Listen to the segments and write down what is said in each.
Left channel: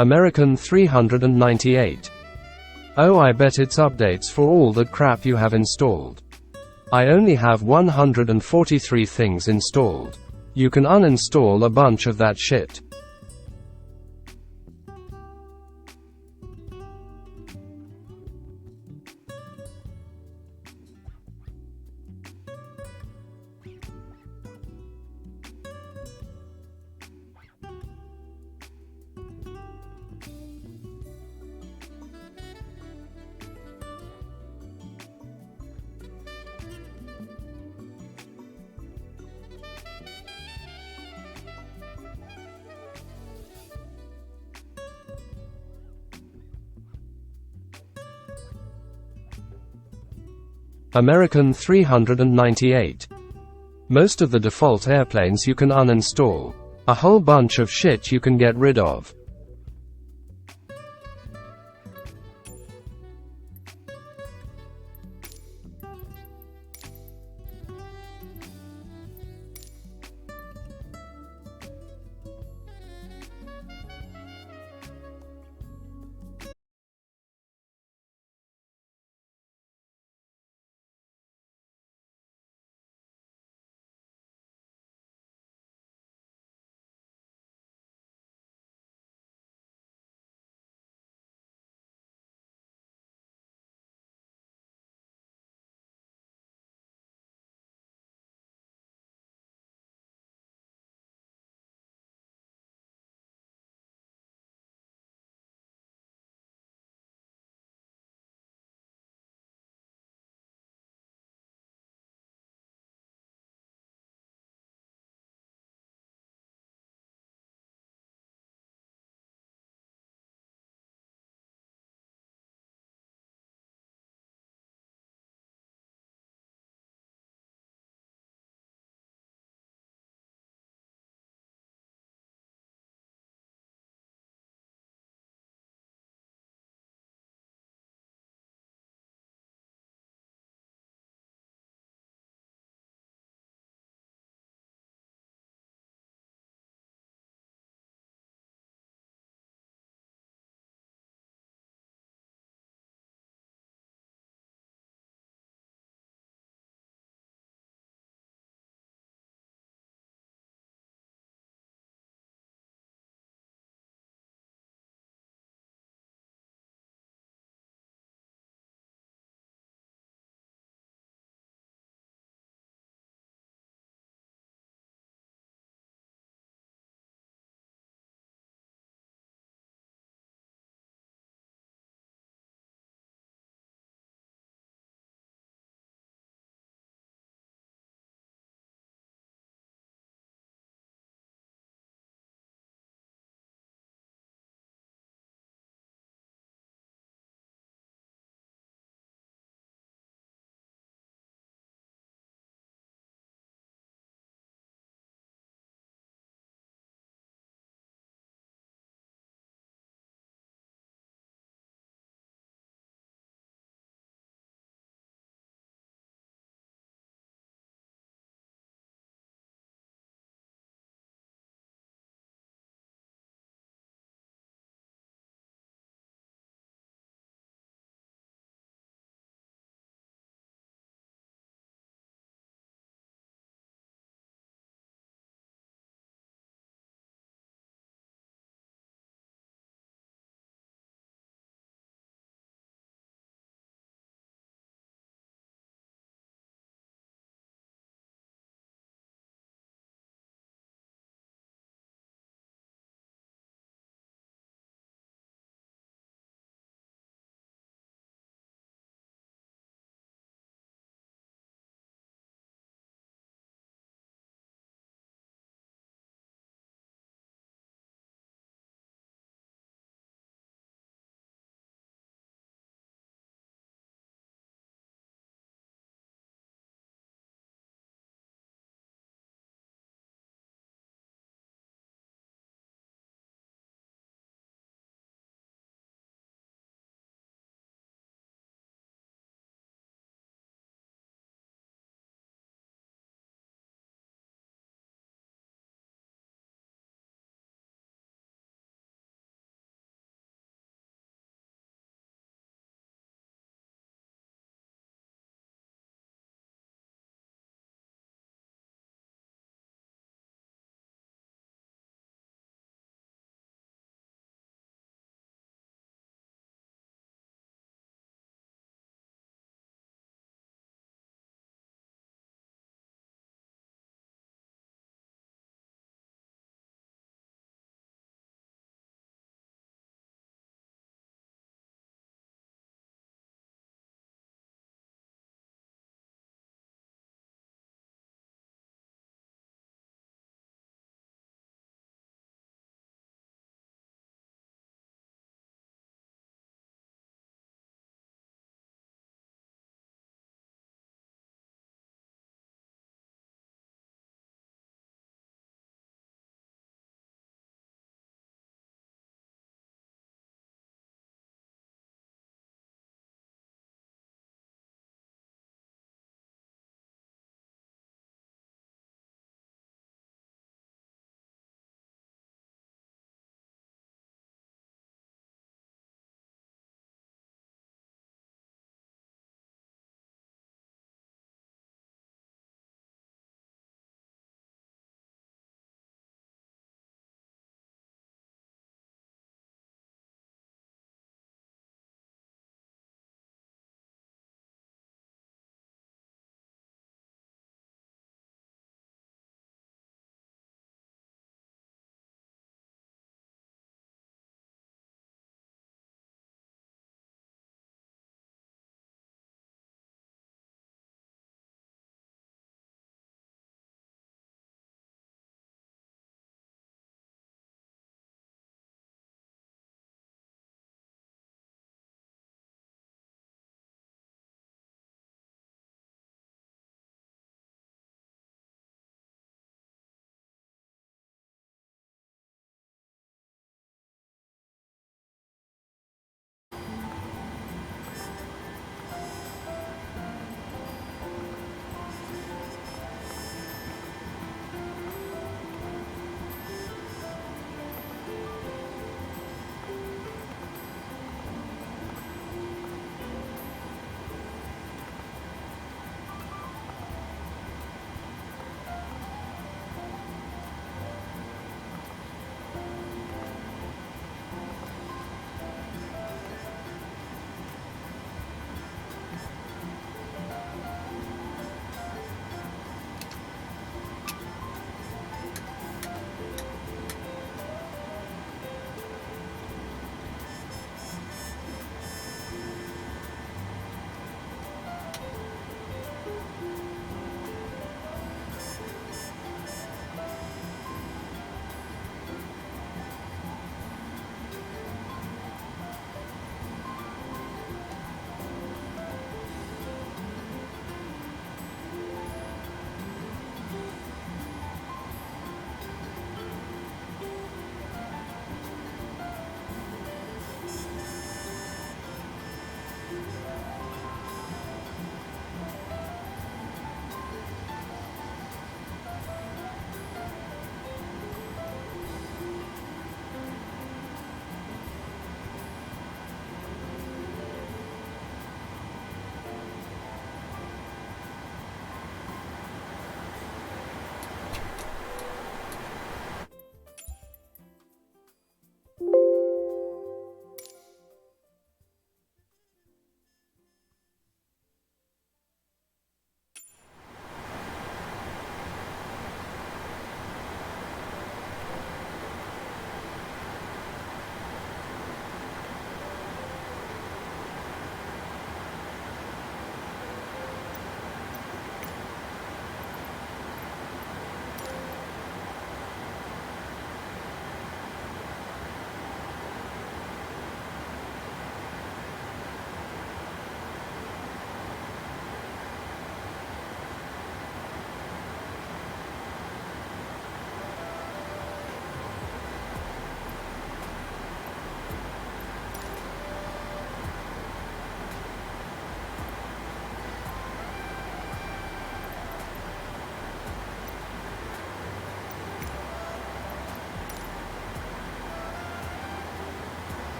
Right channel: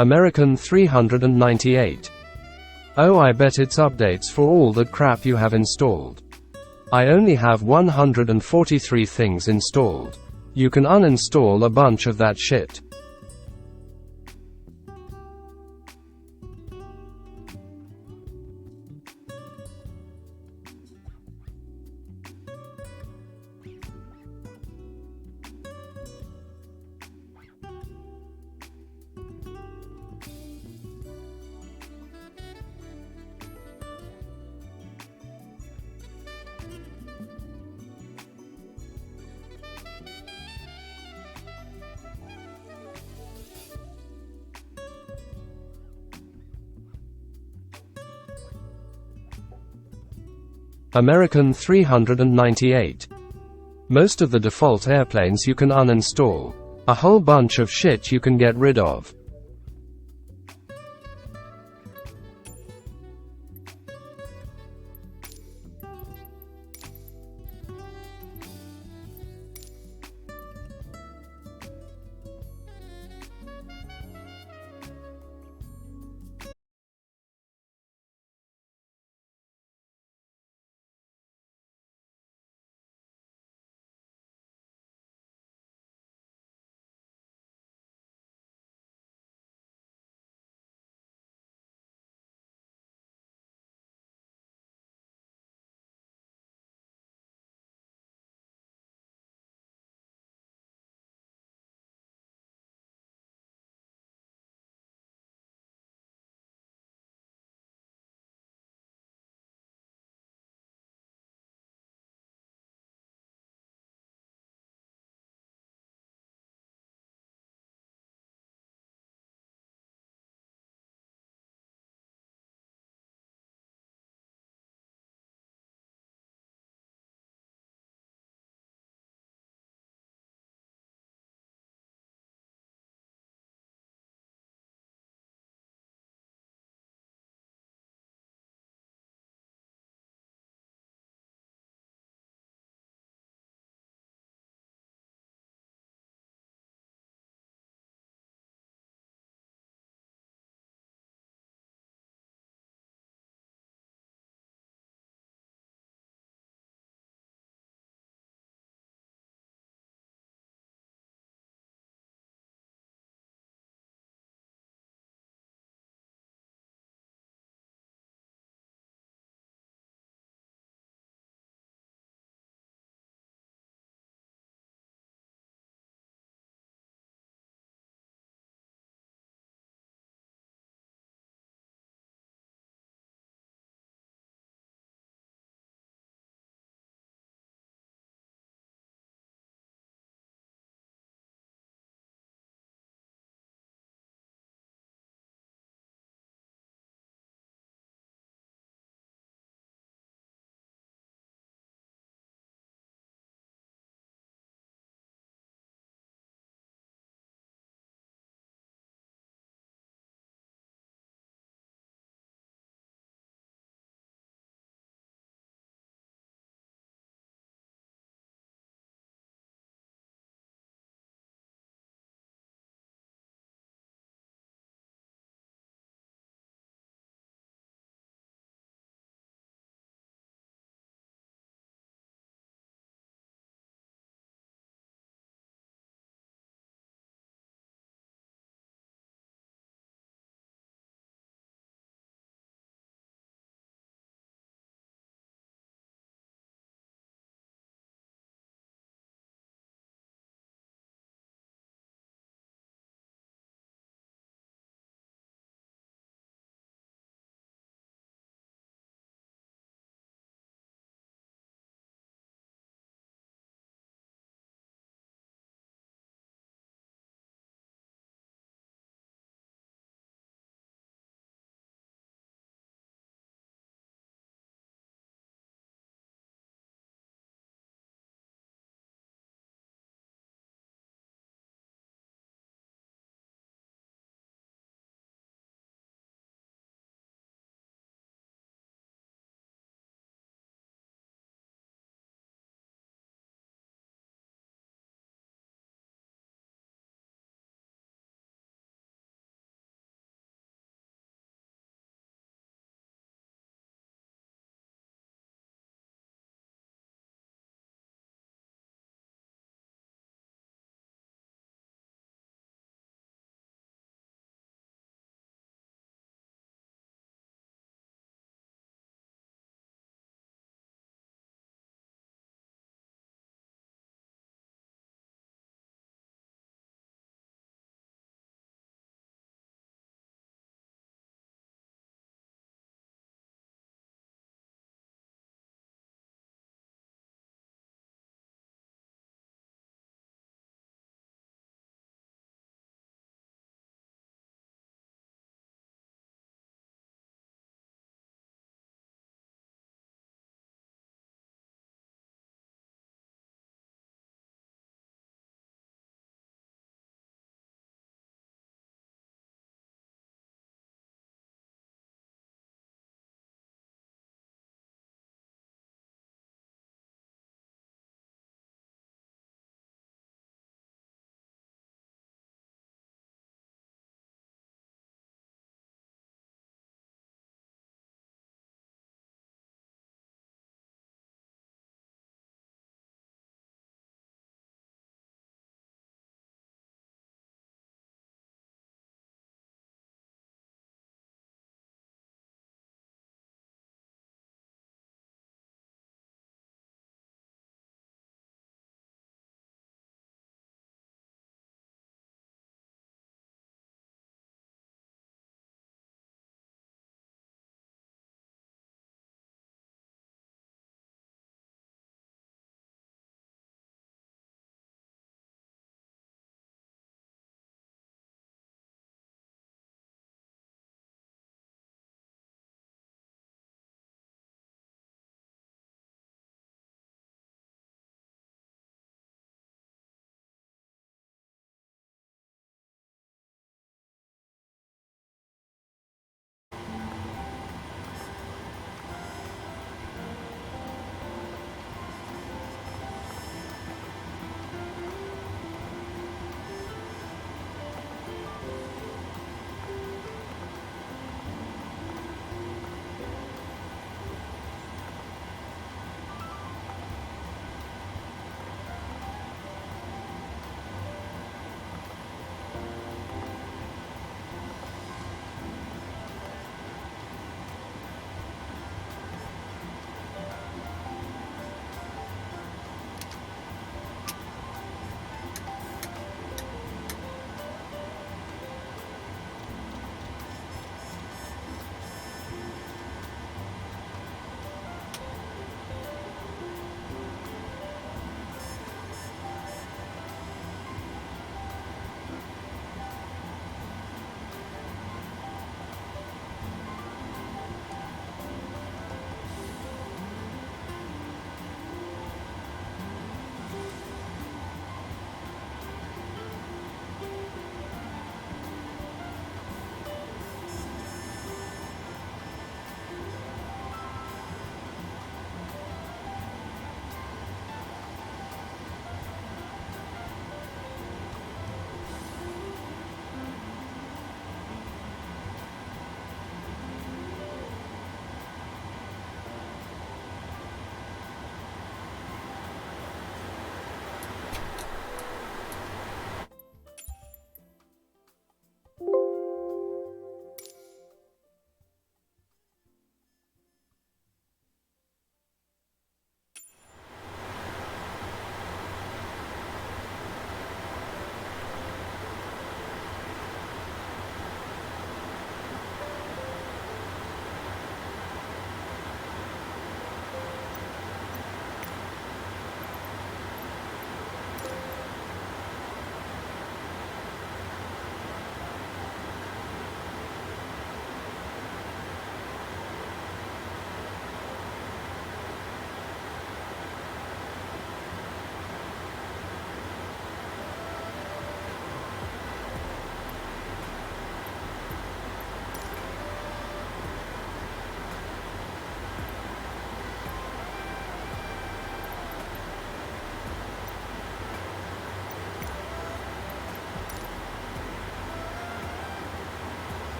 American 398. Oh, I bet it's updates for all that crap you have installed. I only have 143 things installed. You can uninstall a bunch of that shit. American 398. Most of the default airplanes you can uninstall. A whole bunch of shit you can get rid of.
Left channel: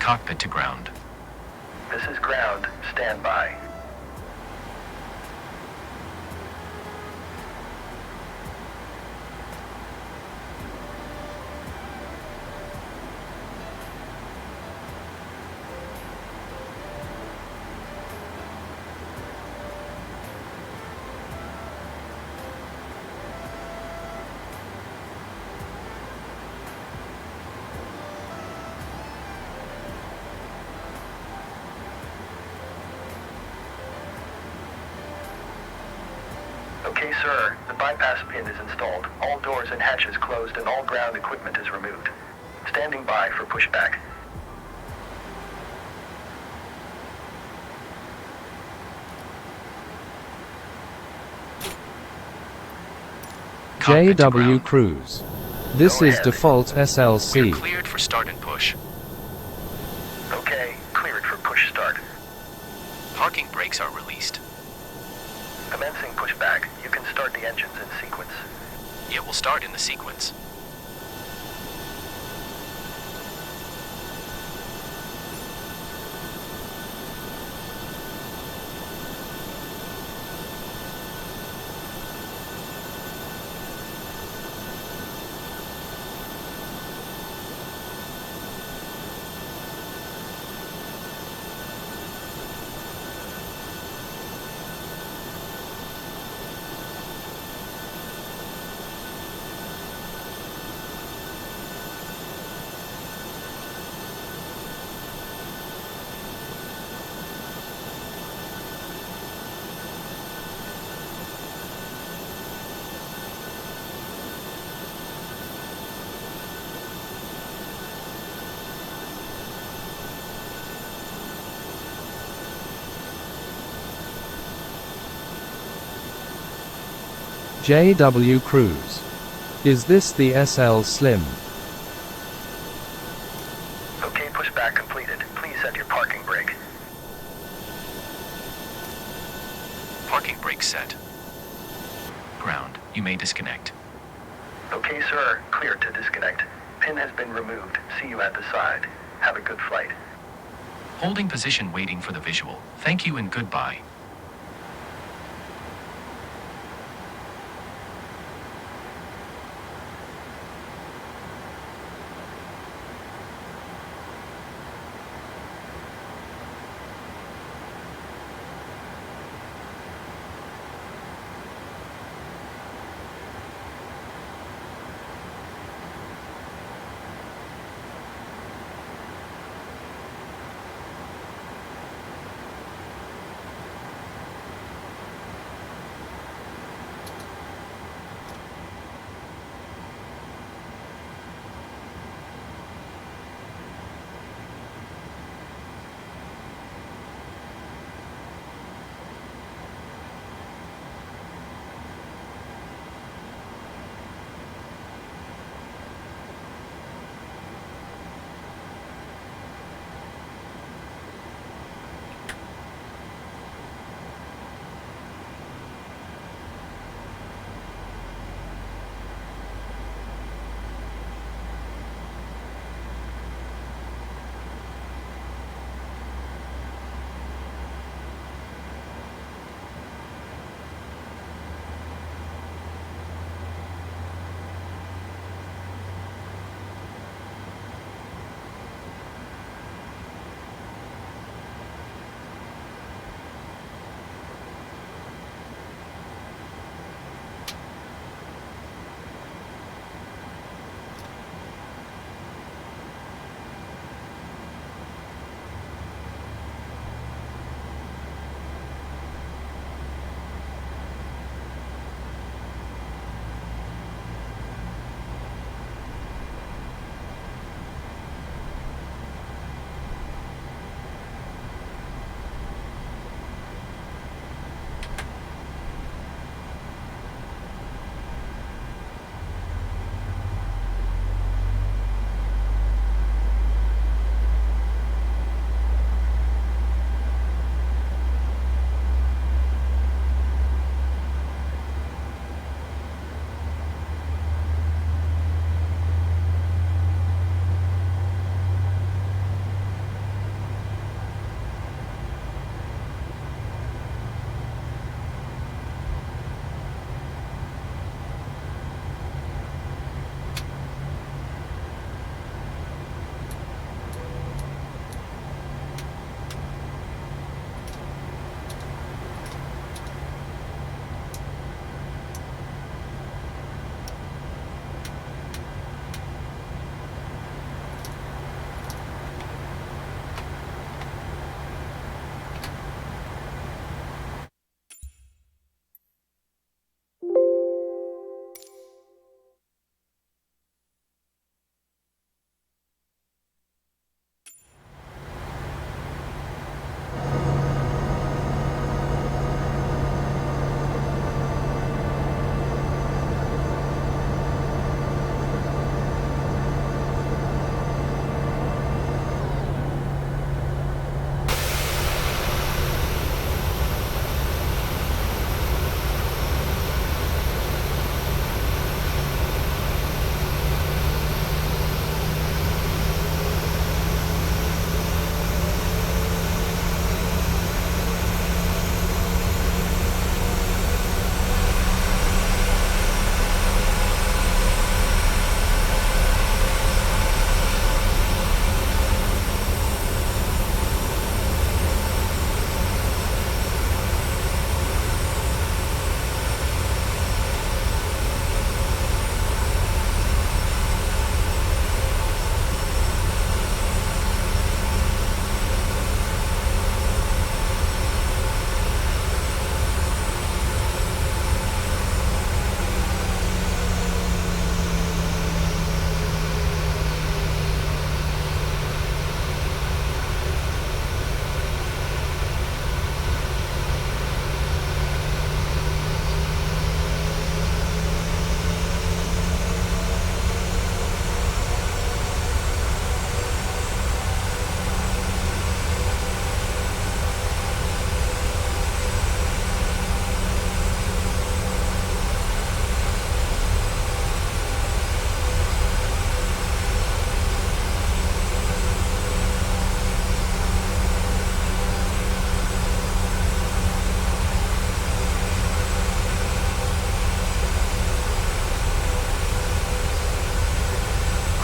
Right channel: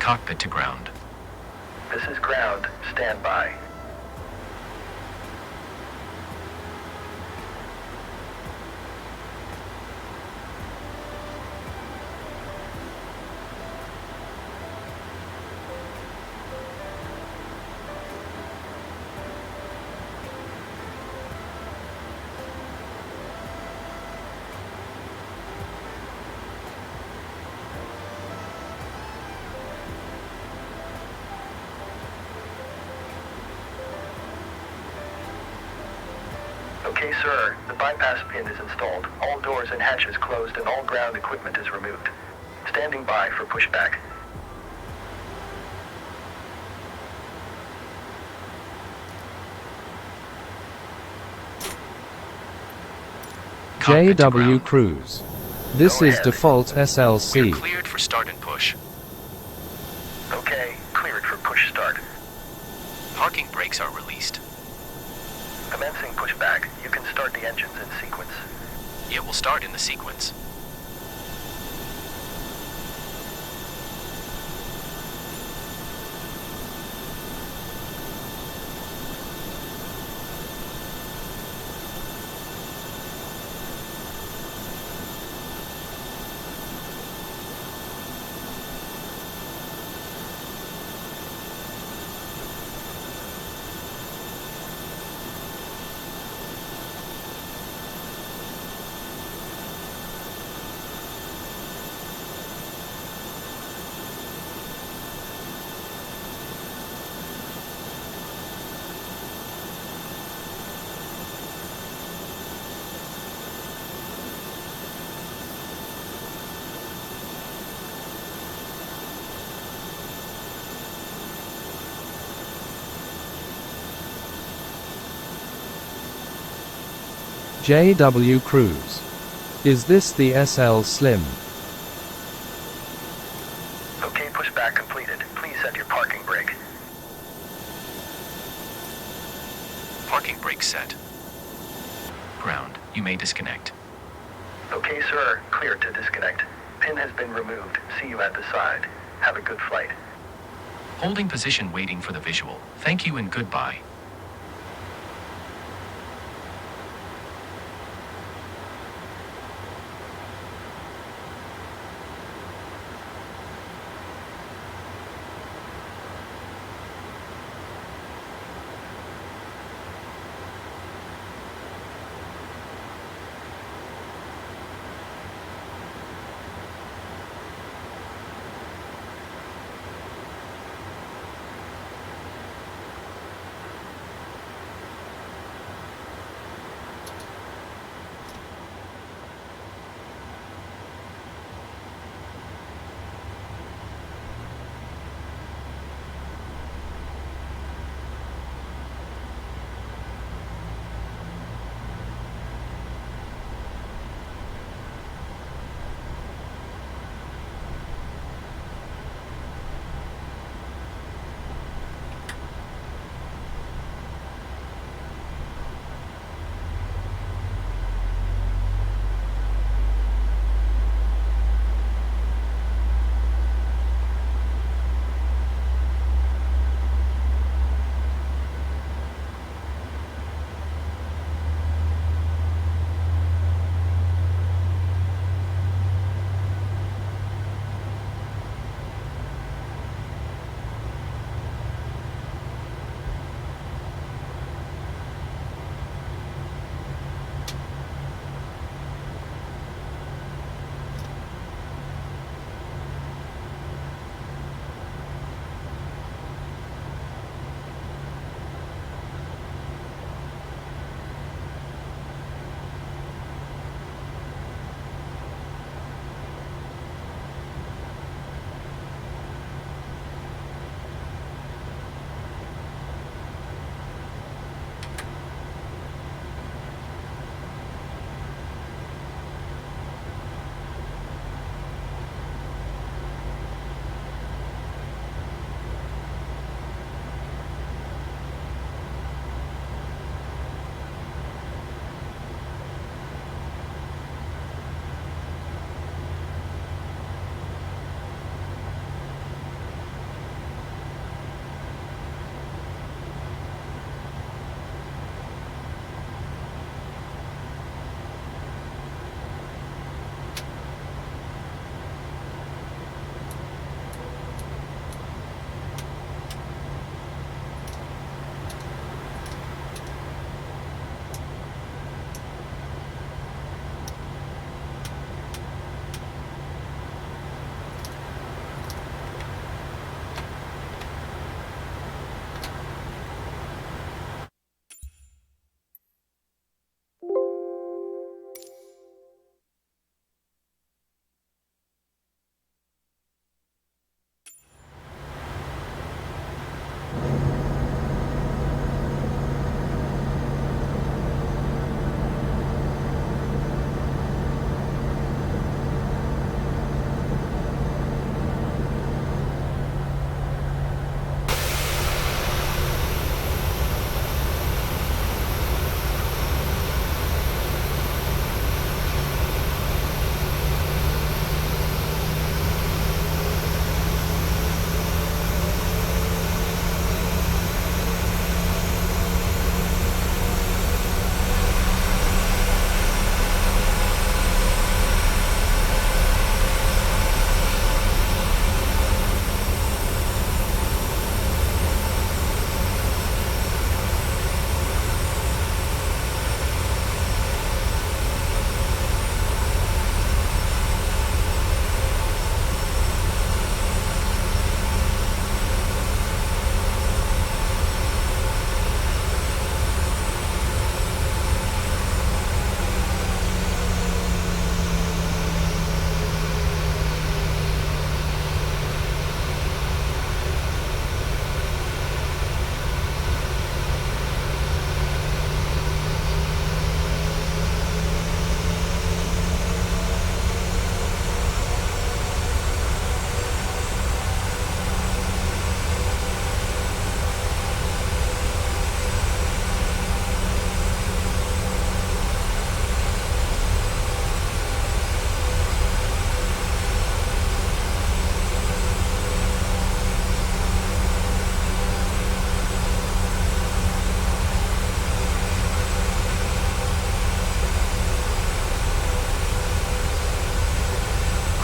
Cockpit to ground. This is ground. Stand by. Okay, sir. The bypass pin is installed. All doors and hatches closed and all ground equipment is removed. Standing by for pushback. Cockpit to JW ground. Cruise. This Go is ahead. default We're SLC. cleared for start and push. Okay, cleared for push start. Parking brakes are released. Commencing pushback. You can start the engines in sequence. It will start in the sequence. JW Cruise. Is this the SL Slim? Okay, pushback completed. Please set your parking brake. Parking brake set. Ground. You may disconnect. Okay, sir. Clear to disconnect. Pin has been removed. See you at the side. Have a good flight. Holding position waiting for the visual. Thank you and goodbye.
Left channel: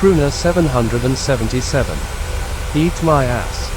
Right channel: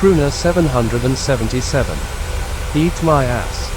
Crooner 777. Eat my ass.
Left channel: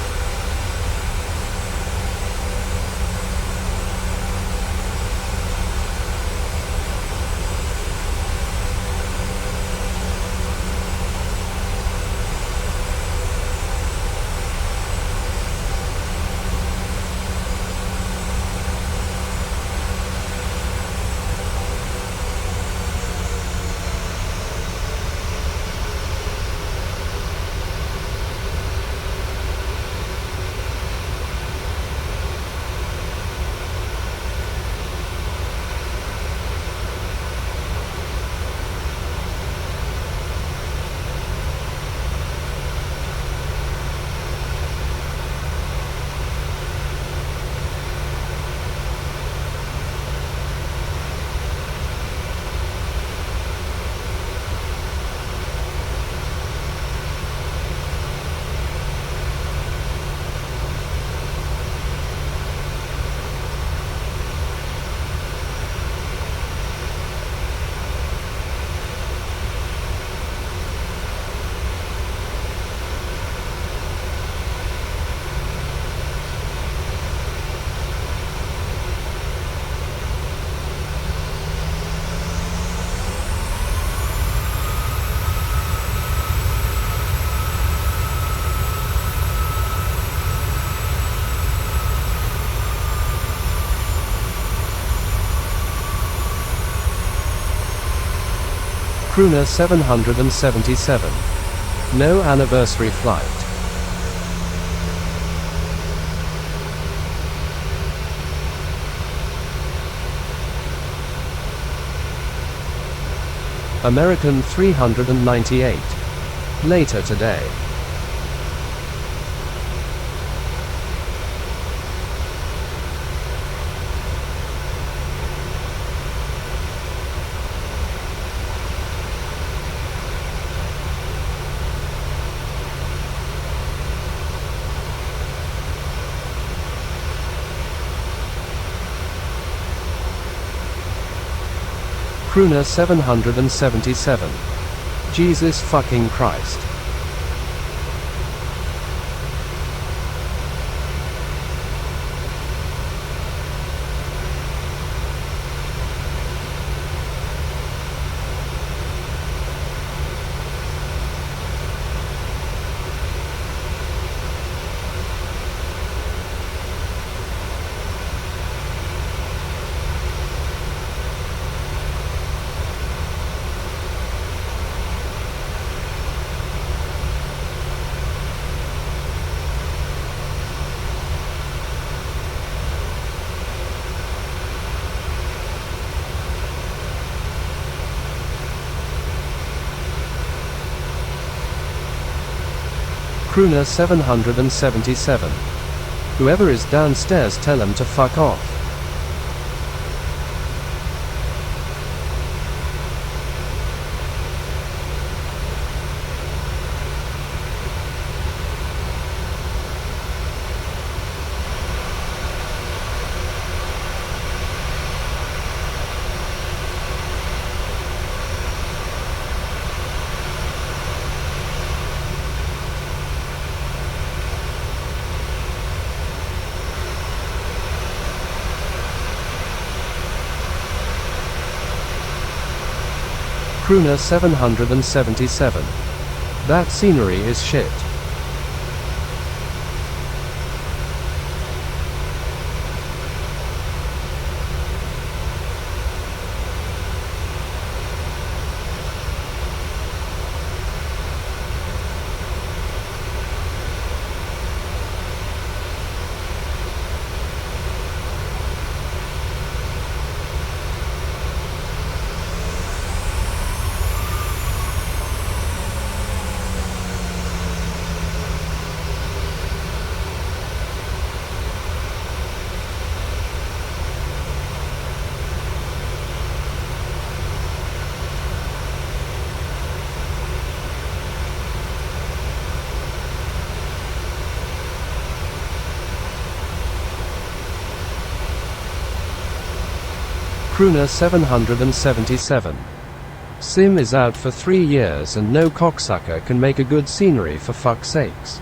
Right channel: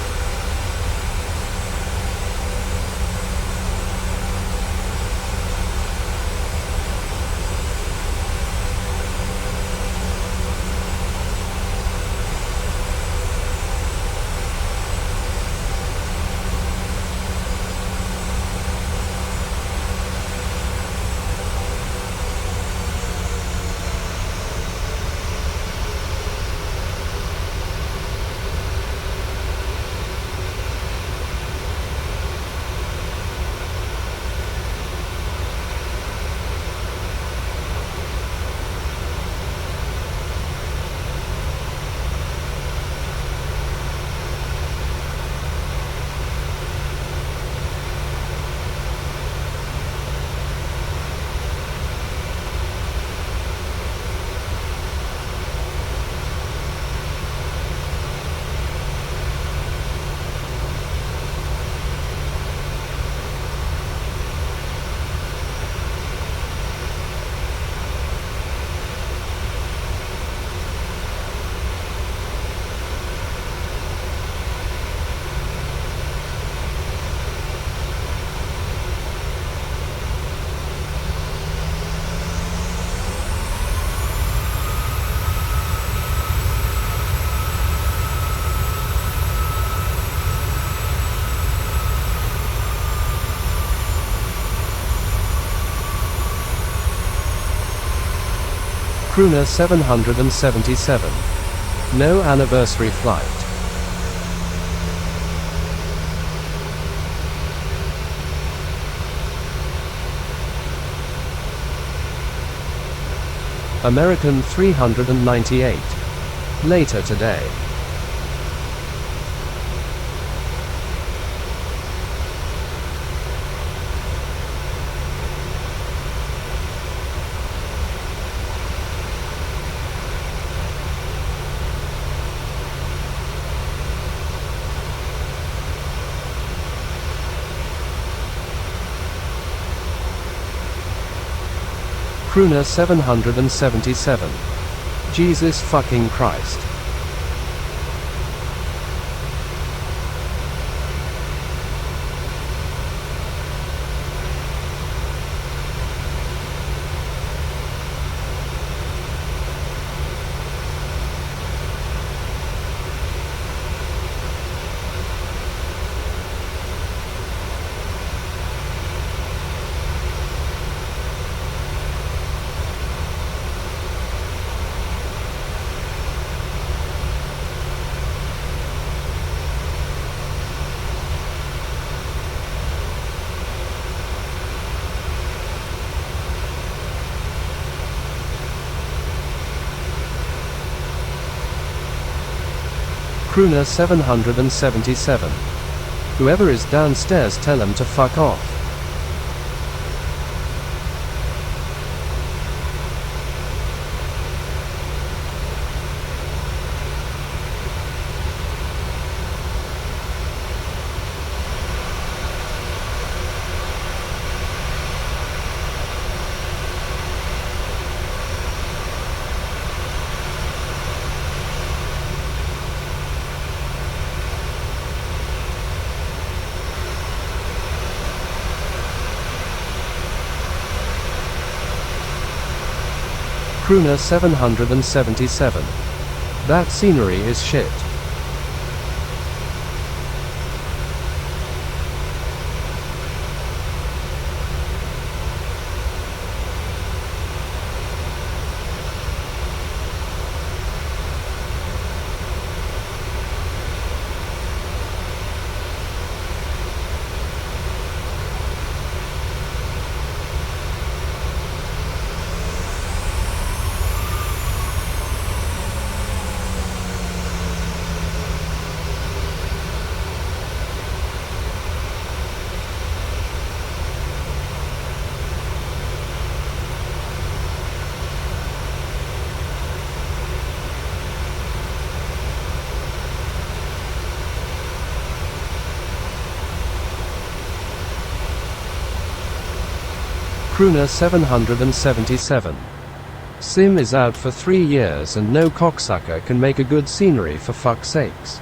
Crooner 777. No anniversary flight. American 398. Later today. Crooner 777. Jesus fucking Christ. Crooner 777. Whoever is downstairs, tell him to fuck off. Crooner 777. That scenery is shit. Crooner 777. Sim is out for 3 years and no cocksucker can make a good scenery for fuck's sakes.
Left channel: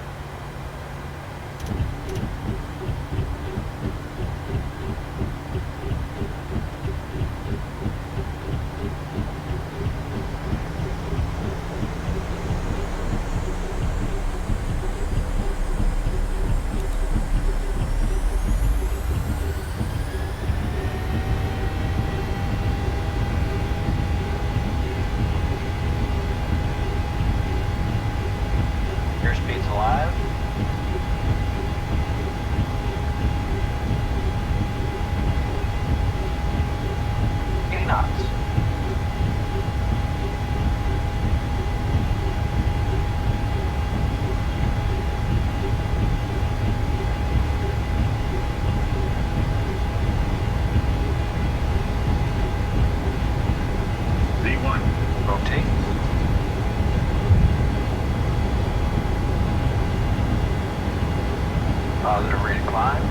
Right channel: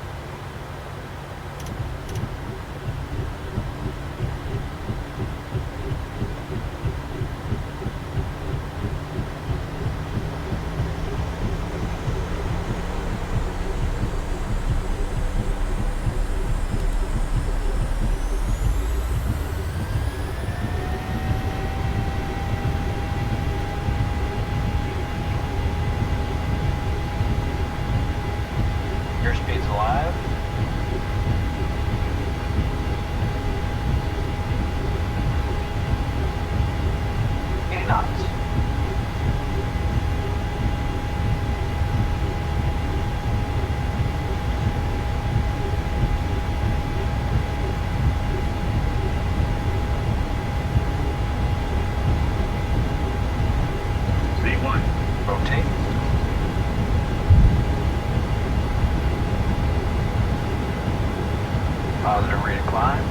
Airspeed's alive. Knots. Z1. Rotate. Positive rate of climb.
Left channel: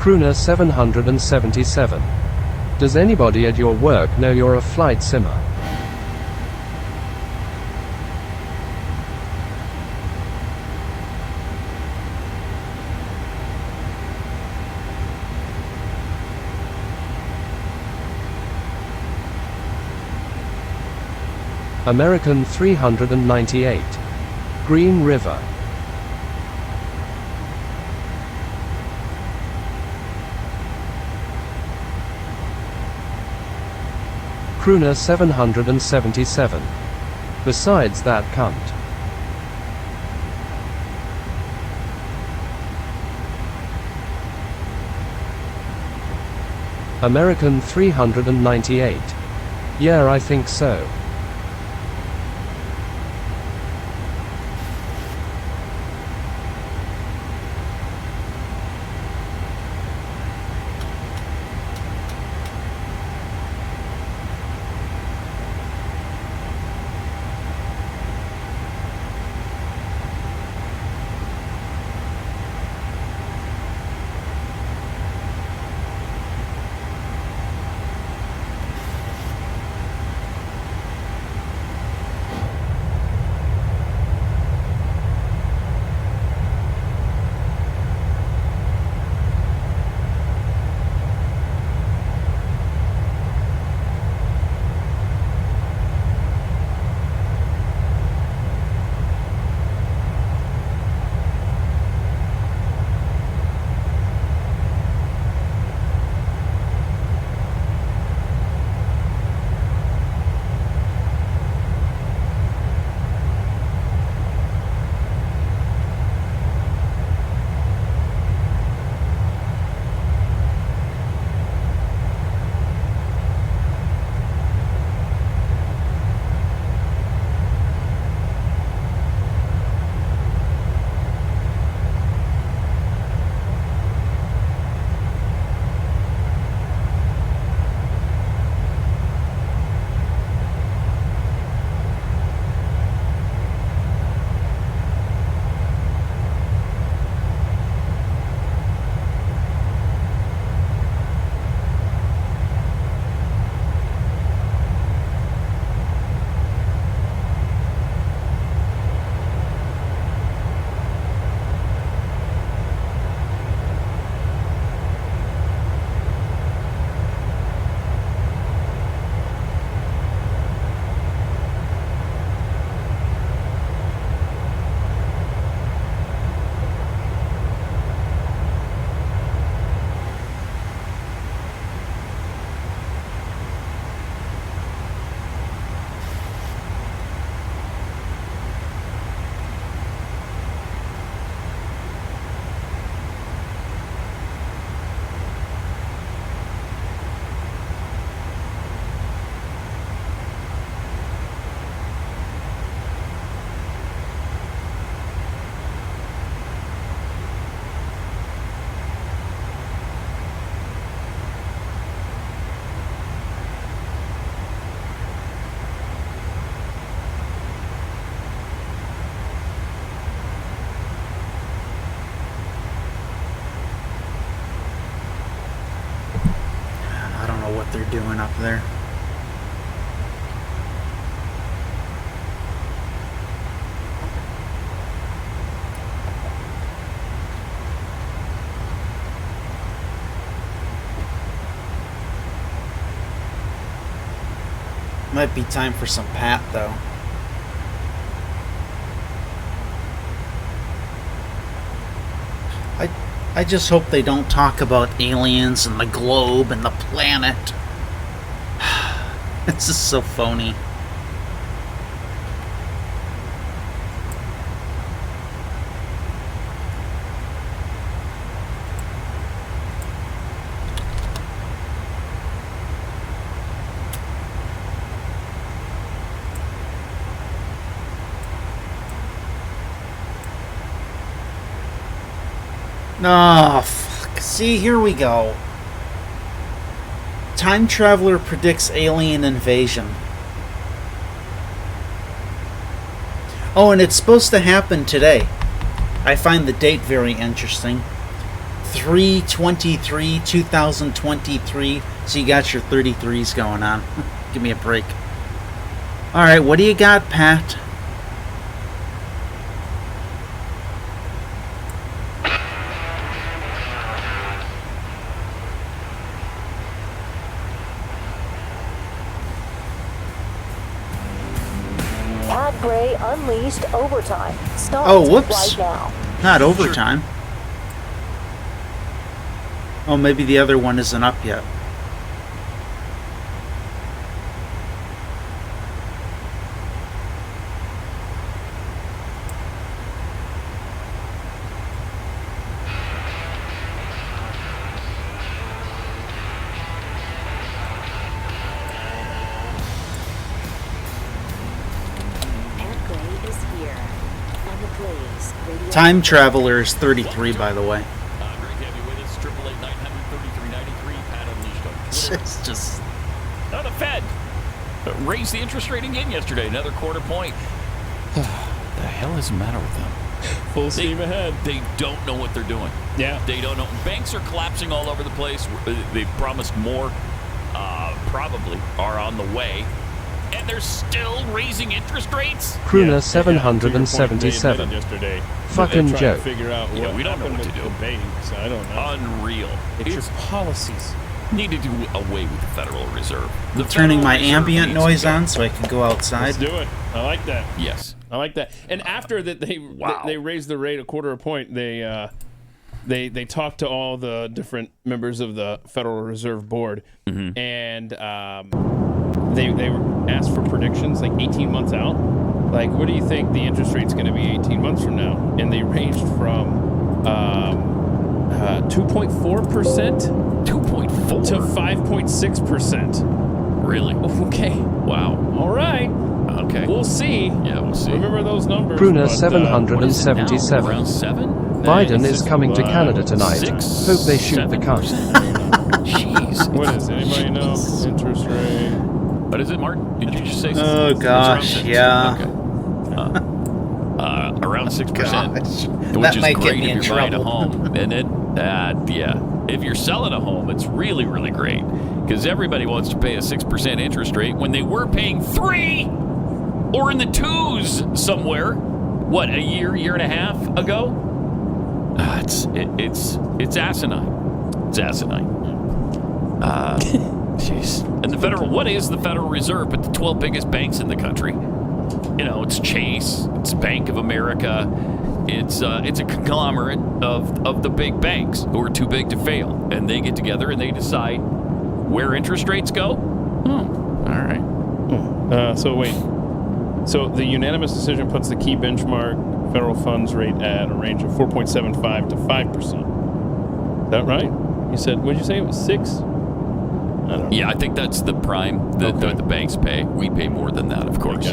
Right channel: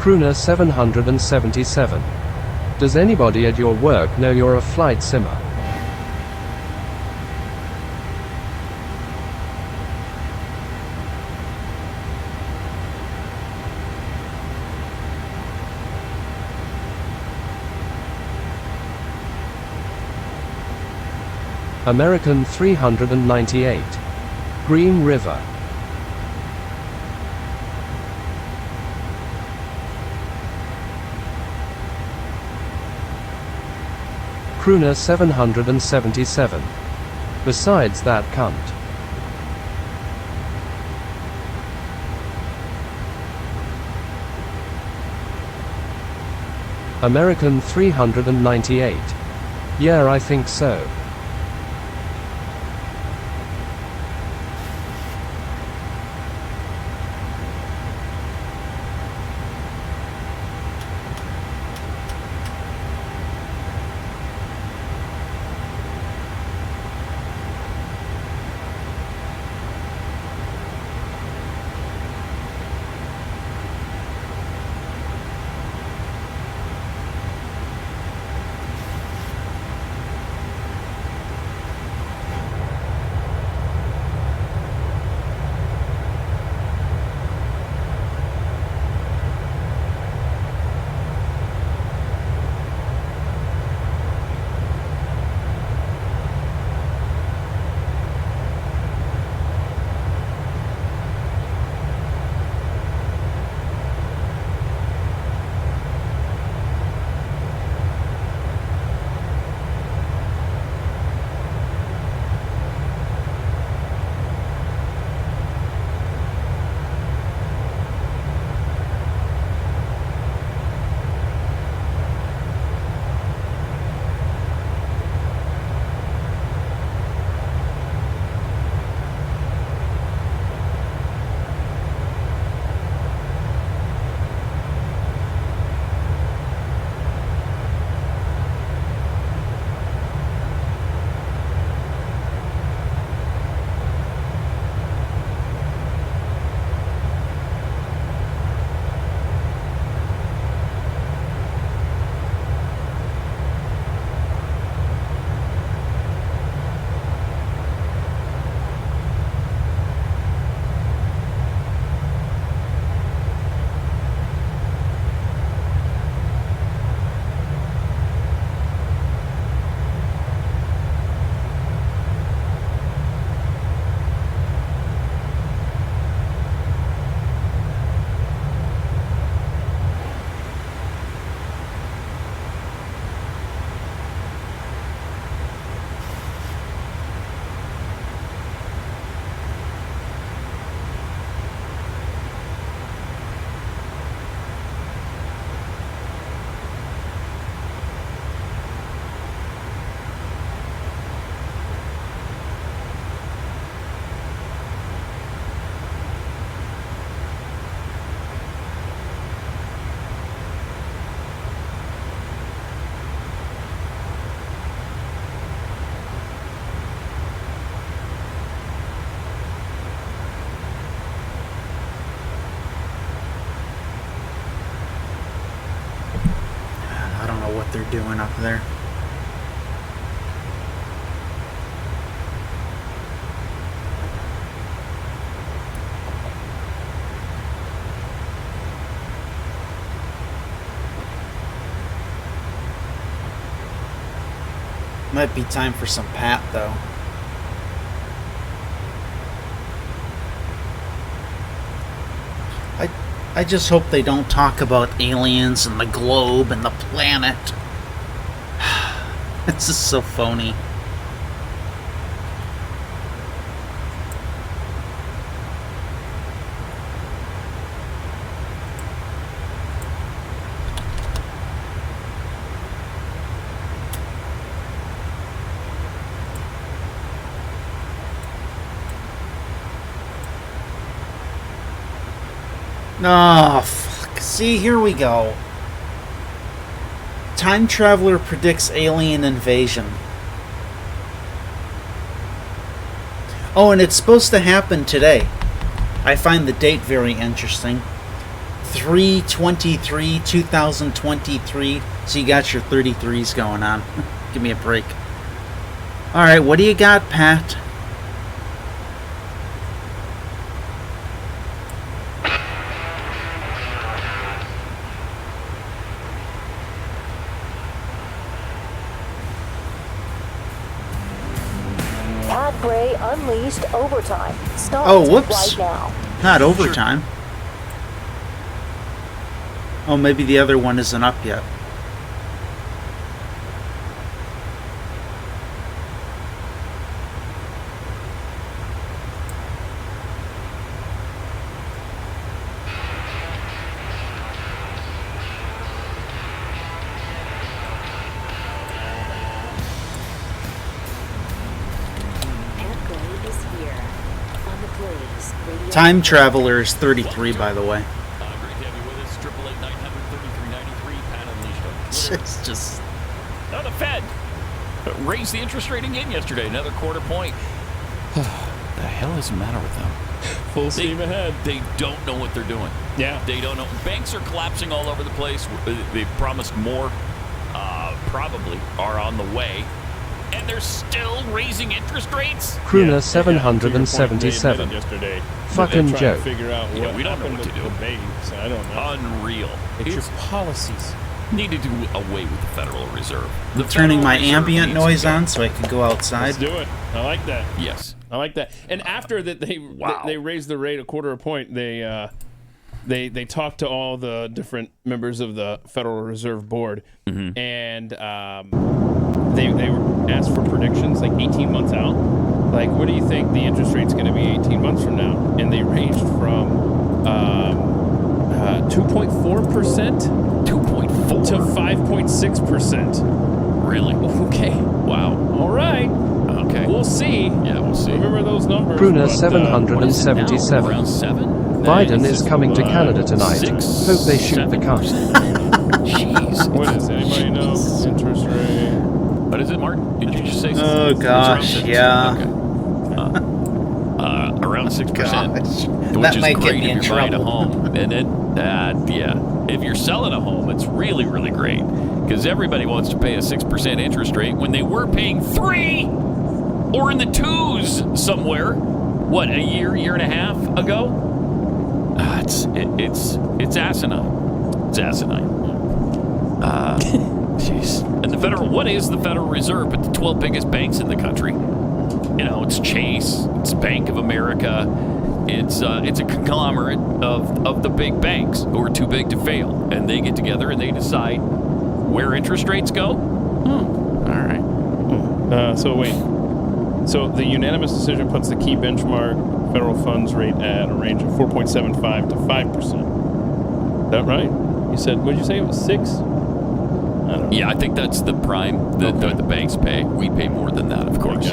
Crooner 777. Does anybody at your work know you're a flight simmer? American 398. Green River. Crooner 777. Besides that cunt. American 398. Yeah, I think so. what they're doing up there. Might be time for some Pat, though. I just hope they don't talk about aliens and the globe and the planet. This is so phony. Oh, fuck. See, here we go. Time traveler predicts alien invasion. Oh, and it's supposed to happen today. I find the date very interesting. 3/23/2023. So you got your 33s going on. Give me a break. Alright, what do you got, Pat? Unleashed overtime. Start Oh, whoops. right now. Not overtime. Oh, maybe the other one isn't up yet. Time Traveler is 33, by the way. Great to have you with us. 888-900-3393. Pat Unleashed on Twitter. It's just... Oh, the Fed raised the interest rate again yesterday. Another quarter point. The hell is the matter with them? Full steam ahead. They don't know what they're doing. Yeah. They don't know. Banks are collapsing all over the place. They've promised more. Probably are on the way. And they're still raising interest rates? Crooner 777. Yesterday. Fucking They're trying joke. to figure out what we don't know what to happened do. with the banks. I don't know. Unreal. It's your policies. Need to do away with the Federal Reserve. I'm turning my ambient noise on so I can go outside. Let's do it. I like that. Yes. I like that. And after that, they raised the rate a quarter of a point. They talked to all the different members of the Federal Reserve Board, and they were asked for predictions like 18 months out. Like, what do you think the interest rate's going to be 18 months from now? And they ranged from 2.4% to 5.6%. Really? Okay. Wow. All right. Okay. We'll see. Yeah, we'll see. Remember those numbers. Crooner but, 777. Around 7? Biden Nice. is coming to Canada tonight. 6, Hope they shoot the cunt. Jeez. What is it? Anybody know? Interest rate. What is it, Martin? Did you just say? Oh, It's gosh, around 6. yeah. Okay. Around 6%, Gosh. which That is might get great me if in you're buying a trouble. home. And if you're selling a home, it's really, really great because everybody wants to pay a 6% interest rate when they were paying 3 or in the 2s somewhere. What, a year and a half ago? It's asinine. It's asinine. Jeez. And what is the Federal Reserve but the 12 biggest banks in the country? You know, it's Chase, it's Bank of America, it's a conglomerate of the big banks who are too big to fail, and they get together and they decide where interest rates go. All right. So wait. So the unanimous decision puts the key benchmark federal funds rate at a range of 4.75 to 5%. Is that right? You said, what did you say? It was 6? I don't know. Yeah, I think that's the prime that the banks pay. We pay more than that, of course.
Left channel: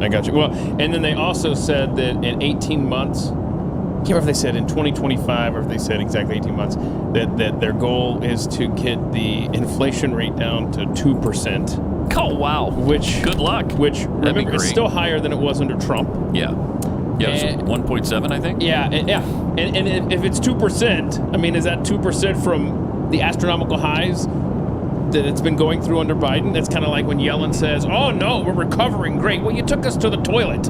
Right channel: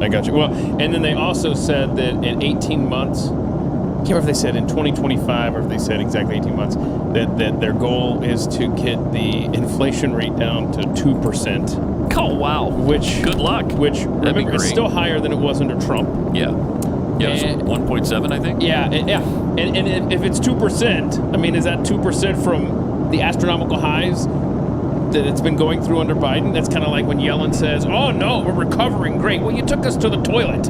I got you. Well, and then they also said that in 18 months, I can't remember if they said in 2025 or if they said exactly 18 months, that their goal is to get the inflation rate down to 2%. Oh, wow. Good luck. Which, remember, is still higher than it was under Trump. Yeah. Yeah, it was 1.7, I think. Yeah. And if it's 2%, I mean, is that 2% from the astronomical highs that it's been going through under Biden. That's kind of like when Yellen says, "Oh no, we're recovering great." Well, you took us to the toilet,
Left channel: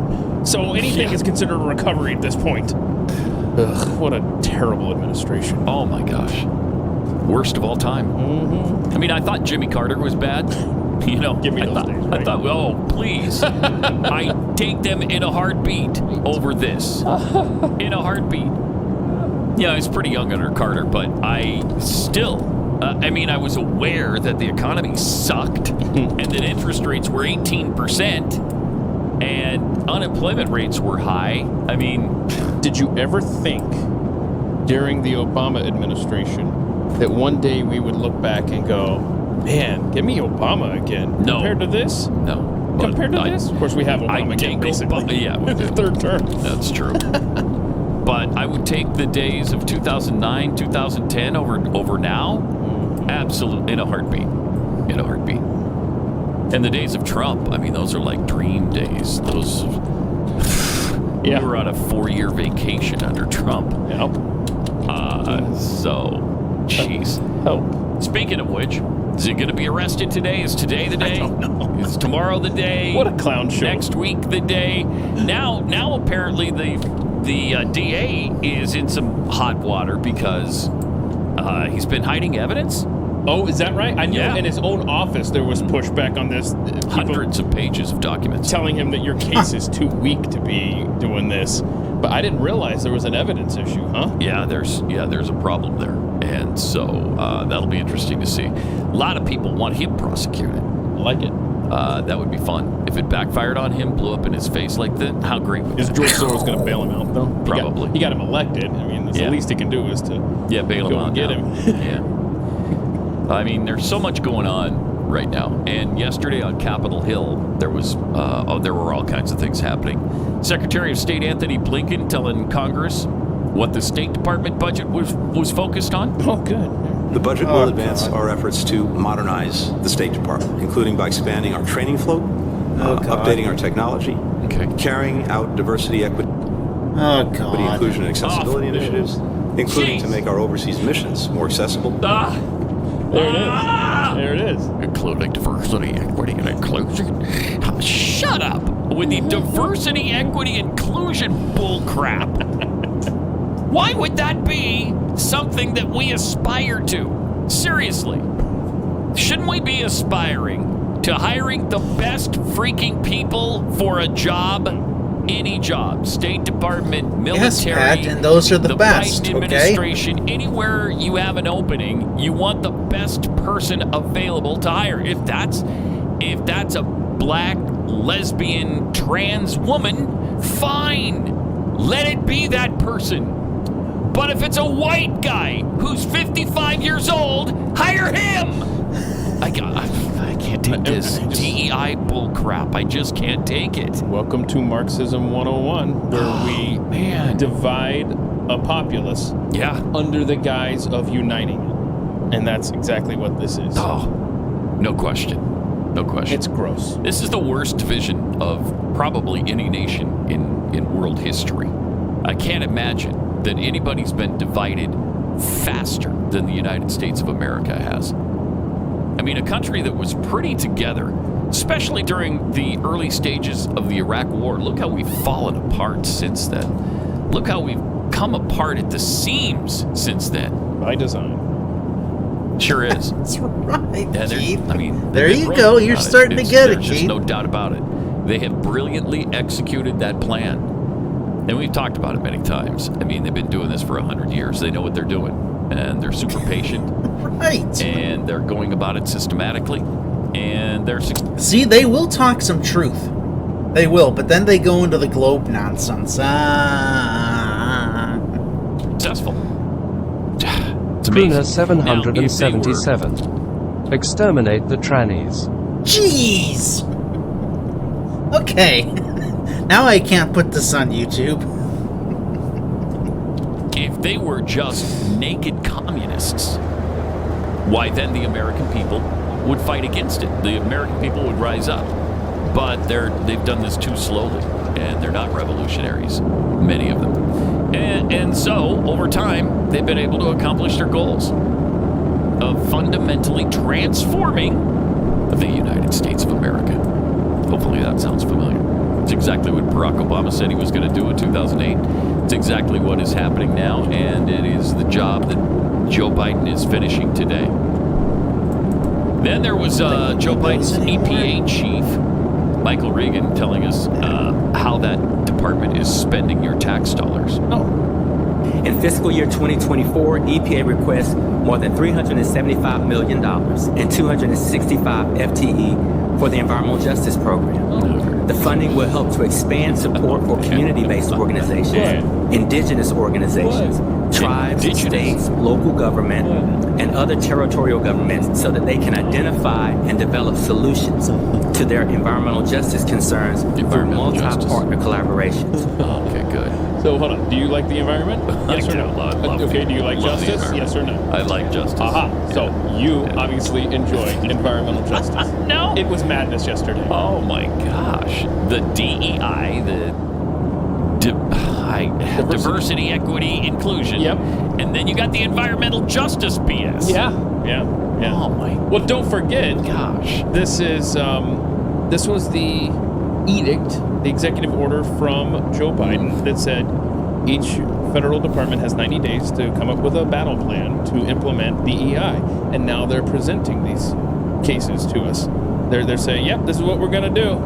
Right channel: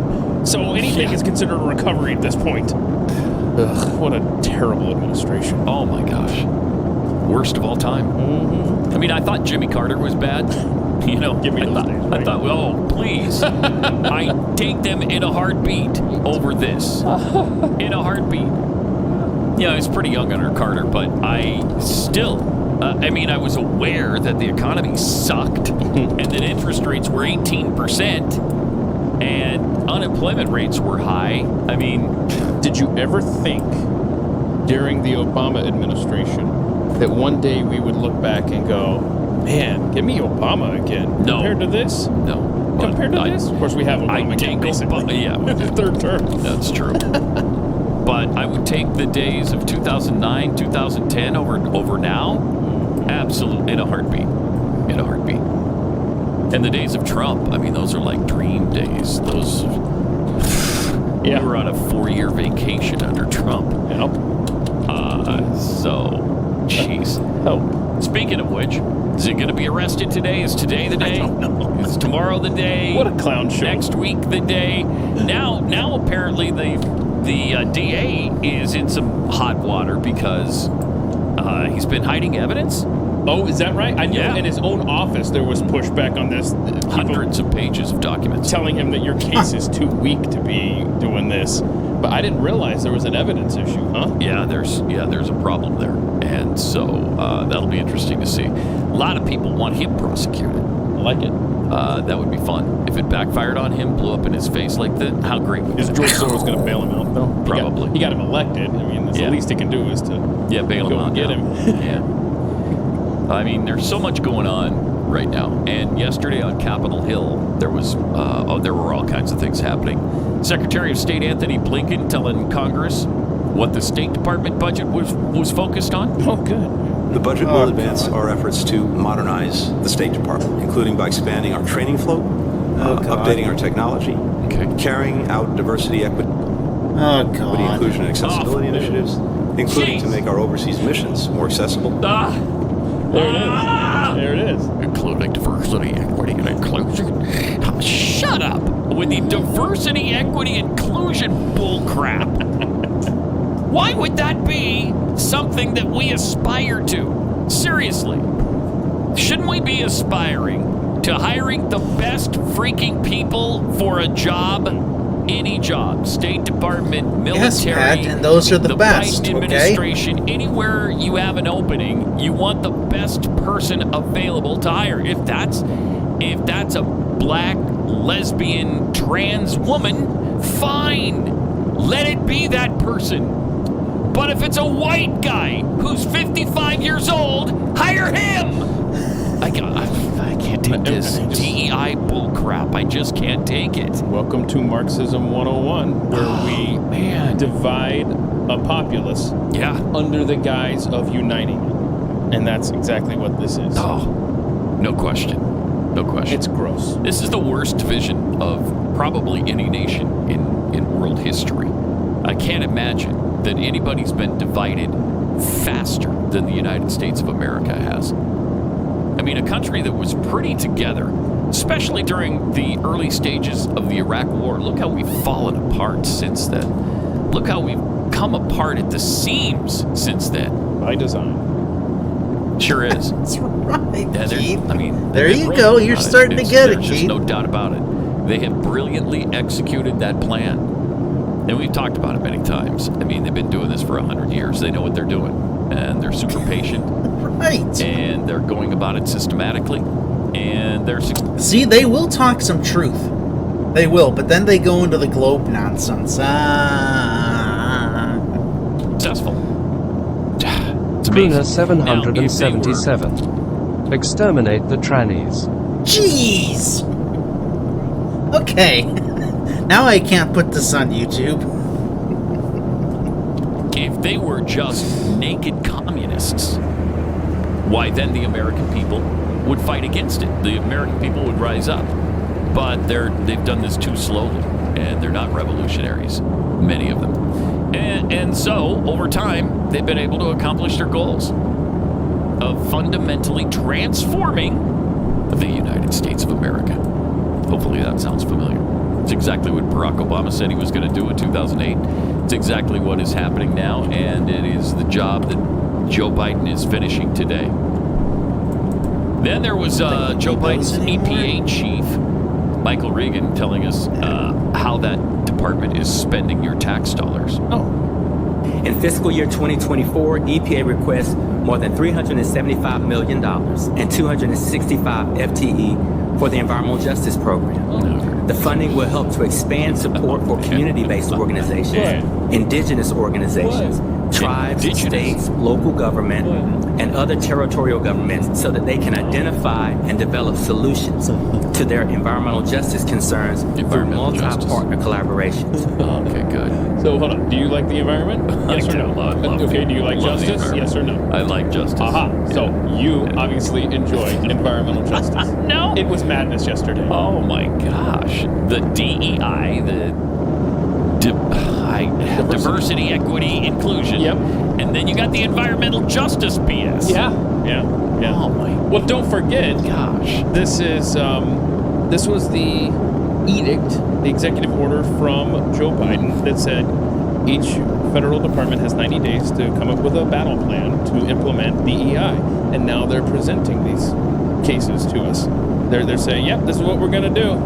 so anything is considered a recovery at this point. Ugh, what a terrible administration. Oh my gosh, worst of all time. Mm-hmm. I mean, I thought Jimmy Carter was bad. You know, Give me those days, right? I thought, oh please, I take them in a heartbeat over this. In a heartbeat. Yeah, I was pretty young under Carter, but I still. I mean, I was aware that the economy sucked and that interest rates were 18% and unemployment rates were high. I mean, did you ever think during the Obama administration that one day we would look back and go, man, give me Obama again? No. Compared to this? No. Compared to this? Of course, we have Obama again, basically. Yeah. The third term. That's true. But I would take the days of 2009, 2010 over now. Absolutely, in a heartbeat. In a heartbeat. And the days of Trump, I mean, those are like dream days. Those. We were on a 4-year vacation under Trump. Yep. So, jeez. Help. Speaking of which, is he going to be arrested today? Is today the day? I don't know. Is tomorrow the day? What a clown show. Next week the day? Now apparently the DA is in some hot water because he's been hiding evidence. Oh, is that right? I knew in his own office there was pushback on this. Hundreds of pages of documents telling him that your case is too weak to be doing this. But I didn't realize there was an evidence issue, huh? Yeah, there's a problem there, and so that'll be interesting to see. A lot of people want him prosecuted. I like it. That would be fun if it backfired on him, blew up in his face like that. How great would that be? Is George Soros going to bail him out though? Probably. He got him elected. I mean, the least he can do is to bail him out. And get him. Yeah. I mean, there's so much going on right now. And yesterday on Capitol Hill, there were all kinds of things happening. Secretary of State Anthony Blinken telling Congress what the State Department budget was focused on. Oh, good. The budget will advance our efforts to modernize the State Department, including by expanding our training float, updating our technology, carrying out diversity, equity, inclusion, and accessibility initiatives, including to make our overseas missions more accessible. There it is. There it is. Including diversity, equity, and inclusion. Shut up with the diversity, equity, inclusion bullcrap. Why would that be something that we aspire to? Seriously. Shouldn't we be aspiring to hiring the best freaking people for a job? Any job, State Department, military, yes, Pat, and those are the best. Biden administration, anywhere you have an opening, you want the best person available to hire. If that's a black, lesbian, trans woman, fine, let it be that person. But if it's a white guy who's 55 years old, hire him. I can't take this DEI bullcrap. I just can't take it. Welcome to Marxism 101, where we divide a populace under the guise of uniting it. And that's exactly what this is. Oh, no question. No question. It's gross. This is the worst division of probably any nation in world history. I can't imagine that anybody's been divided faster than the United States of America has. I mean, a country that was pretty together, especially during the early stages of the Iraq War. Look how we've fallen apart since then. Look how we've come apart at the seams since then. By design. Sure is. That's right, Yeah, Keith. I mean, there you go. You're starting to get it, There's Keith. just no doubt about it. They have brilliantly executed that plan. And we've talked about it many times. I mean, they've been doing this for 100 years. They know what they're doing. And they're super patient. Right. And they're going about it systematically. And they're... See, they will talk some truth. They will, but then they go into the globe nonsense. Successful. It's Puna amazing. 777. Exterminate the trannies. Jeez! Okay. Now I can't put this on YouTube. If they were just naked communists, why then the American people would fight against it. The American people would rise up. But they've done this too slowly, and they're not revolutionaries, many of them. And so, over time, they've been able to accomplish their goals of fundamentally transforming the United States of America. Hopefully that sounds familiar. It's exactly what Barack Obama said he was going to do in 2008. It's exactly what is happening now, and it is the job that Joe Biden is finishing today. Then there was Joe Biden's EPA chief, Michael Regan, telling us how that department is spending your tax dollars. In fiscal year 2024, EPA requests more than $375 million and 265 FTE for the Environmental Justice Program. The funding will help to expand support for community-based organizations, indigenous organizations, tribes, states, local government, and other territorial governments so that they can identify and develop solutions to their environmental justice concerns through multi-partner collaborations. Okay, good. So hold on. Do you like the environment? Yes or no? Okay. Do you like justice? Yes or no? I like justice. Aha. So you obviously enjoy environmental justice. No. It was madness yesterday. Oh my gosh. The DEI, the diversity, equity, inclusion. Yep. And then you got the environmental justice BS. Yeah. Oh my. Well, don't forget. Gosh. This was the edict, the executive order from Joe Biden that said each federal department has 90 days to come up with a battle plan to implement DEI. And now they're presenting these cases to us. They're saying, yep, this is what we're going to do.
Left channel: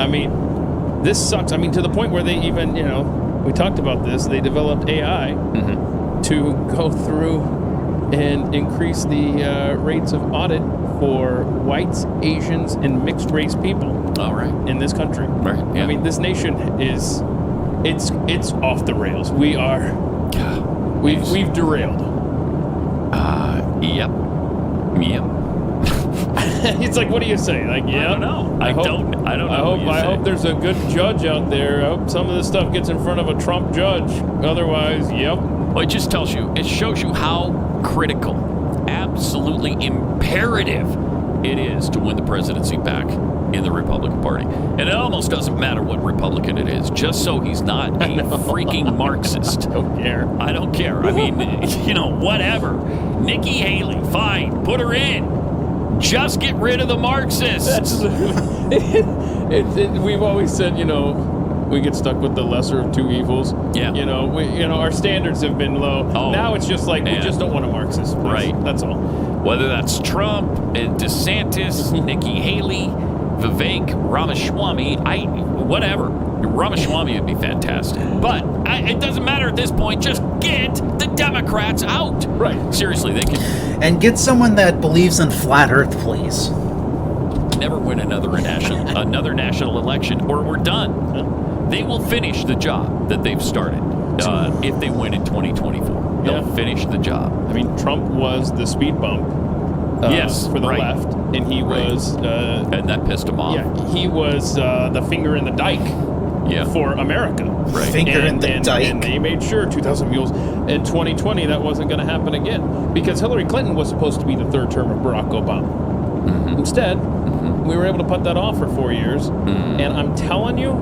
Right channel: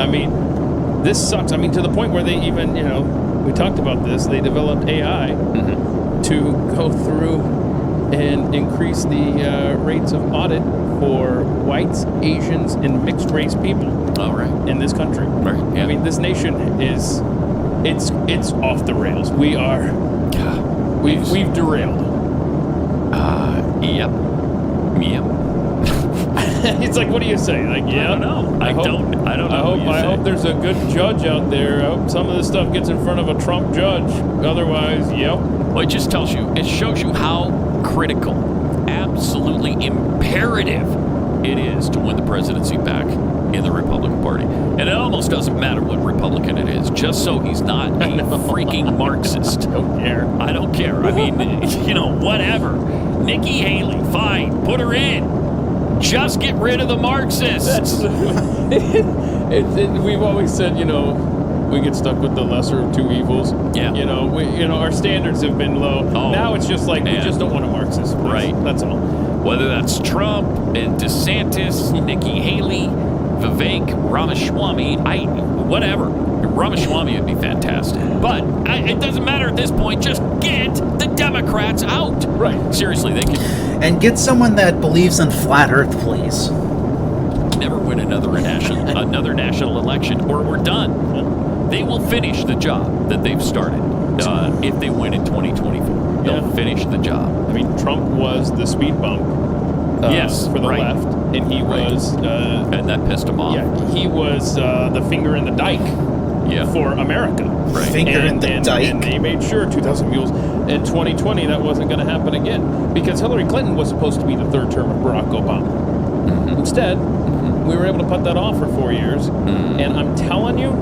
I mean, this sucks. I mean, to the point where they even, we talked about this, they developed AI to go through and increase the rates of audit for whites, Asians, and mixed race people. All right. In this country. Right. Yeah. I mean, this nation is, it's off the rails. We've derailed. Yep. It's like, what do you say? Like, yeah. I don't know. I don't know. I hope there's a good judge out there. I hope some of this stuff gets in front of a Trump judge. Otherwise, yep. Well, it just shows you how critical, absolutely imperative it is to win the presidency back in the Republican Party. And it almost doesn't matter what Republican it is, just so he's not a freaking Marxist. I don't care. I mean, whatever. Nikki Haley, fine, put her in. Just get rid of the Marxists. We've always said, we get stuck with the lesser of two evils. Yeah. Our standards have been low. Now it's just like, we just don't want a Marxist. Please. Right. That's all. Whether that's Trump, DeSantis, Nikki Haley, Vivek Ramaswamy, whatever. Ramaswamy would be fantastic. But it doesn't matter at this point. Just get the Democrats out. Right. Seriously, they can. And get someone that believes in flat Earth, please. Never win another national election, or we're done. Yeah. They will finish the job that they've started if they win in 2024. They'll finish the job. I mean, Trump was the speed bump for the left, and he was... and that pissed him off. Yeah, he was the finger in the dike for America. Right. Finger in the dike. And they made sure, 2,000 mules, in 2020, that wasn't going to happen again. Because Hillary Clinton was supposed to be the third term of Barack Obama. Mm-hmm. Instead, we were able to put that off for 4 years. Mm-hmm. And I'm telling you,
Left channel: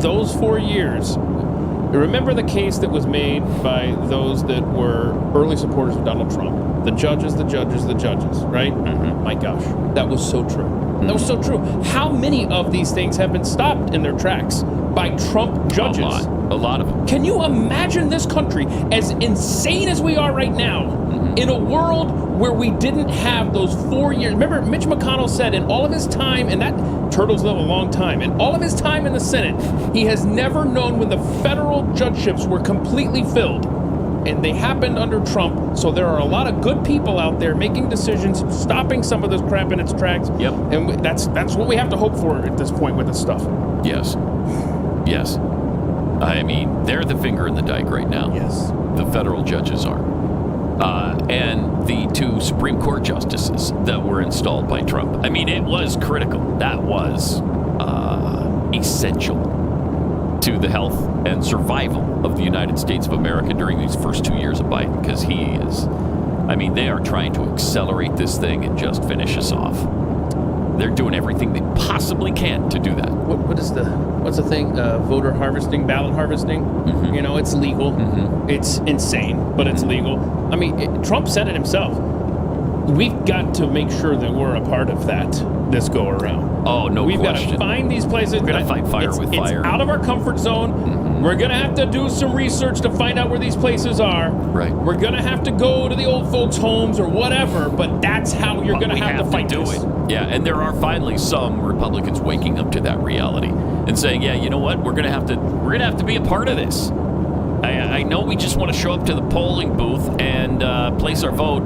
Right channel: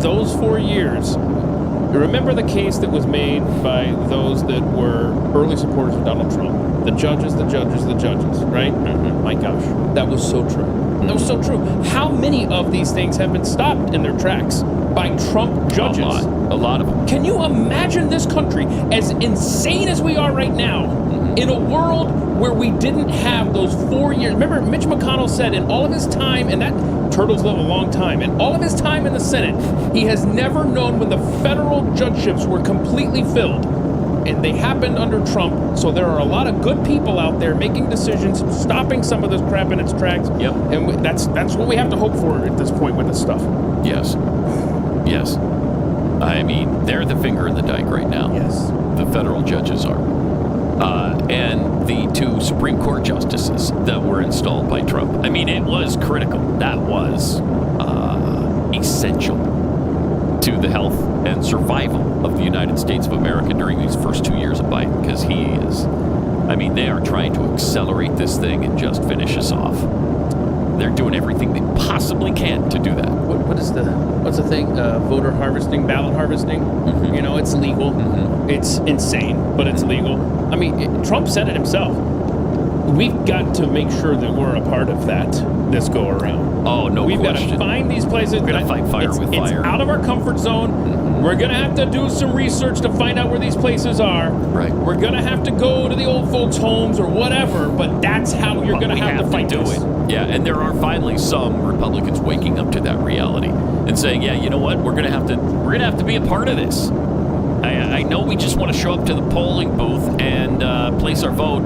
those 4 years... Remember the case that was made by those that were early supporters of Donald Trump? The judges, right? Mm-hmm. My gosh, that was so true. Mm-hmm. That was so true. How many of these things have been stopped in their tracks by Trump judges? A lot of them. Can you imagine this country, as insane as we are right now, in a world where we didn't have those 4 years? Remember, Mitch McConnell said in all of his time, and that Turtles live a long time, in all of his time in the Senate, he has never known when the federal judgeships were completely filled. And they happened under Trump, so there are a lot of good people out there making decisions, stopping some of this crap in its tracks. Yep. And that's what we have to hope for at this point with this stuff. Yes. I mean, they're the finger in the dike right now. Yes. The federal judges are. And the two Supreme Court justices that were installed by Trump. I mean, it was critical. That was essential to the health and survival of the United States of America during these first 2 years of Biden, because they are trying to accelerate this thing and just finish us off. They're doing everything they possibly can to do that. What's the thing? Voter harvesting, ballot harvesting. Mm-hmm. It's legal. Mm-hmm. It's insane, but it's legal. I mean, Trump said it himself. we've got to make sure that we're a part of that this go around. Oh, no We've question. got to find these places. We're going to fight fire with fire. It's out of our comfort zone. Mm-hmm. We're going to have to do some research to find out where these places are. Right. We're going to have to go to the old folks' homes or whatever, but that's how you're going to have to fight do this. it. Yeah, and there are finally some Republicans waking up to that reality and saying, yeah, you know what? We're going to have to be a part of this. I know we just want to show up to the polling booth and place our vote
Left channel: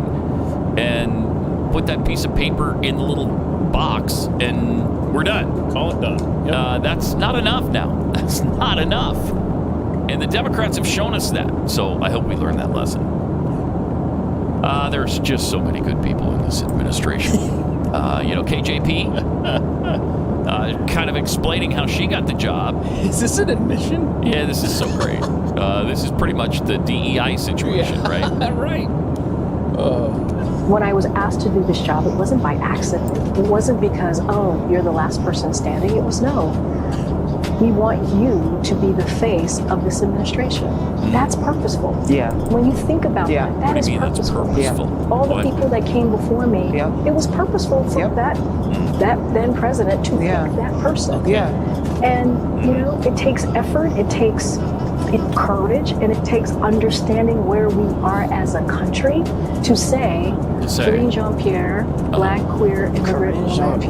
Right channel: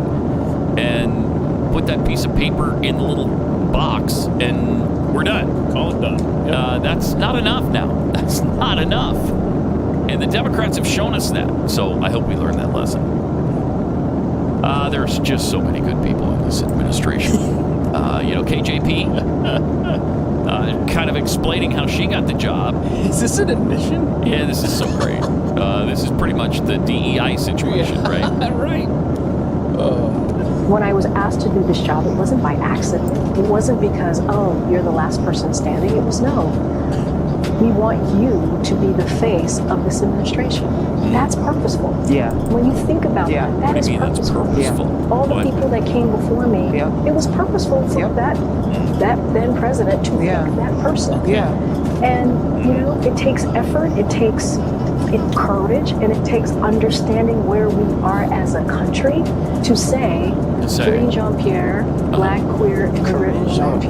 and put that piece of paper in the little box, and we're done. Call it done. Yep. That's not enough now. That's not enough. And the Democrats have shown us that. So I hope we learn that lesson. There's just so many good people in this administration. KJP, kind of explaining how she got the job. Is this an admission? Yeah, this is so great. This is pretty much the DEI situation, right? Right. When I was asked to do this job, it wasn't by accident. It wasn't because, oh, you're the last person standing. It was, no, we want you to be the face of this administration. That's purposeful. Yeah. When you think about that, that is purposeful. All the people that came before me, it was purposeful for that then president to pick that person. Yeah. And, it takes effort, it takes courage, and it takes understanding where we are as a country to say Celine Jean-Pierre, black, queer, immigrant woman,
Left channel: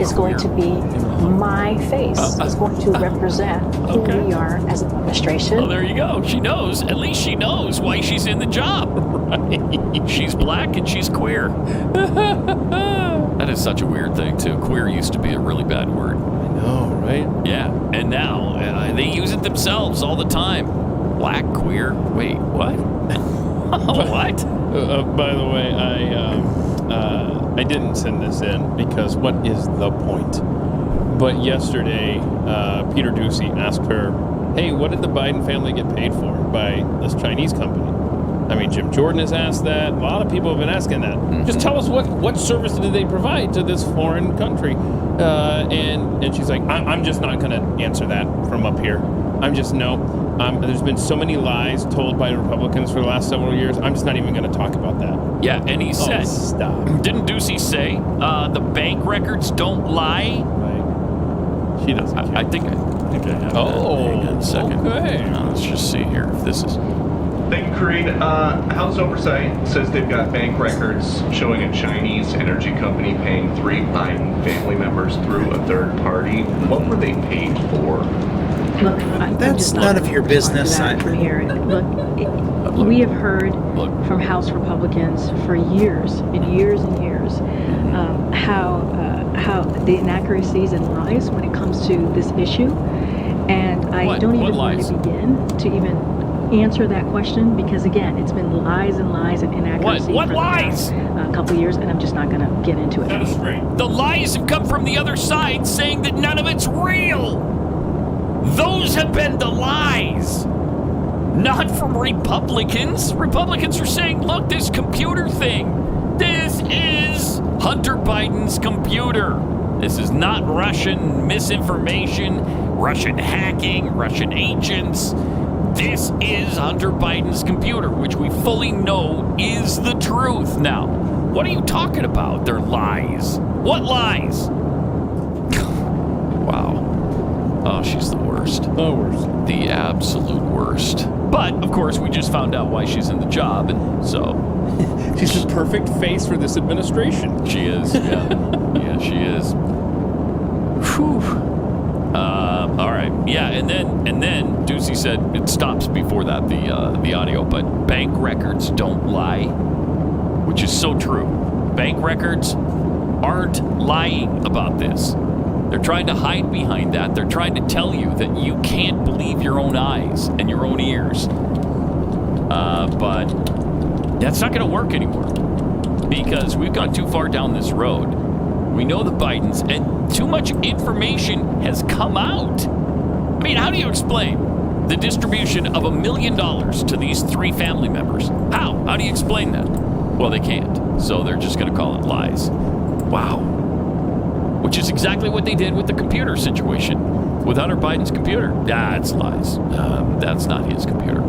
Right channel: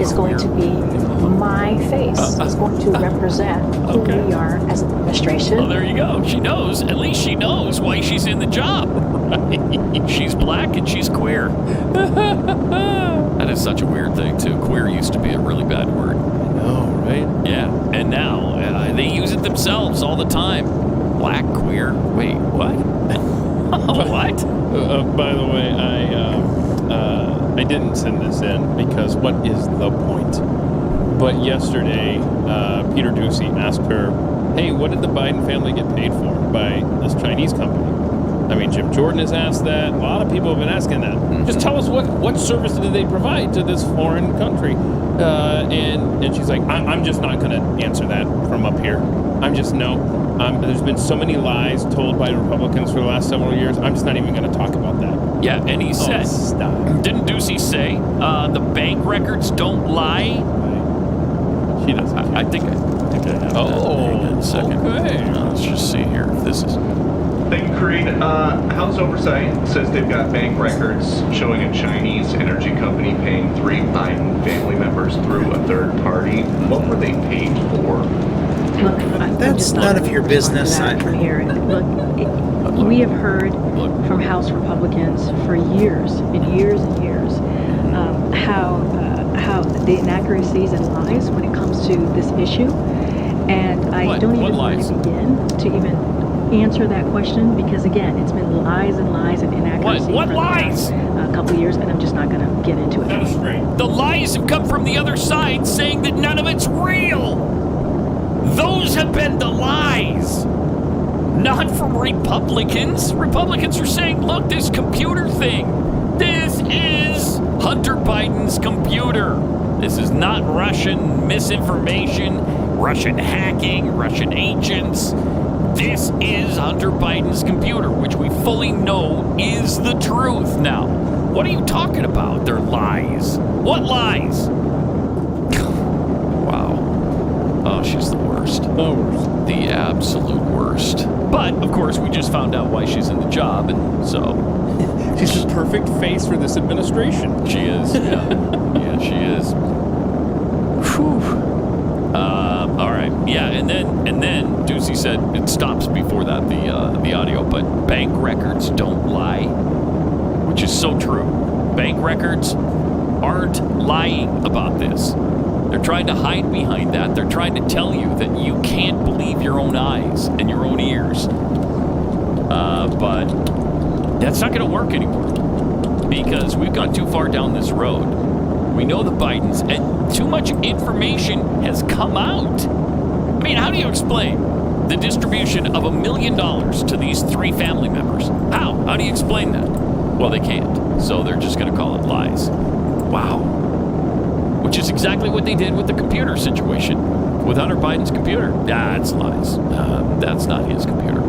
is going to be my face, is going to represent who we are as an administration. Well, there you go. She knows. At least she knows why she's in the job. Right. She's black and she's queer. That is such a weird thing, too. Queer used to be a really bad word. I know, right? Yeah. And now they use it themselves all the time. Black, queer. Wait, what? What? By the way, I didn't send this in because what is the point? But yesterday, Peter Ducey asked her, hey, what did the Biden family get paid for by this Chinese company? I mean, Jim Jordan has asked that. A lot of people have been asking that. Just tell us what service did they provide to this foreign country? And she's like, I'm just not going to answer that from up here. There's been so many lies told by Republicans for the last several years. I'm just not even going to talk about that. Yeah, and he said, stop. Didn't Ducey say the bank records don't lie? Right. She doesn't. I think I have that. Hang on a second. Okay. Let's just see here if this is... Thank you, Kareem. House Oversight says they've got bank records showing a Chinese energy company paying 3 Biden family members through a third party. What were they paid for? Look, That's none of your business. From here. We have heard from House Republicans for years and years and years how the inaccuracies and lies when it comes to this issue, and I don't even want to begin to even answer that question because again, it's been lies and lies and inaccuracies What for lies? the past couple of years, and I'm just not going to get into it. That was great. The lies have come from the other side saying that none of it's real. Those have been the lies. Not from Republicans. Republicans are saying, look, this computer thing, this is Hunter Biden's computer. This is not Russian misinformation, Russian hacking, Russian agents. This is Hunter Biden's computer, which we fully know is the truth now. What are you talking about? They're lies. What lies? Wow. Oh, she's the worst. The worst. The absolute worst. But, of course, we just found out why she's in the job, and so... She's the perfect face for this administration. She is, yeah. Yeah, she is. Whew. All right. Yeah, and then Ducey said it stops before that, the audio, but bank records don't lie, which is so true. Bank records aren't lying about this. They're trying to hide behind that. They're trying to tell you that you can't believe your own eyes and your own ears. But that's not going to work anymore because we've gone too far down this road. We know the Bidens, and too much information has come out. I mean, how do you explain the distribution of $1 million to these 3 family members? How? How do you explain that? Well, they can't. So they're just going to call it lies. Wow. Which is exactly what they did with the computer situation. With Hunter Biden's computer. It's lies. That's not his computer.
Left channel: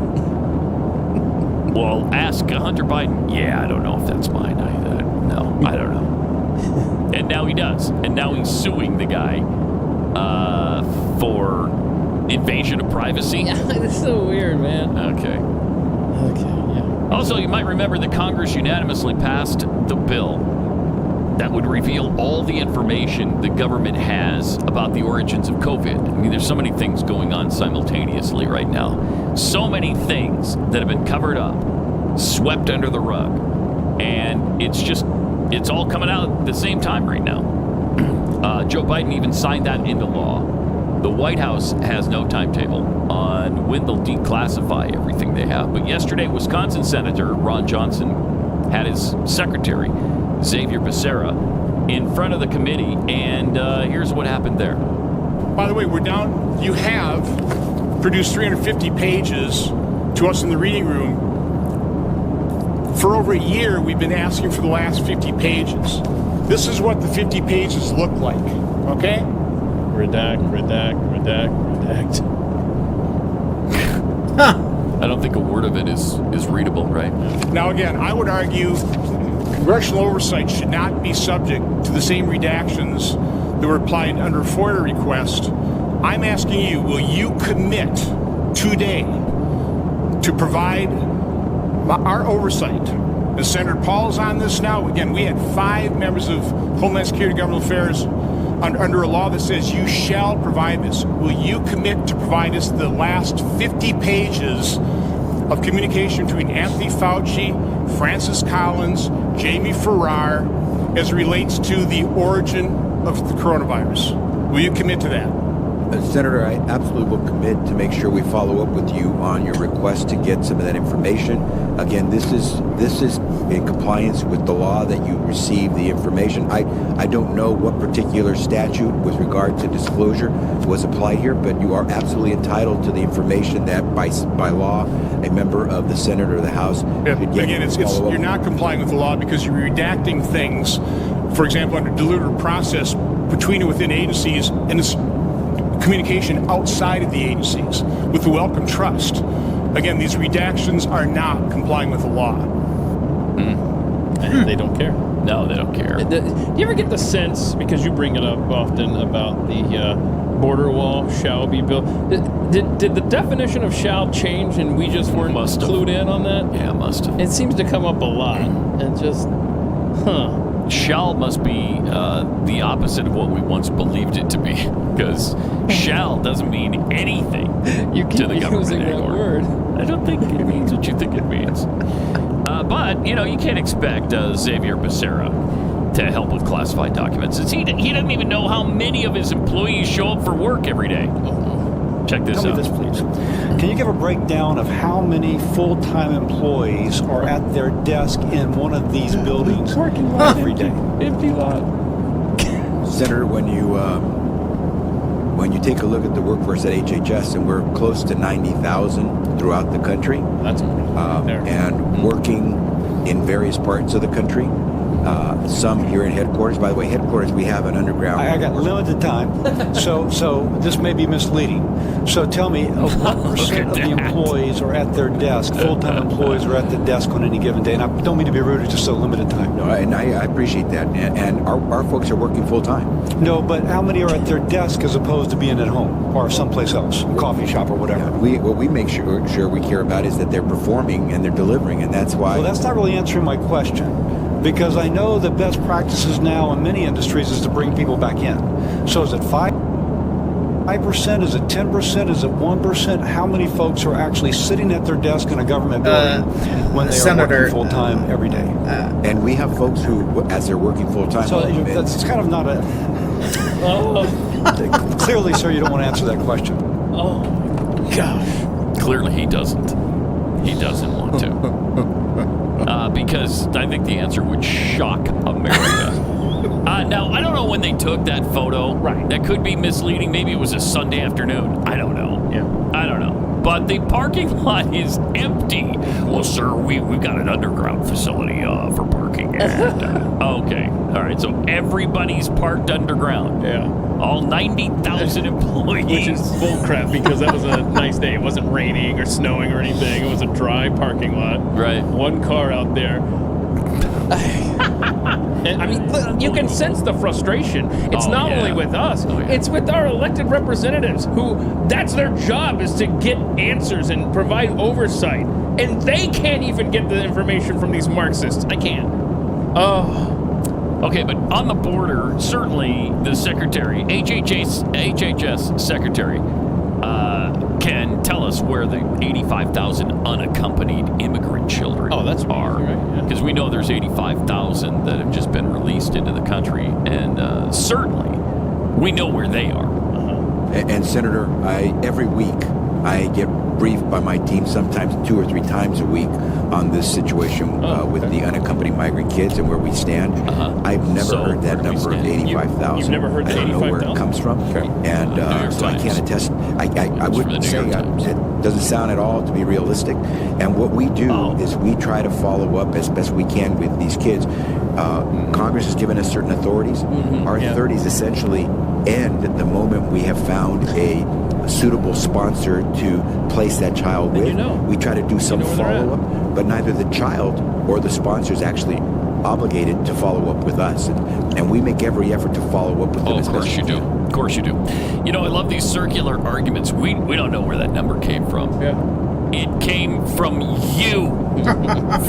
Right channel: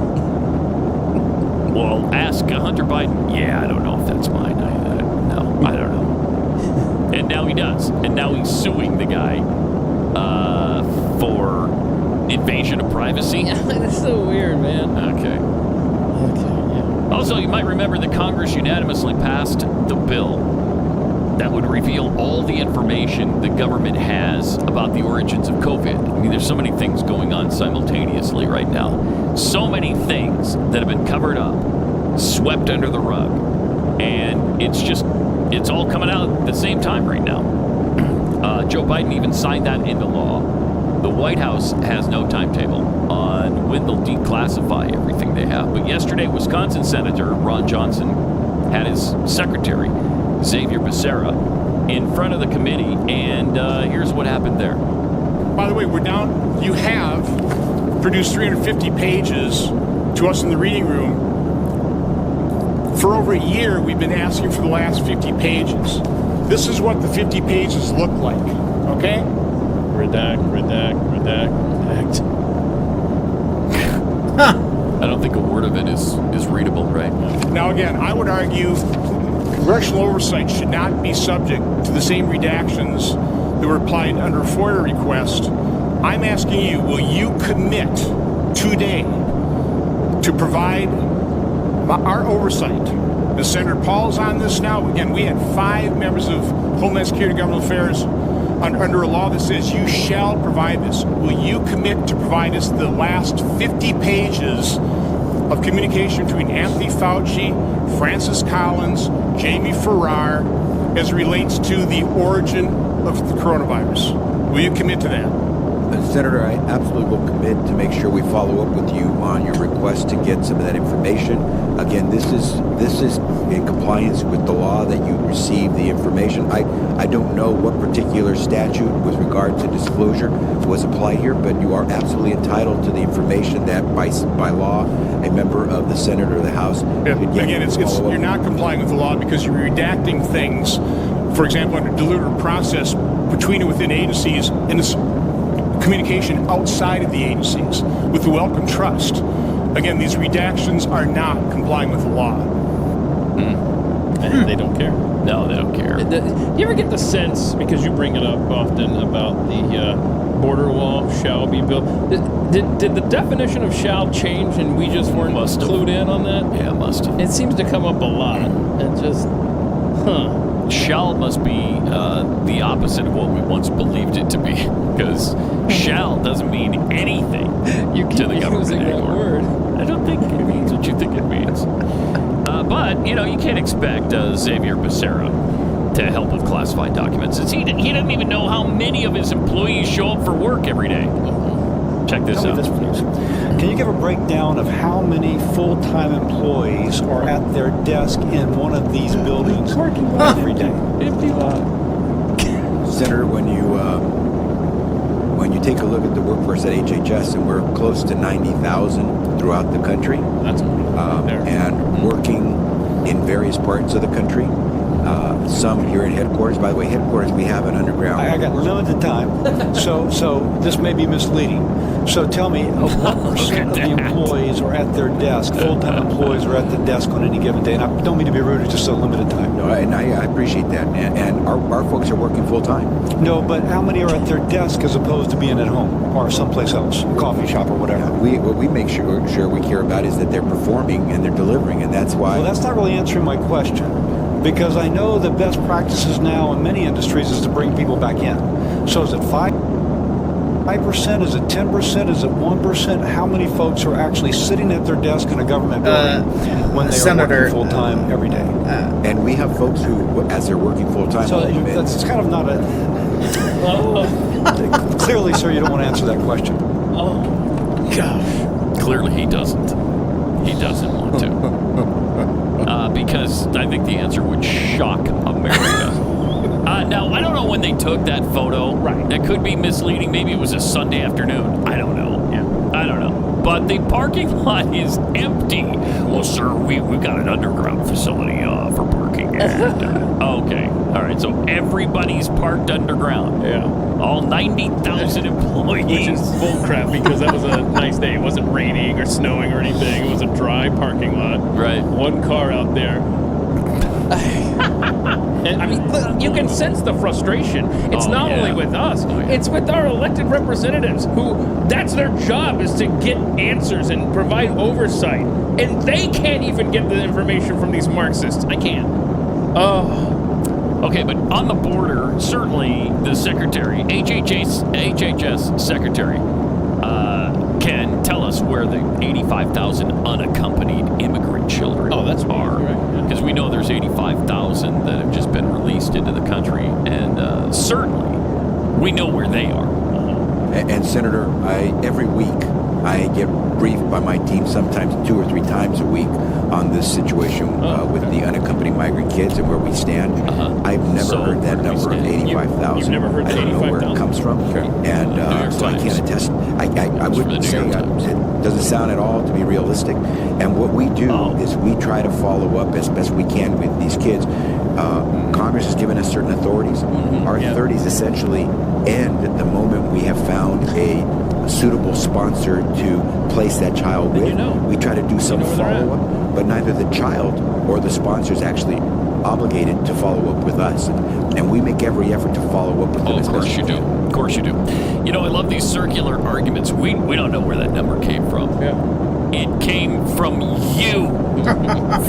Well, ask Hunter Biden. Yeah, I don't know if that's mine. No, I don't know. And now he does. And now he's suing the guy for invasion of privacy. Yeah, that's so weird, man. Okay, yeah. Also, you might remember that Congress unanimously passed the bill that would reveal all the information the government has about the origins of COVID. I mean, there's so many things going on simultaneously right now. So many things that have been covered up, swept under the rug. And it's all coming out at the same time right now. Joe Biden even signed that into law. The White House has no timetable on when they'll declassify everything they have. But yesterday, Wisconsin Senator Ron Johnson had his secretary, Xavier Becerra, in front of the committee, and here's what happened there. By the way, we're down. You have produced 350 pages to us in the reading room. For over a year, we've been asking for the last 50 pages. This is what the 50 pages look like, okay? Redact. I don't think a word of it is readable, right? Now, again, I would argue congressional oversight should not be subject to the same redactions that were applied under a FOIA request. I'm asking you, will you commit today to provide our oversight? And Senator Paul is on this now. Again, we had 5 members of Homeland Security and Government Affairs under a law that says you shall provide this. Will you commit to provide us the last 50 pages of communication between Anthony Fauci, Francis Collins, Jamie Farrar, as it relates to the origin of the coronavirus? Will you commit to that? Senator, I absolutely will commit to make sure we follow up with you on your request to get some of that information. Again, this is in compliance with the law that you receive the information. I don't know what particular statute with regard to disclosure was applied here, but you are absolutely entitled to the information that by law a member of the Senate or the House should get. Again, you're not complying with the law because you're redacting things, for example, under deliberative process between and within agencies, and it's communication outside of the agencies with the Welcome Trust. Again, these redactions are not complying with the law. And they don't care. No, they don't care. Do you ever get the sense, because you bring it up often, about the border wall shall be built? Did the definition of shall change and we just weren't clued in on that? Yeah, must have. It seems to come up a lot. And just, Shall must be the opposite of what we once believed it to be, because shall doesn't mean anything to the government using anymore. that word. I don't think it means what you think it means. But, you can't expect Xavier Becerra to help with classified documents. He doesn't even know how many of his employees show up for work every day. Check this Tell out. me this, please. Can you give a breakdown of how many full-time employees are at their desk in one of these buildings every day? Empty lot. Senator, when you take a look at the workforce at HHS, and we're close to 90,000 throughout the country, that's and working in various parts of the country. Some here at headquarters. By the way, headquarters, we have an underground. I got limited time, so this may be misleading. So tell me, what percent of the employees are at their desk, full-time employees are at the desk on any given day? And I don't mean to be rude, it's just so limited time. No, and I appreciate that. And our folks are working full-time. No, but how many are at their desk as opposed to being at home or someplace else, a coffee shop or whatever? Yeah, what we make sure we care about is that they're performing and they're delivering, and that's why... Well, that's not really answering my question. Because I know the best practices now in many industries is to bring people back in. So is it 5%? Is it 10%? Is it 1%? How many folks are actually sitting at their desk in a government building when they are working full-time every day? And we have folks who, as they're working full-time... So that's kind of not a... Clearly, sir, you don't want to answer that question. Oh, gosh. Clearly, he doesn't. He doesn't want to. Because I think the answer would shock America. Now, I don't know when they took that photo. Right. That could be misleading. Maybe it was a Sunday afternoon. I don't know. Yeah. I don't know. but the parking lot is empty. Well, sir, we've got an underground facility for parking. And, okay. All right. So everybody's parked underground. Yeah. All 90,000 employees. Which is bullcrap because that was a nice day. It wasn't raining or snowing or anything. It was a dry parking lot. Right. One car out there. And, I mean, look, you can sense the frustration. It's not only with us, it's with our elected representatives who that's their job is to get answers and provide oversight. And they can't even get the information from these Marxists. I can't. Oh. Okay, but on the border, certainly the secretary, HHS secretary, can tell us where the 85,000 unaccompanied immigrant children are. Because we know there's 85,000 that have just been released into the country, and certainly we know where they are. And Senator, every week I get briefed by my team, sometimes 2 or 3 times a week, on this situation with the unaccompanied migrant kids and where we stand. I've never heard that number of 85,000. You've never heard that 85,000? I don't know where it comes from, and so I can't attest. I wouldn't say it doesn't sound at all to be realistic. And what we do is we try to follow up as best we can with these kids. Congress has given us certain authorities. Our authorities essentially end at the moment we have found a suitable sponsor to place that child with. We try to do some follow-up, but neither the child or the sponsor is actually obligated to follow up with us. And we make every effort to follow up with them. Of course you do. Of course you do. You know, I love these circular arguments. We don't know where that number came from. Yeah. It came from you,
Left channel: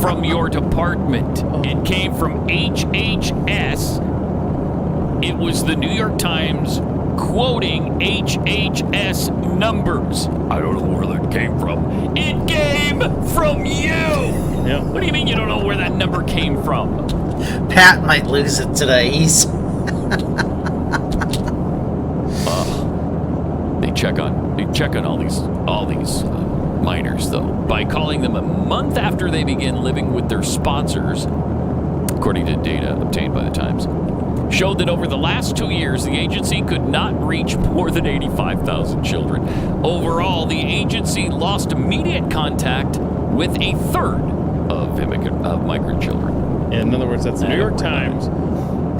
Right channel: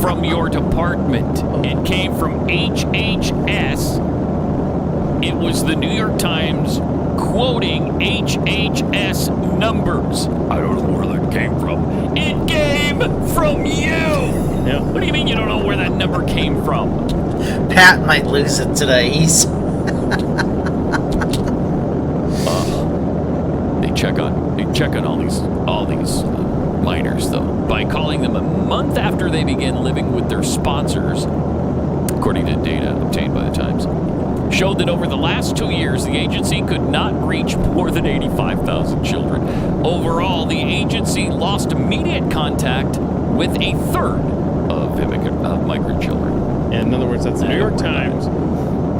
from your department. It came from HHS. It was the New York Times quoting HHS numbers. I don't know where that came from. It came from you. Yeah. What do you mean you don't know where that number came from? Pat might lose it today. He's They check on all these minors though by calling them a month after they begin living with their sponsors, according to data obtained by the Times. Showed that over the last 2 years, the agency could not reach more than 85,000 children. Overall, the agency lost immediate contact with a third of migrant children. In other words, that's the New York Times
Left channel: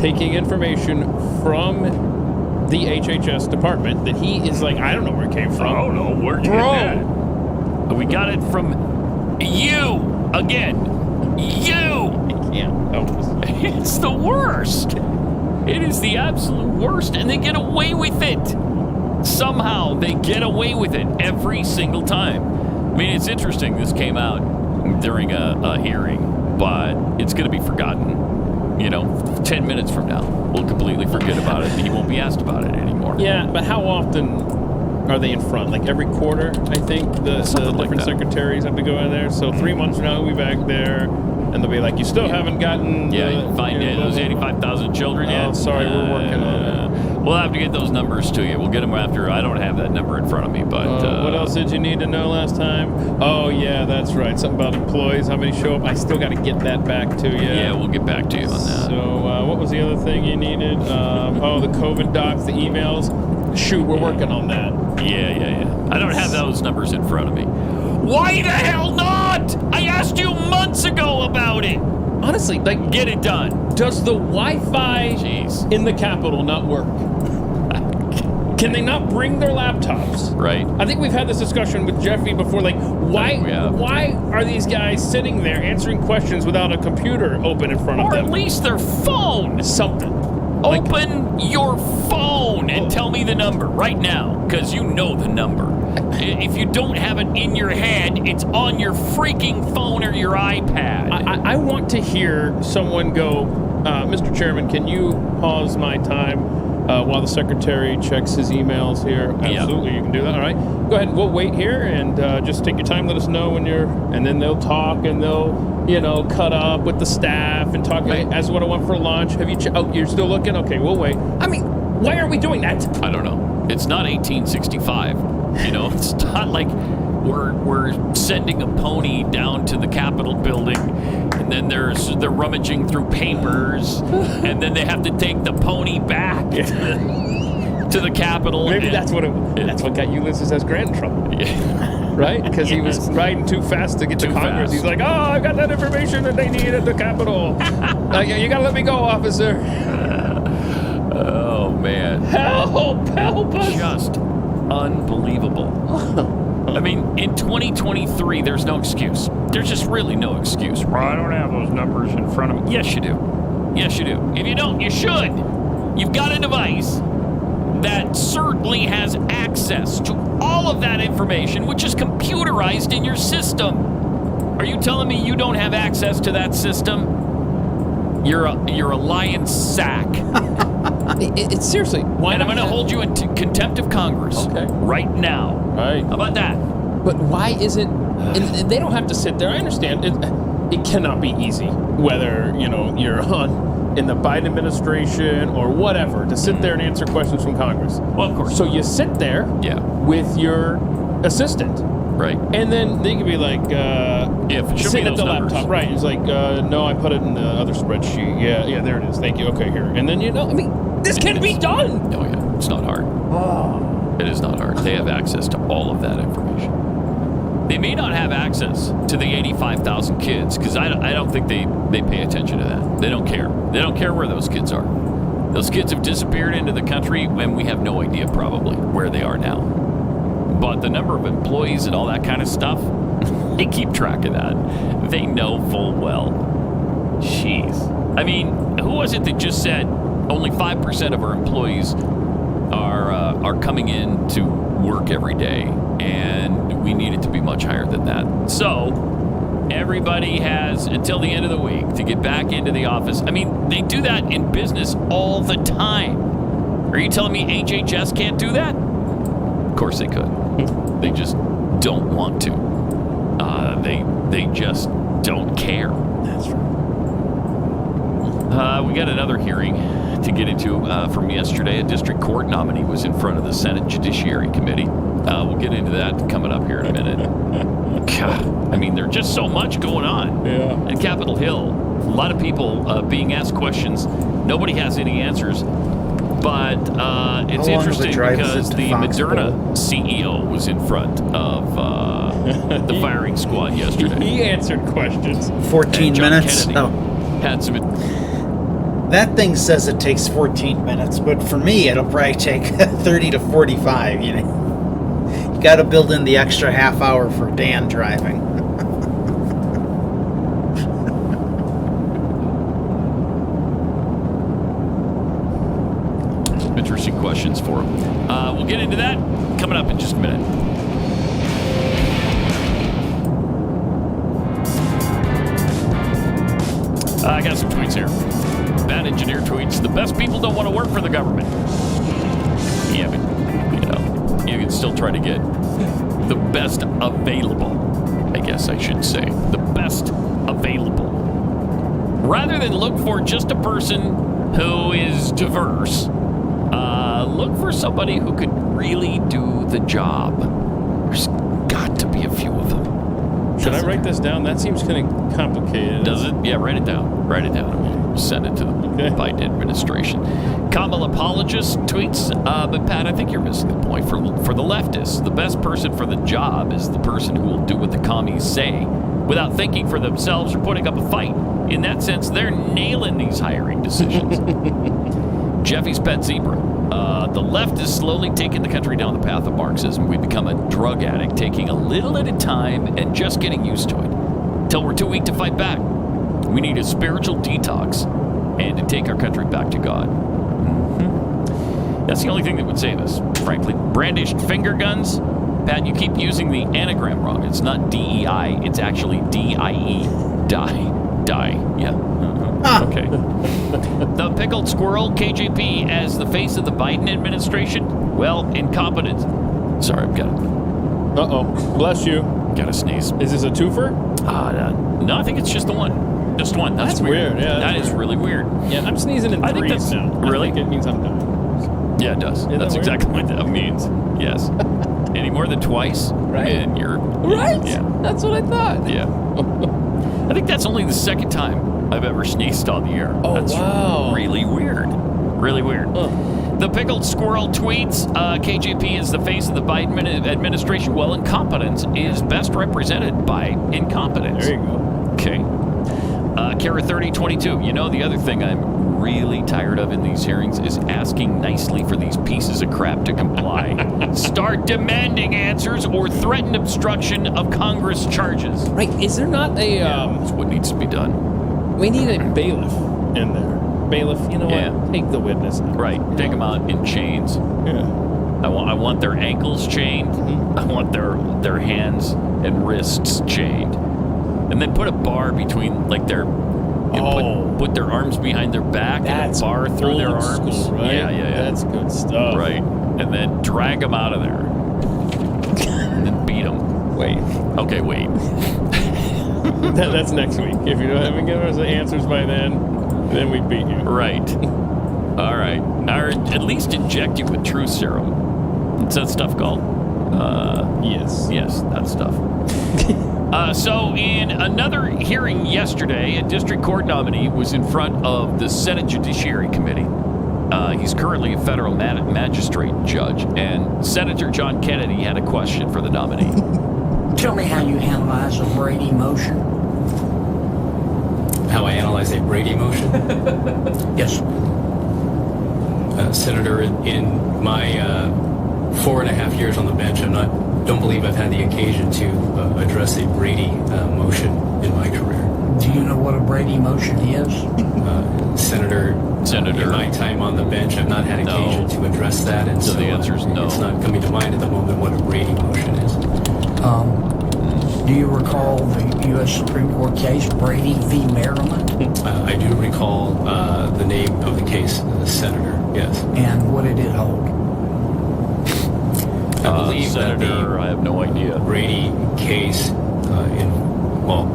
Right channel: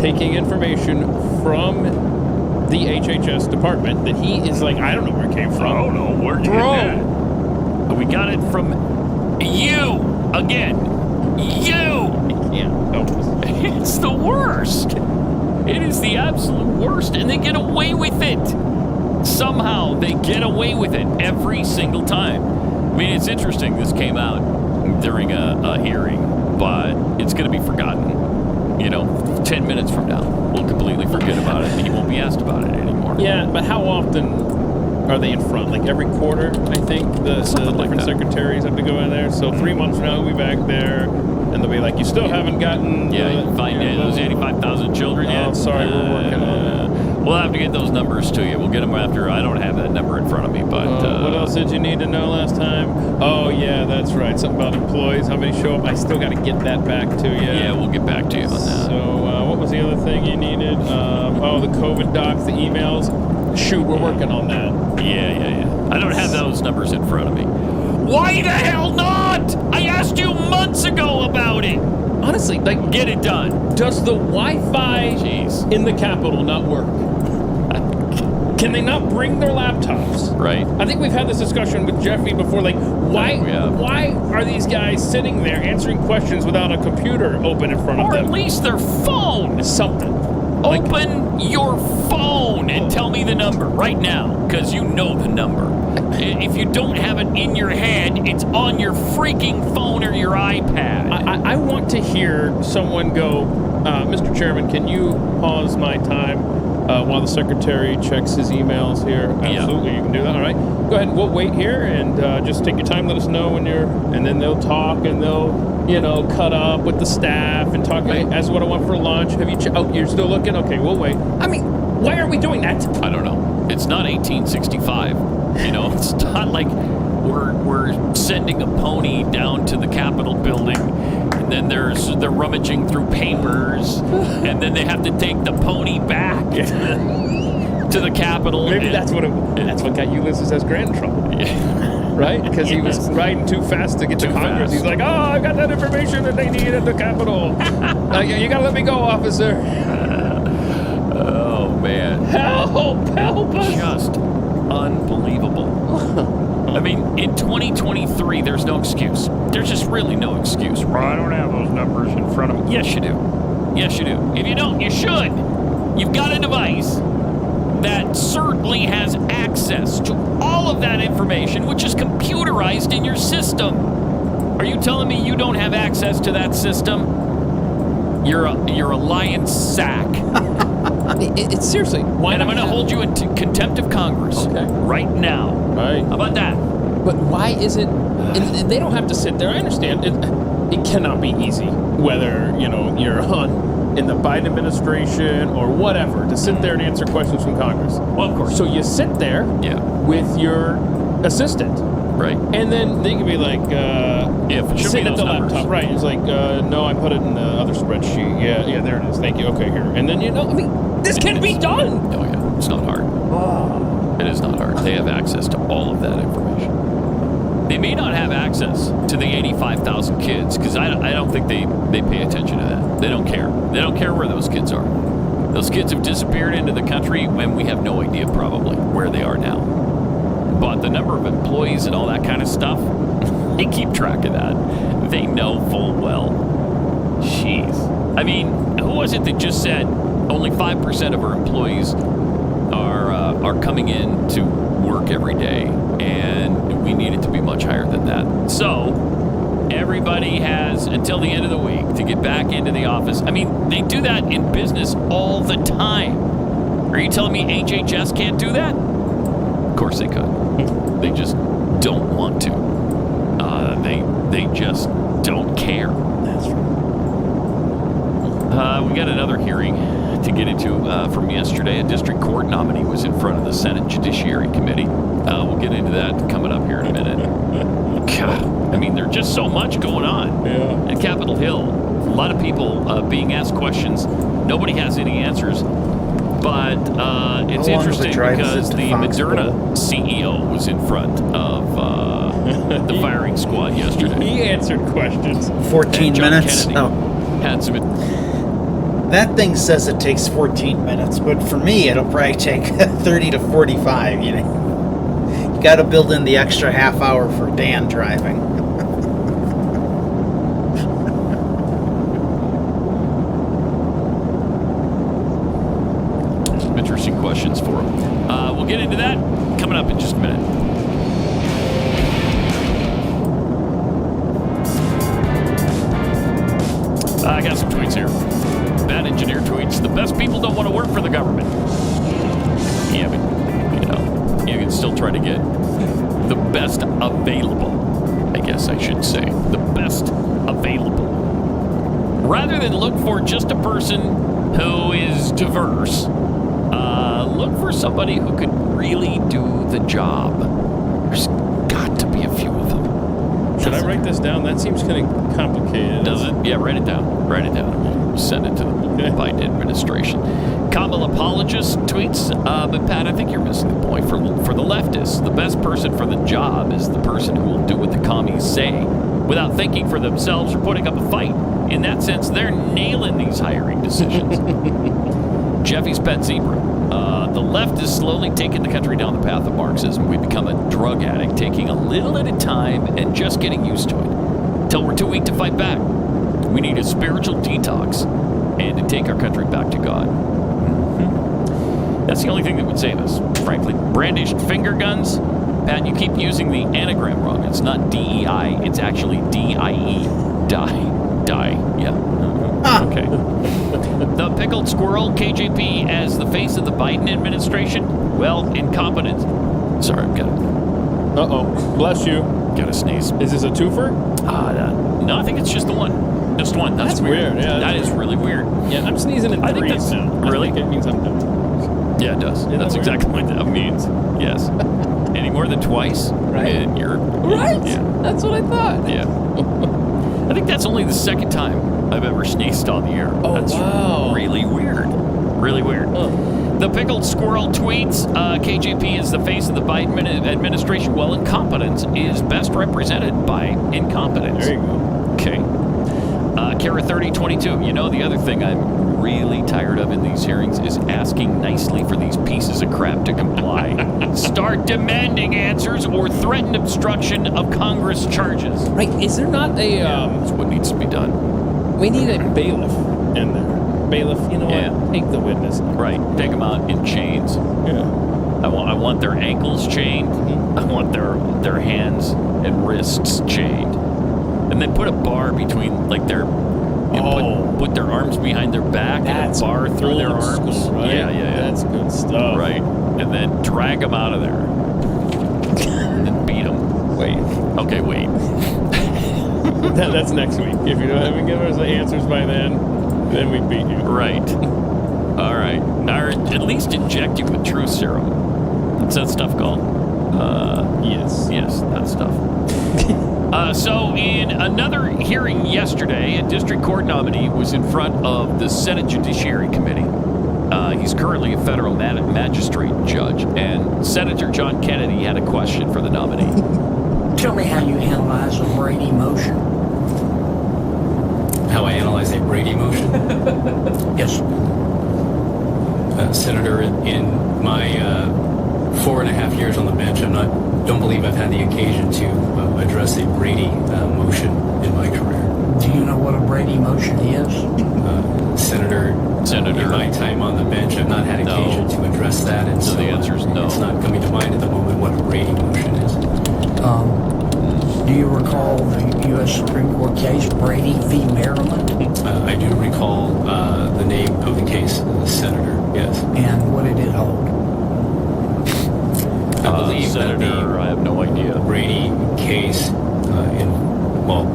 taking information from the HHS department that he is like, I don't know where it came from. I don't know. Where'd you get that? We got it from you again. You. Yeah. It's the worst. It is the absolute worst, and they get away with it. Somehow, they get away with it every single time. I mean, it's interesting. This came out during a hearing, but it's going to be forgotten. 10 minutes from now, we'll completely forget about it, and you won't be asked about it anymore. Yeah, but how often are they in front? Like every quarter, I think, the different secretaries have to go in there. So 3 months from now, we'll be back there. And they'll be like, you still haven't gotten... Yeah, you can find those 85,000 children yet? Oh, sorry, we're working on it. We'll have to get those numbers to you. We'll get them after. I don't have that number in front of me, but... what else did you need to know last time? Oh, yeah, that's right. Something about employees, how many show up. I still got to get that back to you. Yeah, we'll get back to you on that. So, what was the other thing you needed? The COVID docs, the emails. Shoot, we're working on that. Yeah. I don't have those numbers in front of me. Why the hell not? I asked you months ago about it. Honestly, get it done. Does the Wi-Fi in the Capitol not work? Can they not bring their laptops? Right. I think we've had this discussion with Jeffy before. Like, why are these guys sitting there answering questions without a computer open in front of them? Or at least their phone. Something. Open your phone and tell me the number right now, because you know the number. If you don't have it in your head, it's on your freaking phone or your iPad. I want to hear someone go, Mr. Chairman, can you pause my time while the secretary checks his emails here? Absolutely, you can do that. All right. Go ahead. We'll wait here and just take your time. Let us know when you're... And then they'll talk and they'll... cut up with the staff and talk. Hey, that's what I want for lunch. Have you? You're still looking? Okay, we'll wait. I mean, why are we doing that? I don't know. It's not 1865. It's not like we're sending a pony down to the Capitol building, and then they're rummaging through papers, and then they have to take the pony back to the Capitol. Maybe that's what got Ulysses S. Grant in trouble. Yeah. right? Because he was riding too fast to get to Congress. fast. He's like, oh, I got that information that they need at the Capitol. You got to let me go, officer. Oh, man. Help us. Just unbelievable. I mean, in 2023, there's no excuse. There's just really no excuse. Well, I don't have those numbers in front of me. Yes, you do. Yes, you do. If you don't, you should. You've got a device that certainly has access to all of that information, which is computerized in your system. Are you telling me you don't have access to that system? You're a lying sack. It's seriously. Why and I'm going to hold you in contempt of Congress. Okay. Right now. Right. How about that? But why isn't? And they don't have to sit there. I understand it cannot be easy, whether you're in the Biden administration or whatever, to sit there and answer questions from Congress. Well, of course. So you sit there with your assistant. Right. And then they can be like, sitting at the laptop. Right. It's like, no, I put it in the other spreadsheet. Yeah, there it is. Thank you. Okay, here. And then, this can be done. Oh, yeah. It's not hard. It is not hard. They have access to all of that information. They may not have access to the 85,000 kids, because I don't think they pay attention to that. They don't care. They don't care where those kids are. Those kids have disappeared into the country, and we have no idea probably where they are now. But the number of employees and all that kind of stuff, they keep track of that. They know full well. Jeez. I mean, who was it that just said only 5% of our employees are coming in to work every day, and we need it to be much higher than that? So everybody has until the end of the week to get back into the office. I mean, they do that in business all the time. Are you telling me HHS can't do that? Of course they could. They just don't want to. They just don't care. That's right. We got another hearing to get into from yesterday. A district court nominee was in front of the Senate Judiciary Committee. We'll get into that coming up here in a minute. God, I mean, there's just so much going on at Capitol Hill. A lot of people being asked questions. Nobody has any answers. But it's interesting because the Moderna CEO was in front of the firing squad yesterday. He answered questions. 14 minutes. Kennedy had some. That thing says it takes 14 minutes, but for me, it'll probably take 30 to 45. You got to build in the extra half hour for Dan driving. Interesting questions for him. We'll get into that coming up in just a minute. I got some tweets here. Bad Engineer tweets, the best people don't want to work for the government. Yeah, but, you can still try to get the best available, I guess I should say. The best available. Rather than look for just a person who is diverse, look for somebody who could really do the job. There's got to be a few of them. Should I write this down? That seems kind of complicated. Does it? Yeah, write it down. Write it down, and we'll send it to the Biden administration. Kamala apologist tweets, but Pat, I think you're missing the point. For the leftists, the best person for the job is the person who will do what the commies say without thinking for themselves or putting up a fight. In that sense, they're nailing these hiring decisions. Jeffy's pet zebra. The left is slowly taking the country down the path of Marxism. We become a drug addict, taking a little at a time and just getting used to it. Until we're too weak to fight back. We need a spiritual detox and to take our country back to God. Mm-hmm. That's the only thing that would save us, frankly. Brandished finger guns. Pat, you keep using the anagram wrong. It's not DEI. It's actually DIE. Die. Yeah. Okay. The pickled squirrel, KJP, as the face of the Biden administration? Well, incompetent. Sorry, I've got it. Uh-oh. Bless you. Got to sneeze. Is this a twofer? No, I think it's just the one. Just one. That's weird. Yeah, that is really weird. Yeah, I'm sneezing in threes now. Really? I think it means I'm dying. Yeah, it does. That's exactly what that means. Yes. Any more than twice, right? And you're... Right? Yeah. That's what I thought. Yeah. I think that's only the second time I've ever sneezed on the air. Oh, that's wow. really weird. Really weird. The Pickled Squirrel tweets, KJP is the face of the Biden administration. Well, incompetence is best represented by incompetence. There you go. Okay. Kara 3022, you know, the other thing I'm really tired of in these hearings is asking nicely for these pieces of crap to comply. Start demanding answers or threaten obstruction of Congress charges. Right, is there not a... that's what needs to be done. We need a bailiff in there. Bailiff, you know what? Take the witness. Right, take them out in chains. Yeah. I want their ankles chained. I want their hands and wrists chained. And then put a bar between, like, their... put their arms behind their back and a bar through their arms. School, right? Yeah. That's good stuff. Right. And then drag them out of there. And then beat them. Wait. Okay, wait. That's next week. If you haven't given us the answers by then we beat you. Right. All right. Or at least inject you with truth serum. What's that stuff called? Yes. Yes, that stuff. So in another hearing yesterday, a district court nominee was in front of the Senate Judiciary Committee. He's currently a federal magistrate judge, and Senator John Kennedy had a question for the nominee. Tell me how you analyze a Brady motion. How I analyze a Brady motion? Yes. Senator, in my 4.5 years on the bench, don't believe I've had the occasion to address a Brady motion in my career. Do you know what a Brady motion is? Senator, in my time on the bench, I've not had occasion to address that, and so the answer is no. It's not coming to mind at the moment what a Brady motion is. Do you recall the U.S. Supreme Court case, Brady v. Maryland? I do recall the name of the case, Senator, yes. And what did it hold? I believe Senator, I have no idea. Brady case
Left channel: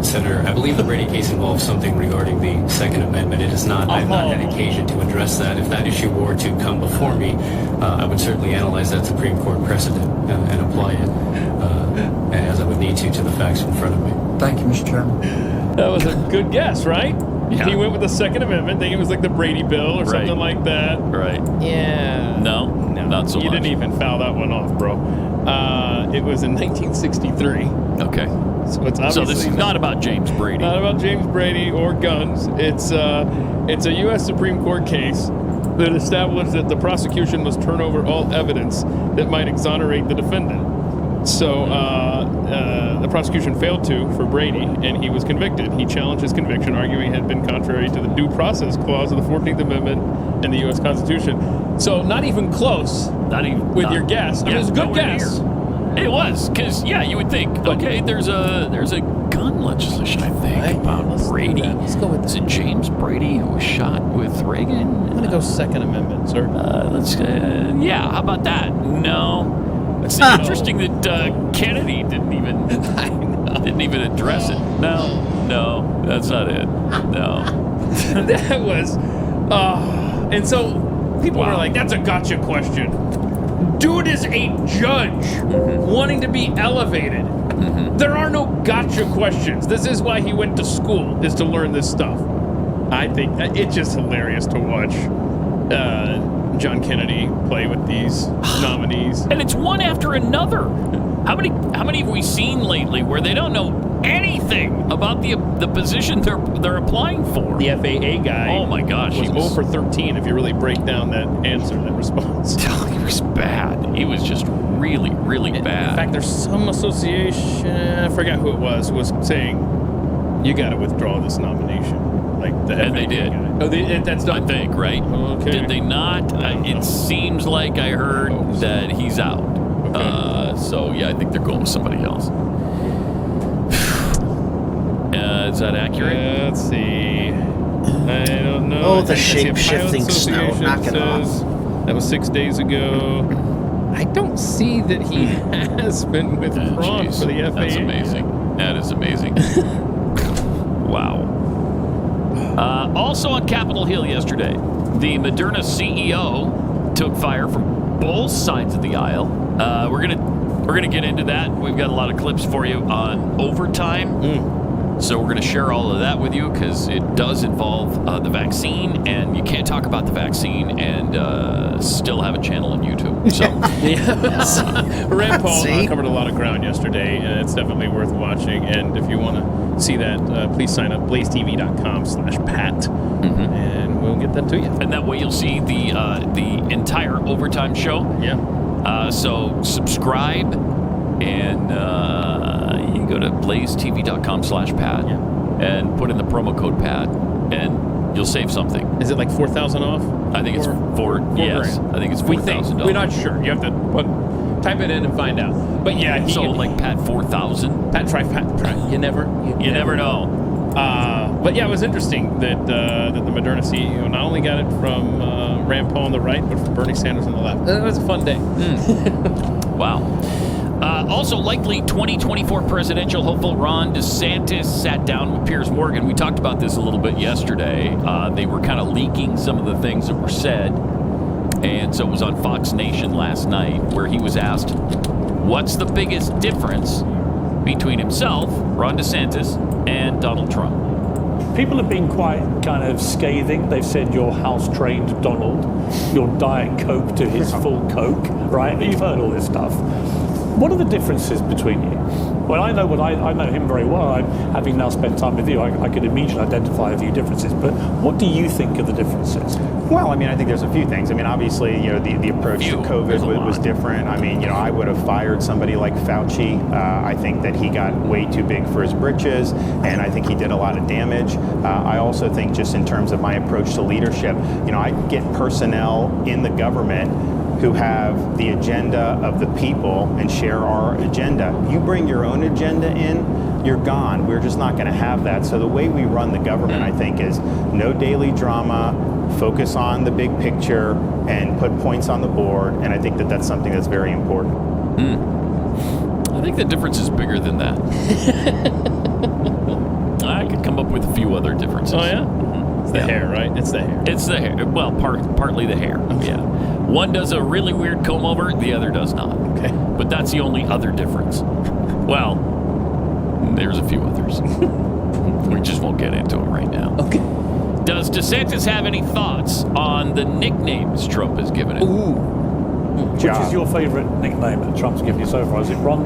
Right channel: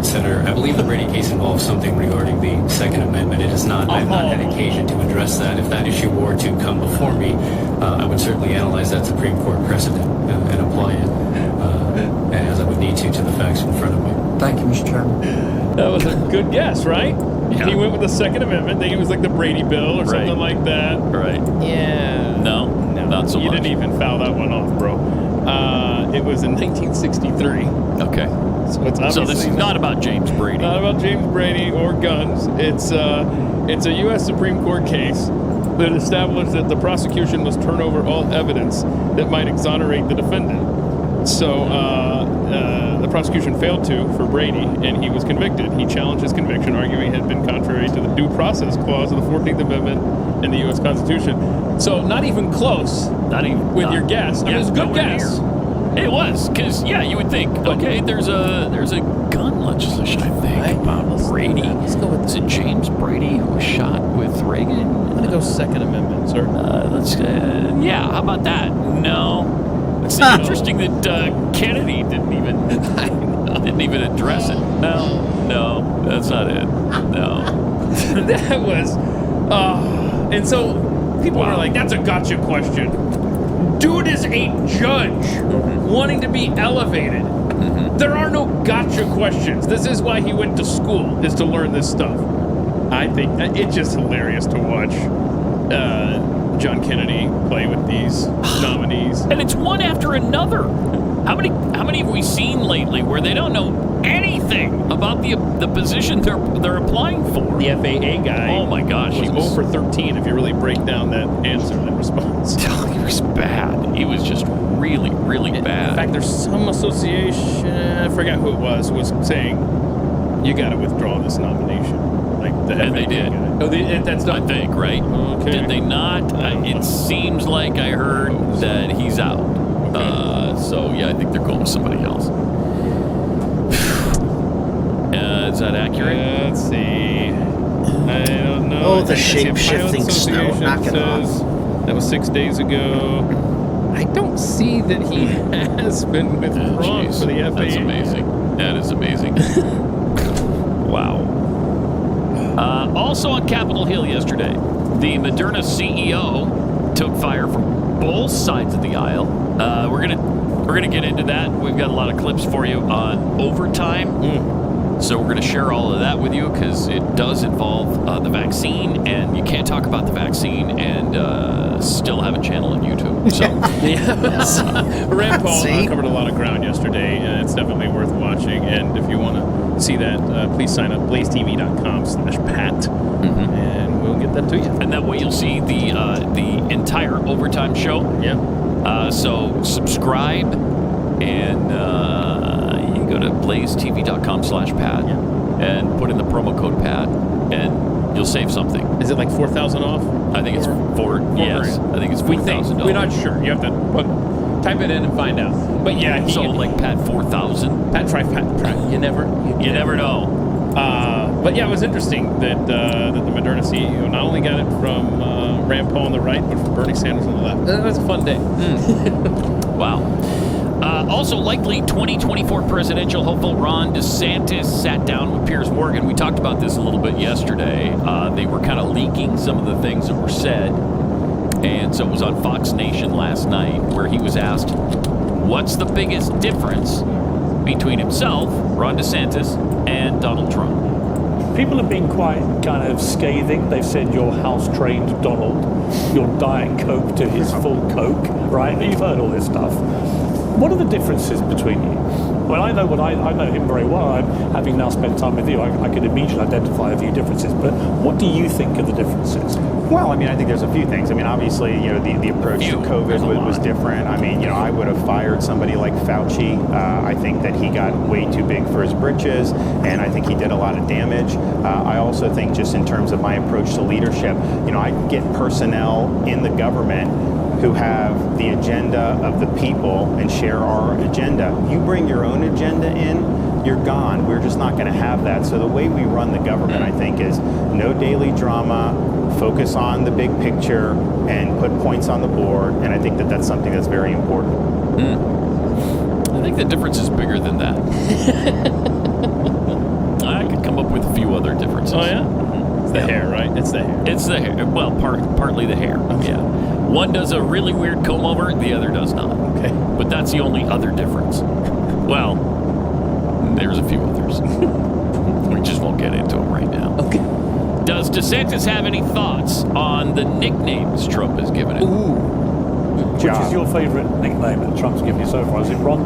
Senator, I believe the Brady case involves something regarding the Second Amendment. It is not. I've not had occasion to address that. If that issue were to come before me, I would certainly analyze that Supreme Court precedent and apply it, and as I would need to the facts in front of me. Thank you, Mr. Chairman. That was a good guess, right? Yeah. He went with the Second Amendment, thinking it was like the Brady Bill or something like that. Right. Yeah. No, not so much. You didn't even foul that one off, bro. It was in 1963. Okay. So it's obviously so this is not about James Brady. Not about James Brady or guns. It's a U.S. Supreme Court case that established that the prosecution must turn over all evidence that might exonerate the defendant. So the prosecution failed to for Brady, and he was convicted. He challenged his conviction, arguing it had been contrary to the Due Process Clause of the 14th Amendment and the U.S. Constitution. So not even close. With your guess. I mean, it was a good guess. Near. It was, because you would think, okay, there's a gun legislation, I think, about Brady. Let's go with Is it James Brady who was shot with Reagan? I'm gonna go Second Amendment, sir. How about that? No, it's interesting that Kennedy didn't even address it. No, that's not it. No, that was, and so people were like, "That's a gotcha question." Dude is a judge wanting to be elevated. There are no gotcha questions. This is why he went to school, is to learn this stuff. I think it's just hilarious to watch John Kennedy play with these nominees. And it's one after another. How many have we seen lately where they don't know anything about the position they're applying for? The FAA guy. Oh my gosh, he was 0 for 13 if you really break down that answer, that response. He was bad. He was just really, really bad. In fact, there's some association, I forgot who it was saying, you got to withdraw this nomination. Like the FAA they did. Guy. Oh, that's done? I think, right? Okay. Did they not? It seems like I heard that he's out. Okay. I think they're going with somebody else. Is that accurate? Let's see. I don't know. Oh, the shape-shifting snow. Knock it off. That was 6 days ago. I don't see that he has been withdrawn for the FAA. That's amazing. That is amazing. Wow. Also on Capitol Hill yesterday, the Moderna CEO took fire from both sides of the aisle. We're gonna get into that. We've got a lot of clips for you on overtime. So we're going to share all of that with you because it does involve the vaccine, and you can't talk about the vaccine and still have a channel on YouTube. So Rand Paul covered a lot of ground yesterday, and it's definitely worth watching. And if you want to see that, please sign up blazetv.com/Pat, and we'll get that to you. And that way you'll see the entire overtime show. Yeah. So subscribe, and you go to blazetv.com/Pat and put in the promo code Pat, and you'll save something. Is it like 4,000 off? I think it's four. Yes, grand. I think it's $4,000. We're not sure. You have to type it in and find out. But yeah, like Pat 4,000. Pat try. You never know. But yeah, it was interesting that the Moderna CEO not only got it from Rand Paul on the right, but from Bernie Sanders on the left. It was a fun day. Wow. Also, likely 2024 presidential hopeful Ron DeSantis sat down with Piers Morgan. We talked about this a little bit yesterday. They were kind of leaking some of the things that were said. And so it was on Fox Nation last night where he was asked, what's the biggest difference between himself, Ron DeSantis, and Donald Trump? People have been quite kind of scathing. They've said you're house-trained Donald, you're Diet Coke to his full Coke, right? You've heard all this stuff. What are the differences between you? Well, I know him very well. Having now spent time with you, I could immediately identify a few differences. But what do you think are the differences? Well, I mean, I think there's a few things. I mean, obviously, the approach to COVID was different. I mean, I would have fired somebody like Fauci. I think that he got way too big for his britches, and I think he did a lot of damage. I also think just in terms of my approach to leadership, I get personnel in the government who have the agenda of the people and share our agenda. You bring your own agenda in, you're gone. We're just not going to have that. So the way we run the government, I think, is no daily drama, focus on the big picture, and put points on the board. And I think that that's something that's very important. I think the difference is bigger than that. I could come up with a few other differences. Oh, yeah? It's the hair, right? It's the hair. It's the hair. Well, partly the hair. Okay. Yeah. One does a really weird comb over, the other does not. Okay. But that's the only other difference. Well, there's a few others. We just won't get into them right now. Okay. Does DeSantis have any thoughts on the nicknames Trump has given him? Ooh. Which is your favorite nickname that Trump's given you so far? Is it Ron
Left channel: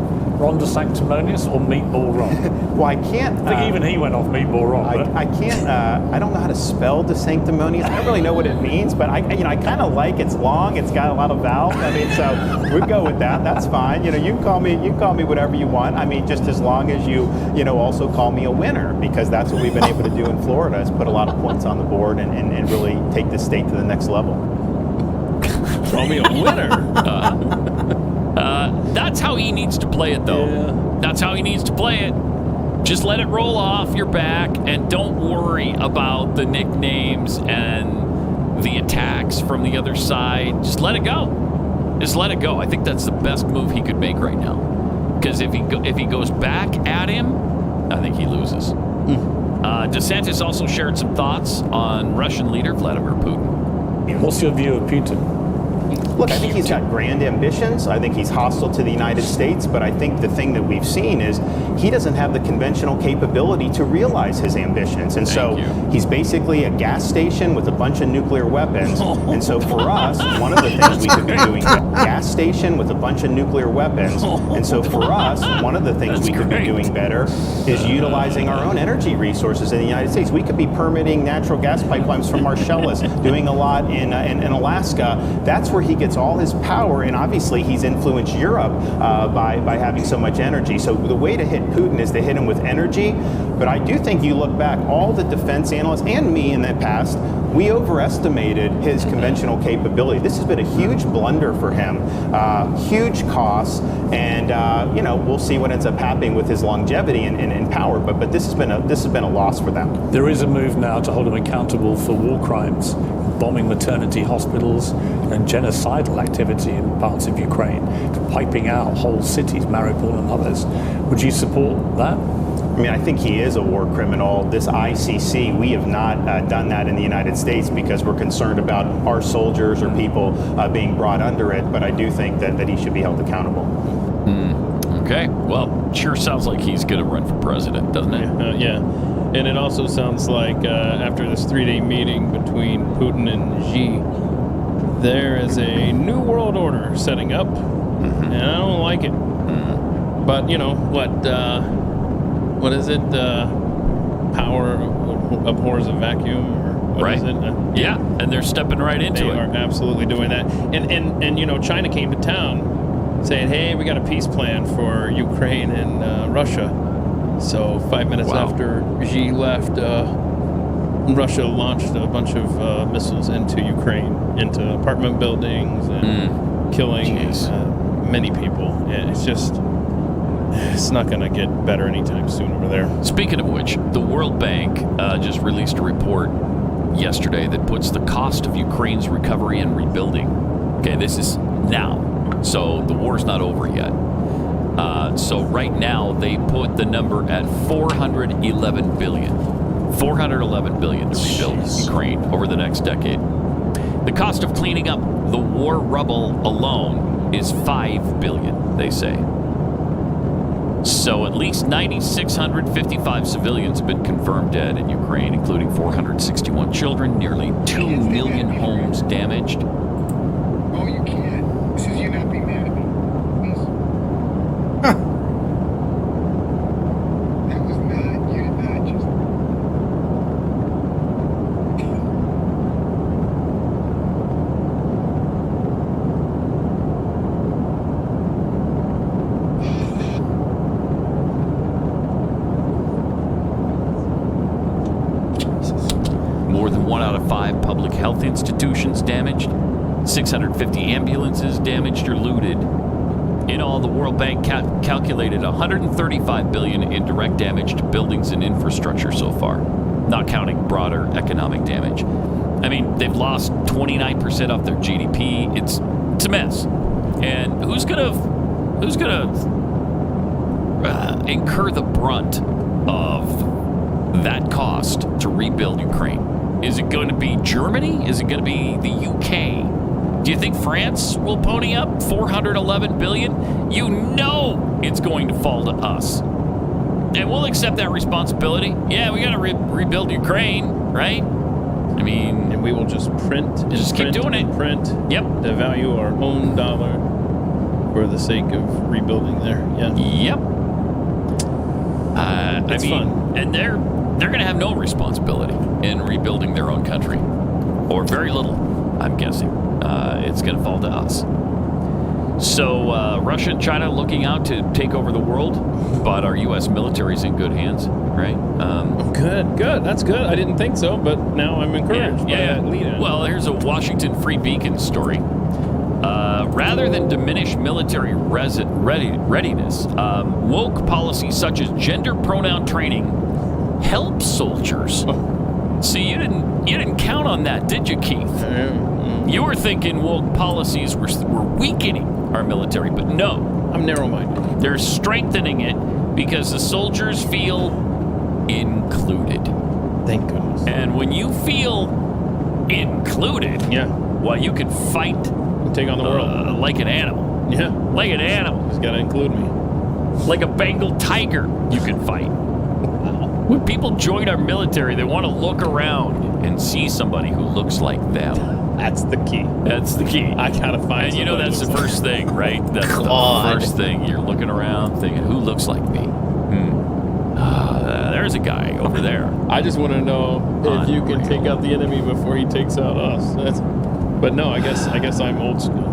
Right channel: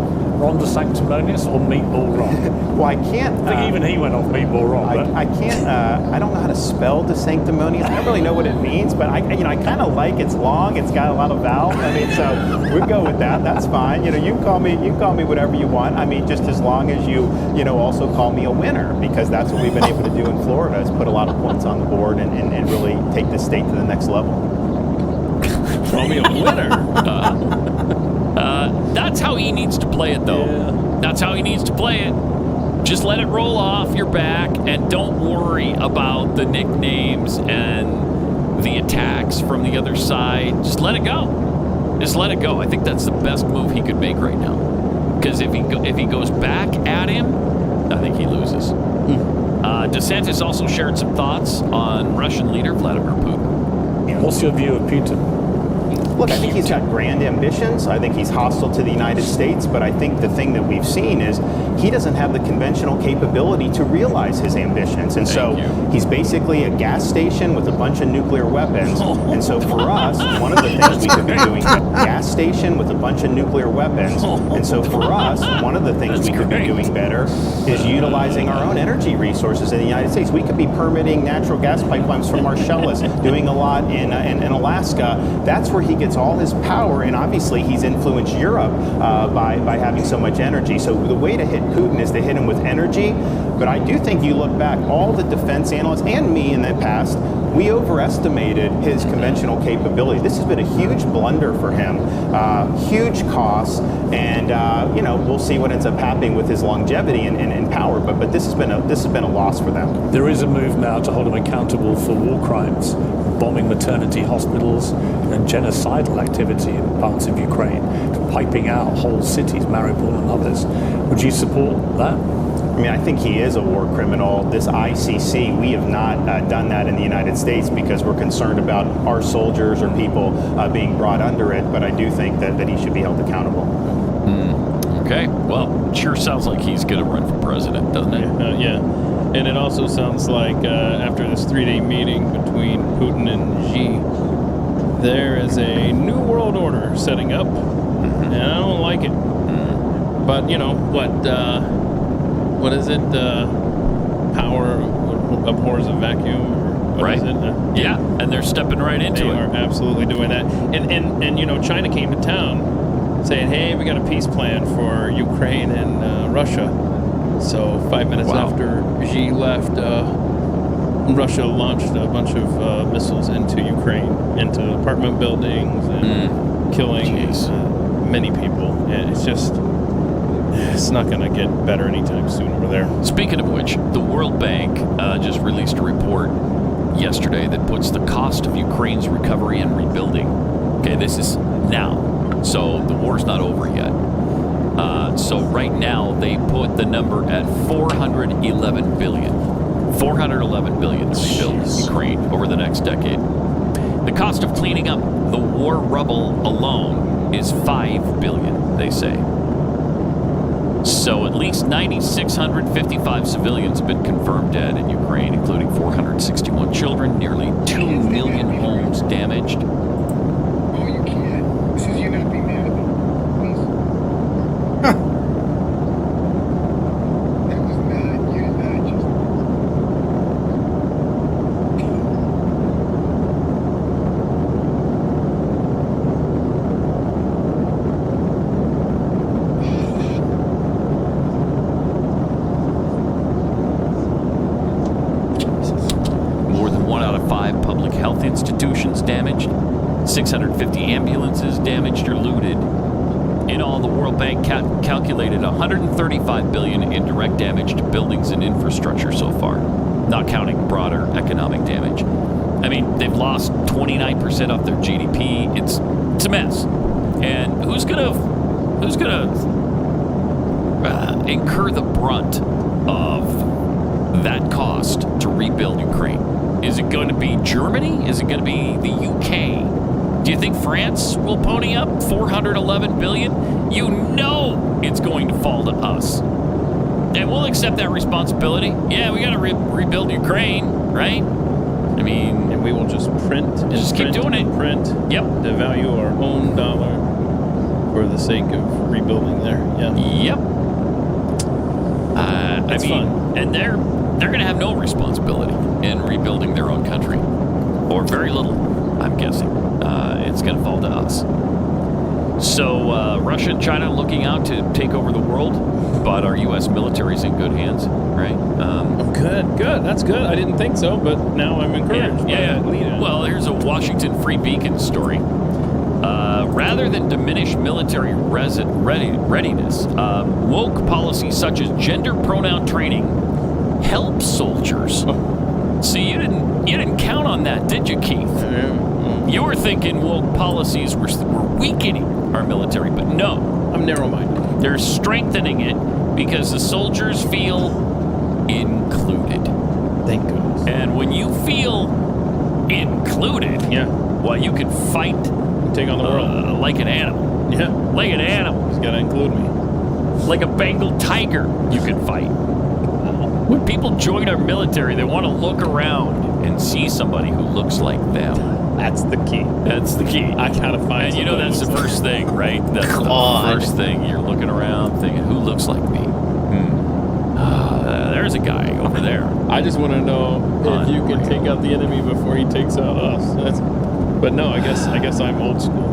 DeSanctimonious or Meatball Ron? Well, I can't. I think even he went off Meatball Ron. I can't. I don't know how to spell DeSanctimonious. I don't really know what it means, but I kind of like it's long. It's got a lot of vowels. I mean, so we go with that. That's fine. You can call me whatever you want. I mean, just as long as you also call me a winner, because that's what we've been able to do in Florida is put a lot of points on the board and really take this state to the next level. Call me a winner. That's how he needs to play it, though. Yeah. That's how he needs to play it. Just let it roll off your back and don't worry about the nicknames and the attacks from the other side. Just let it go. Just let it go. I think that's the best move he could make right now. Because if he goes back at him, I think he loses. DeSantis also shared some thoughts on Russian leader Vladimir Putin. What's your view of Putin? Look, I think he's got grand ambitions. I think he's hostile to the United States, but I think the thing that we've seen is he doesn't have the conventional capability to realize his ambitions. And he's basically a gas station with a bunch of nuclear weapons. And so for us, one of the things we could be doing, gas station with a bunch of nuclear weapons. And so for us, one of the things we could be doing better is utilizing our own energy resources in the United States. We could be permitting natural gas pipelines from Marcellus, doing a lot in Alaska. That's where he gets all his power, and obviously he's influenced Europe by having so much energy. So the way to hit Putin is to hit him with energy. But I do think you look back, all the defense analysts and me in the past, we overestimated his conventional capability. This has been a huge blunder for him, huge costs, and we'll see what ends up happening with his longevity and power. But this has been a loss for them. There is a move now to hold him accountable for war crimes, bombing maternity hospitals and genocidal activity in parts of Ukraine, wiping out whole cities, Mariupol and others. Would you support that? I mean, I think he is a war criminal. This ICC, we have not done that in the United States because we're concerned about our soldiers or people being brought under it. But I do think that he should be held accountable. Okay. Well, sure sounds like he's going to run for president, doesn't it? Yeah. And it also sounds like after this 3-day meeting between Putin and Xi, there is a new world order setting up, and I don't like it. But, you know, what is it? Power abhors a vacuum, or what is it? Yeah, and they're stepping right into it. They are absolutely doing that. And you know, China came to town saying, hey, we got a peace plan for Ukraine and Russia. So 5 minutes after Xi left, Russia launched a bunch of missiles into Ukraine, into apartment buildings, and killing many people. And it's not going to get better anytime soon over there. Speaking of which, the World Bank just released a report yesterday that puts the cost of Ukraine's recovery and rebuilding. Okay, this is now. So the war's not over yet. So right now they put the number at $411 billion. $411 billion to rebuild Ukraine over the next decade. The cost of cleaning up the war rubble alone is $5 billion, they say. So at least 9,655 civilians have been confirmed dead in Ukraine, including 461 children, nearly 2 million homes damaged. Oh, you can't. This is you not being mad at me. That was not, you did not just... More than 1 out of 5 public health institutions damaged. 650 ambulances damaged or looted. In all, the World Bank calculated $135 billion in direct damage to buildings and infrastructure so far, not counting broader economic damage. I mean, they've lost 29% off their GDP. It's a mess. And who's gonna incur the brunt of that cost to rebuild Ukraine? Is it going to be Germany? Is it going to be the UK? Do you think France will pony up $411 billion? You know it's going to fall to us. And we'll accept that responsibility. Yeah, we got to rebuild Ukraine, right? I mean... And we will just print and just keep doing it. Print. Yep. To value our own dollar for the sake of rebuilding there. Yeah. Yep. It's fun. And they're going to have no responsibility in rebuilding their own country. Or very little, I'm guessing. It's going to fall to us. So Russia and China looking out to take over the world, but our U.S. military's in good hands, right? Good. That's good. I didn't think so, but now I'm encouraged by that lead-in. Well, here's a Washington Free Beacon story. Rather than diminish military readiness, woke policies such as gender pronoun training help soldiers. See, you didn't count on that, did you, Keith? You were thinking woke policies were weakening our military, but no. I'm narrow-minded. They're strengthening it because the soldiers feel included. Thank goodness. And when you feel included, well, you can fight and take on the world like an animal. Yeah, like an animal. He's got to include me. Like a Bengal tiger, you can fight. When people join our military, they want to look around and see somebody who looks like them. That's the key. That's the key. I gotta find. And you know that's the first thing, right? That's the first thing. You're looking around, thinking, "Who looks like me?" There's a guy over there. I just want to know if you can take out the enemy before he takes out us. But no, I guess I'm old school.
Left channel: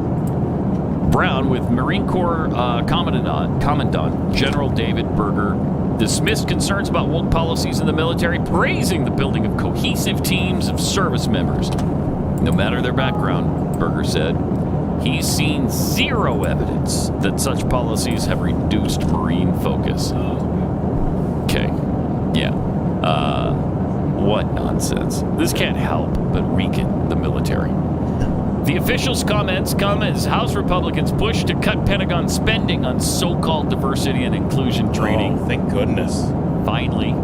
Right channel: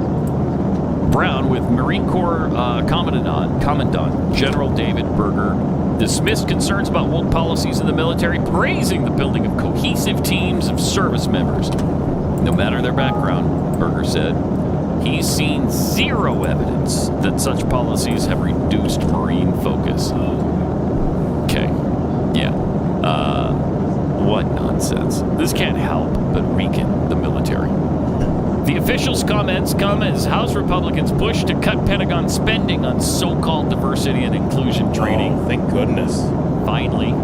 Brown with Marine Corps Commandant General David Berger dismissed concerns about woke policies in the military, praising the building of cohesive teams of service members. No matter their background, Berger said, he's seen zero evidence that such policies have reduced Marine focus. Okay. Yeah. What nonsense. This can't help but weaken the military. The official's comments come as House Republicans push to cut Pentagon spending on so-called diversity and inclusion training. Oh, thank goodness. Finally,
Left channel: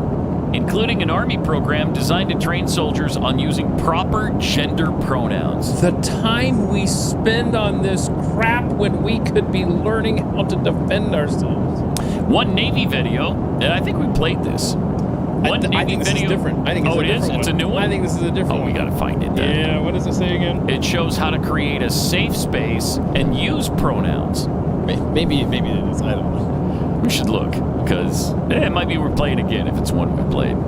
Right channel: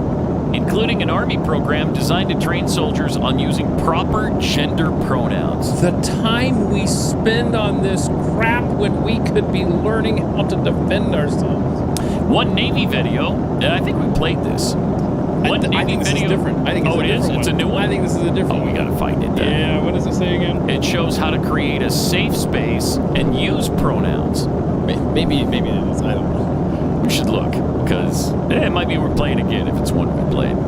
including an Army program designed to train soldiers on using proper gender pronouns. The time we spend on this crap when we could be learning how to defend ourselves. One Navy video, and I think we played this. I think this is different. I think it's a different one. It's a new one? I think this is a different one. We got to find it then. Yeah, what does it say again? It shows how to create a safe space and use pronouns. Maybe it is. I don't know. We should look, because it might be we're playing again if it's one we played.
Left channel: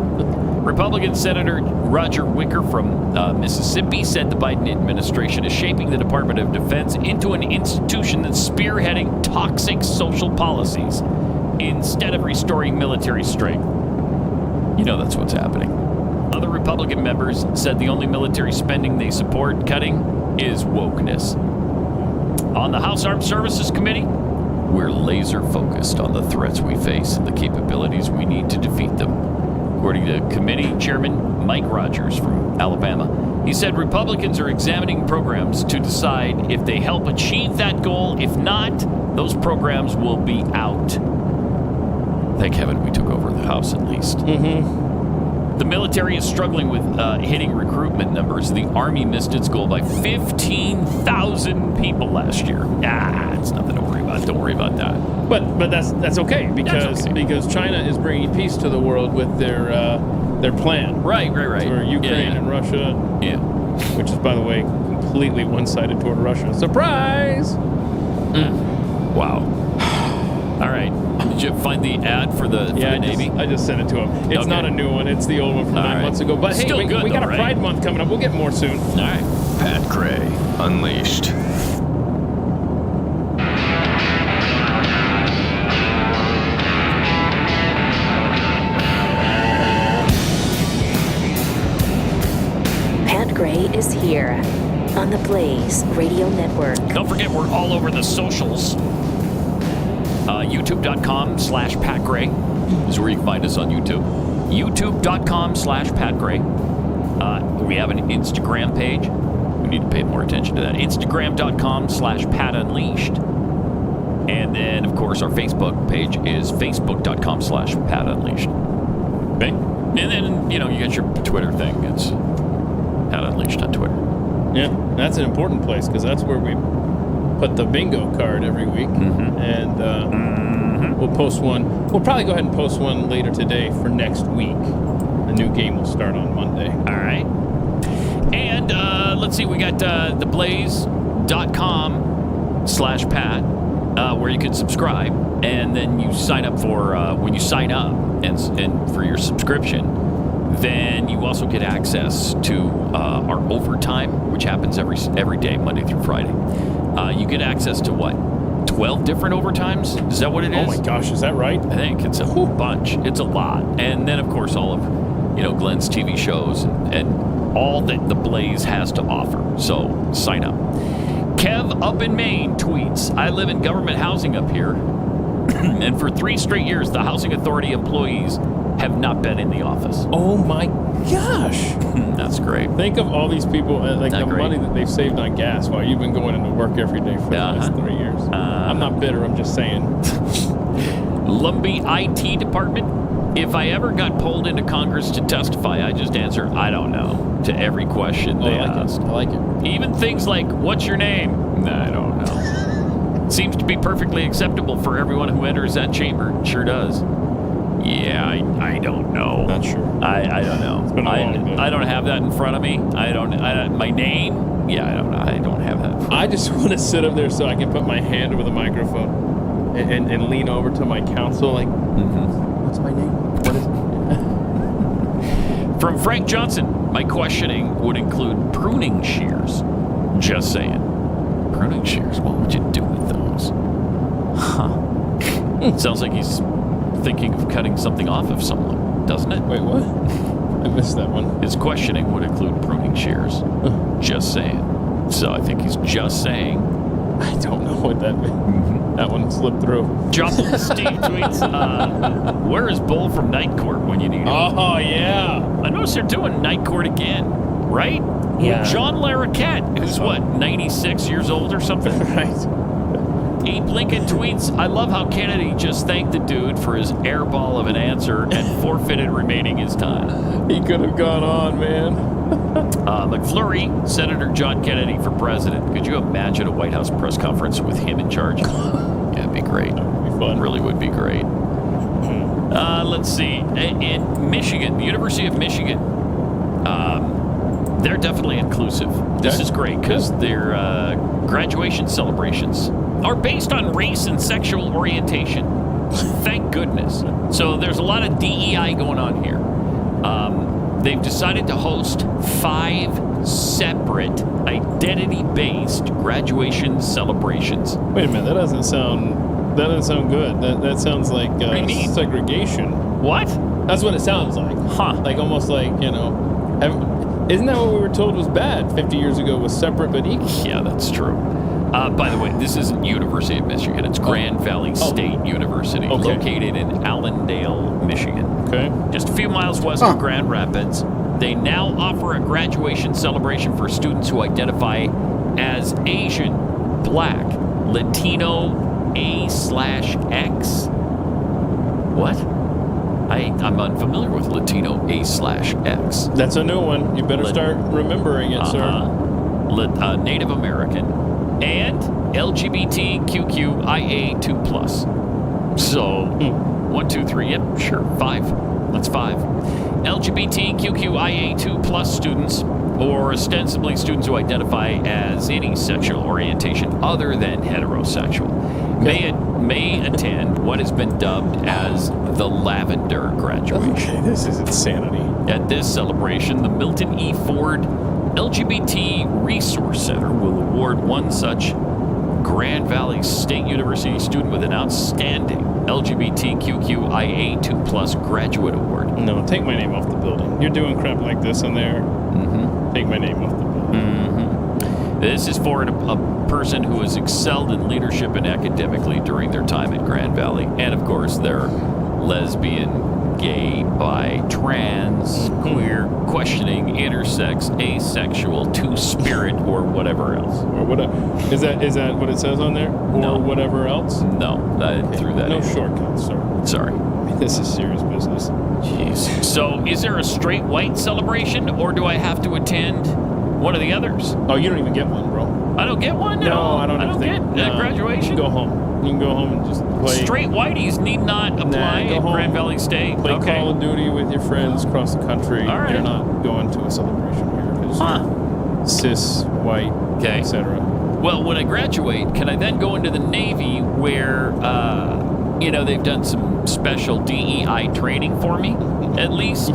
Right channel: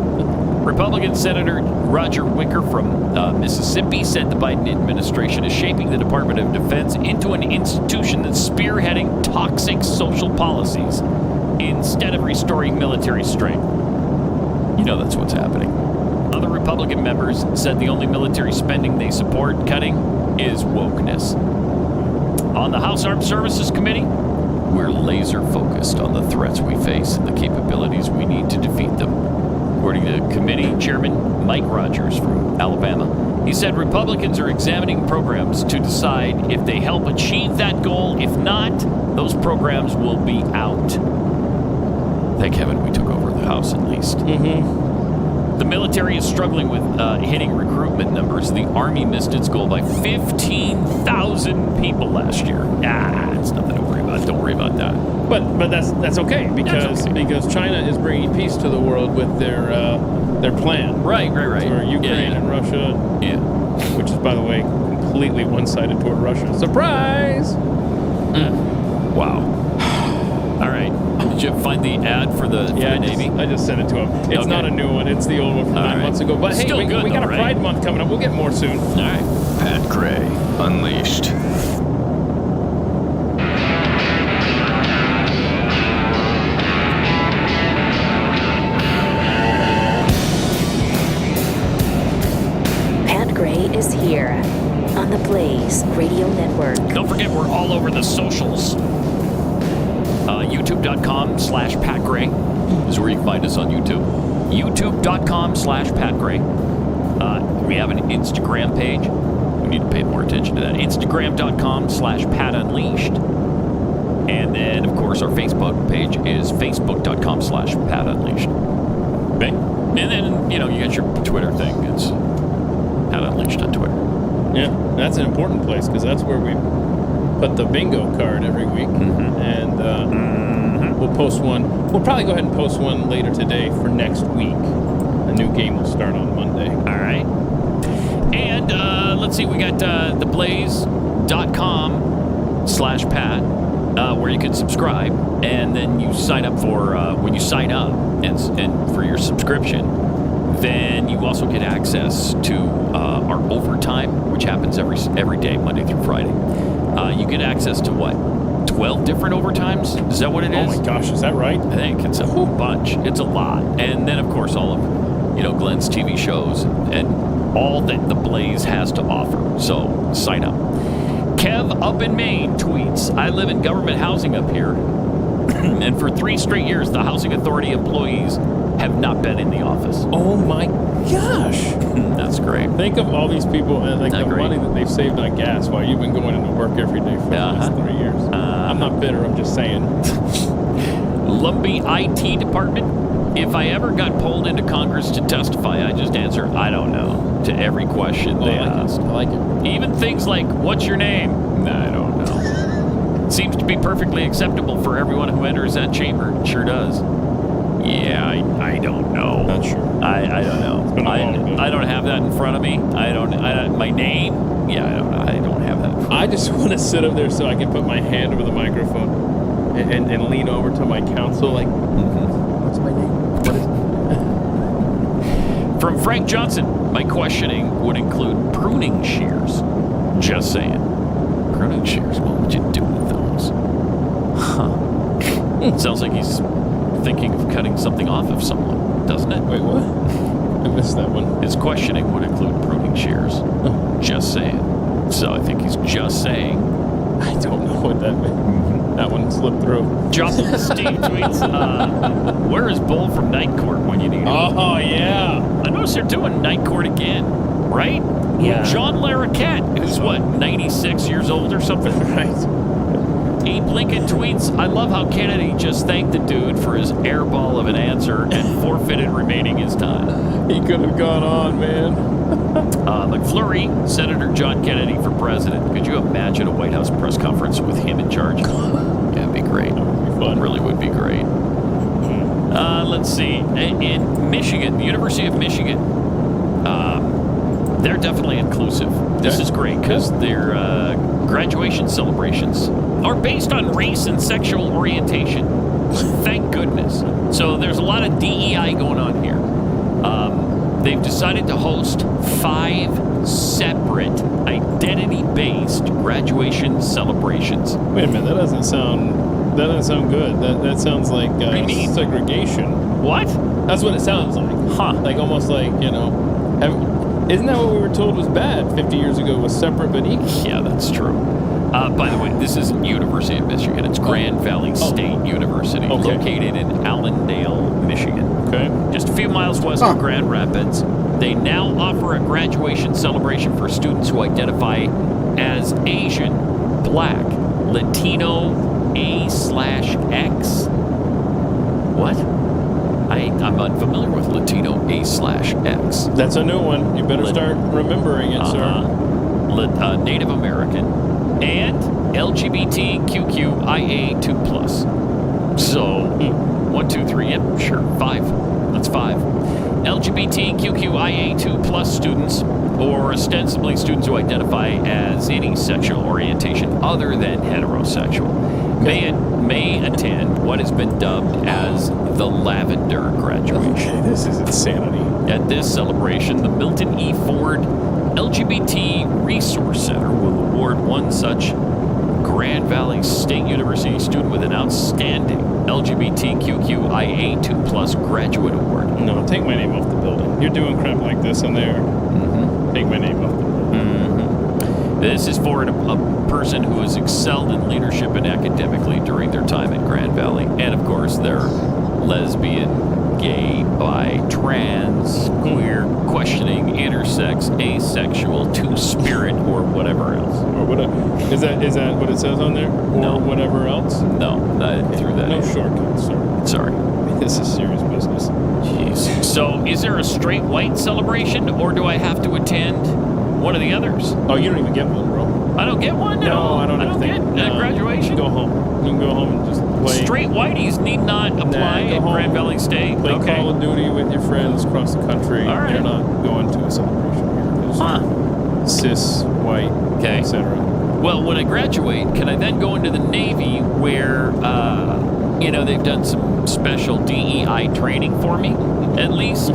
Republican Senator Roger Wicker from Mississippi said the Biden administration is shaping the Department of Defense into an institution that's spearheading toxic social policies instead of restoring military strength. You know that's what's happening. Other Republican members said the only military spending they support cutting is wokeness. On the House Armed Services Committee, we're laser focused on the threats we face and the capabilities we need to defeat them. According to committee chairman Mike Rogers from Alabama, he said Republicans are examining programs to decide if they help achieve that goal. If not, those programs will be out. Thank heaven we took over the House at least. The military is struggling with hitting recruitment numbers. The Army missed its goal by 15,000 people last year. It's nothing to worry about. Don't worry about that. But that's okay because China is bringing peace to the world with their plan. Right. For Ukraine and Russia. Yeah. Which is, by the way, completely one-sided toward Russia. Surprise! Wow. All right. Did you find the ad for the Navy? I just sent it to him. It's not a new one. It's the old one from 9 months ago. But hey, we got a Pride Month coming up. We'll get more soon. All right. Pat Gray Unleashed. Pat Gray is here on the Blaze Radio Network. Don't forget, we're all over the socials. YouTube.com/Pat Gray is where you can find us on YouTube. YouTube.com/Pat Gray. We have an Instagram page. We need to pay more attention to that. Instagram.com/Pat Unleashed. And then, of course, our Facebook page is Facebook.com/Pat Unleashed. Okay? And then, you got your Twitter thing. It's Pat Unleashed on Twitter. Yeah, that's an important place because that's where we put the bingo card every week. And we'll post one. We'll probably go ahead and post one later today for next week. A new game will start on Monday. All right. And let's see, we got theblaze.com/Pat where you can subscribe. And then you sign up for, when you sign up and for your subscription, then you also get access to our overtime, which happens every day, Monday through Friday. You get access to what? 12 different overtimes? Is that what it is? Oh my gosh, is that right? I think it's a whole bunch. It's a lot. And then, of course, all of Glenn's TV shows and all that the Blaze has to offer. So sign up. Kev up in Maine tweets, I live in government housing up here. And for 3 straight years, the housing authority employees have not been in the office. Oh my gosh. That's great. Think of all these people, the money that they've saved on gas while you've been going into work every day for the last 3 years. I'm not bitter, I'm just saying. Lumbee IT department. If I ever got pulled into Congress to testify, I just answer, I don't know, to every question they ask. I like it. Even things like, what's your name? I don't know. Seems to be perfectly acceptable for everyone who enters that chamber. Sure does. Yeah, I don't know. Not sure. I don't know. It's been a long day. I don't have that in front of me. My name? Yeah, I don't know. I don't have that. I just want to sit up there so I can put my hand over the microphone and lean over to my counsel like, what's my name? What is it? From Frank Johnson, my questioning would include pruning shears. Just saying. Pruning shears, what would you do with those? Huh. Sounds like he's thinking of cutting something off of someone, doesn't it? Wait, what? I missed that one. His questioning would include pruning shears. Just saying. So I think he's just saying. I don't know what that meant. That one slipped through. Joplin Steve tweets, where is Bull from Night Court when you need him? Oh, yeah. I noticed they're doing Night Court again, right? Yeah. With John Larroquette, who's 96 years old or something? Right. Abe Lincoln tweets, I love how Kennedy just thanked the dude for his airball of an answer and forfeited remaining his time. He could have gone on, man. McFlurry, Senator John Kennedy for president. Could you imagine a White House press conference with him in charge? Yeah, it'd be great. That would be fun. It really would be great. Let's see. In Michigan, the University of Michigan, they're definitely inclusive. This is great because their graduation celebrations are based on race and sexual orientation. Thank goodness. So there's a lot of DEI going on here. They've decided to host 5 separate identity-based graduation celebrations. Wait a minute, that doesn't sound good. That sounds like segregation. What? That's what it sounds like. Huh? Like almost like, you know, isn't that what we were told was bad 50 years ago? Was separate but equal? Yeah, that's true. By the way, this isn't University of Michigan. It's Grand Valley State University, located in Allendale, Michigan. Okay. Just a few miles west of Grand Rapids. They now offer a graduation celebration for students who identify as Asian, Black, Latino, A/X. What? I'm unfamiliar with Latino A/X. That's a new one. You better start remembering it, sir. Native American. And LGBTQIA2+. So, 1, 2, 3, yep, sure, 5. That's 5. LGBTQIA2+ students, or ostensibly students who identify as any sexual orientation other than heterosexual, may attend what has been dubbed as the Lavender graduation. Okay, this is insanity. At this celebration, the Milton E. Ford LGBT Resource Center will award one such Grand Valley State University student with an outstanding LGBTQIA2+ graduate award. No, take my name off the building. You're doing crap like this in there. Mm-hmm. Take my name off the building. Mm-hmm. This is for a person who has excelled in leadership and academically during their time at Grand Valley. And, of course, they're lesbian, gay, bi, trans, queer, questioning, intersex, asexual, two-spirit, or whatever else. Or whatever. Is that what it says on there? Or whatever else? No, I threw that in. No shortcuts, sir. Sorry. This is serious business. Jeez. So, is there a straight white celebration, or do I have to attend one of the others? Oh, you don't even get one, bro. I don't get one at all? I don't get graduation? You can go home. You can go home and just play. Straight whiteys need not apply at Grand Valley State. Play Call of Duty with your friends across the country. All right. You're not going to a celebration here because cis, white, etc. Well, when I graduate, can I then go into the Navy where, they've done some special DEI training for me, at least?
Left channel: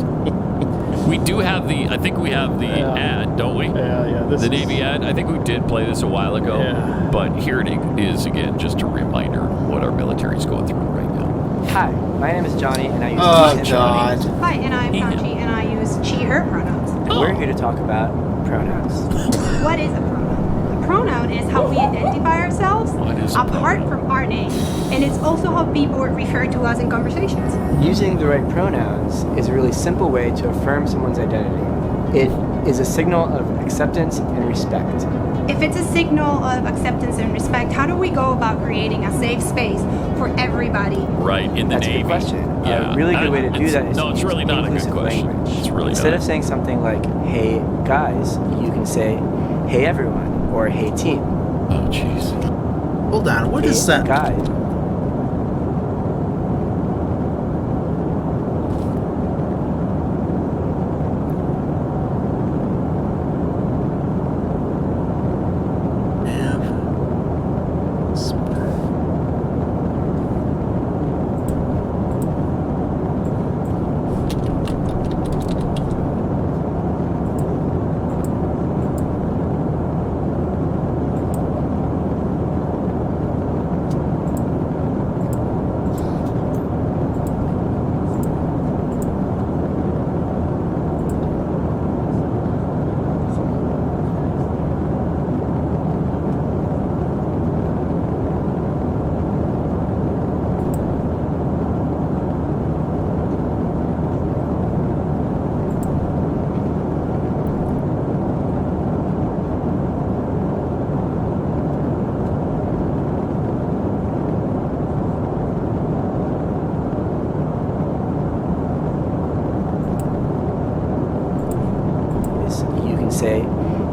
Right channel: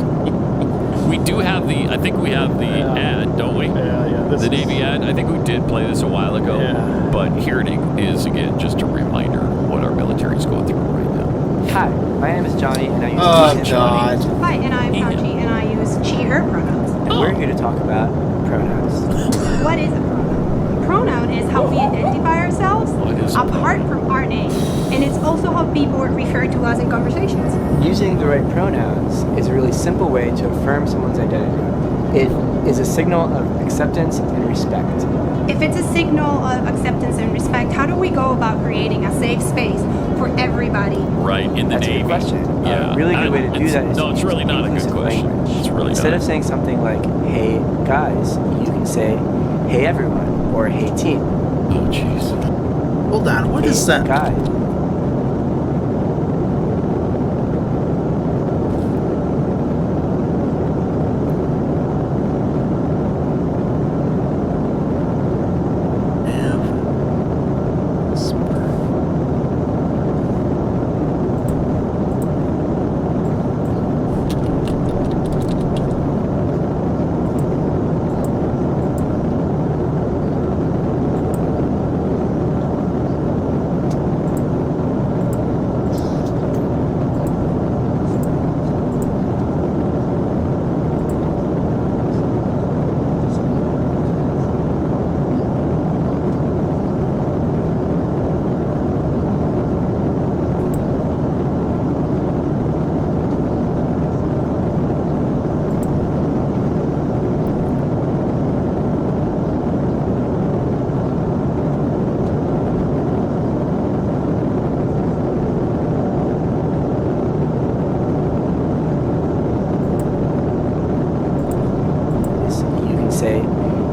We do have I think we have the ad, don't we? Yeah. The Navy ad. I think we did play this a while ago. Yeah. But here it is again, just a reminder of what our military is going through right now. Hi, my name is Johnny, and I use God. Hi, and I'm Panchi, and I use she, her pronouns. And we're here to talk about pronouns. What is a pronoun? A pronoun is how we identify ourselves apart from our name. And it's also how people refer to us in conversations. Using the right pronouns is a really simple way to affirm someone's identity. It is a signal of acceptance and respect. If it's a signal of acceptance and respect, how do we go about creating a safe space for everybody? Right, in the That's Navy. a good question. Yeah. A really good way to do that is to it's use really not a good inclusive question. language. It's really Instead not. of saying something like, hey guys, you can say, hey everyone, or hey team. Oh, jeez. Hold on, what is that? Guys.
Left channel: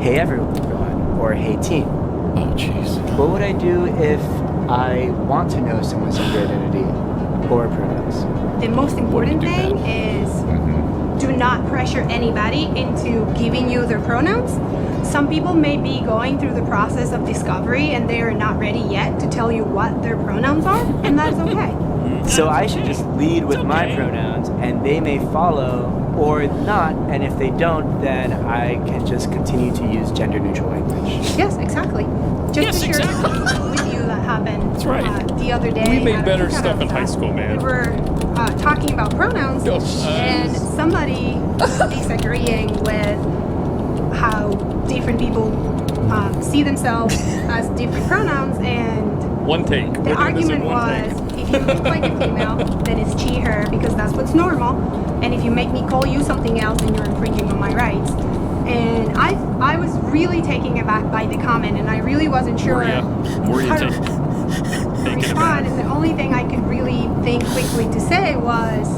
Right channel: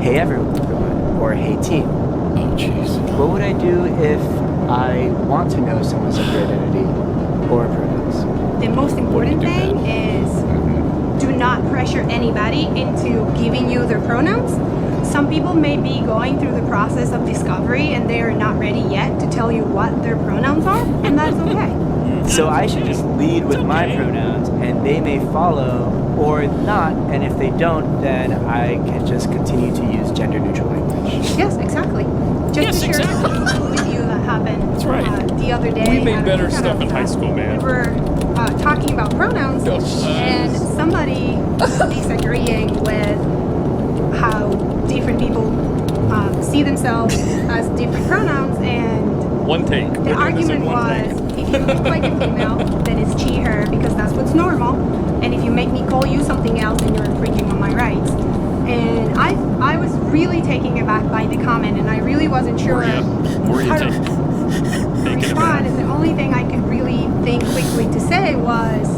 hey everyone, or hey team. Oh, jeez. What would I do if I want to know someone's gender identity or pronouns? The most important thing is do not pressure anybody into giving you their pronouns. Some people may be going through the process of discovery and they are not ready yet to tell you what their pronouns are, and that's okay. So I should just lead with my pronouns and they may follow or not, and if they don't, then I can just continue to use gender neutral language. Yes, exactly. Just to share something with you that happened the other day. We made better stuff in high school, man. We were talking about pronouns, and somebody disagreeing with how different people see themselves as different pronouns, and one take. The argument was, if you look like a female, then it's she, her, because that's what's normal, and if you make me call you something else, then you're infringing on my rights. And I was really taken aback by the comment, and I really wasn't sure how to respond. And the only thing I could really think quickly to say was,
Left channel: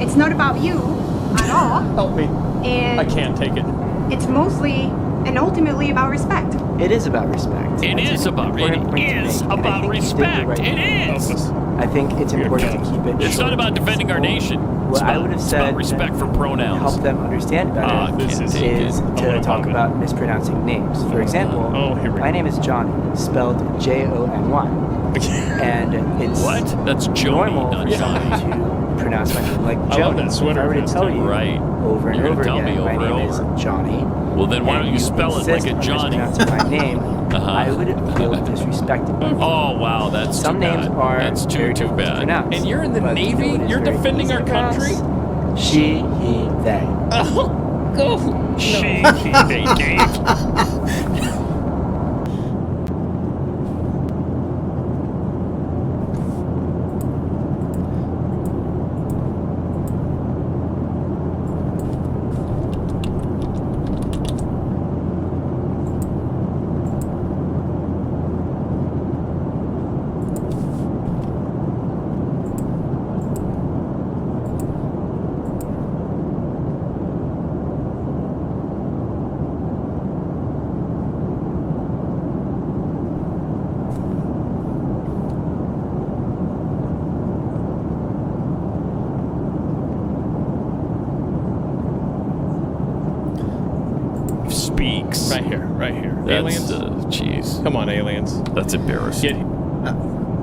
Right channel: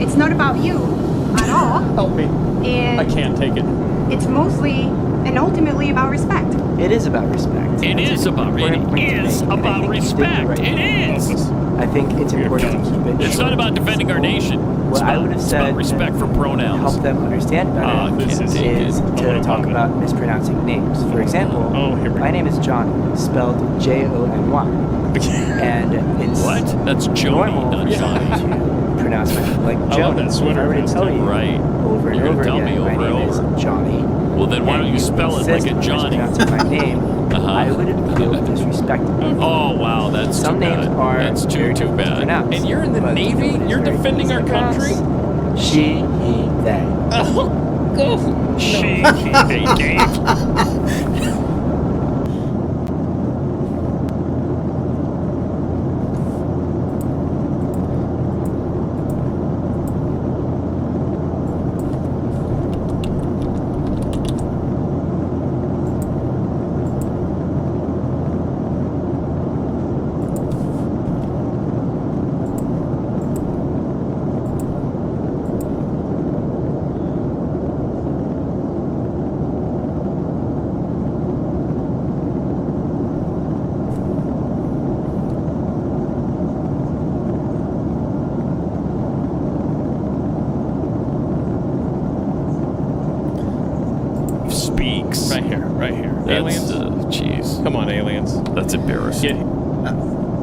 it's not about you at all. Help me. And I can't take it. It's mostly and ultimately about respect. It is about respect. It is about respect. It is. I think it's important to keep it It's not about defending our nation. What I would have said, about respect for pronouns. To help them understand better, is to talk about mispronouncing names. For example, my name is Johnny, spelled Jony. And it's That's Joni, normal not for someone to pronounce my name like Joni. If I were to tell you over and over again, my name is Johnny. Well, then why don't you spell it like a Johnny? Mispronouncing my name, I would feel disrespected. Oh wow, that's some names are that's too bad. And you're in the Navy. You're defending our country. She, he, they. Oh, go. She, he, they, Dave. Right here. That's, aliens? Jeez. Come on, aliens. That's embarrassing.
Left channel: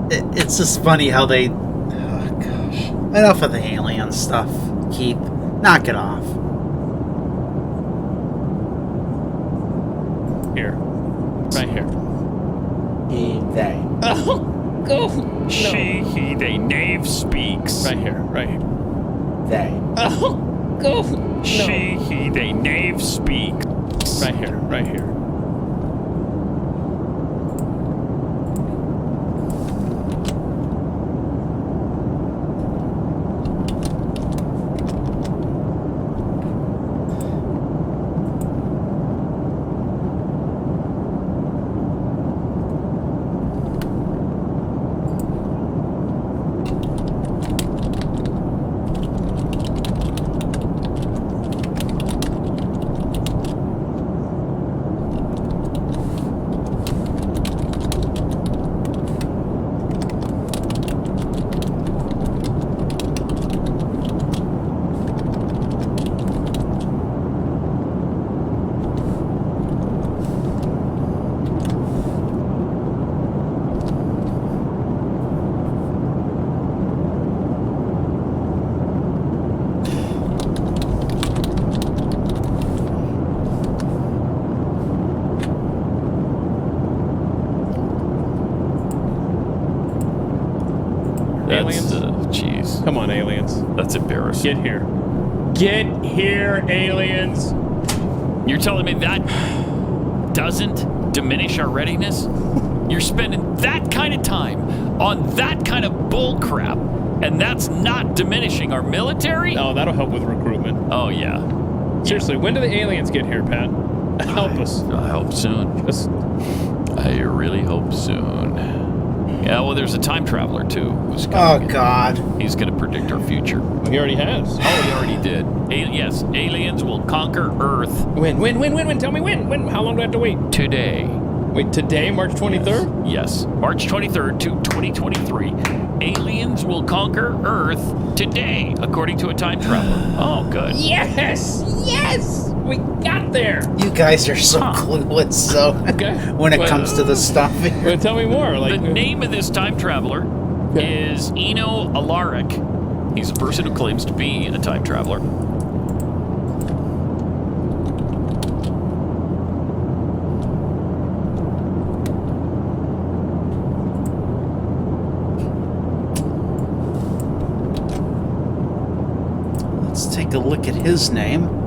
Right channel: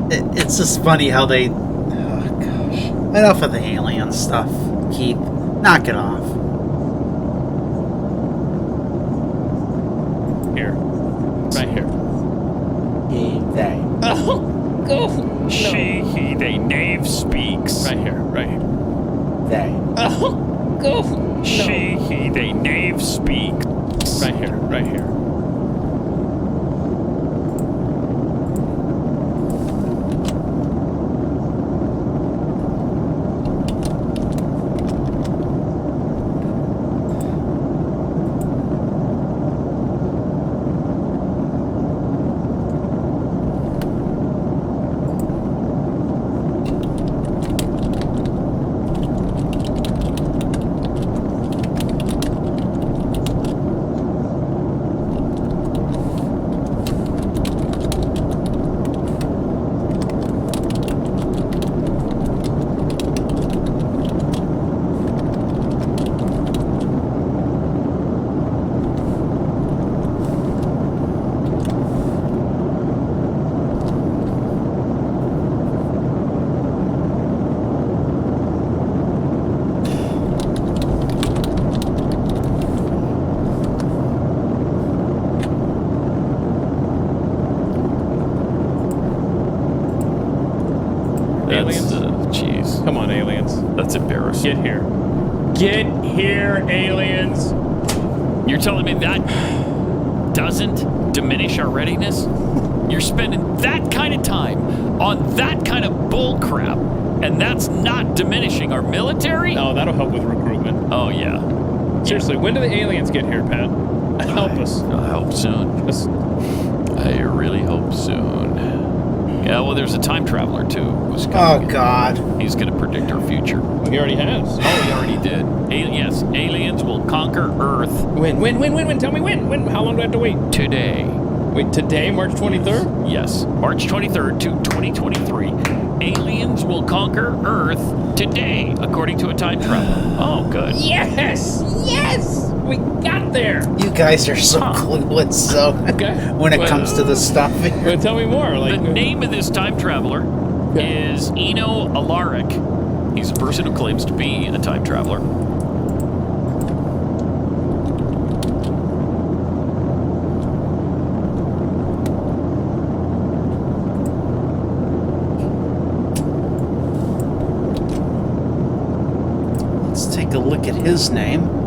It's just funny how they... Oh, gosh. Enough of the alien stuff, Keith. Knock it off. Here. Right here. He, they. Oh, go. She, he, they, knave speaks. Right here. Right here. They. Oh, go. She, he, they, knave speaks. Right here. Right here. Aliens? Jeez. Come on, aliens. That's embarrassing. Get here. Get here, aliens. You're telling me that doesn't diminish our readiness? You're spending that kind of time on that kind of bull crap, and that's not diminishing our military? Oh, that'll help with recruitment. Oh, yeah. Seriously, when do the aliens get here, Pat? Help us. I hope soon. I really hope soon. Yeah, well, there's a time traveler, too. Who's God. He's going to predict our future. Well, he already has. Oh, he already did. Yes, aliens will conquer Earth. When? Tell me when. When? How long do I have to wait? Today. Wait, today, March 23rd? Yes. March 23rd to 2023. Aliens will conquer Earth today, according to a time traveler. Oh, good. Yes! Yes! We got there! You guys are so clueless, so when it comes to this stuff. Well, tell me more. The name of this time traveler is Eno Alaric. He's a person who claims to be a time traveler. Let's take a look at his name.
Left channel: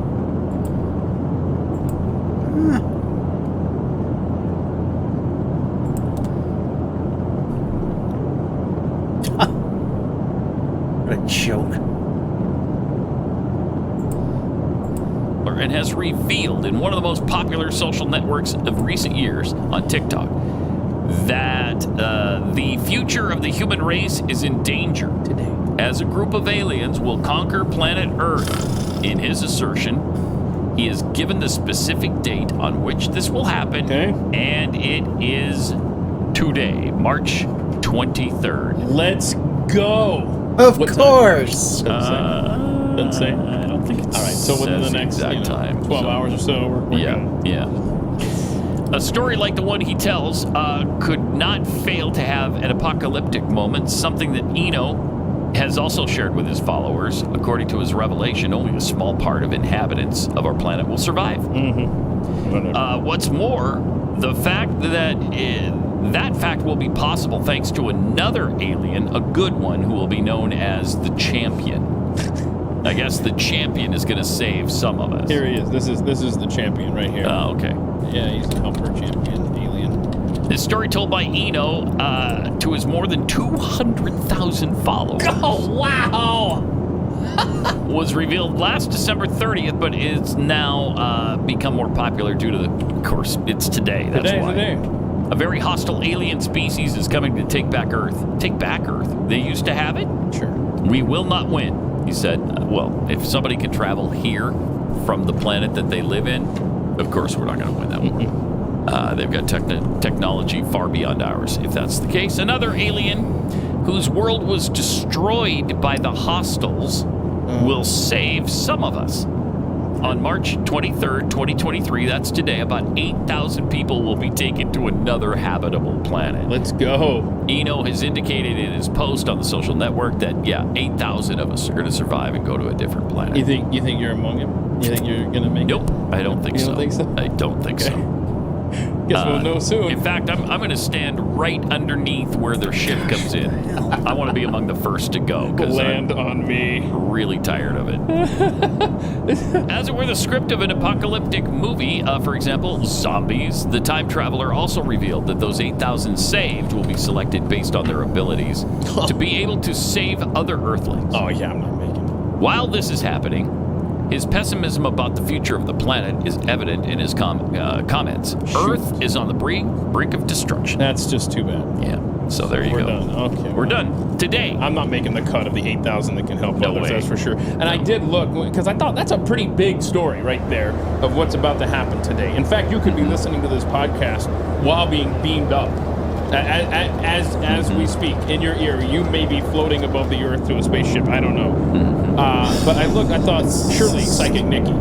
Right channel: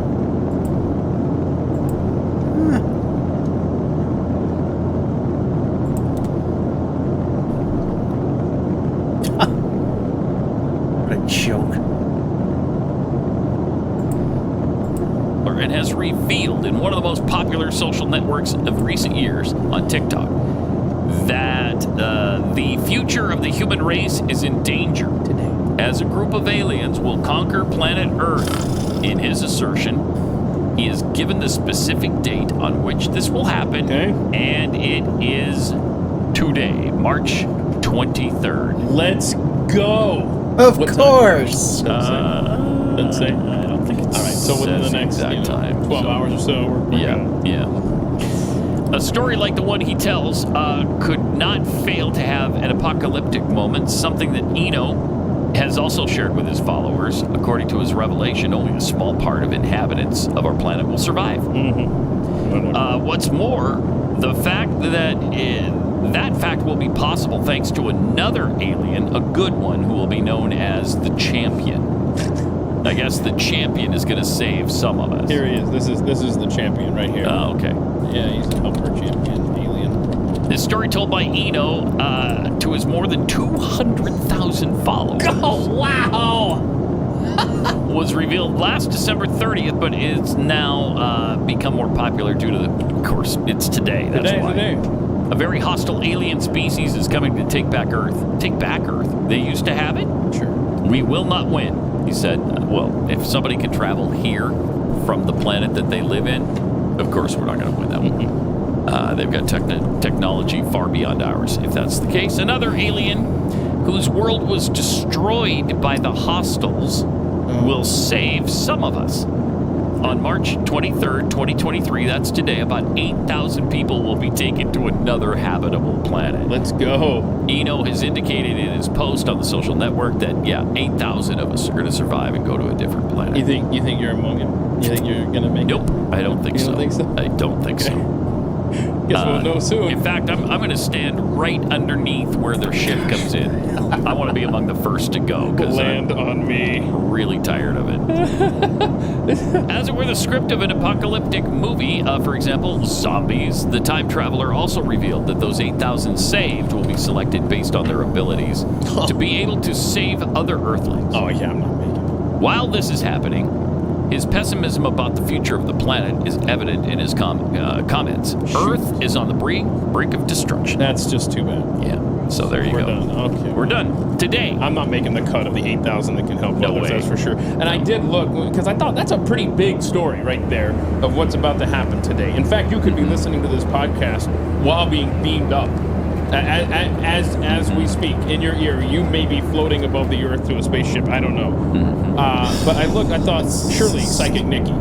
What a joke. And has revealed in one of the most popular social networks of recent years on TikTok that the future of the human race is in danger today, as a group of aliens will conquer planet Earth. In his assertion, he has given the specific date on which this will happen, and it is today, March 23rd. Let's go! Of course! Doesn't say. I don't think it's all right. So within the next time, 12 hours or so, we're good. Yeah. A story like the one he tells could not fail to have an apocalyptic moment, something that Eno has also shared with his followers. According to his revelation, only a small part of inhabitants of our planet will survive. What's more, the fact that that fact will be possible thanks to another alien, a good one, who will be known as the Champion. I guess the Champion is going to save some of us. Here he is. This is the Champion right here. Oh, okay. Yeah, he's a helper champion alien. This story told by Eno to his more than 200,000 followers. Oh, wow! Was revealed last December 30th, but it's now become more popular due to of course, it's today. That's why. Today. A very hostile alien species is coming to take back Earth. Take back Earth. They used to have it? Sure. We will not win. He said, well, if somebody can travel here from the planet that they live in, of course we're not going to win that war. They've got technology far beyond ours. If that's the case, another alien whose world was destroyed by the hostiles will save some of us. On March 23rd, 2023, that's today, about 8,000 people will be taken to another habitable planet. Let's go. Eno has indicated in his post on the social network that, 8,000 of us are going to survive and go to a different planet. You think you're among them? You think you're going to make it? Nope, I don't think so. You don't think so? I don't think so. Guess we'll know soon. In fact, I'm going to stand right underneath where their ship comes in. I want to be among the first to go. Land on me. Really tired of it. As it were the script of an apocalyptic movie, for example, Zombies, the time traveler also revealed that those 8,000 saved will be selected based on their abilities to be able to save other Earthlings. Oh, yeah, I'm not making it. While this is happening, his pessimism about the future of the planet is evident in his comments. Earth is on the brink of destruction. That's just too bad. Yeah. So there you go. We're done. Okay. We're done. Today. I'm not making the cut of the 8,000 that can help others, way. that's for sure. And I did look, because I thought that's a pretty big story right there of what's about to happen today. In fact, you could be listening to this podcast while being beamed up. As we speak, in your ear, you may be floating above the earth to a spaceship. I don't know. But I thought surely Psychic Nikki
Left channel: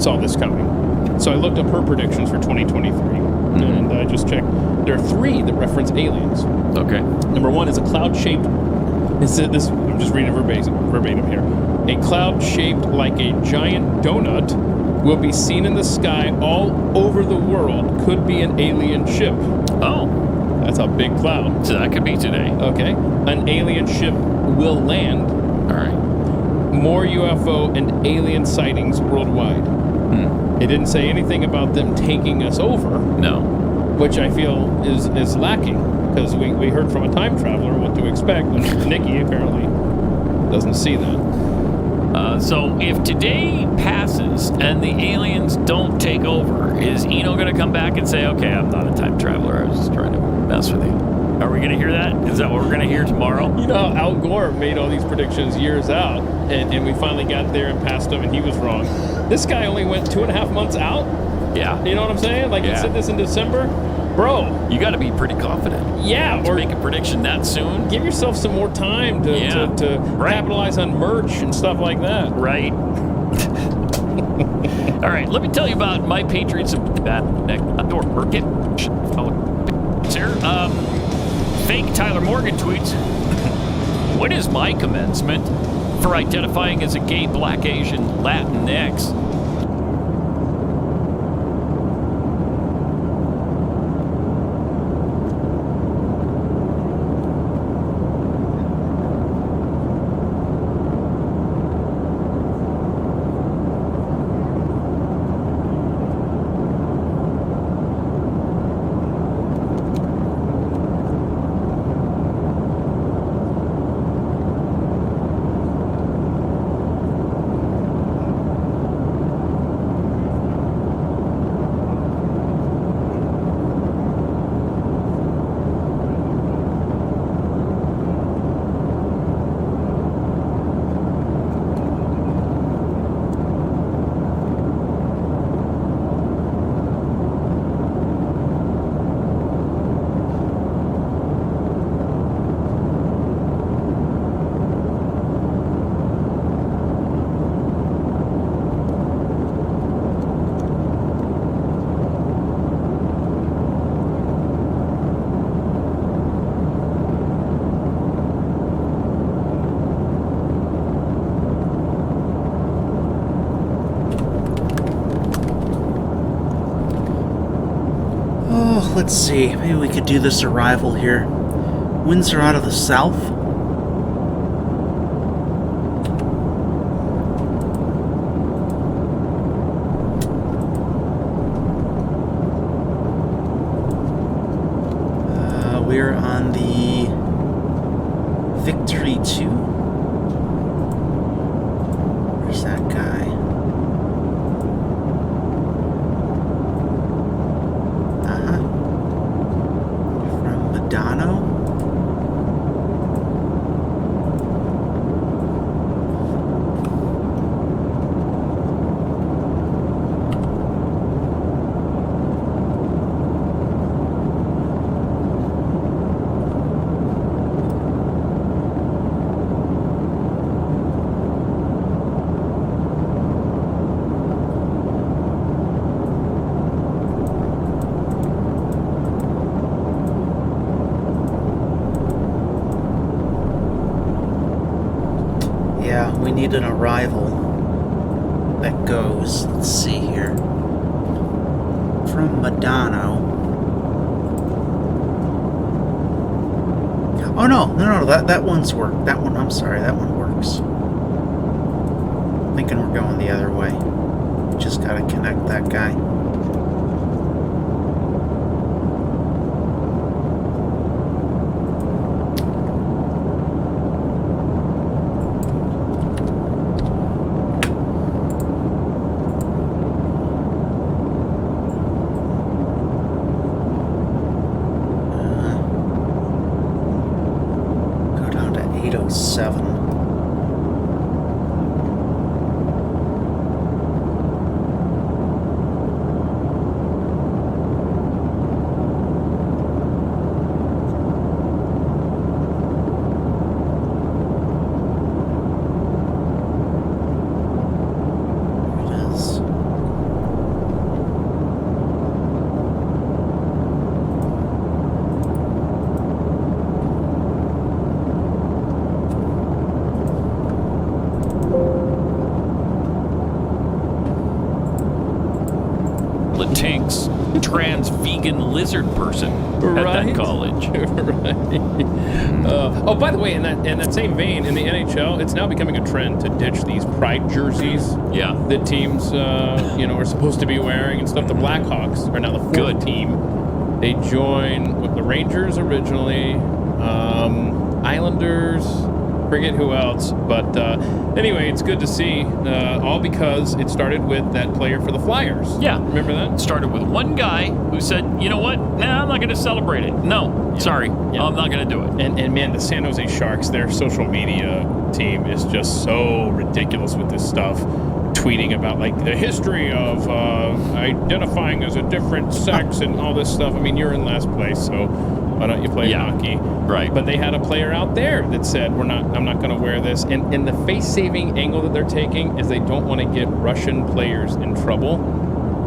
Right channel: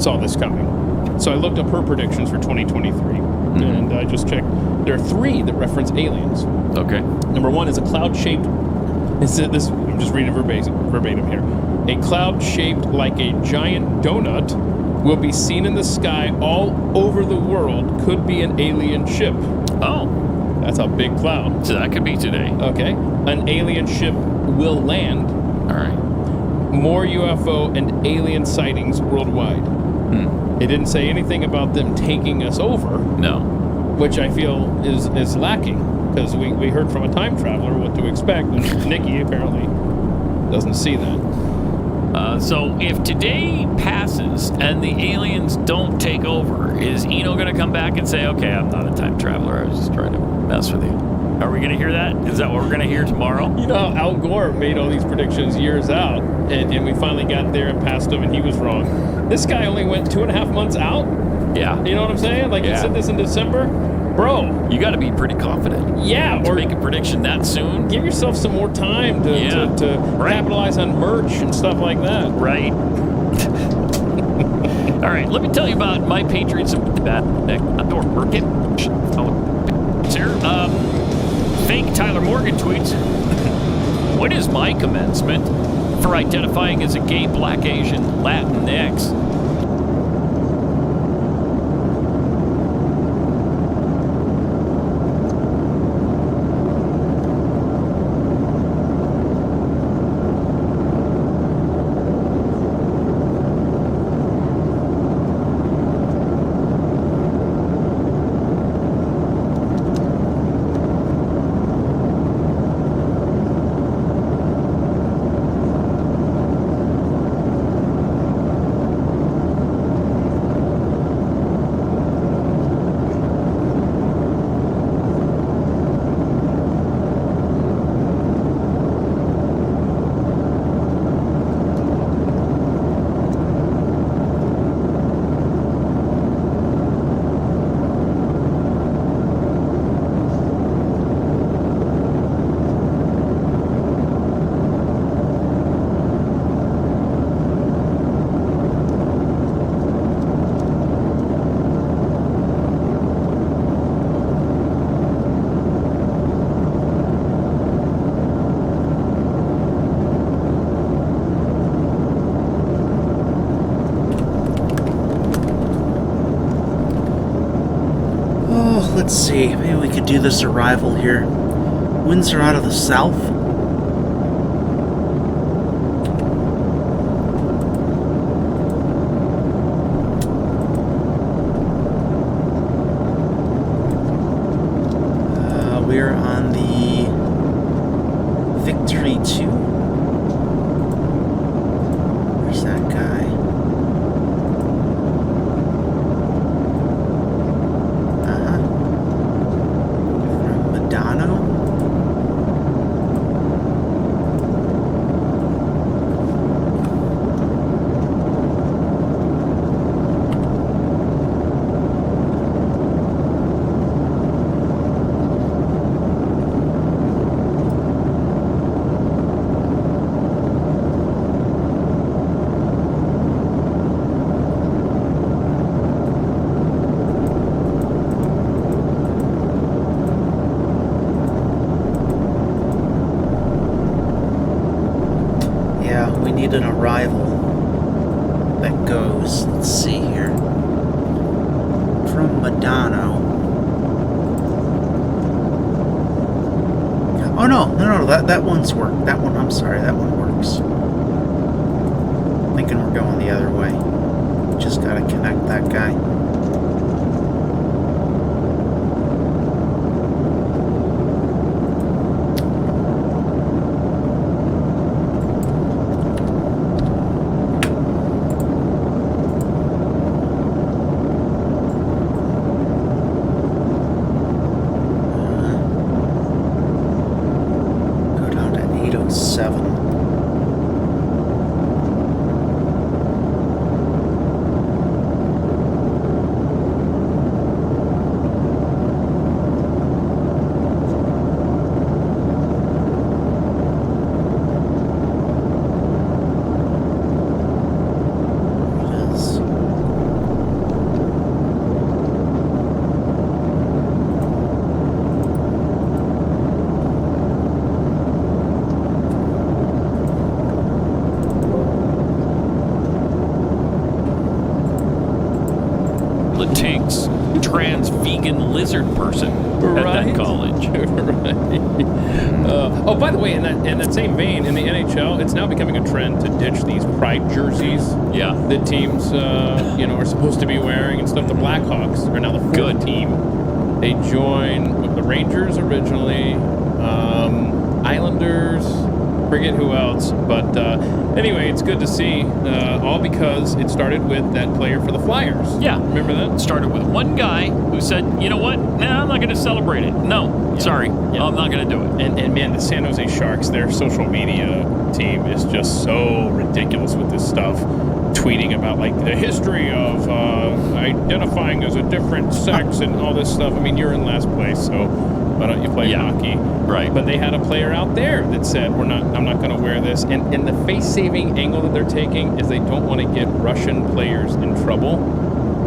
saw this coming. So I looked up her predictions for 2023, and I just checked. There are 3 that reference aliens. Okay. Number 1 is a cloud-shaped. I'm just reading verbatim here. A cloud shaped like a giant donut will be seen in the sky all over the world. Could be an alien ship. Oh. That's a big cloud. So that could be today. Okay. An alien ship will land. All right. More UFO and alien sightings worldwide. It didn't say anything about them taking us over. No. Which I feel is lacking, because we heard from a time traveler what to expect, and Nikki apparently doesn't see that. So if today passes and the aliens don't take over, is Eno going to come back and say, okay, I'm not a time traveler, I was just trying to mess with you? Are we going to hear that? Is that what we're going to hear tomorrow? You know how Al Gore made all these predictions years out, and we finally got there and passed him, and he was wrong. This guy only went 2.5 months out? Yeah. You know what I'm saying? Like, he said this in December? Bro. You got to be pretty confident. Yeah. To make a prediction that soon. Give yourself some more time to capitalize on merch and stuff like that. Right. All right, let me tell you about my Patriots and that door market. Here, fake Tyler Morgan tweets. What is my commencement for identifying as a gay, black, Asian, Latinx? Let's see, maybe we could do this arrival here. Winds are out of the south. We're on the Victory 2. Where's that guy? We need an arrival that goes, let's see here, from Medano. Oh no, that one's worked. That one, I'm sorry, that one works. Thinking we're going the other way. Just gotta connect that guy. Latinx, trans, vegan, lizard person at that college. Oh, by the way, in that same vein, in the NHL, it's now becoming a trend to ditch these pride jerseys. Yeah, that teams, are supposed to be wearing and stuff. The Blackhawks are now the fourth team. They join with the Rangers originally, Islanders, forget who else. But anyway, it's good to see, all because it started with that player for the Flyers. Yeah. Remember that? It started with one guy who said, you know what? Nah, I'm not going to celebrate it. No, sorry. I'm not going to do it. And man, the San Jose Sharks, their social media team is just so ridiculous with this stuff. Tweeting about like the history of identifying as a different sex and all this stuff. I mean, you're in last place, so why don't you play hockey? Right. But they had a player out there that said, I'm not going to wear this. And the face-saving angle that they're taking is they don't want to get Russian players in trouble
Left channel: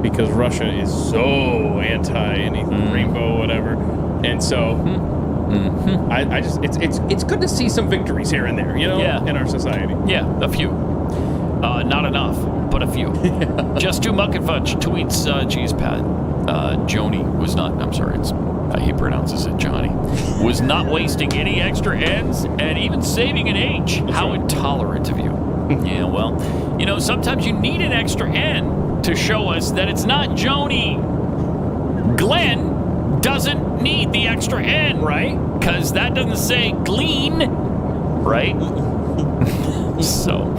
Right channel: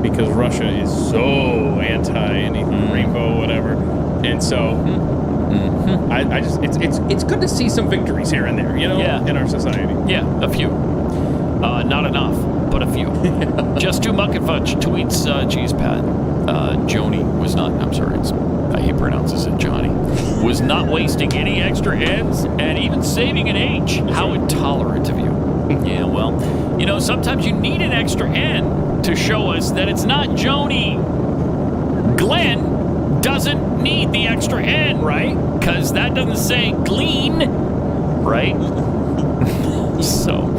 because Russia is so anti anything rainbow, whatever. And so I just it's good to see some victories here and there, in our society. Yeah, a few. Not enough, but a few. Just to Muck and Fudge tweets, geez, Pat, Joni was not, I'm sorry, he pronounces it Johnny, was not wasting any extra N's and even saving an H. How intolerant of you. Yeah, well, sometimes you need an extra N to show us that it's not Joni. Glenn doesn't need the extra N, right? Because that doesn't say glean, right? So...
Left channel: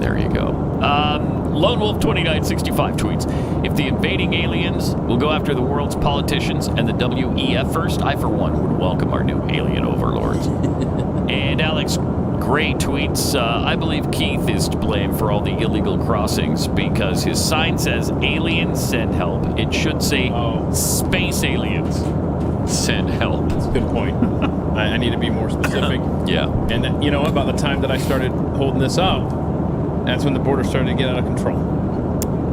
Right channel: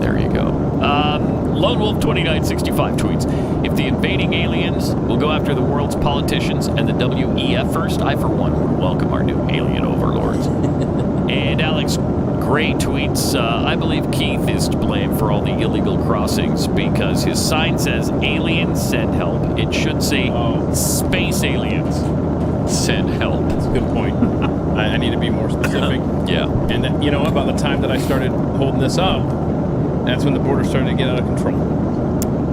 there you go. Lone Wolf 2965 tweets, if the invading aliens will go after the world's politicians and the WEF first, I for one would welcome our new alien overlords. And Alex Gray tweets, I believe Keith is to blame for all the illegal crossings because his sign says aliens send help. It should say space aliens send help. That's a good point. I need to be more specific. Yeah. And about the time that I started holding this up, that's when the border started to get out of control.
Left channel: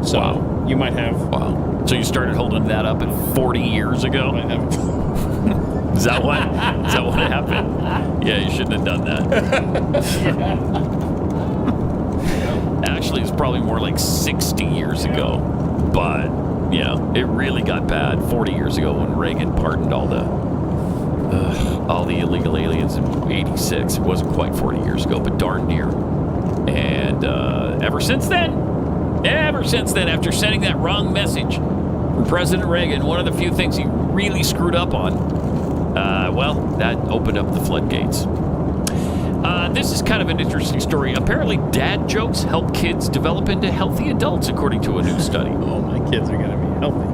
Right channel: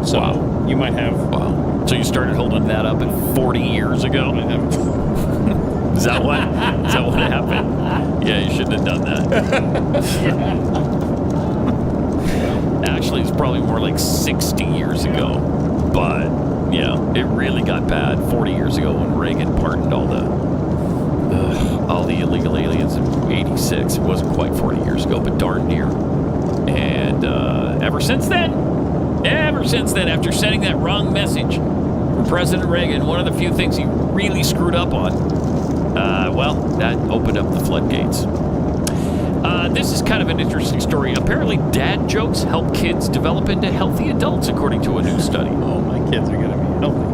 So you might have... Wow. So you started holding that up at 40 years ago? I have. Is that what happened? Yeah, you shouldn't have done that. Actually, it's probably more like 60 years ago. But, it really got bad 40 years ago when Reagan pardoned all the illegal aliens in 86. It wasn't quite 40 years ago, but darn near. And ever since then, after sending that wrong message from President Reagan, one of the few things he really screwed up on, that opened up the floodgates. This is kind of an interesting story. Apparently, dad jokes help kids develop into healthy adults, according to a new study. Oh, my kids are going to be healthy.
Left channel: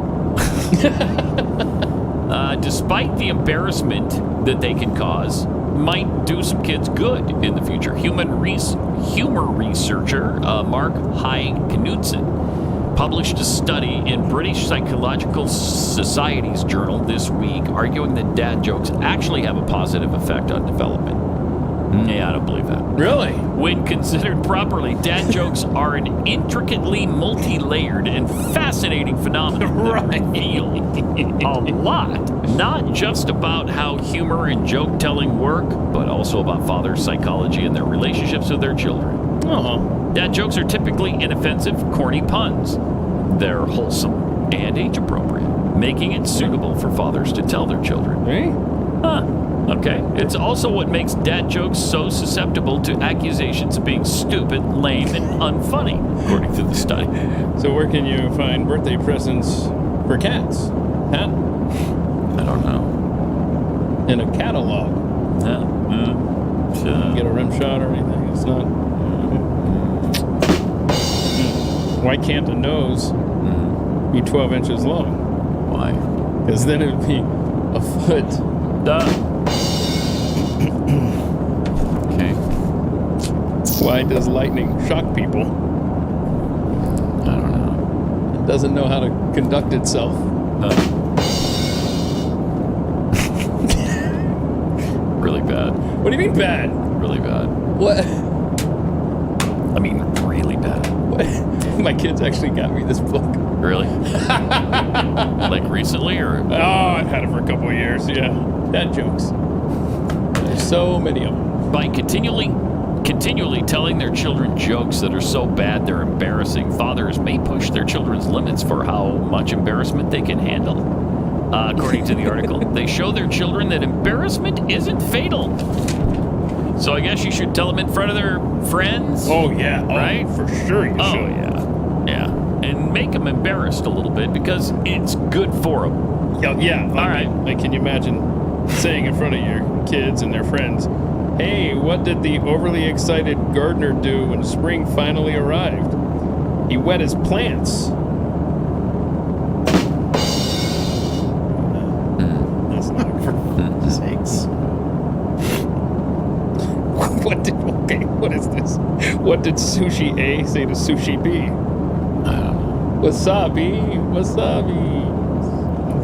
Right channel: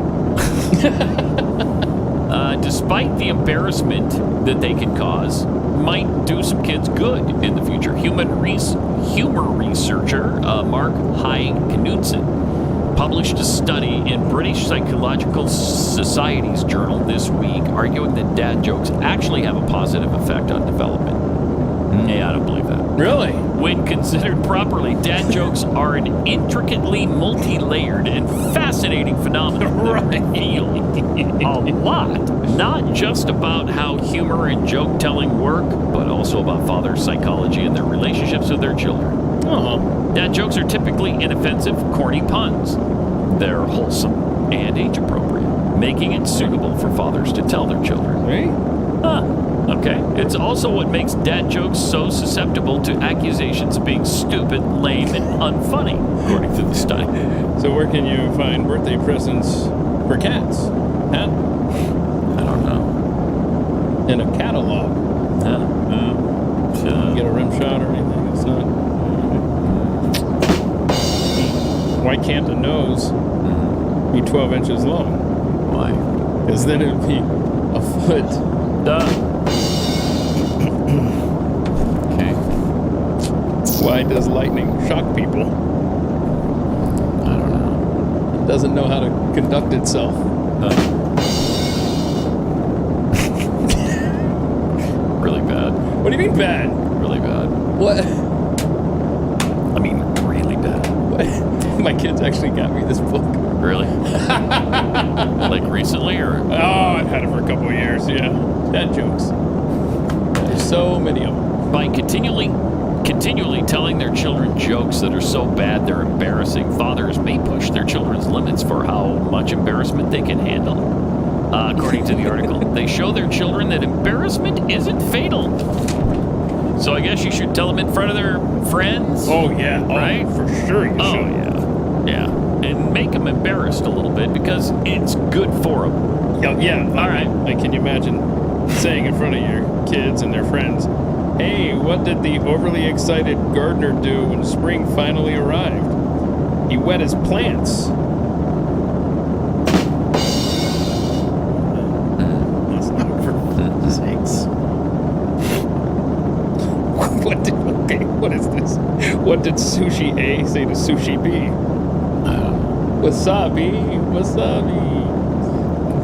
Despite the embarrassment that they can cause, might do some kids good in the future. Humor researcher Mark High Knudsen published a study in British Psychological Society's journal this week, arguing that dad jokes actually have a positive effect on development. Yeah, I don't believe that. Really? When considered properly, dad jokes are an intricately multi-layered and fascinating phenomenon that reveal a lot, not just about how humor and joke-telling work, but also about fathers' psychology and their relationships with their children. Dad jokes are typically inoffensive, corny puns. They're wholesome and age-appropriate, making it suitable for fathers to tell their children. Okay. It's also what makes dad jokes so susceptible to accusations of being stupid, lame, and unfunny, according to the study. So where can you find birthday presents for cats? Pat? I don't know. In a catalog. Get a rim shot or anything. It's not... Why can't a nose be 12 inches long? Why? Because then it would be a foot. Okay. Why does lightning shock people? I don't know. It doesn't know how to conduct itself. Really bad. What do you mean bad? Really bad. What? I mean, really bad. What? My kids actually got me this book. Really? Like recently, or? Oh, I've had it for a couple of years, yeah. Dad jokes. There's so many of them. By continually telling their children jokes that are so bad they're embarrassing, fathers may push their children's limits for how much embarrassment they can handle. According to the article, they show their children that embarrassment isn't fatal. So I guess you should tell them in front of their friends. Oh, yeah. Right? For sure you should. Oh, yeah. Yeah. And make them embarrassed a little bit because it's good for them. Yeah. All right. Like, can you imagine saying in front of your kids and their friends, Hey, what did the overly excited gardener do when spring finally arrived? He wet his plants. That's not for sakes. What is this? What did Sushi A say to Sushi B? Wasabi.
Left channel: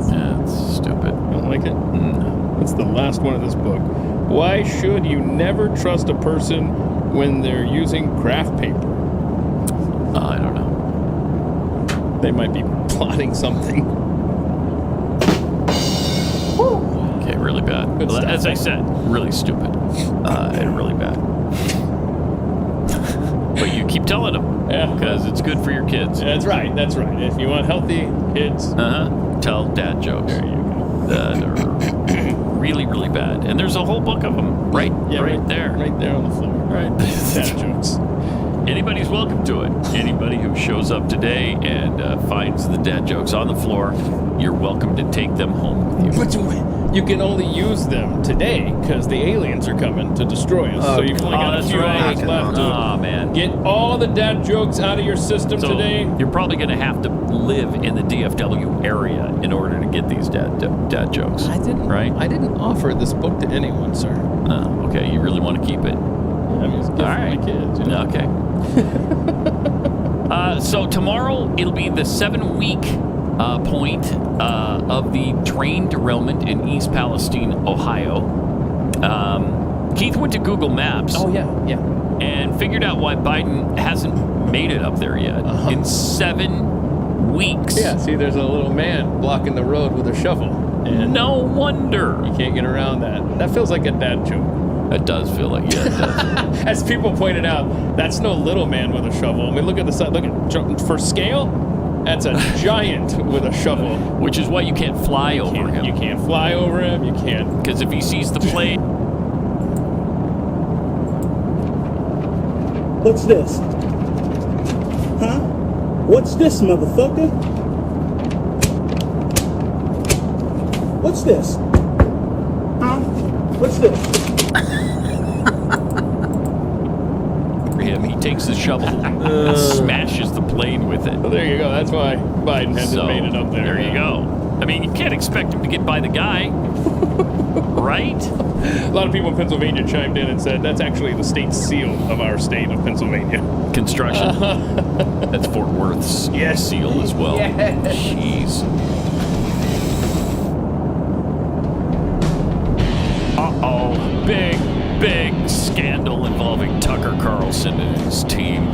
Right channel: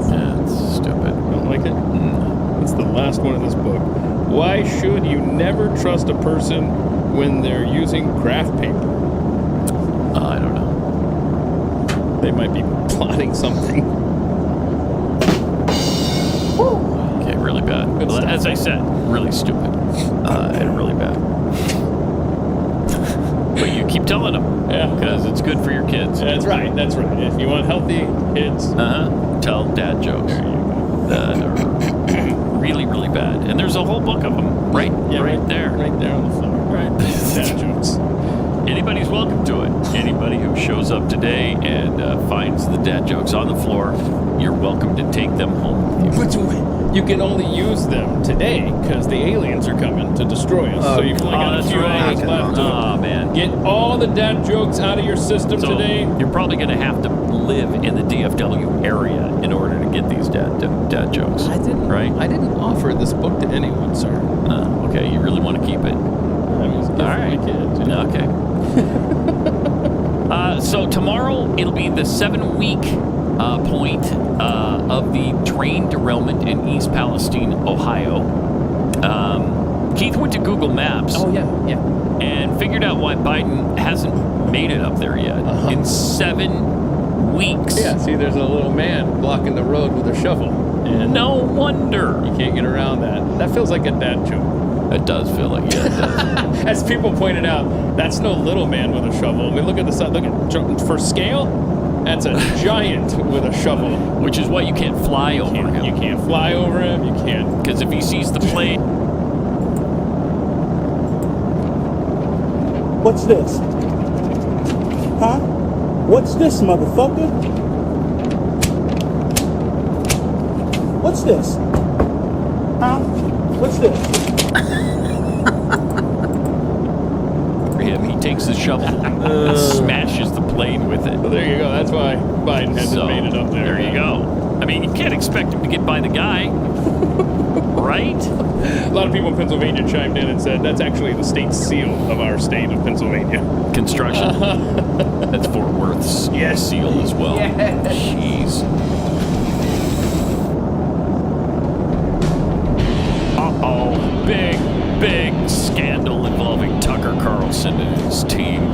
That's stupid. Don't like it? No. That's the last one of this book. Why should you never trust a person when they're using craft paper? I don't know. They might be plotting something. Okay, really bad. Well, as I said, really stupid. And really bad. But you keep telling them. Yeah. Because it's good for your kids. That's right. If you want healthy kids. Tell dad jokes. There you go. That are really, really bad. And there's a whole book of them right there. Right there on the floor. Right. Dad jokes. Anybody's welcome to it. Anybody who shows up today and finds the dad jokes on the floor, you're welcome to take them home with you. But you can only use them today because the aliens are coming to destroy us. So you've only got a few hours left to man. Get all the dad jokes out of your system today. You're probably going to have to live in the DFW area in order to get these dad jokes. I didn't offer this book to anyone, sir. Okay, you really want to keep it? Yeah, I mean, it's good for my kids. You know? Okay. So tomorrow it'll be the 7-week point of the train derailment in East Palestine, Ohio. Keith went to Google Maps. Oh, yeah. And figured out why Biden hasn't made it up there yet in 7 weeks. Yeah, see, there's a little man blocking the road with a shovel. And no wonder. You can't get around that. That feels like a dad joke. It does feel like, yeah, it does. As people pointed out, that's no little man with a shovel. I mean, look at the side. Look at, for scale, that's a giant with a shovel. Which is why you can't fly over him. You can't fly over him. You can't. Because if he sees the plane. What's this? Huh? What's this, motherfucker? What's this? Huh? What's this? For him, he takes the shovel and smashes the plane with it. Well, there you go. That's why Biden hasn't made it up there. There you go. I mean, you can't expect him to get by the guy, right? A lot of people in Pennsylvania chimed in and said that's actually the state seal of our state of Pennsylvania. Construction. That's Fort Worth's seal as well. Yes. Jeez. Uh-oh. Big scandal involving Tucker Carlson and his team.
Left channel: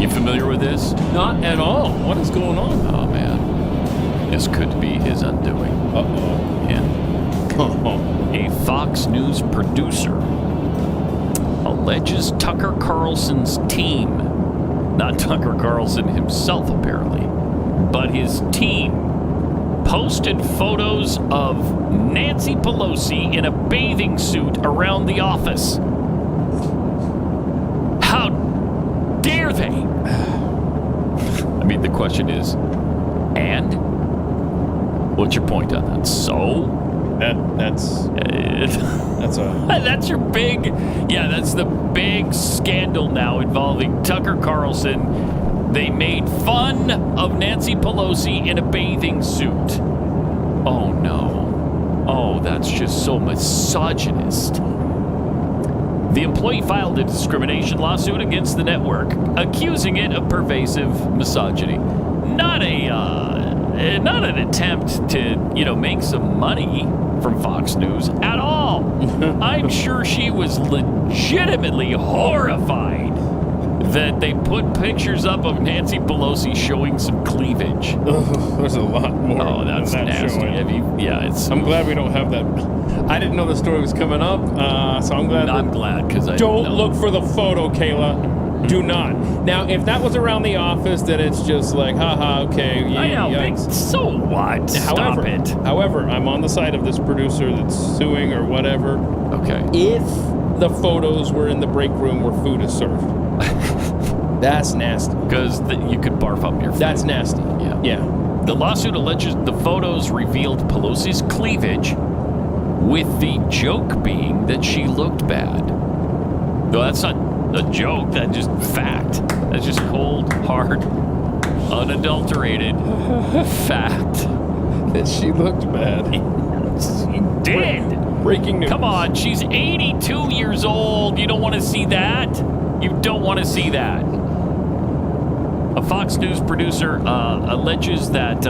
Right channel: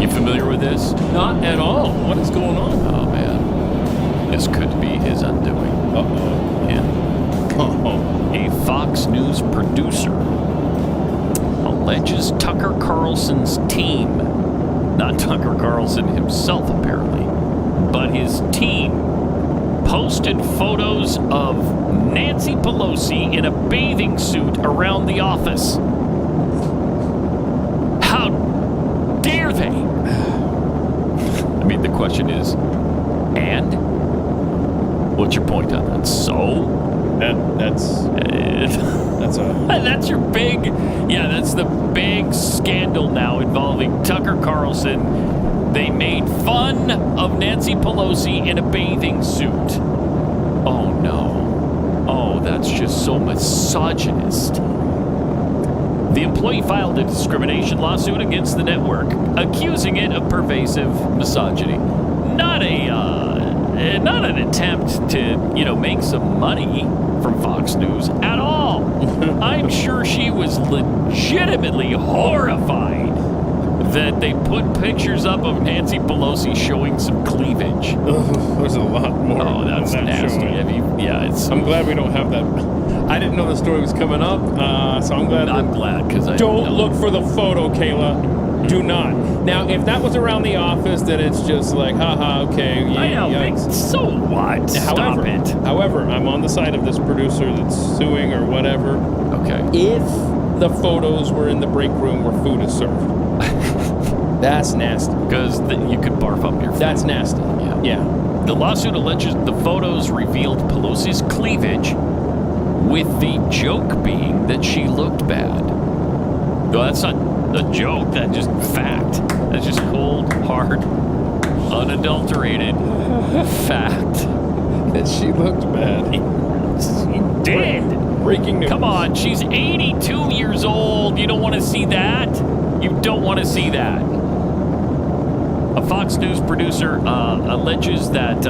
You familiar with this? Not at all. What is going on? Oh, man. This could be his undoing. Uh-oh. Yeah. A Fox News producer alleges Tucker Carlson's team, not Tucker Carlson himself apparently, but his team posted photos of Nancy Pelosi in a bathing suit around the office. How dare they? I mean, the question is, and? What's your point on that? So? That's your big, that's the big scandal now involving Tucker Carlson. They made fun of Nancy Pelosi in a bathing suit. Oh no. Oh, that's just so misogynist. The employee filed a discrimination lawsuit against the network, accusing it of pervasive misogyny. Not an attempt to, make some money from Fox News at all. I'm sure she was legitimately horrified that they put pictures up of Nancy Pelosi showing some cleavage. Oh, there's a lot more. Oh, that's nasty. I'm glad we don't have that. I didn't know the story was coming up, so I'm glad. I'm glad because I don't look for the photo, Kayla. Do not. Now, if that was around the office, then it's just like, haha, okay. I know, so what? Stop it. However, I'm on the side of this producer that's suing or whatever. Okay. If the photos were in the break room where food is served, that's nasty. Because you could barf up your food. That's nasty. Yeah. The lawsuit alleges the photos revealed Pelosi's cleavage with the joke being that she looked bad. No, that's not a joke. That's just fact. That's just cold, hard, unadulterated fact. That she looked bad. She did. Breaking news. Come on, she's 82 years old. You don't want to see that? You don't want to see that. A Fox News producer alleges that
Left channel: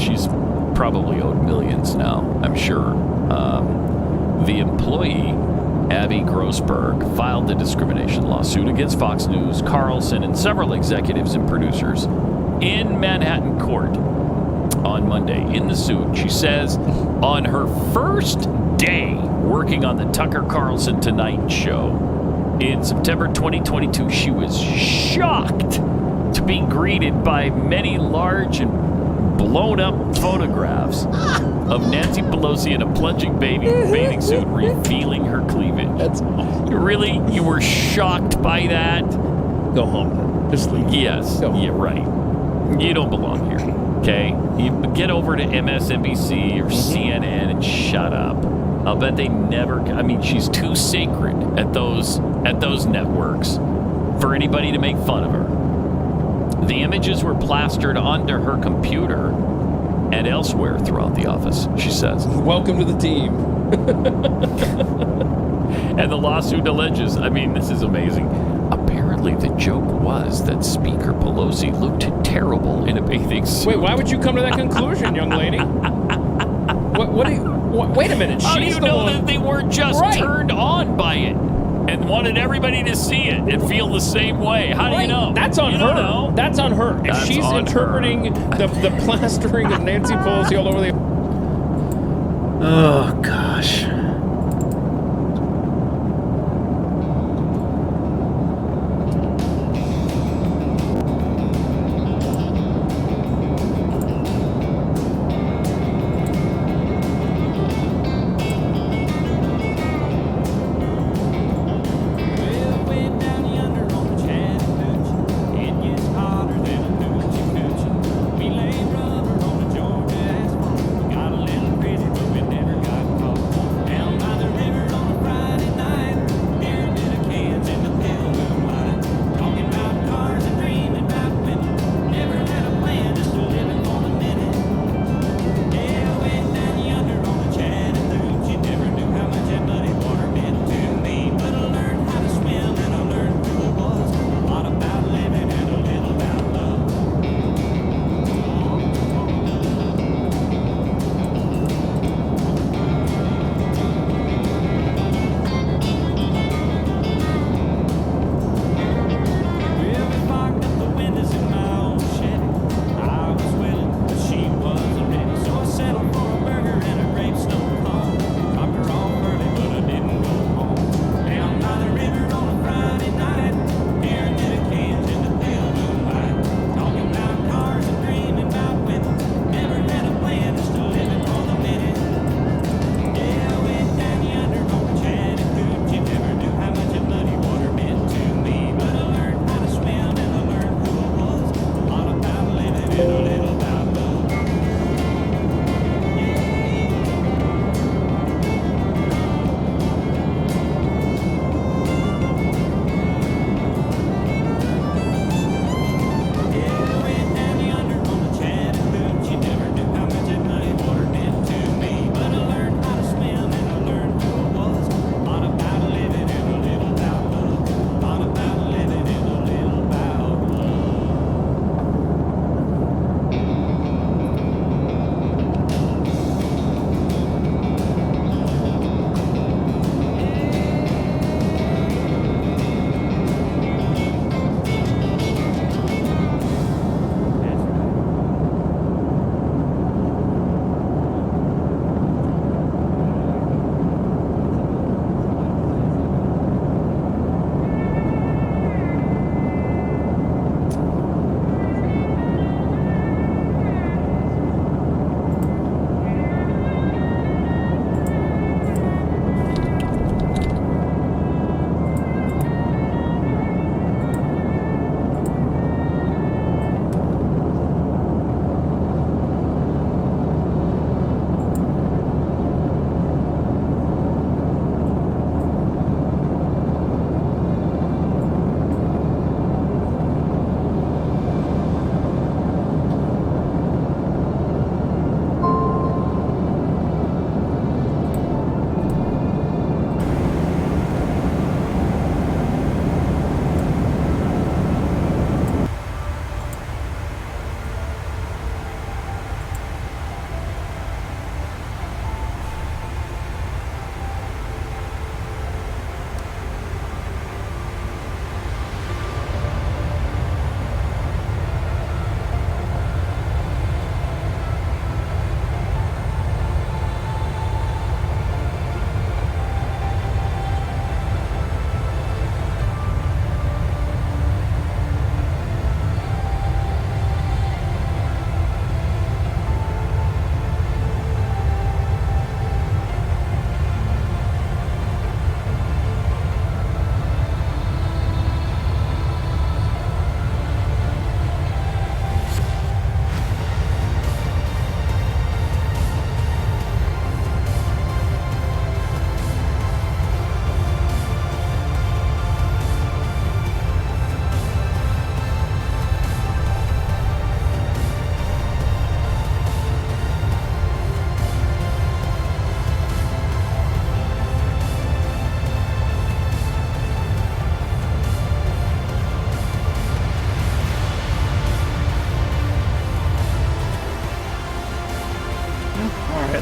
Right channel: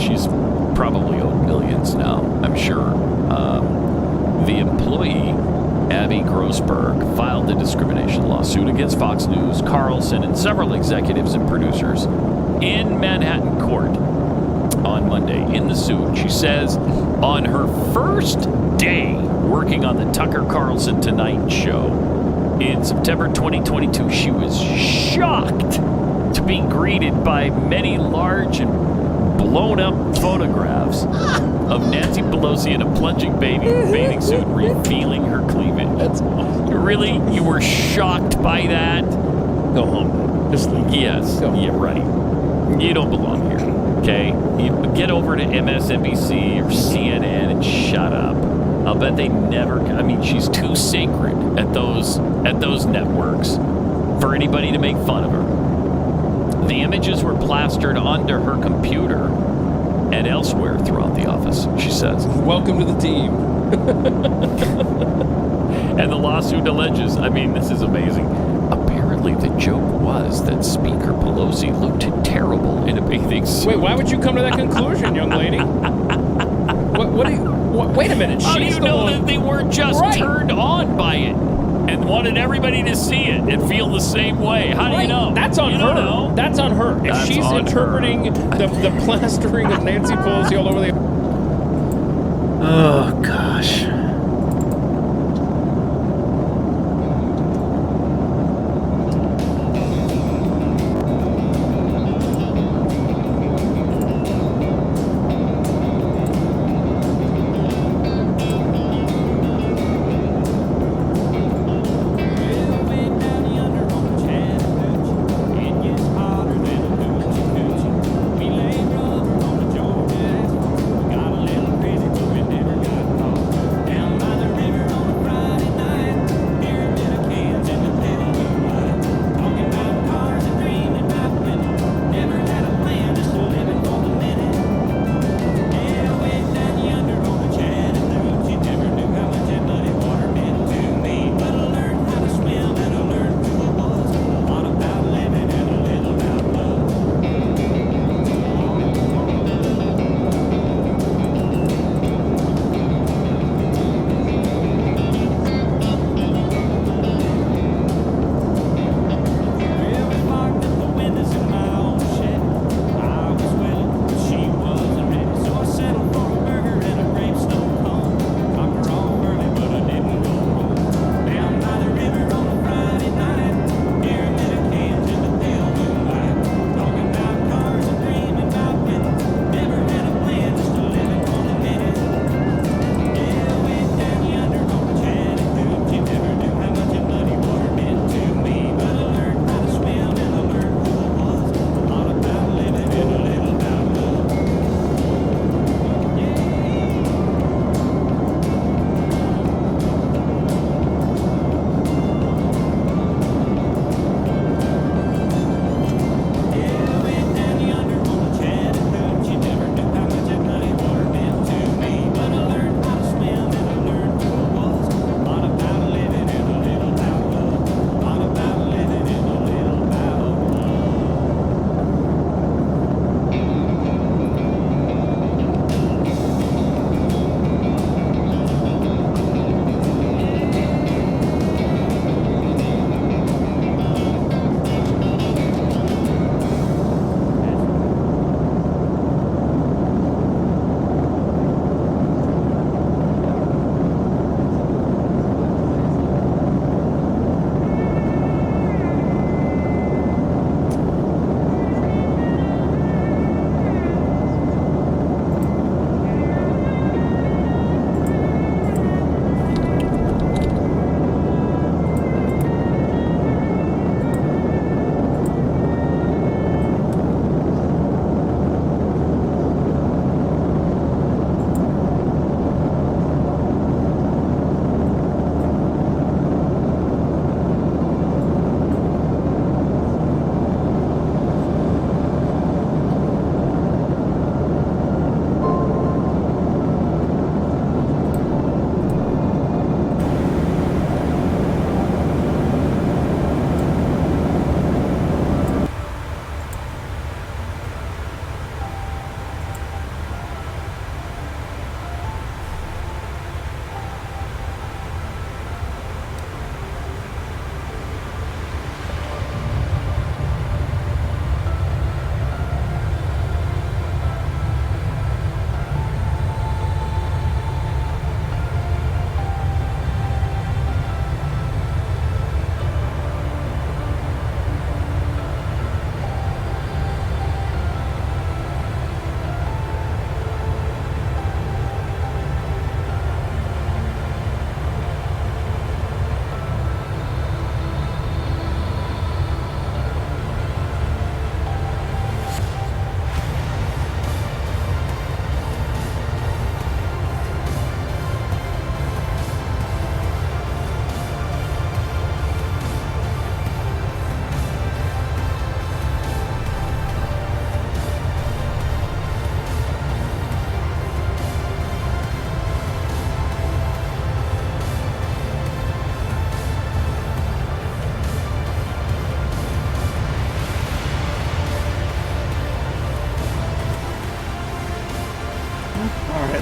she's probably owed millions now, I'm sure. The employee, Abby Grossberg, filed a discrimination lawsuit against Fox News, Carlson, and several executives and producers in Manhattan court on Monday. In the suit, she says on her first day working on the Tucker Carlson Tonight Show in September 2022, she was shocked to be greeted by many large and blown up photographs of Nancy Pelosi in a plunging bathing suit revealing her cleavage. That's awesome. You were shocked by that? Go home. Just leave. Yes. Yeah, right. You don't belong here. Okay? You get over to MSNBC or CNN and shut up. I'll bet they never... I mean, she's too sacred at those networks for anybody to make fun of her. The images were plastered onto her computer and elsewhere throughout the office, she says. Welcome to the team. And the lawsuit alleges, I mean, this is amazing. Apparently, the joke was that Speaker Pelosi looked terrible in a bathing suit. Wait, why would you come to that conclusion, young lady? Wait a minute. How do you know that they weren't just turned on by it and wanted everybody to see it and feel the same way? How do you know? That's on her. That's on her. If she's interpreting the plastering of Nancy Pelosi all over the... Oh, gosh.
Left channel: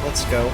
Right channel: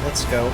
let's go.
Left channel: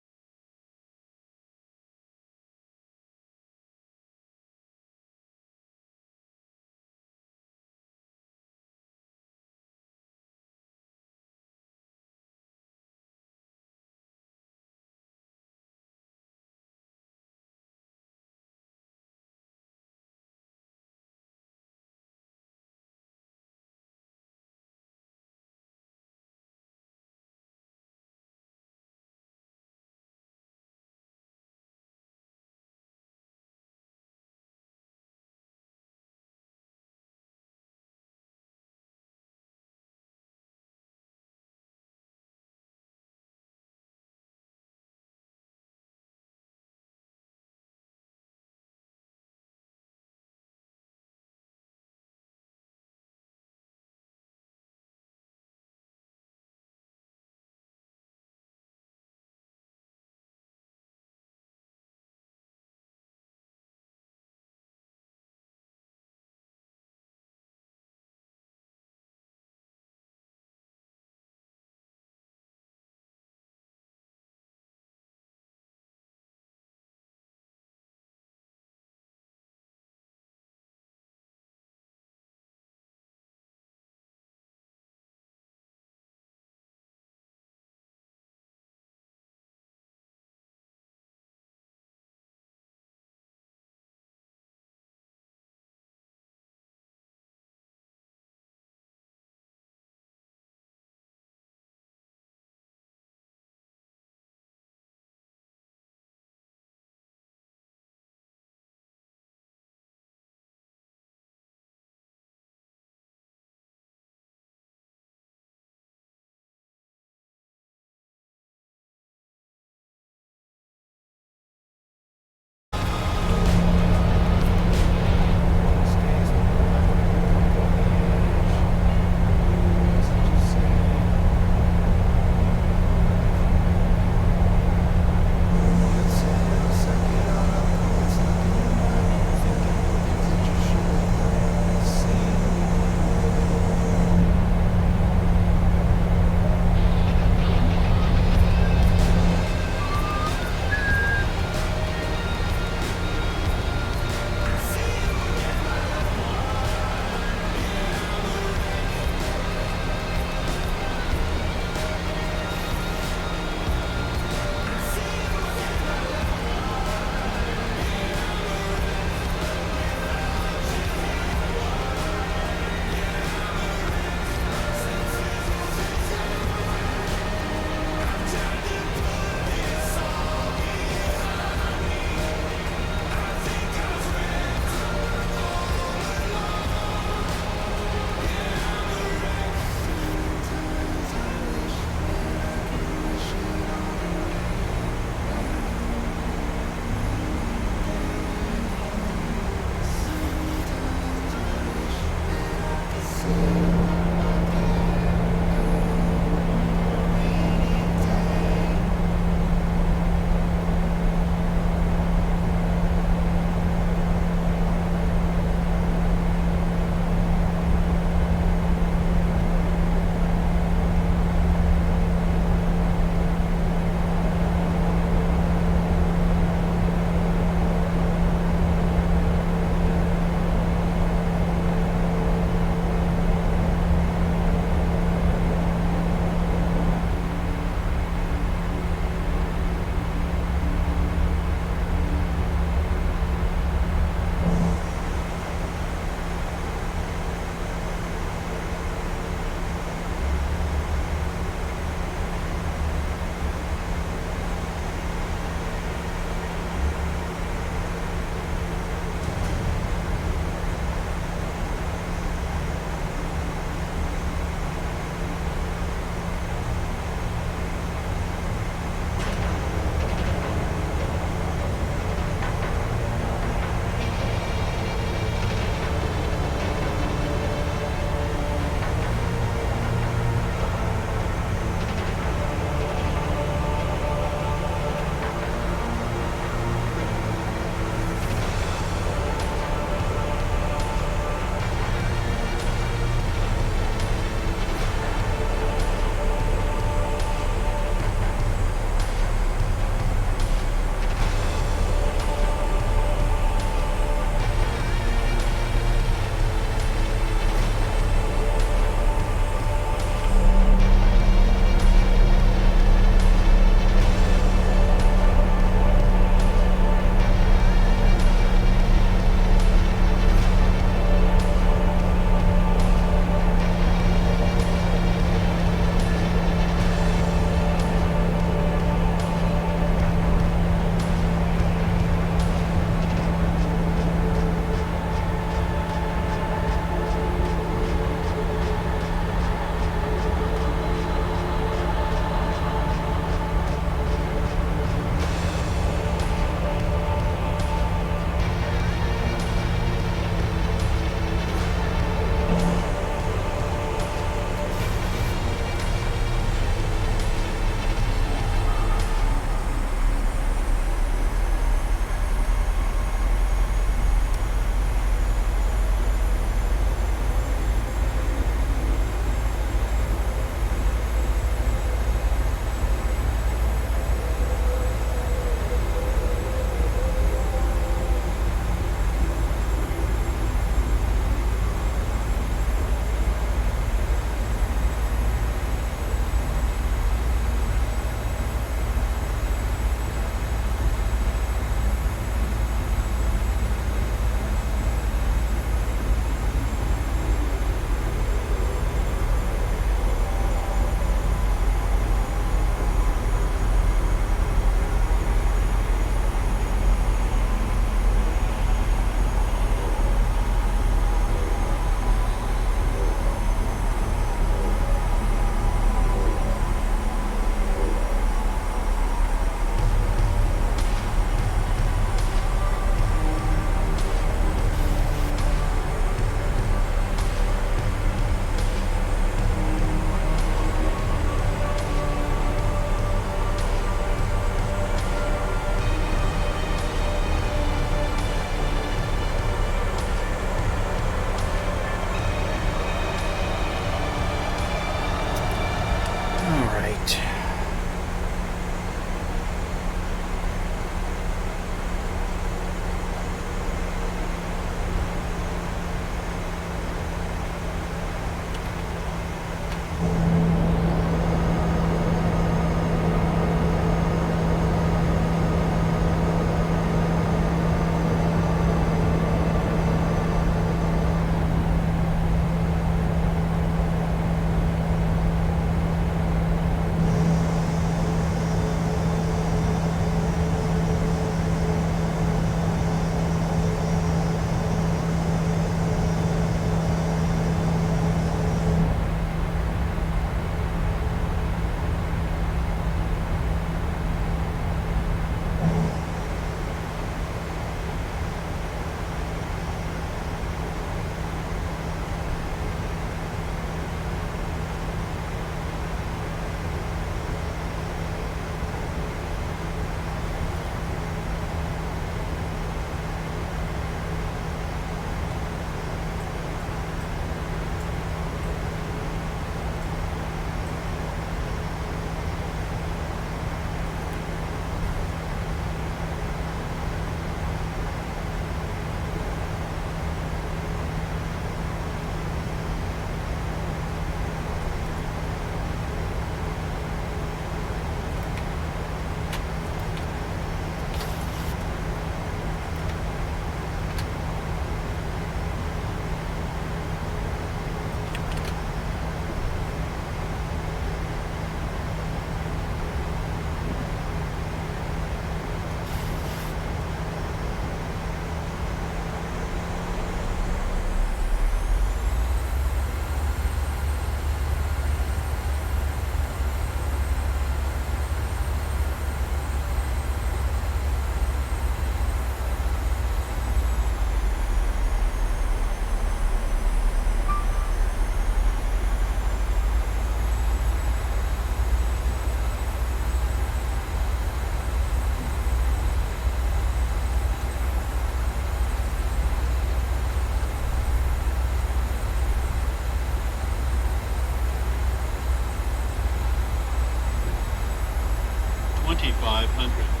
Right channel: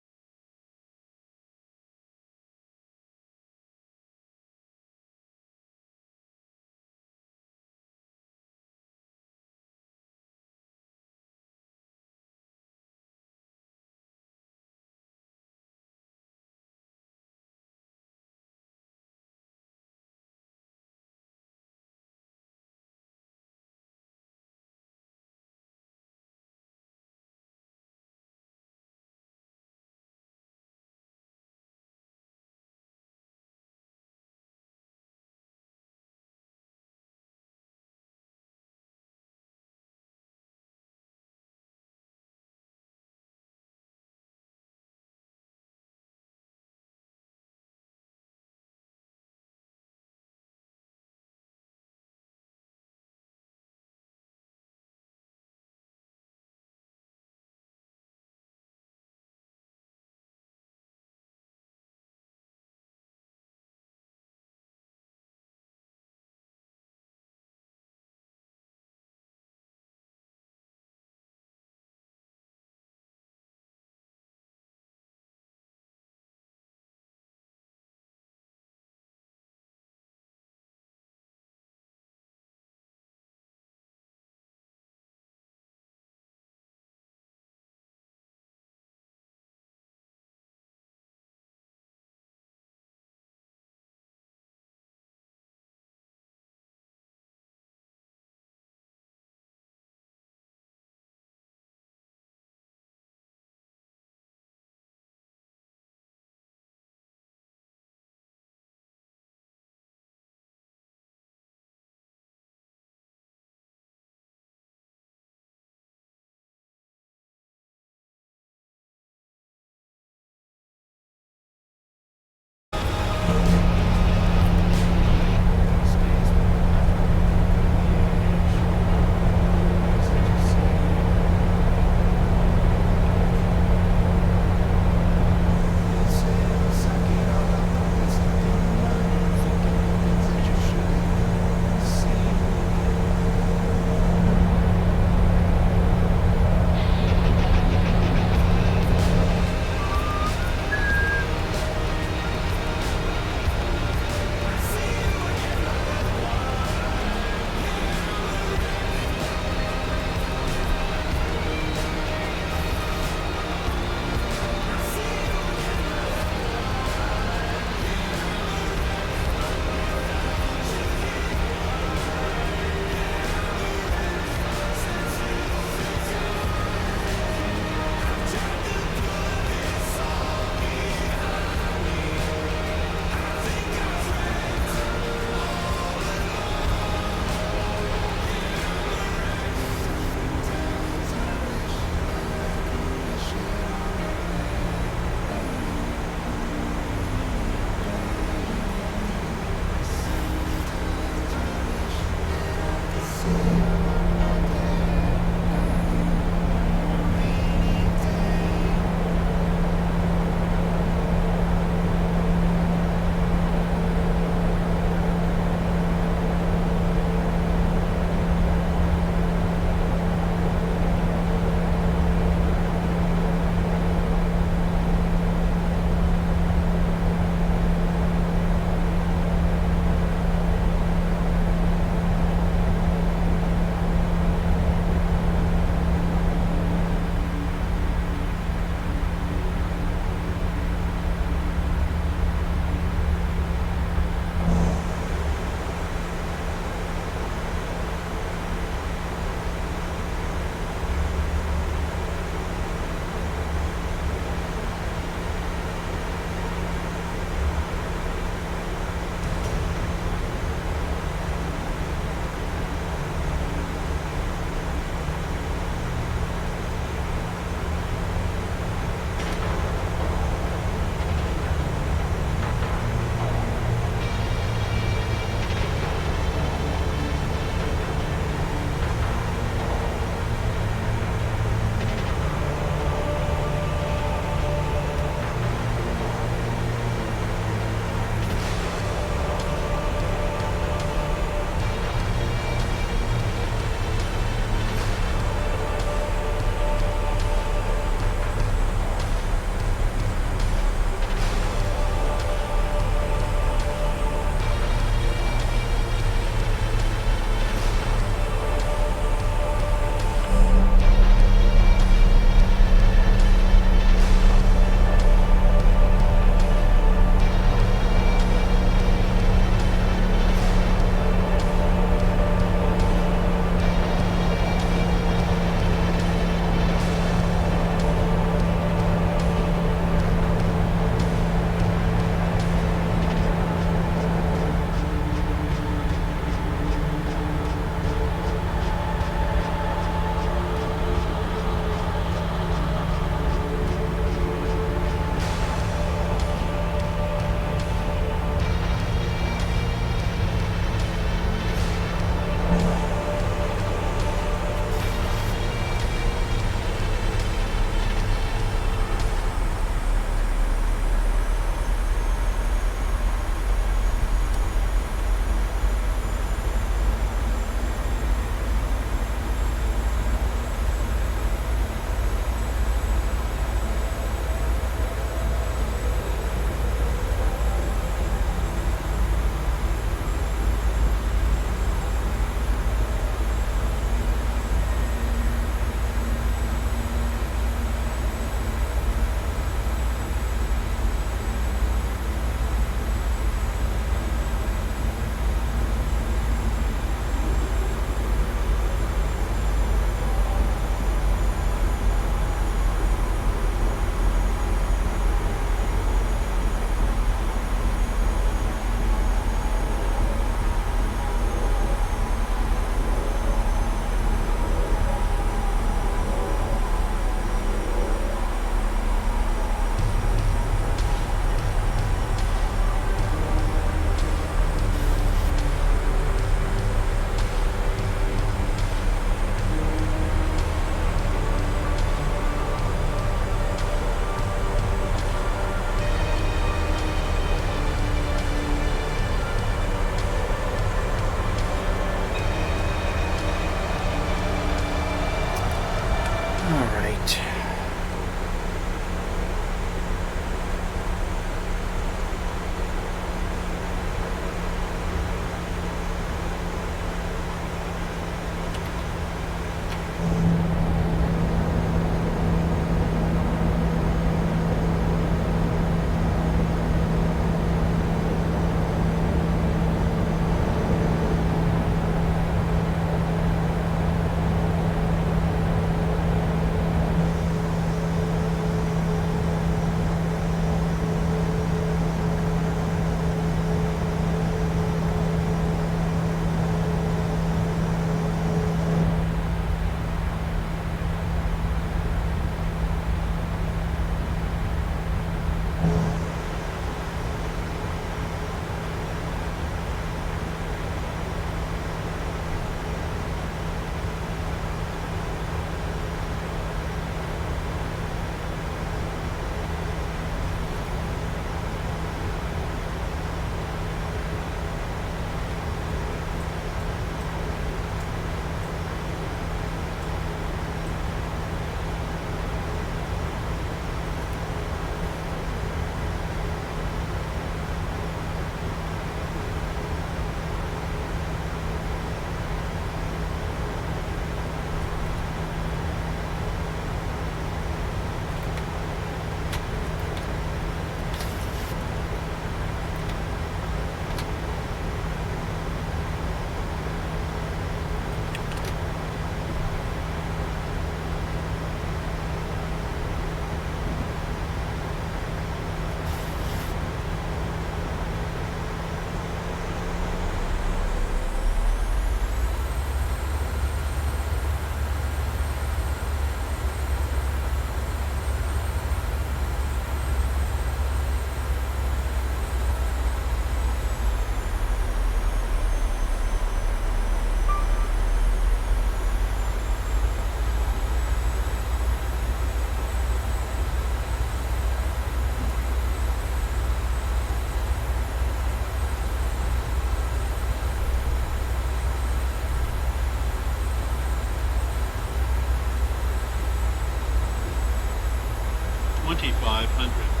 2,500.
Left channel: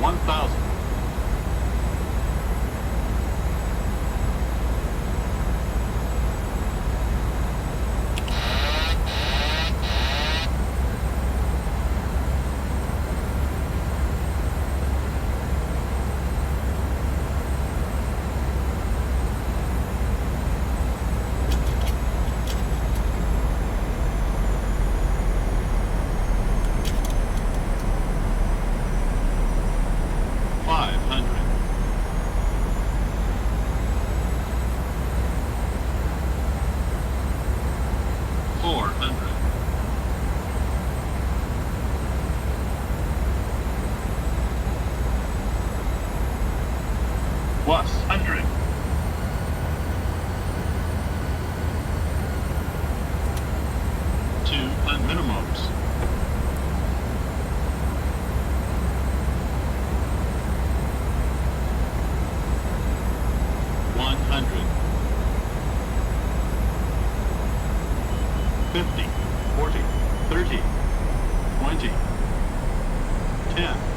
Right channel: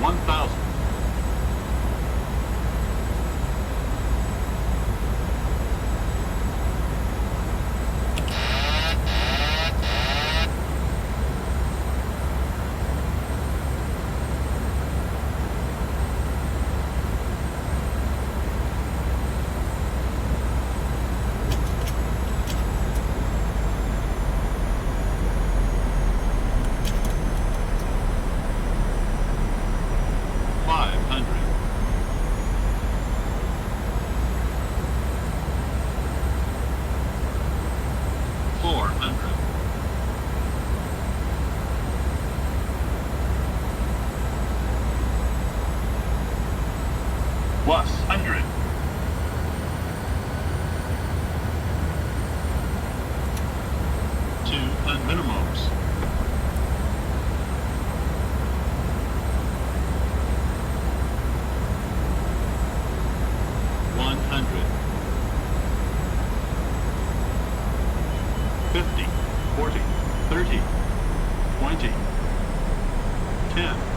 1,000. 500. 400. 100. 2 on minimums. 100. 50, 40, 30, 20, 10.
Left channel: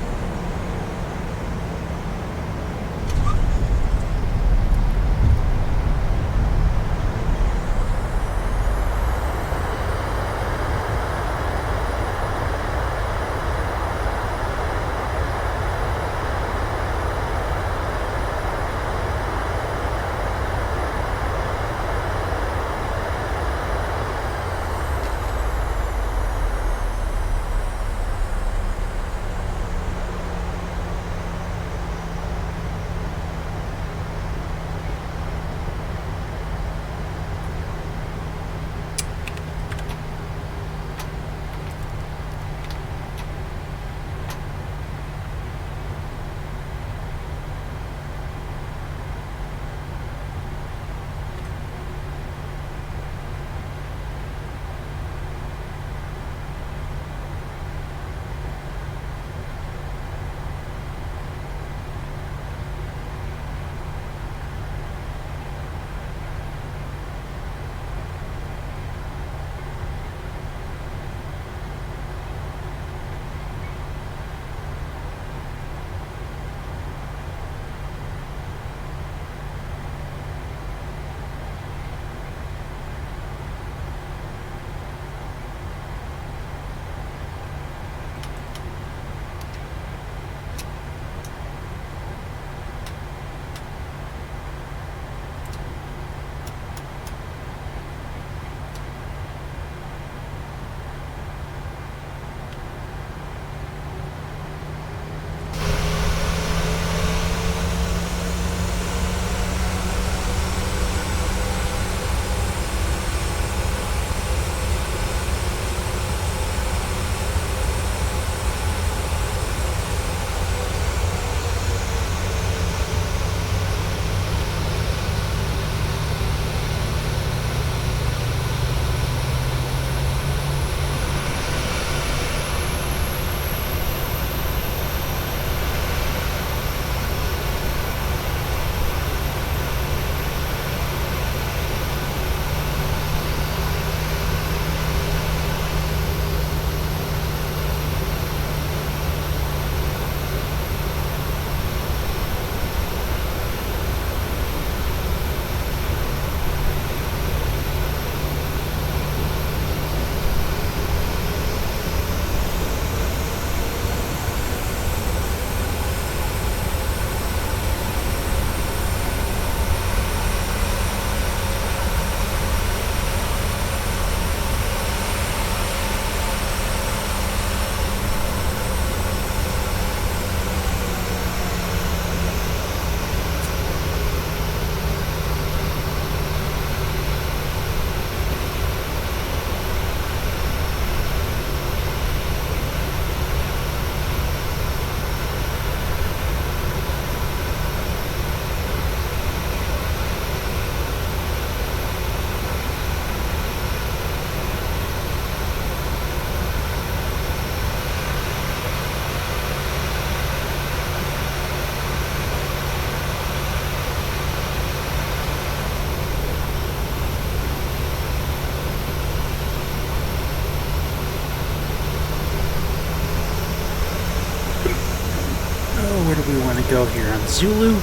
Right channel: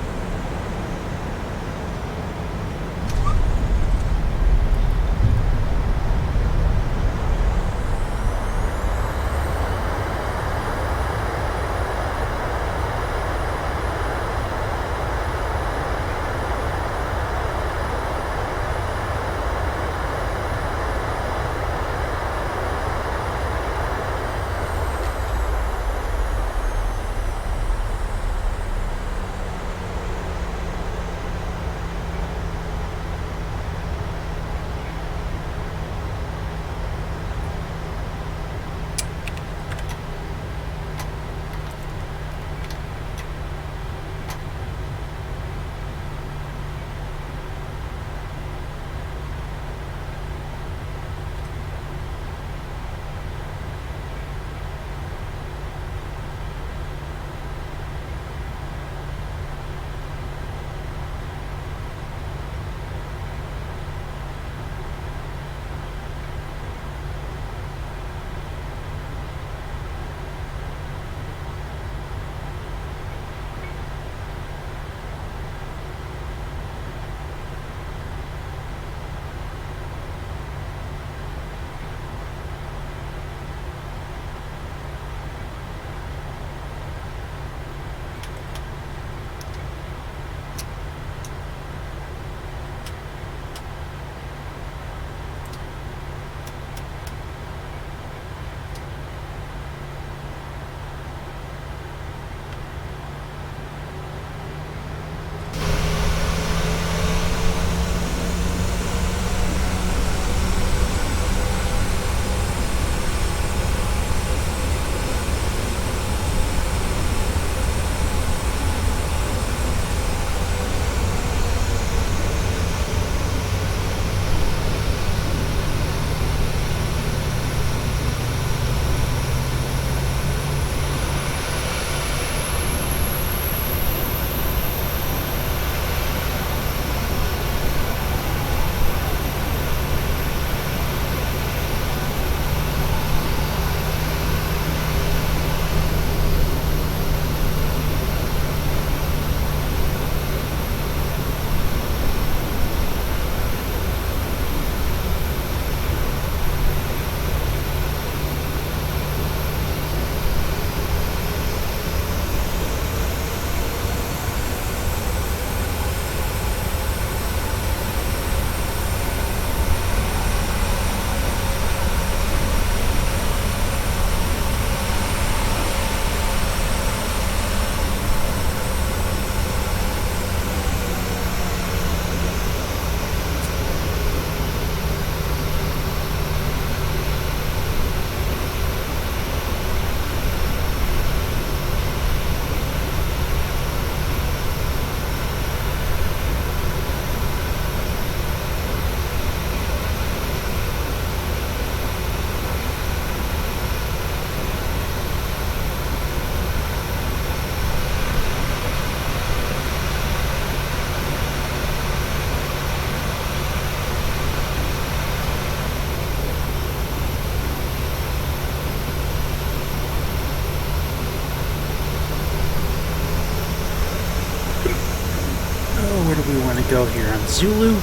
want to go here? On Zulu?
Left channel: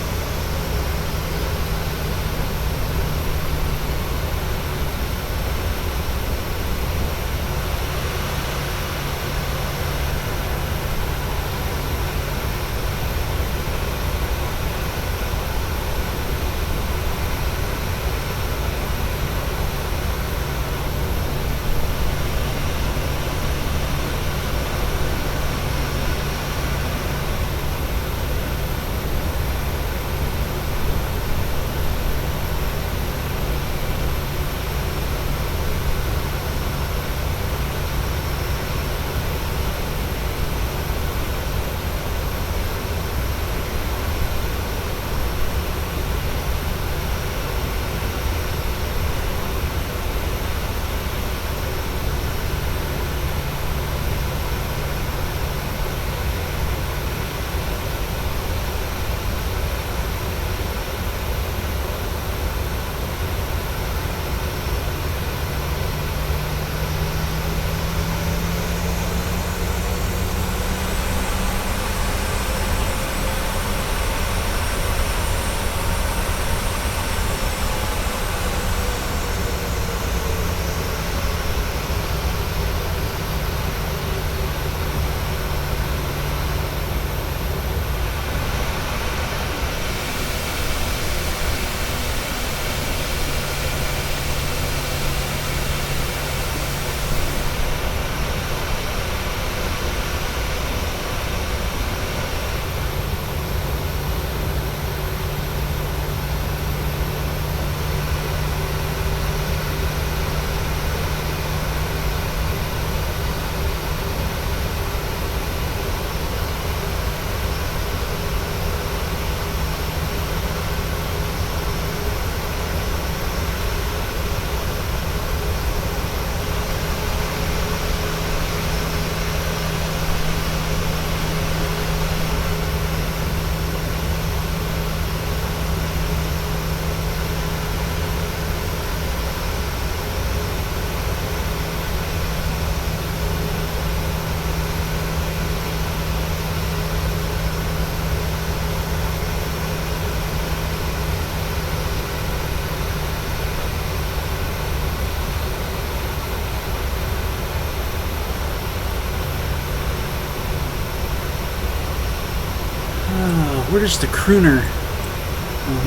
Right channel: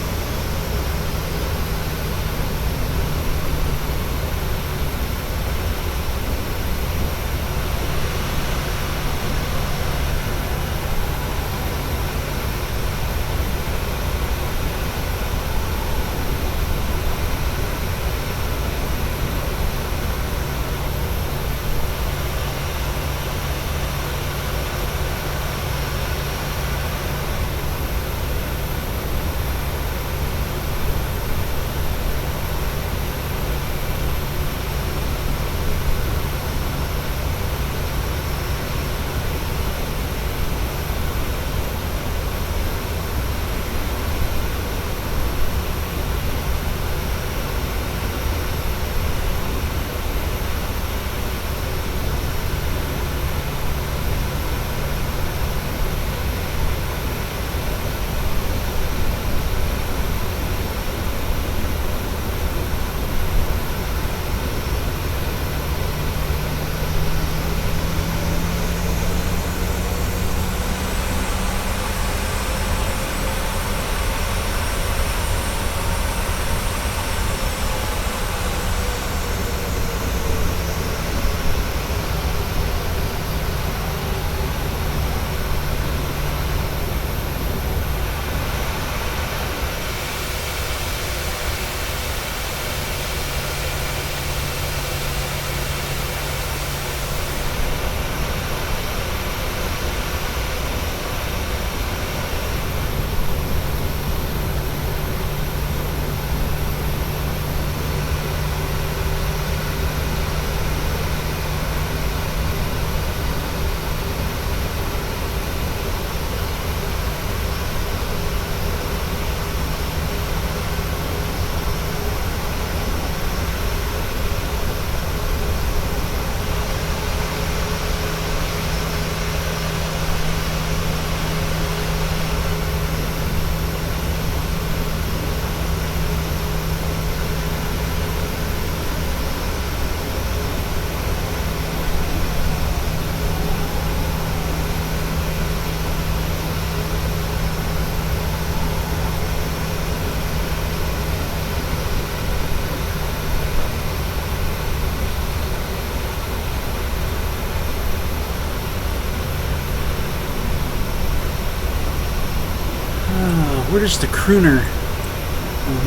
Where does the crooner?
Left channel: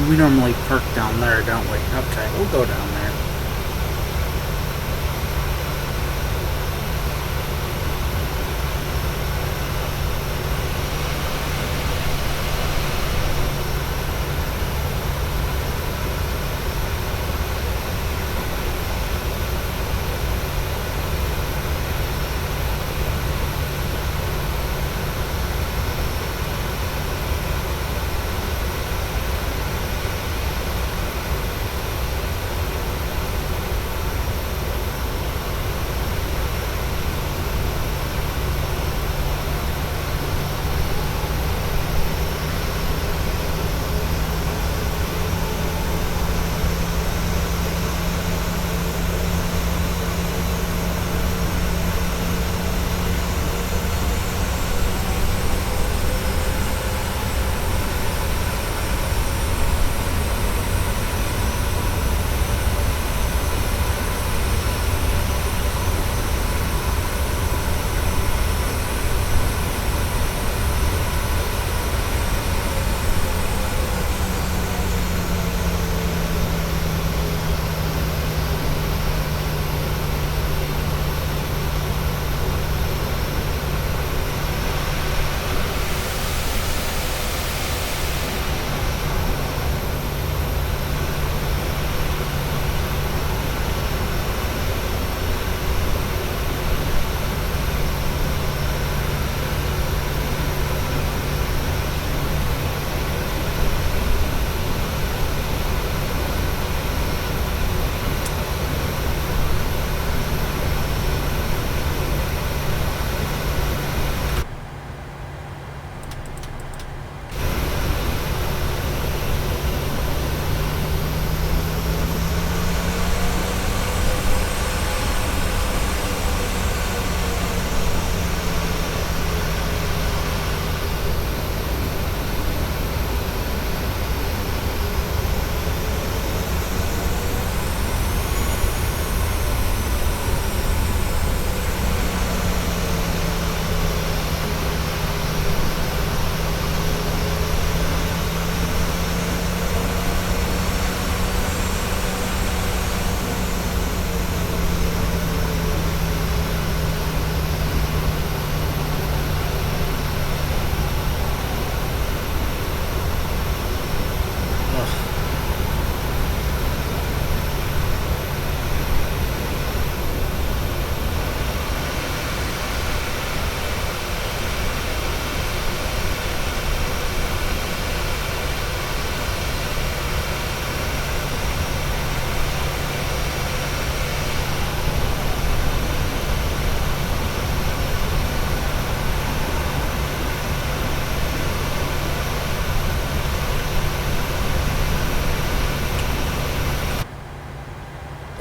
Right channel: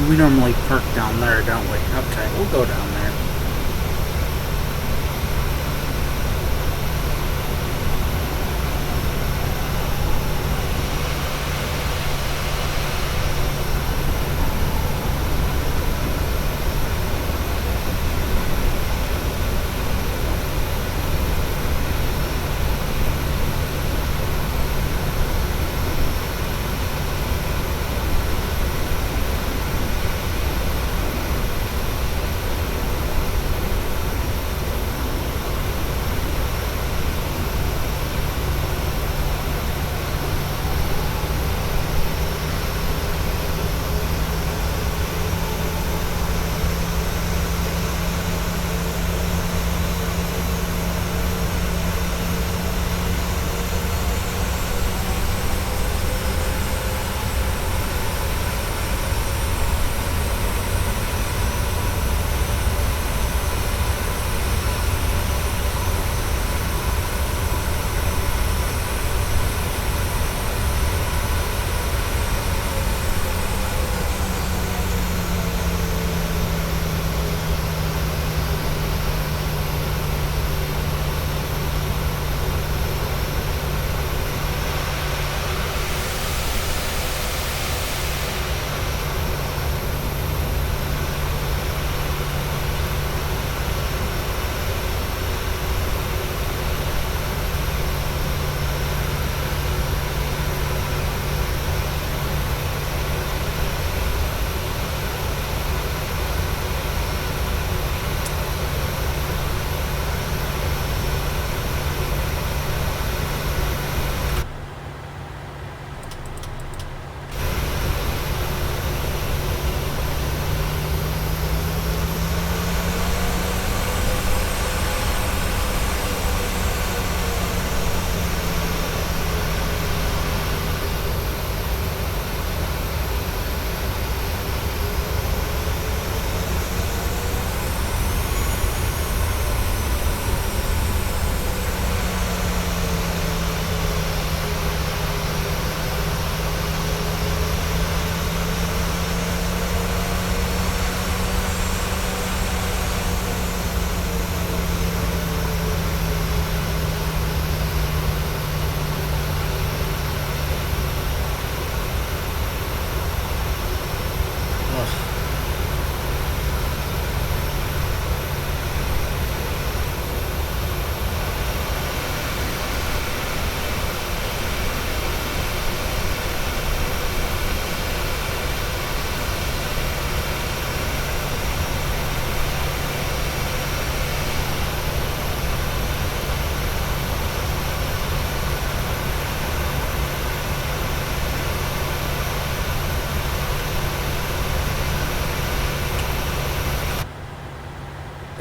We normally park down there, don't we? Okay, we'll go down there.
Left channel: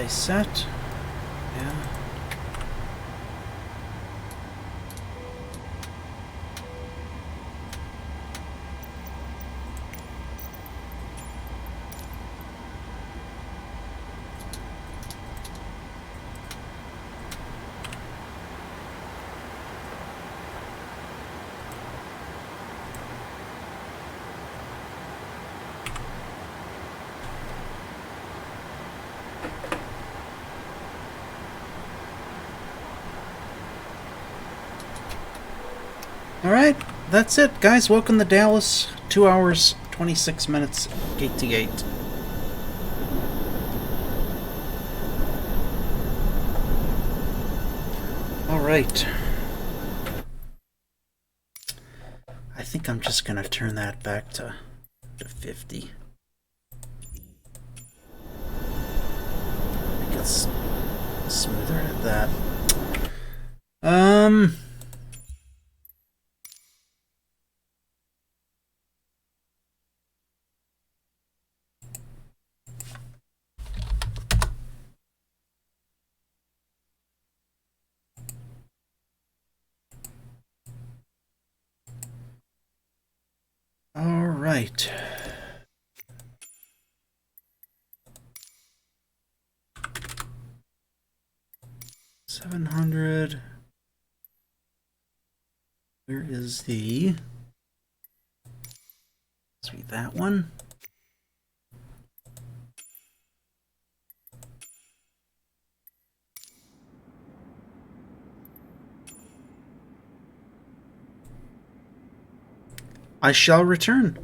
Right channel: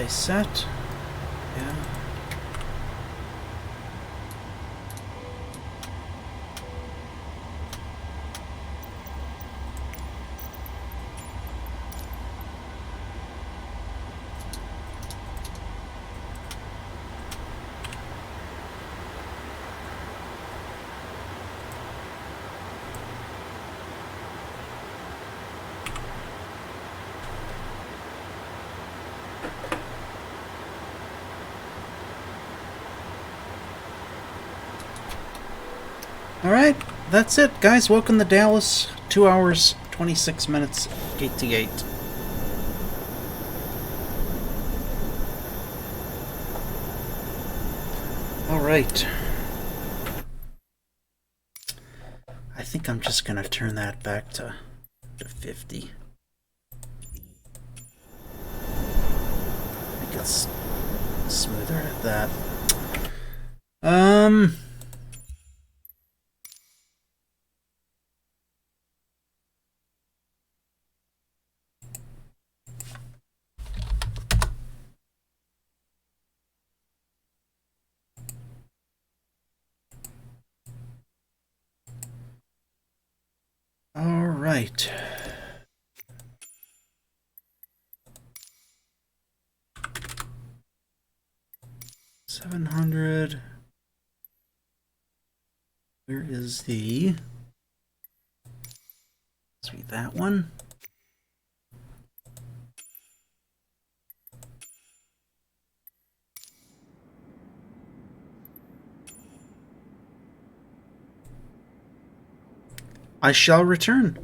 they set? Yeah. Alright, that's it, guys. Welcome to Dallas. 2 hours, 26 minutes, gate to gate. Alright. I think I'm just gonna turn that back to 50. Make it smoother at that. All right. $700. Where is the? Must be that one. I shall return.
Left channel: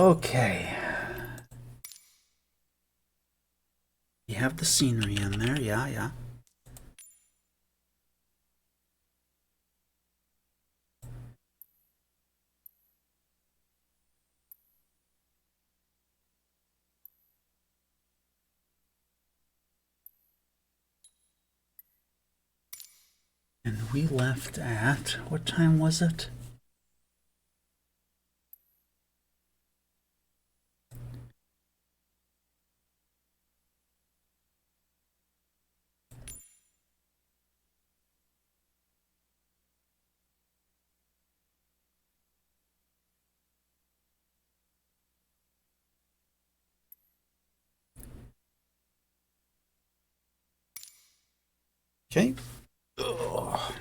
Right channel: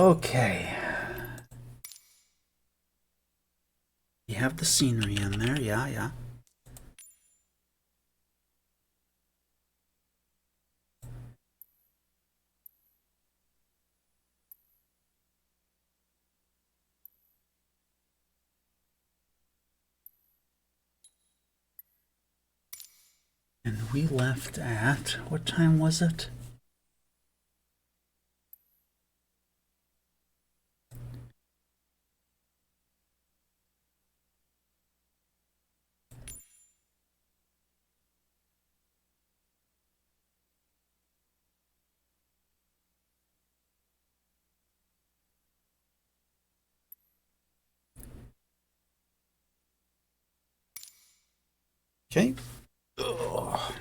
Okay. You have the scenery in there, yeah. And we left at, what time was it? Okay. Ugh.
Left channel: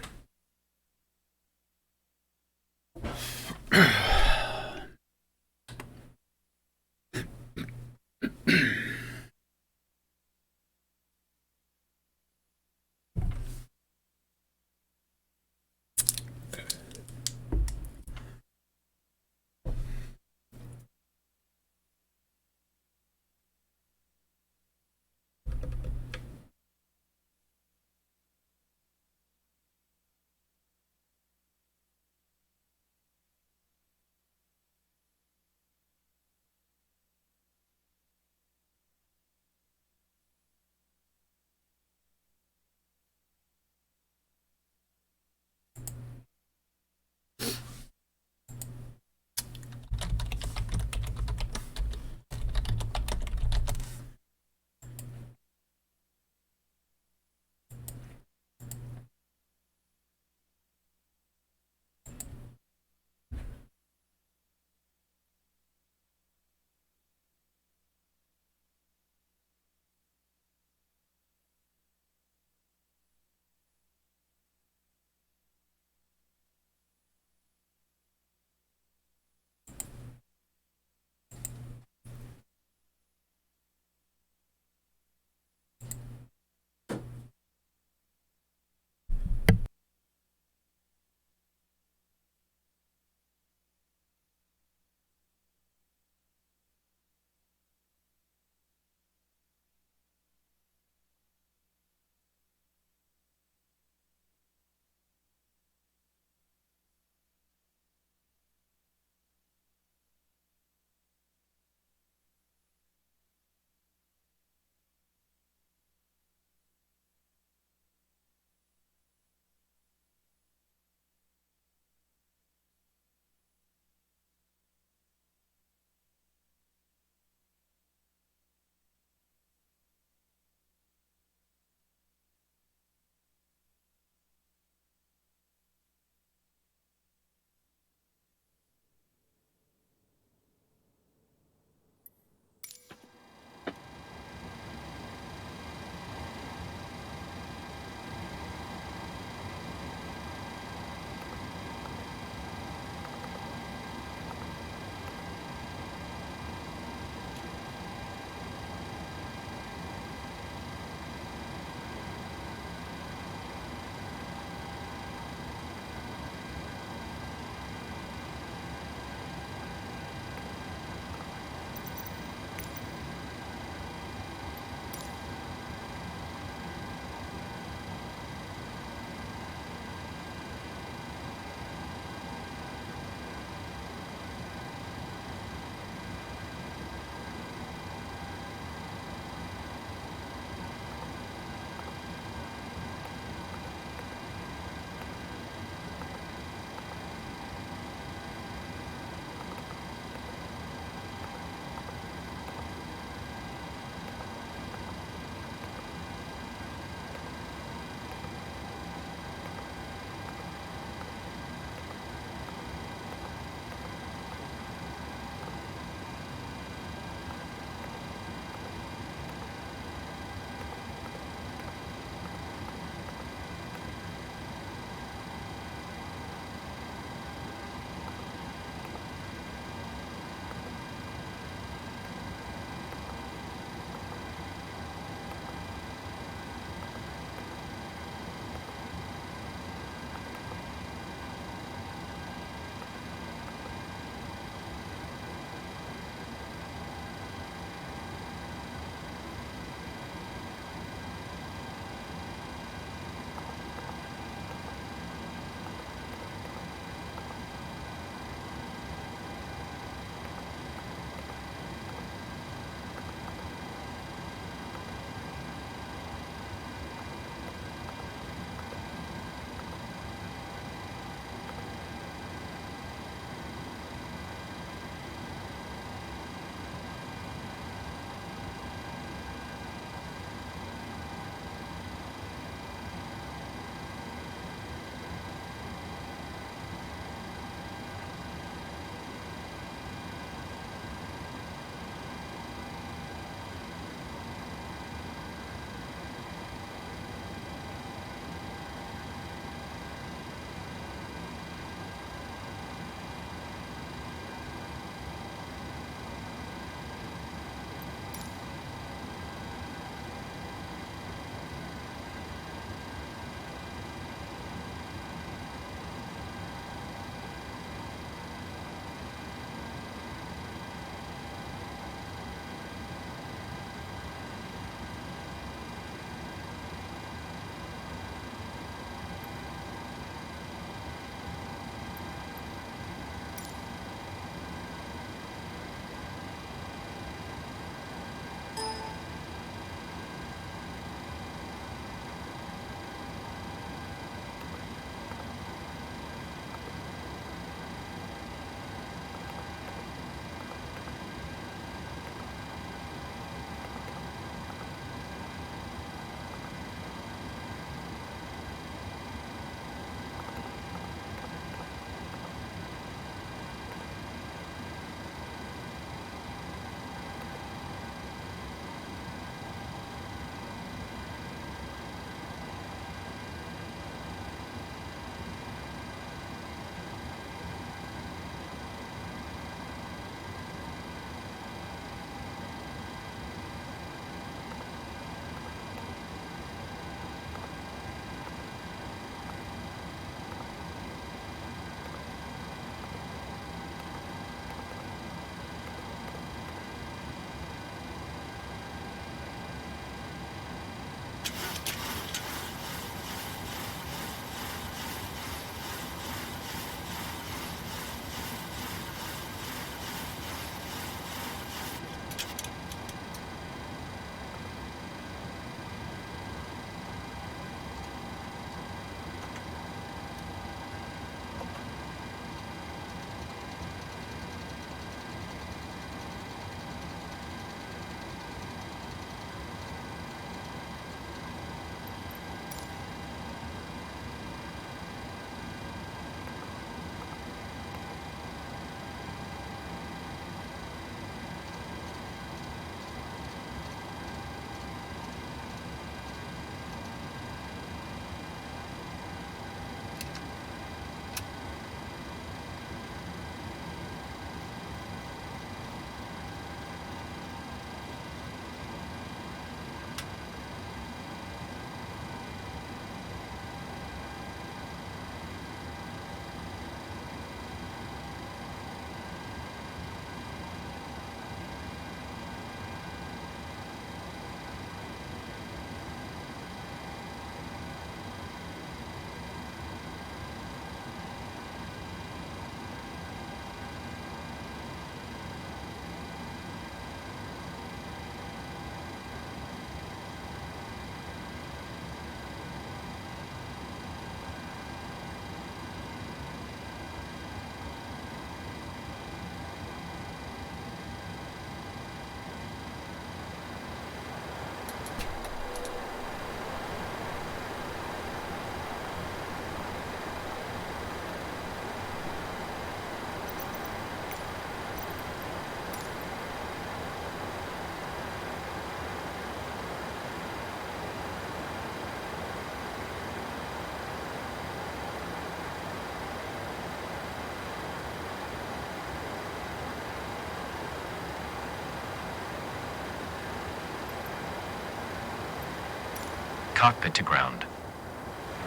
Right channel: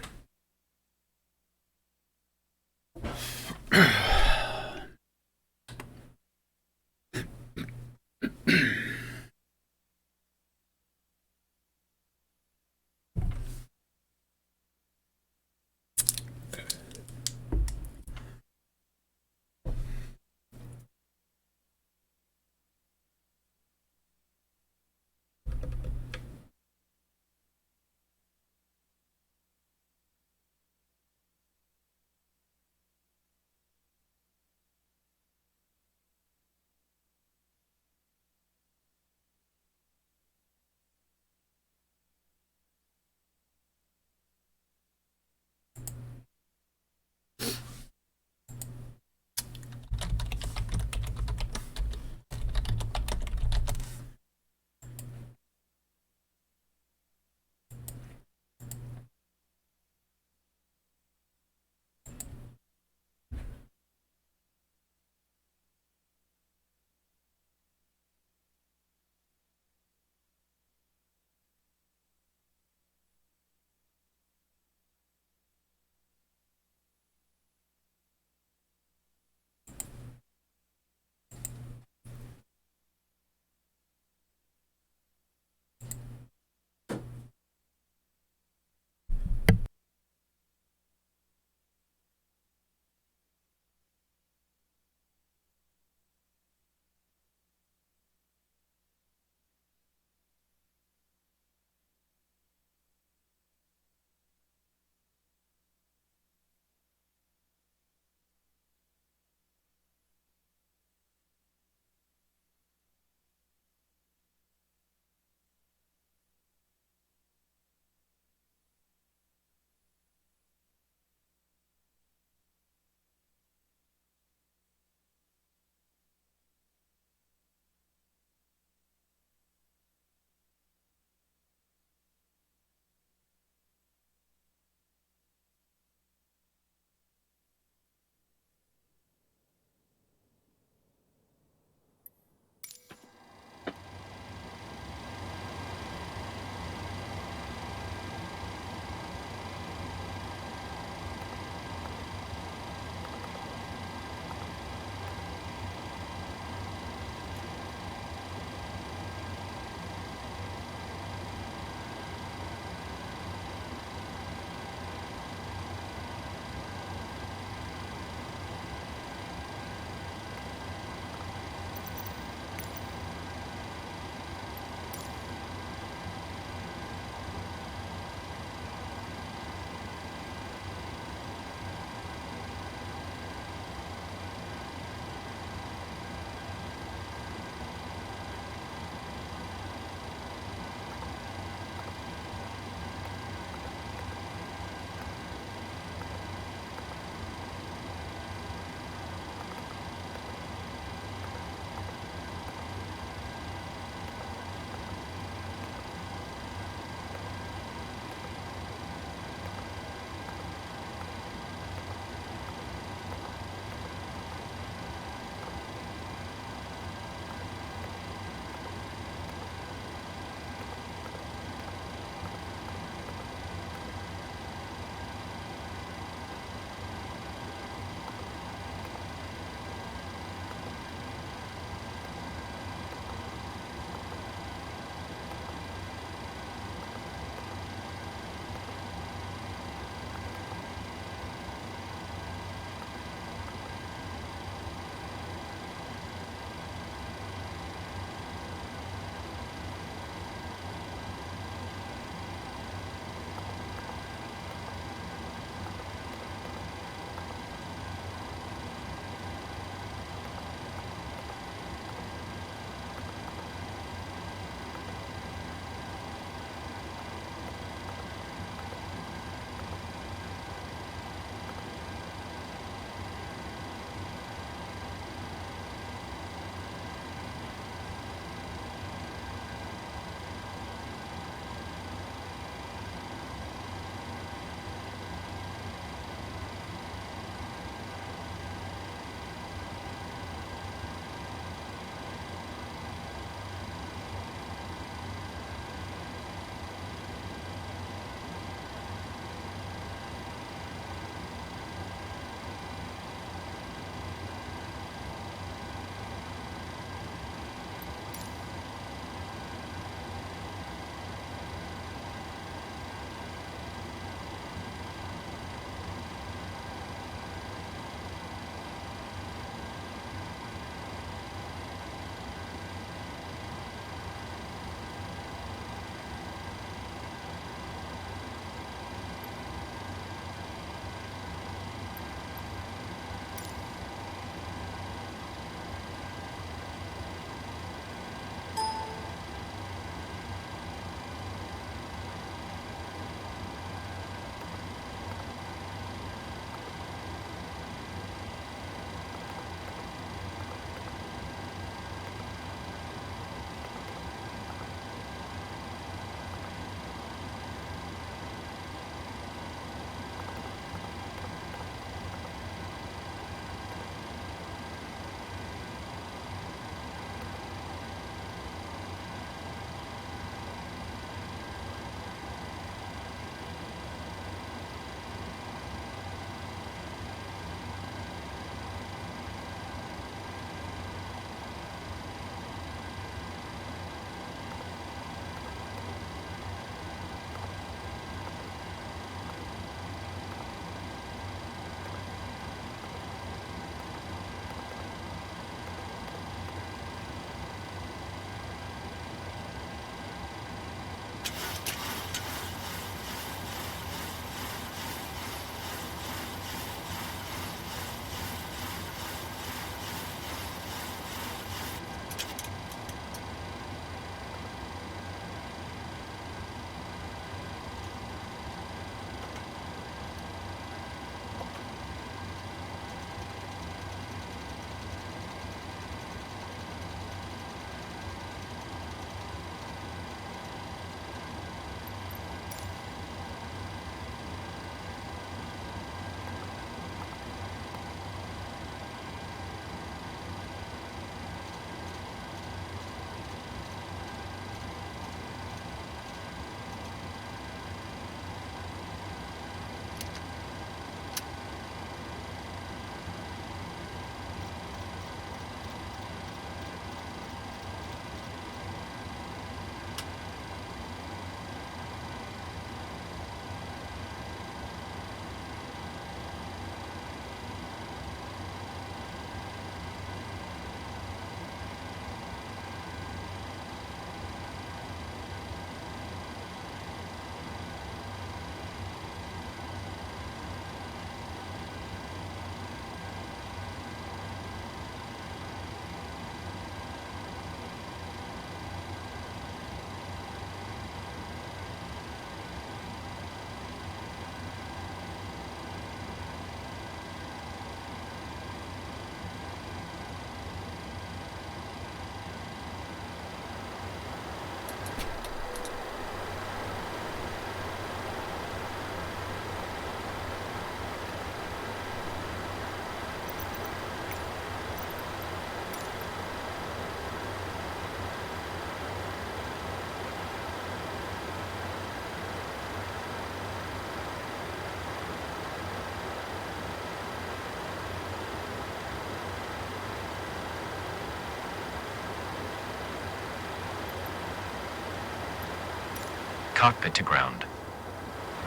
Cockpit to ground.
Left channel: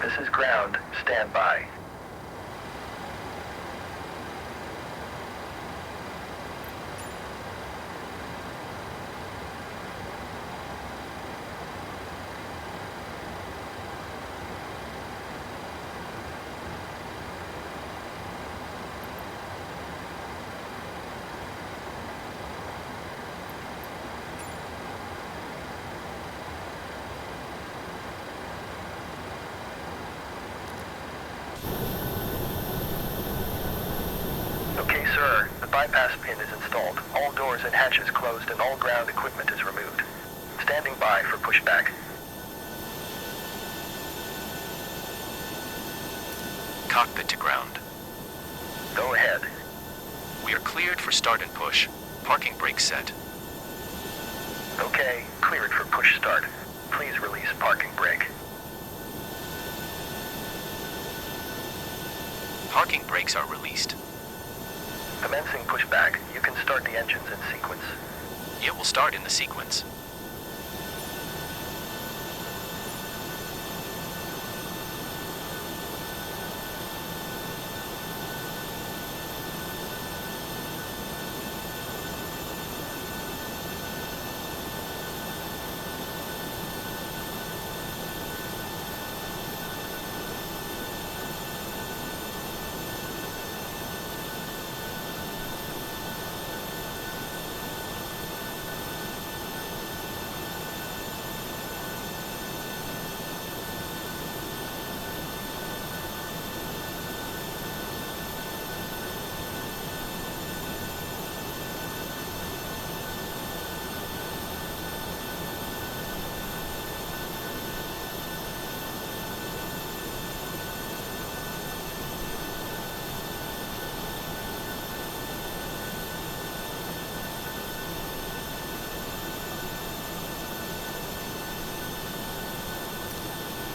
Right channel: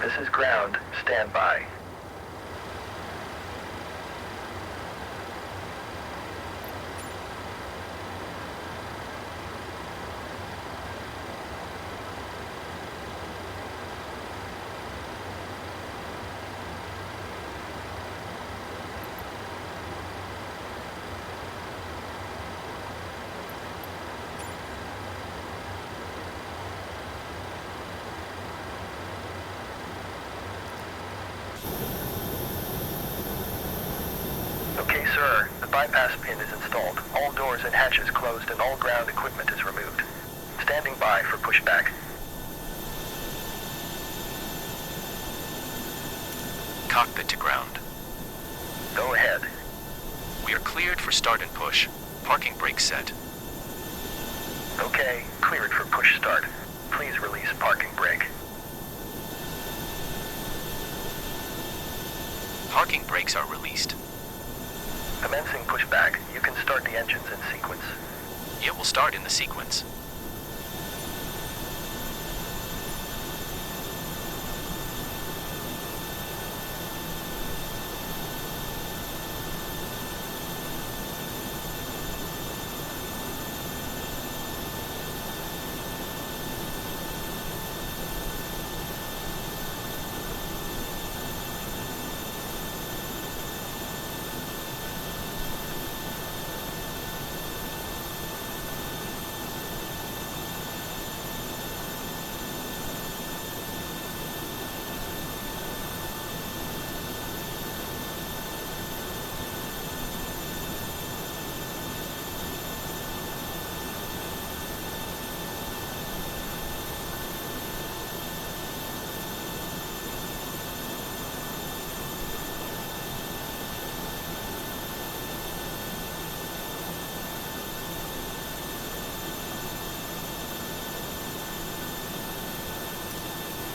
This is ground. Stand by. Okay, sir. The bypass pin is installed. All doors and hatches closed and all ground equipment is removed. Standing by for pushback. Cockpit to ground. Go ahead. We are cleared for start and push. Parking brake set. Okay, cleared for push start. Please release parking brake. Parking brakes are released. Commencing pushback. You can start the engines in sequence. It will start in the sequence.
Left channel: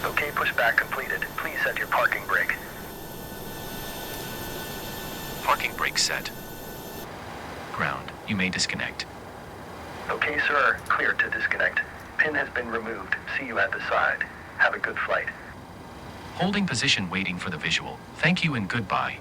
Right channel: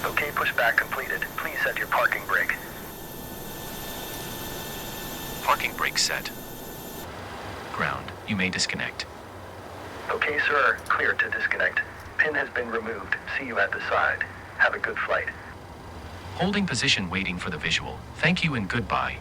Okay, pushback completed. Please set your parking brake. Parking brake set. Ground. You may disconnect. Okay, sir. Clear to disconnect. Pin has been removed. See you at the side. Have a good flight. Holding position waiting for the visual. Thank you and goodbye.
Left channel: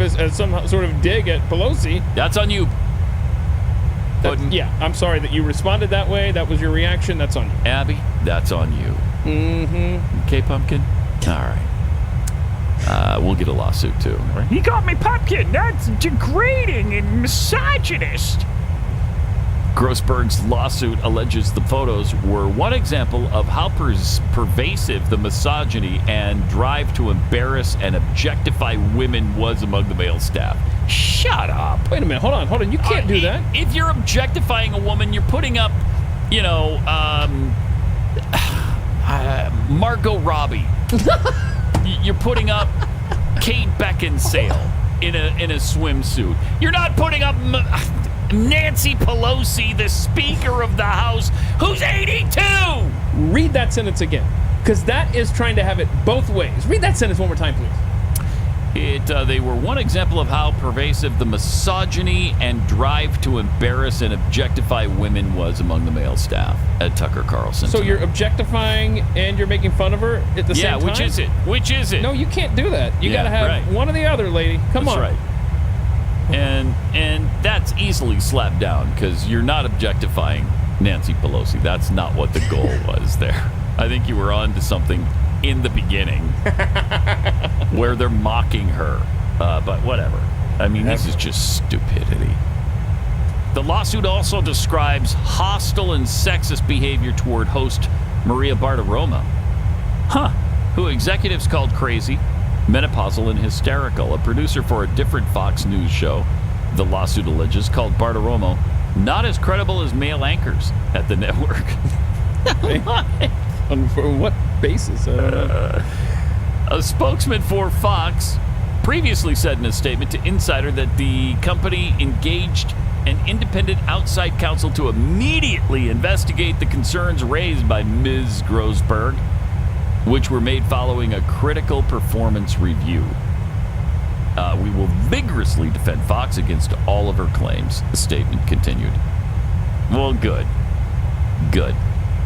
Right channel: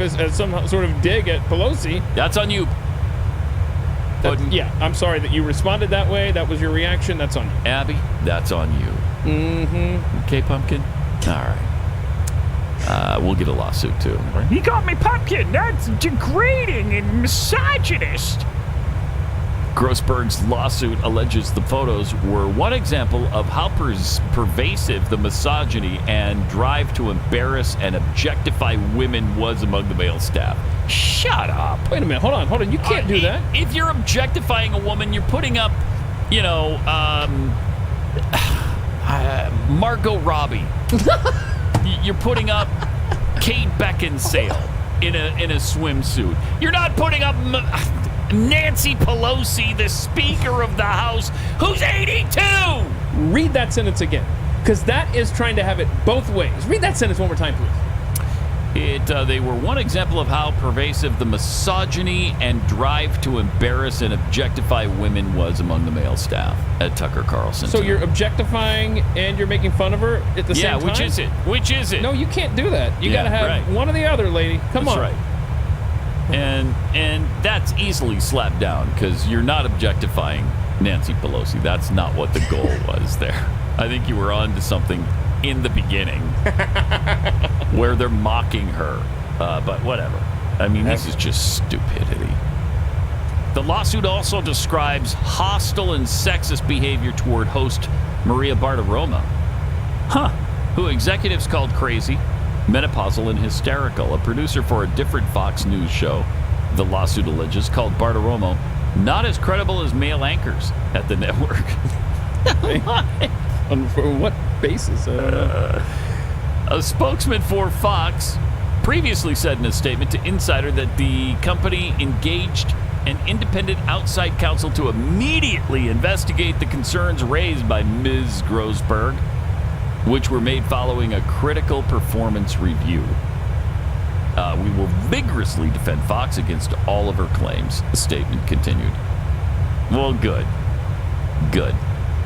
as some sort of dig at Pelosi. That's on you. Yeah, I'm sorry that you responded that way. That was your reaction. That's on you. Abby, that's on you. Mm-hmm. Okay, Pumpkin? All right. We'll get a lawsuit, too. He called me Pumpkin. That's degrading and misogynist. Grossberg's lawsuit alleges the photos were one example of how pervasive the misogyny and drive to embarrass and objectify women was among the male staff. Shut up. Wait a minute. Hold on. You can't do that. If you're objectifying a woman, you're putting up, Margot Robbie. You're putting up Kate Beckinsale in a swimsuit. You're not putting up Nancy Pelosi, the Speaker of the House, who's 82. Read that sentence again, because that is trying to have it both ways. Read that sentence one more time, please. They were one example of how pervasive the misogyny and drive to embarrass and objectify women was among the male staff at Tucker Carlson. So you're objectifying and you're making fun of her at the same time? Yeah, which is it? No, you can't do that. You got to have one or the other, lady. Come on. That's right. And that's easily slapped down because you're not objectifying Nancy Pelosi. That's not what the goal was there. I think you were on to something in the beginning where they're mocking her. But whatever. I mean, this is just stupidity. The lawsuit also describes hostile and sexist behavior toward host Maria Bartiromo, who executives called crazy, menopausal, and hysterical. A producer for a different Fox News show, the lawsuit alleges, called Bartiromo not as credible as male anchors at the network. On what basis? I don't know. A spokesman for Fox previously said in a statement to Insider that the company engaged an independent outside counsel to immediately investigate the concerns raised by Ms. Grossberg, which were made following a critical performance review. We will vigorously defend Fox against all of her claims, the statement continued. Well, good. Good.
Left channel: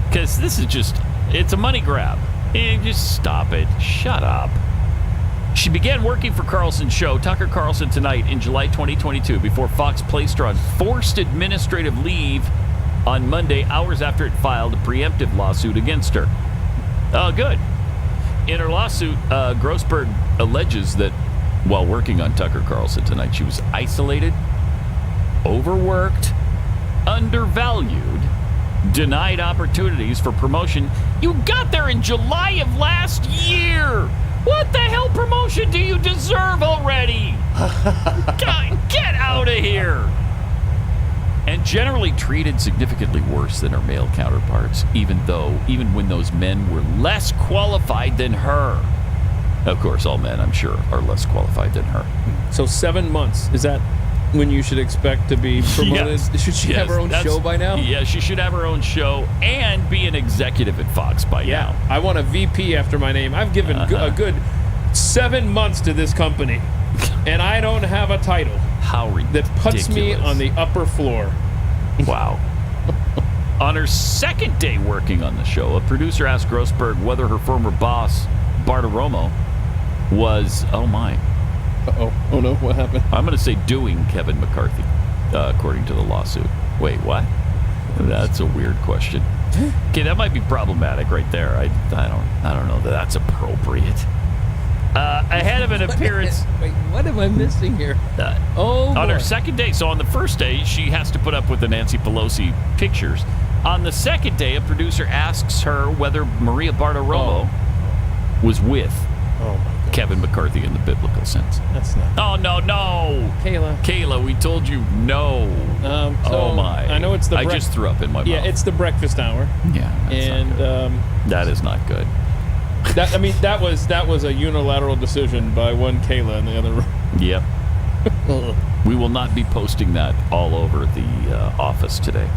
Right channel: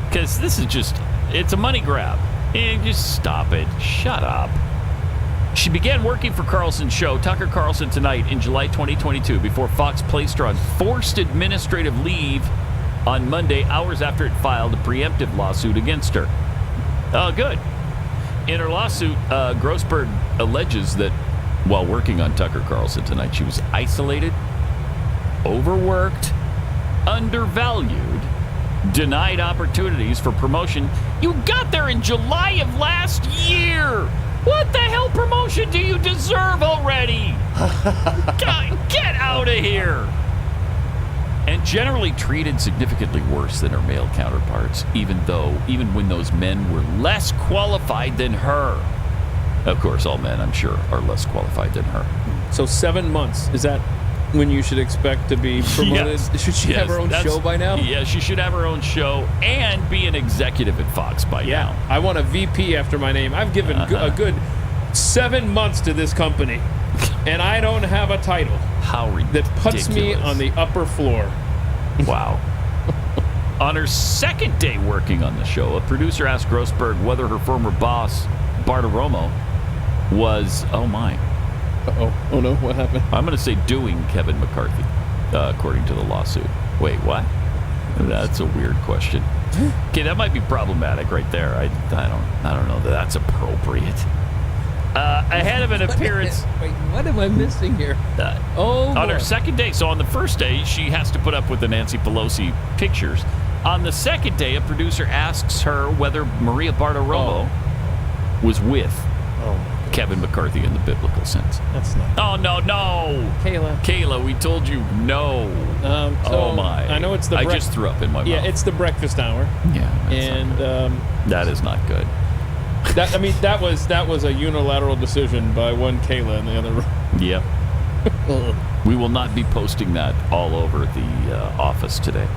Because this is just, it's a money grab. Just stop it. Shut up. She began working for Carlson's show, Tucker Carlson Tonight, in July 2022 before Fox placed her on forced administrative leave on Monday, hours after it filed a preemptive lawsuit against her. Good. In her lawsuit, Grossberg alleges that while working on Tucker Carlson Tonight, she was isolated, overworked, undervalued, denied opportunities for promotion. You got there in July of last year. What the hell promotion do you deserve already? Get out of here. And generally treated significantly worse than her male counterparts, even when those men were less qualified than her. Of course, all men, I'm sure, are less qualified than her. So 7 months, is that when you should expect to be promoted? Yes. Should she have her own show by now? Yeah, she should have her own show and be an executive at Fox by now. I want a VP after my name. I've given a good 7 months to this company, and I don't have a title. How ridiculous. That puts me on the upper floor. Wow. On her second day working on the show, a producer asked Grossberg whether her former boss, Bartiromo, was, oh my. Uh-oh. Oh no, what happened? I'm going to say doing Kevin McCarthy, according to the lawsuit. Wait, what? That's a weird question. Okay, that might be problematic right there. I don't know that that's appropriate. Ahead of an appearance... Wait, what am I missing here? On her second day, so on the first day, she has to put up with the Nancy Pelosi pictures. On the second day, a producer asks her whether Maria Bartiromo was with Kevin McCarthy in the biblical sense. That's not. Oh, no. Kayla, we told you no. Oh, my. I know it's the... I just threw up in my mouth. Yeah, it's the breakfast hour. Yeah. That is not good. That was a unilateral decision by one Kayla in the other room. Yep. We will not be posting that all over the office today.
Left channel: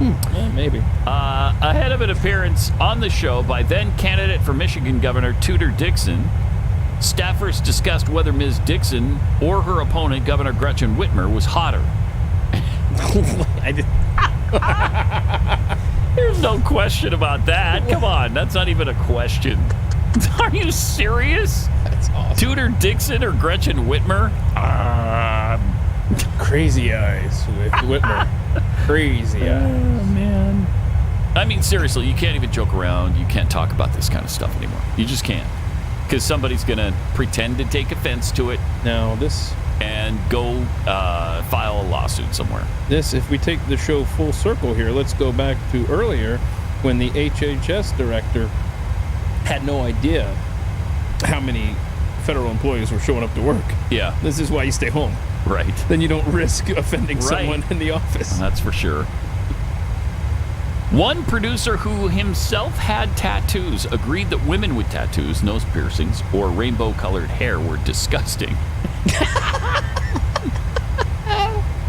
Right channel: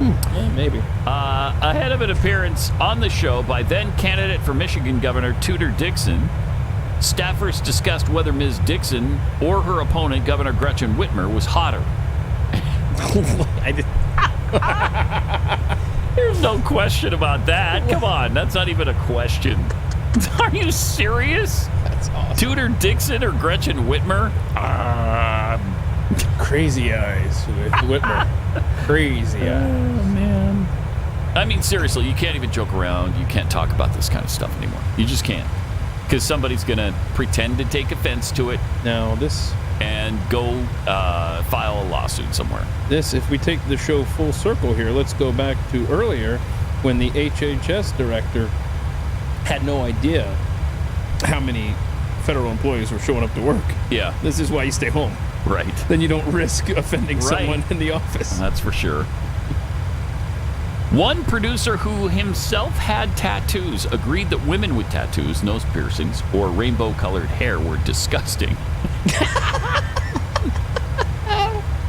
Yeah, maybe. Ahead of an appearance on the show by then candidate for Michigan Governor Tudor Dixon, staffers discussed whether Ms. Dixon or her opponent, Governor Gretchen Whitmer, was hotter. There's no question about that. Come on, that's not even a question. Are you serious? That's awesome. Tudor Dixon or Gretchen Whitmer? Crazy Eyes with Whitmer. Crazy Eyes. Oh, man. I mean, seriously, you can't even joke around. You can't talk about this kind of stuff anymore. You just can't. Because somebody's going to pretend to take offense to it. Now, this... And go file a lawsuit somewhere. If we take the show full circle here, let's go back to earlier when the HHS director had no idea how many federal employees were showing up to work. Yeah. This is why you stay home. Right. Then you don't risk offending someone in the office. That's for sure. One producer who himself had tattoos agreed that women with tattoos, nose piercings, or rainbow-colored hair were disgusting.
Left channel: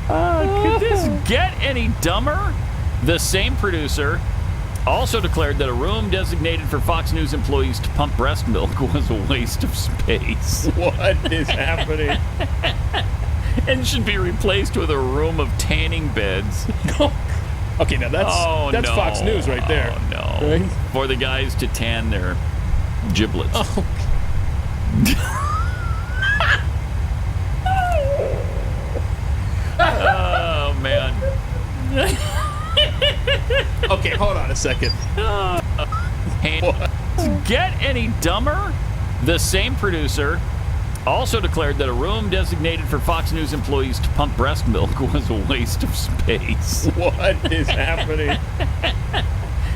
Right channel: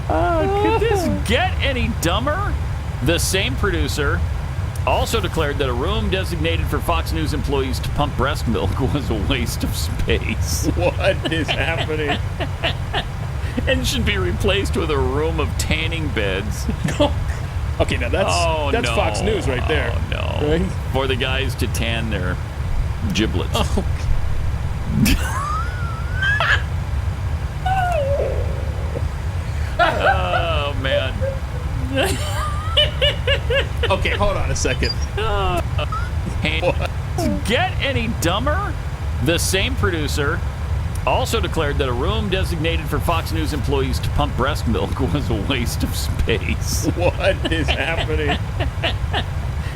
Could this get any dumber? The same producer also declared that a room designated for Fox News employees to pump breast milk was a waste of space. What is happening? And should be replaced with a room of tanning beds. Okay, now that's Fox News right there. Oh, no. Right? For the guys to tan their giblets. Oh, oh man. Okay, hold on a second. Get any dumber? The same producer also declared that a room designated for Fox News employees to pump breast milk was a waste of space. What is happening?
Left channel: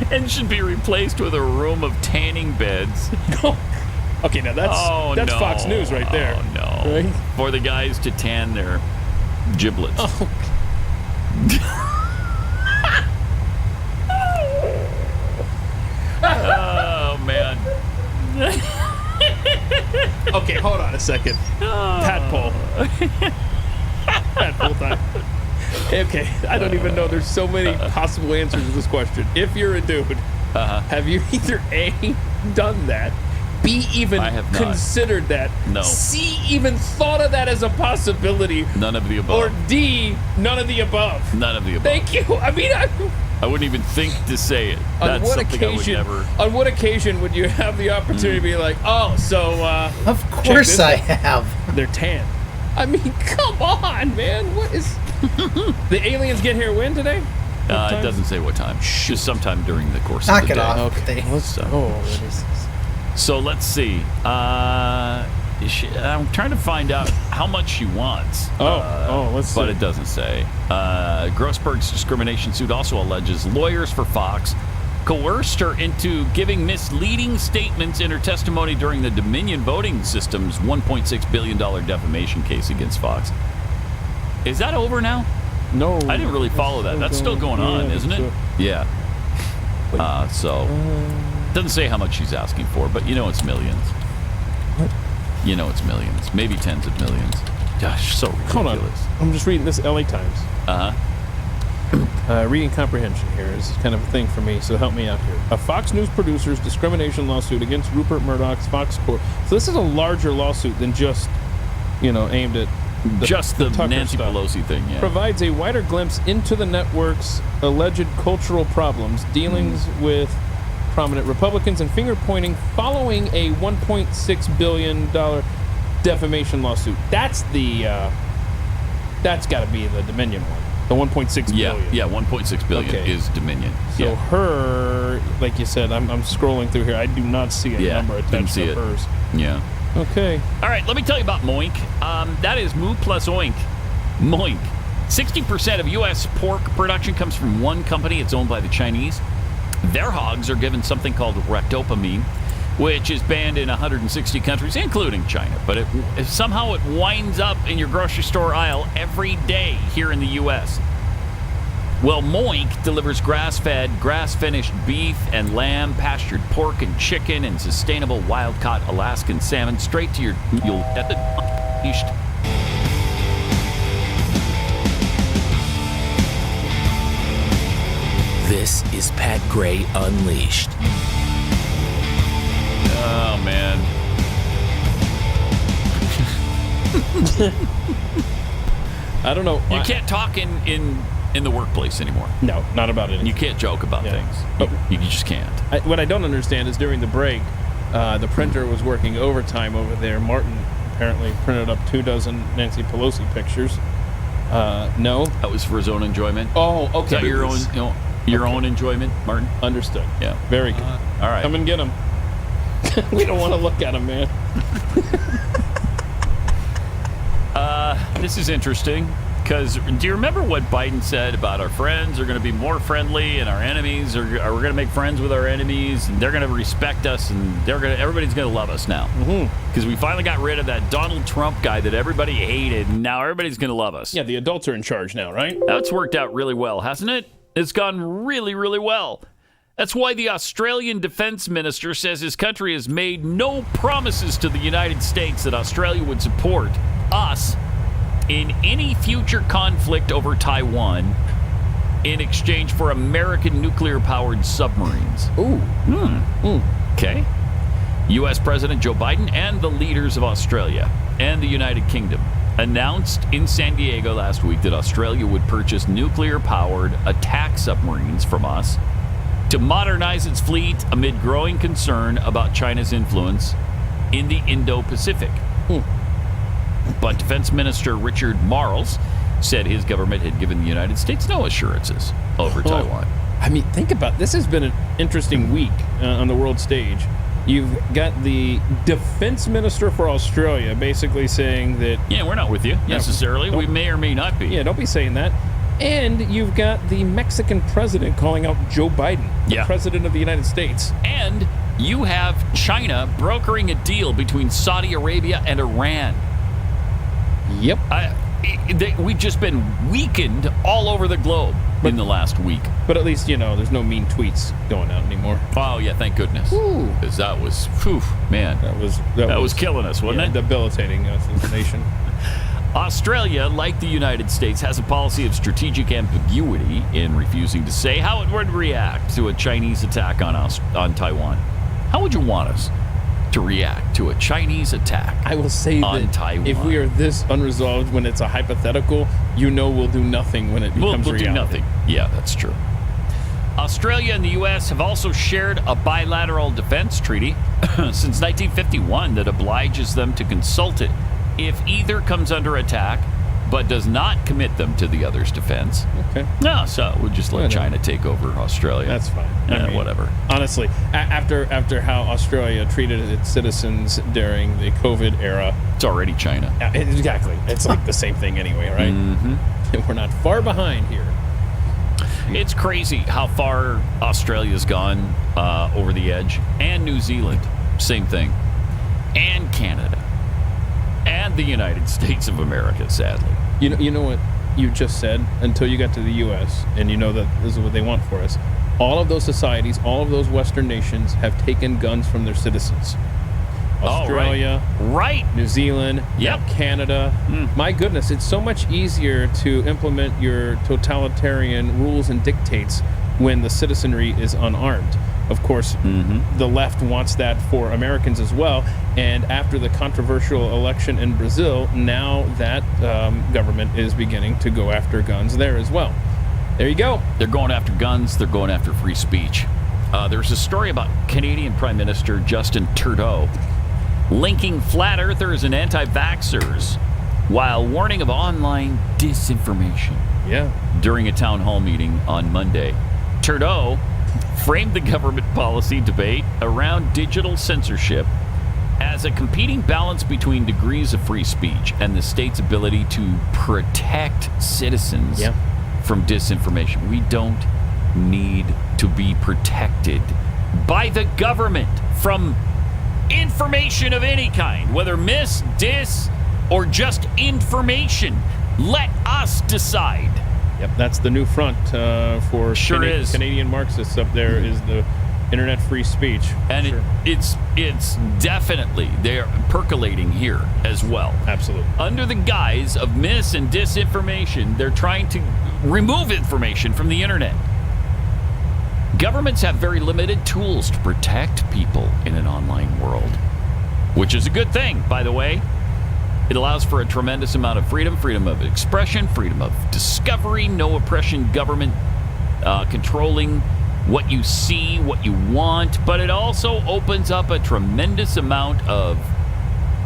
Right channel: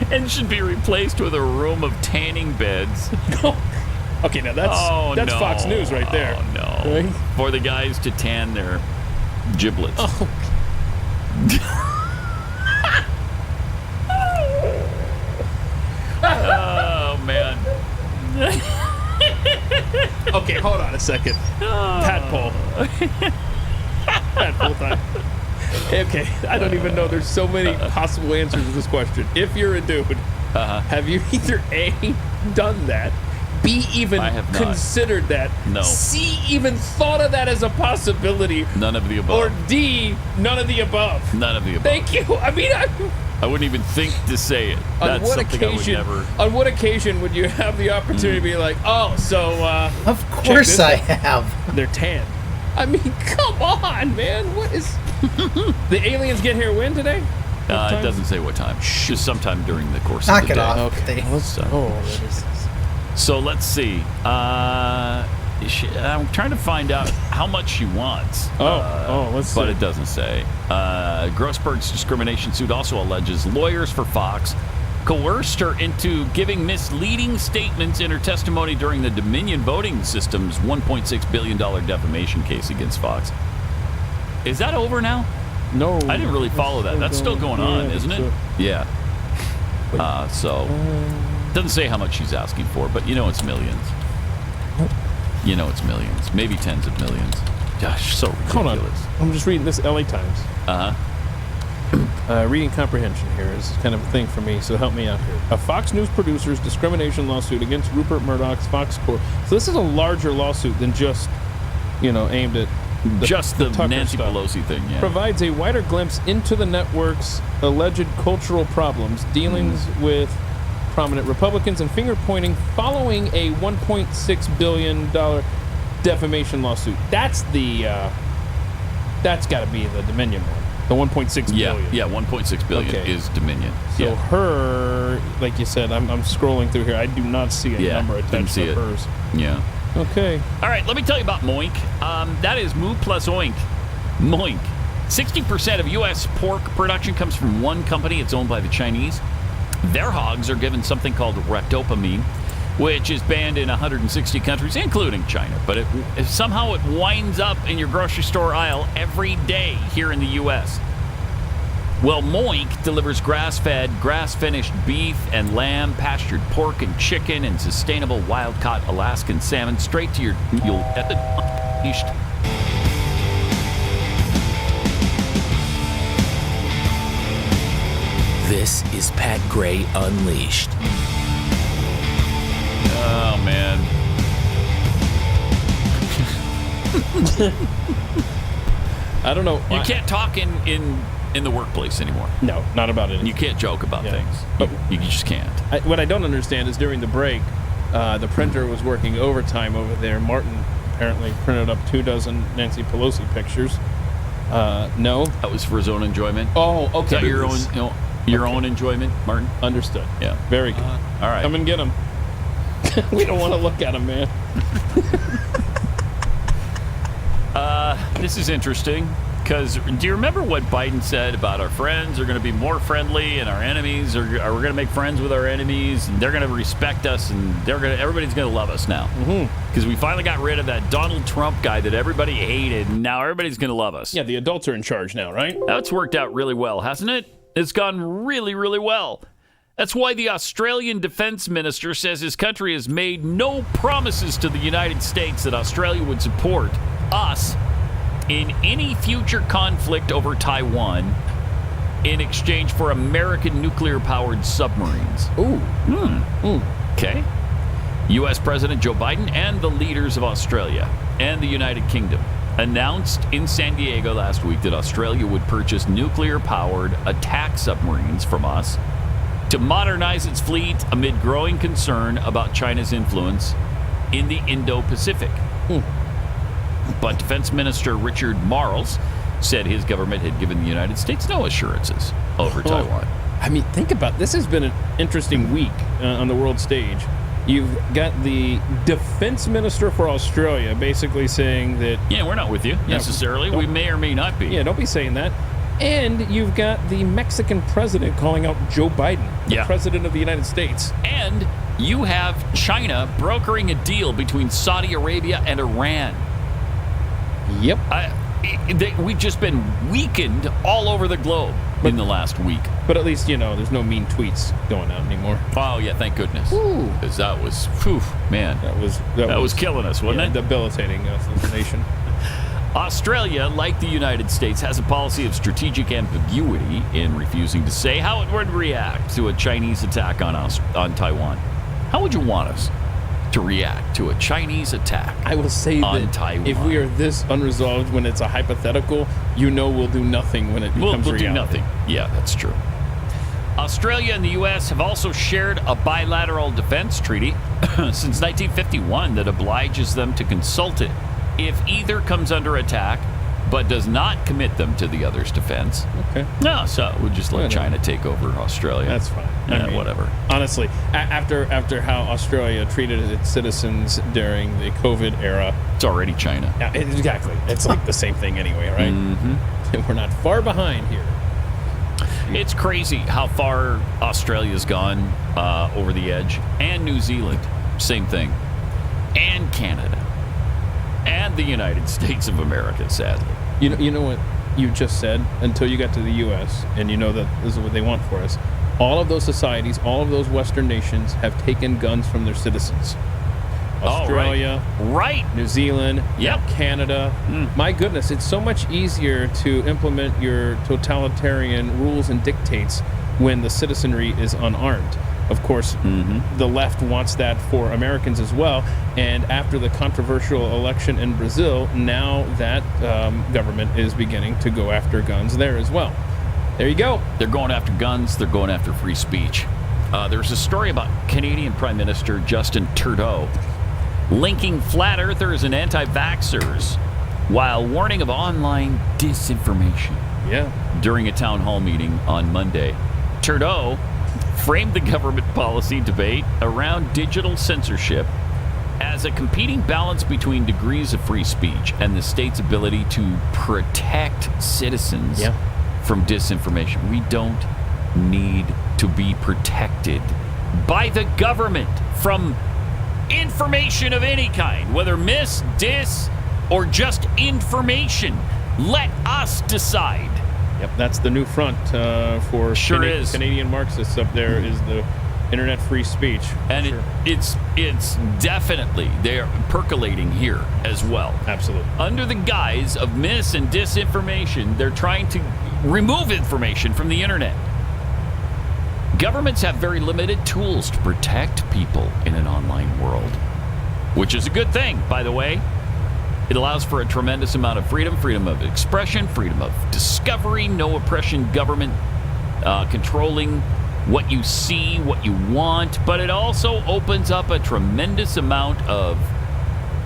And should be replaced with a room of tanning beds. Okay, now that's Fox News right there. Oh, no. Right? For the guys to tan their giblets. Oh. Oh, man. Okay, hold on a second. Tadpole. Tadpole time. Okay, I don't even know. There's so many possible answers to this question. If you're a dude, have you either A, done that, B, even considered that, No. C, even thought of that as a possibility, None of the above. or D, none of the above? None of the above. Thank you. I mean, I wouldn't even think to say it. on what occasion would you have the opportunity to be like, oh, so of course I have. They're tan. I mean, come on, man. What is the aliens get here when today? It doesn't say what time. Just sometime during the course Knock of the it day. off. Okay. So let's see. I'm trying to find out how much she wants. Let's see. But it doesn't say. Grossberg's discrimination suit also alleges lawyers for Fox coerced her into giving misleading statements in her testimony during the Dominion voting system's $1.6 billion defamation case against Fox. Is that over now? No. I didn't really follow that. That's still going on, isn't it? Yeah. Doesn't say how much she's asking for, but you know it's millions. You know it's millions. Maybe tens of millions. Gosh, so ridiculous. Hold on. I'm just reading this LA Times. Reading comprehension here is kind of a thing for me, so help me out here. A Fox News producer's discrimination lawsuit against Rupert Murdoch's Fox Corp. So this is a larger lawsuit than just, aimed at the Tucker Nancy stuff. Pelosi thing, yeah. Provides a wider glimpse into the network's alleged cultural problems, dealings with prominent Republicans, and finger-pointing following a $1.6 billion defamation lawsuit. That's got to be the Dominion one. The 1.6 billion. Yeah, 1.6 billion is Dominion. So her, like you said, I'm scrolling through here. I do not see a number attached to hers. Yeah. Okay. All right, let me tell you about Moink. That is Moo plus Oink. Moink. 60% of U.S. pork production comes from one company. It's owned by the Chinese. Their hogs are given something called ractopamine, which is banned in 160 countries, including China. But somehow it winds up in your grocery store aisle every day here in the U.S. Well, Moink delivers grass-fed, grass-finished beef and lamb, pastured pork and chicken, and sustainable wild-caught Alaskan salmon straight to you'll get the This is Pat Gray Unleashed. Oh, man. I don't know. You can't talk in the workplace anymore. No, not about it. You can't joke about things. You just can't. What I don't understand is during the break, The printer was working overtime over there. Martin apparently printed up 24 Nancy Pelosi pictures. No, that was for his own enjoyment. Oh, okay. Is that your own enjoyment, Martin? Understood. Yeah, very good. All right, come and get him. We don't want to look at him, man. This is interesting because do you remember what Biden said about our friends are going to be more friendly and our enemies are we're going to make friends with our enemies and they're going to respect us and everybody's going to love us now because we finally got rid of that Donald Trump guy that everybody hated and now everybody's going to love us. Yeah, the adults are in charge now, right? That's worked out really well, hasn't it? It's gone really, really well. That's why the Australian defense minister says his country has made no promises to the United States that Australia would support us in any future conflict over Taiwan in exchange for American nuclear-powered submarines. Ooh. Okay. U.S. President Joe Biden and the leaders of Australia and the United Kingdom announced in San Diego last week that Australia would purchase nuclear-powered attack submarines from us to modernize its fleet amid growing concern about China's influence in the Indo-Pacific. But Defense Minister Richard Marles said his government had given the United States no assurances over Taiwan. I mean, think about this. Has been an interesting week on the world stage. You've got the defense minister for Australia basically saying that... Yeah, we're not with you necessarily. We may or may not be. Yeah, don't be saying that. And you've got the Mexican president calling out Joe Biden, the president of the United States. And you have China brokering a deal between Saudi Arabia and Iran. Yep. We've just been weakened all over the globe in the last week. But at least, there's no mean tweets going out anymore. Oh, yeah, thank goodness. Because that was, man. That was killing us, wasn't it? Debilitating us as a nation. Australia, like the United States, has a policy of strategic ambiguity in refusing to say how it would react to a Chinese attack on Taiwan. How would you want us to react to a Chinese attack I will say on that Taiwan? If we are this unresolved when it's a hypothetical, we'll do nothing when it becomes we'll reality. Do nothing. Yeah, that's true. Australia and the U.S. have also shared a bilateral defense treaty since 1951 that obliges them to consult it if either comes under attack but does not commit them to the other's defense. Okay. No, so we'll just let China take over Australia. That's fine. Whatever. Honestly, after how Australia treated its citizens during the COVID era, it's already China. Exactly. It's like the same thing anyway, right? Mm-hmm. We're not far behind here. It's crazy how far Australia's gone over the edge, and New Zealand, same thing, and Canada. And the United States of America, sadly. You know what you just said until you got to the U.S. and you know that this is what they want for us. All of those societies, all of those Western nations have taken guns from their citizens. Australia, right. New Zealand, Canada. My goodness, it's so much easier to implement your totalitarian rules and dictates when the citizenry is unarmed. Of course, the left wants that for Americans as well. And after the controversial election in Brazil, now that government is beginning to go after guns there as well. There you go. They're going after guns. They're going after free speech. There's a story about Canadian Prime Minister Justin Trudeau linking flat earthers and anti-vaxxers while warning of online disinformation. Yeah. During a town hall meeting on Monday, Trudeau framed the government policy debate around digital censorship as a competing balance between degrees of free speech and the state's ability to protect citizens from disinformation. We don't need to be protected by the government from information of any kind, whether mis, dis, or just information. Let us decide. Yep, that's the new front for Canadian Marxists up there is the internet free speech. And it's definitely, they're percolating here as well. Absolutely. Under the guise of mis and disinformation, they're trying to remove information from the internet. Governments have very limited tools to protect people in an online world, which is a good thing, by the way. It allows for a tremendous amount of freedom of expression, freedom of discovery, no oppression, government controlling what you see, what you want, but it also opens up a tremendous amount of,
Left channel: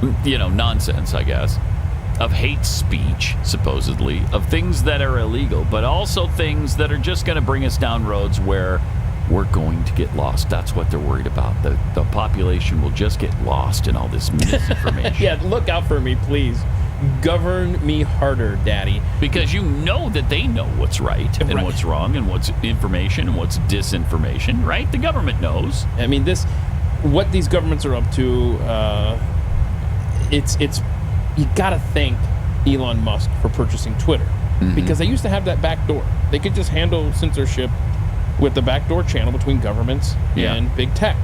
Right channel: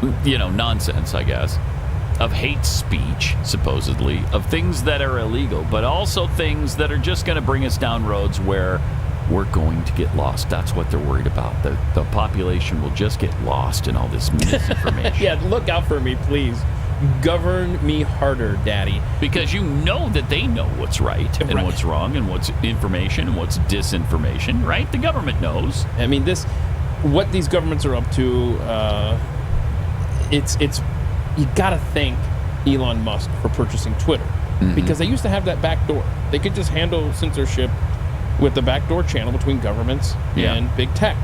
nonsense, I guess, of hate speech, supposedly, of things that are illegal, but also things that are just going to bring us down roads where we're going to get lost. That's what they're worried about. The population will just get lost in all this misinformation. Yeah, look out for me, please. Govern me harder, Daddy. Because you know that they know what's right and what's wrong and what's information and what's disinformation, right? The government knows. I mean, what these governments are up to, it's you gotta thank Elon Musk for purchasing Twitter. Because they used to have that back door. They could just handle censorship with the backdoor channel between governments and big tech.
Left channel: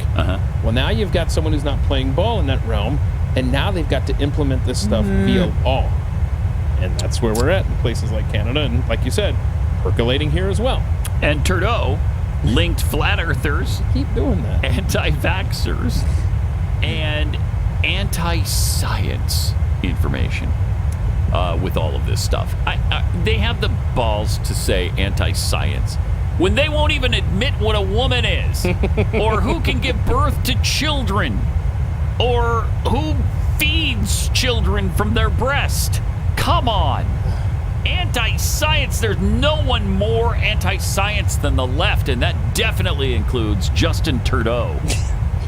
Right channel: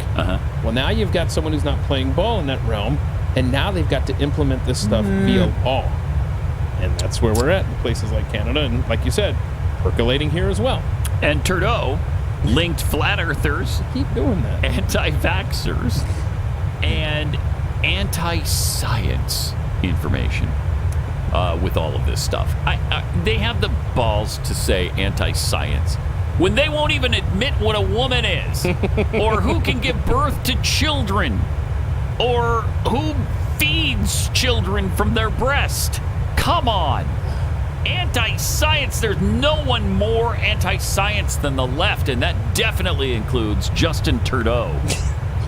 Well, now you've got someone who's not playing ball in that realm, and now they've got to implement this stuff via law. And that's where we're at in places like Canada, and like you said, percolating here as well. And Trudeau linked flat earthers, keep doing that, anti-vaxxers, and anti-science information with all of this stuff. They have the balls to say anti-science when they won't even admit what a woman is, or who can give birth to children, or who feeds children from their breast. Come on. Anti-science, there's no one more anti-science than the left, and that definitely includes Justin Trudeau.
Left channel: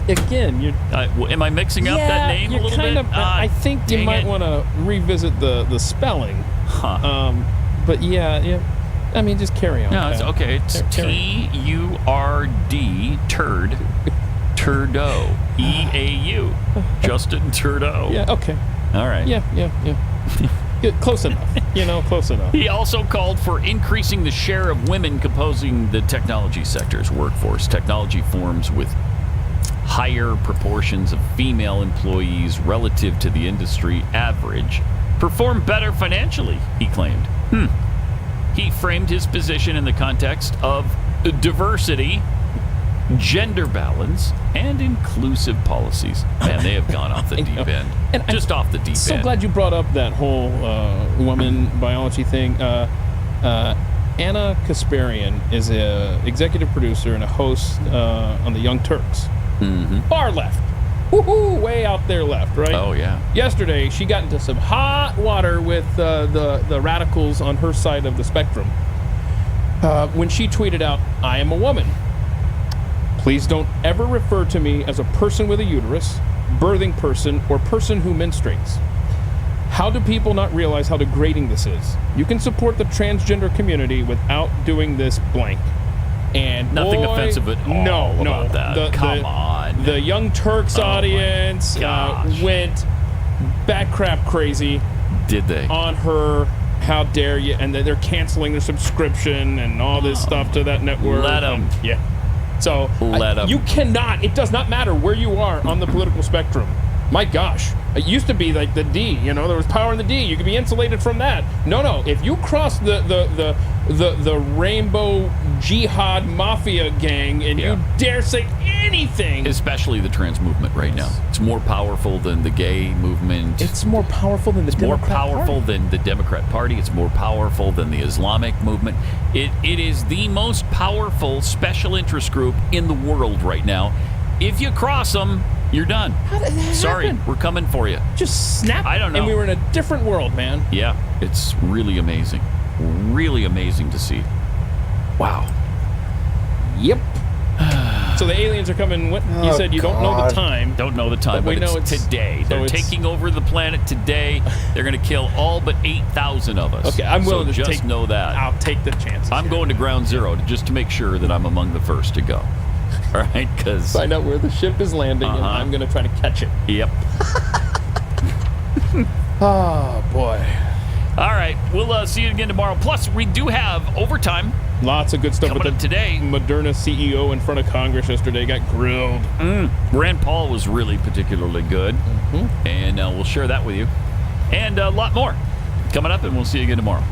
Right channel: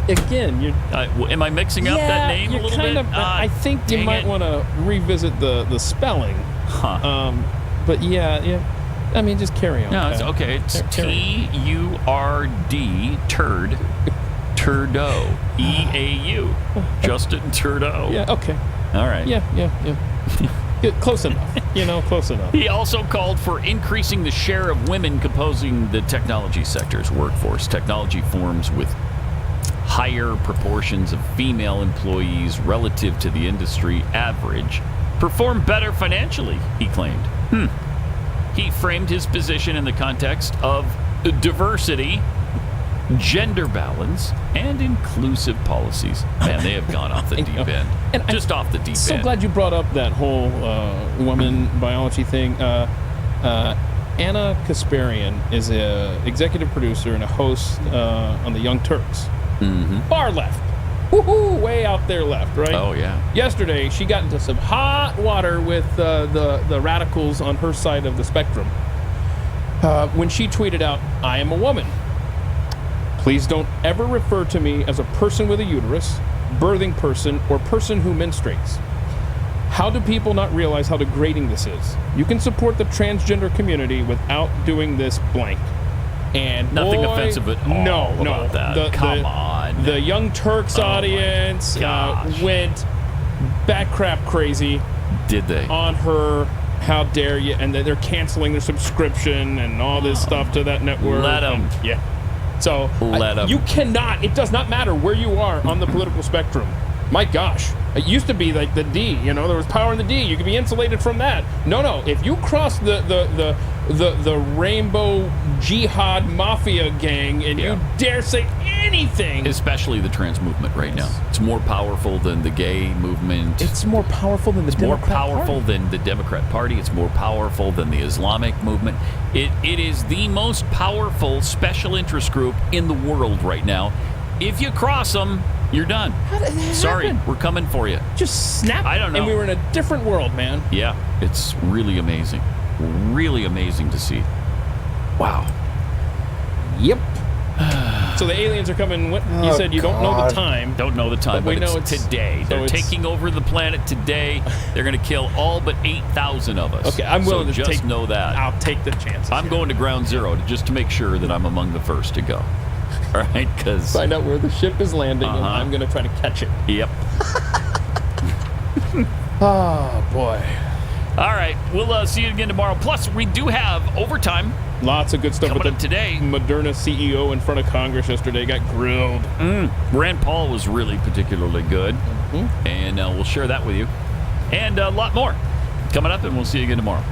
Again, am I mixing up that name a little bit? I think you might want to revisit the spelling. But yeah. I mean, just carry on. No, it's okay. It's T-U-R-D, turd, Trudeau, E-A-U, Justin Trudeau. Yeah, okay. All right. Yeah. Close enough. Close enough. He also called for increasing the share of women composing the technology sector's workforce. Technology firms with higher proportions of female employees relative to the industry average perform better financially, he claimed. He framed his position in the context of diversity, gender balance, and inclusive policies. Man, they have gone off the deep end. And just off the deep end. So glad you brought up that whole woman biology thing. Anna Kasparian is an executive producer and a host on the Young Turks. Far left. Woohoo! Way out there left, right? Oh, yeah. Yesterday, she got into some hot water with the radicals on her side of the spectrum when she tweeted out, "I am a woman. Please don't ever refer to me as a person with a uterus, birthing person, or person who menstruates. How do people not realize how degrading this is? You can support the transgender community without doing this blank." And nothing offensive at all about that. Come on. The Young Turks audience went back crap crazy. Did they? On her. How dare you? And they're canceling their subscription and all this stuff to that network. Let them. Yeah. So let them. You cannot. It does not matter where you are on the political spectrum. My gosh. It used to be like the D, there was power in the D. You could be insulated from that. No. If you cross the rainbow jihad mafia gang and you dare say anything, especially the trans movement right now, it's more powerful than the gay movement. It's more powerful than the Democrat Party. It's more powerful than the Democrat Party. It's more powerful than the Islamic movement. It is the most powerful special interest group in the world right now. If you cross them, you're done. How did that Sorry, happen? we're coming for you. Just snap. I don't know. And we were in a different world, man. Yeah, it's really amazing. Really amazing to see. Wow. Yep. So the aliens are coming. What you said? You don't know the time. Don't know the time, but we know it's today. So They're taking over the planet today. They're going to kill all but 8,000 of us. Okay, I'm willing to just know that. I'll take the chances. I'm going to ground zero just to make sure that I'm among the first to go. All right, because find out where the ship is landing, and I'm going to try to catch it. Yep. Oh boy. All right, we'll see you again tomorrow. Plus, we do have overtime. Lots of good stuff coming with up today. Moderna CEO in front of Congress yesterday got grilled. Rand Paul was really particularly good, and we'll share that with you, and a lot more coming up, and we'll see you again tomorrow.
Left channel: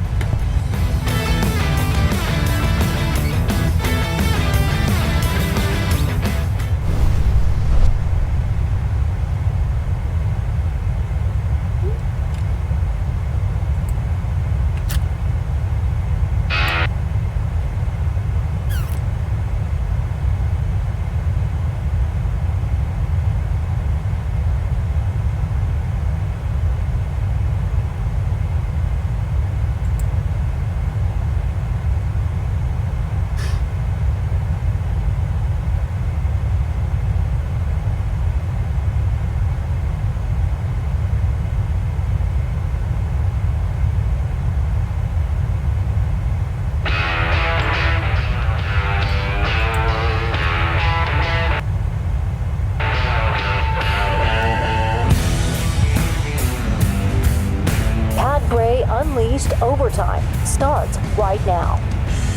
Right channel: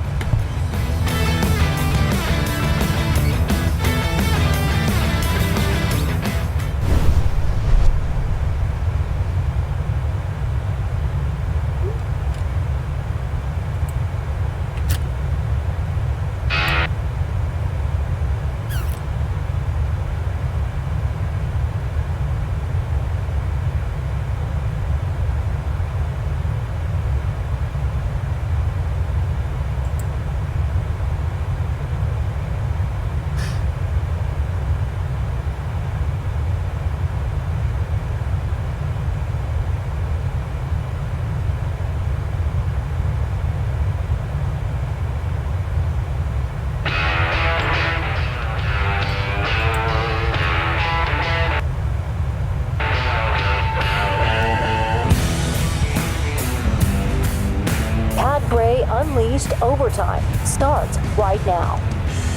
Overtime starts right now.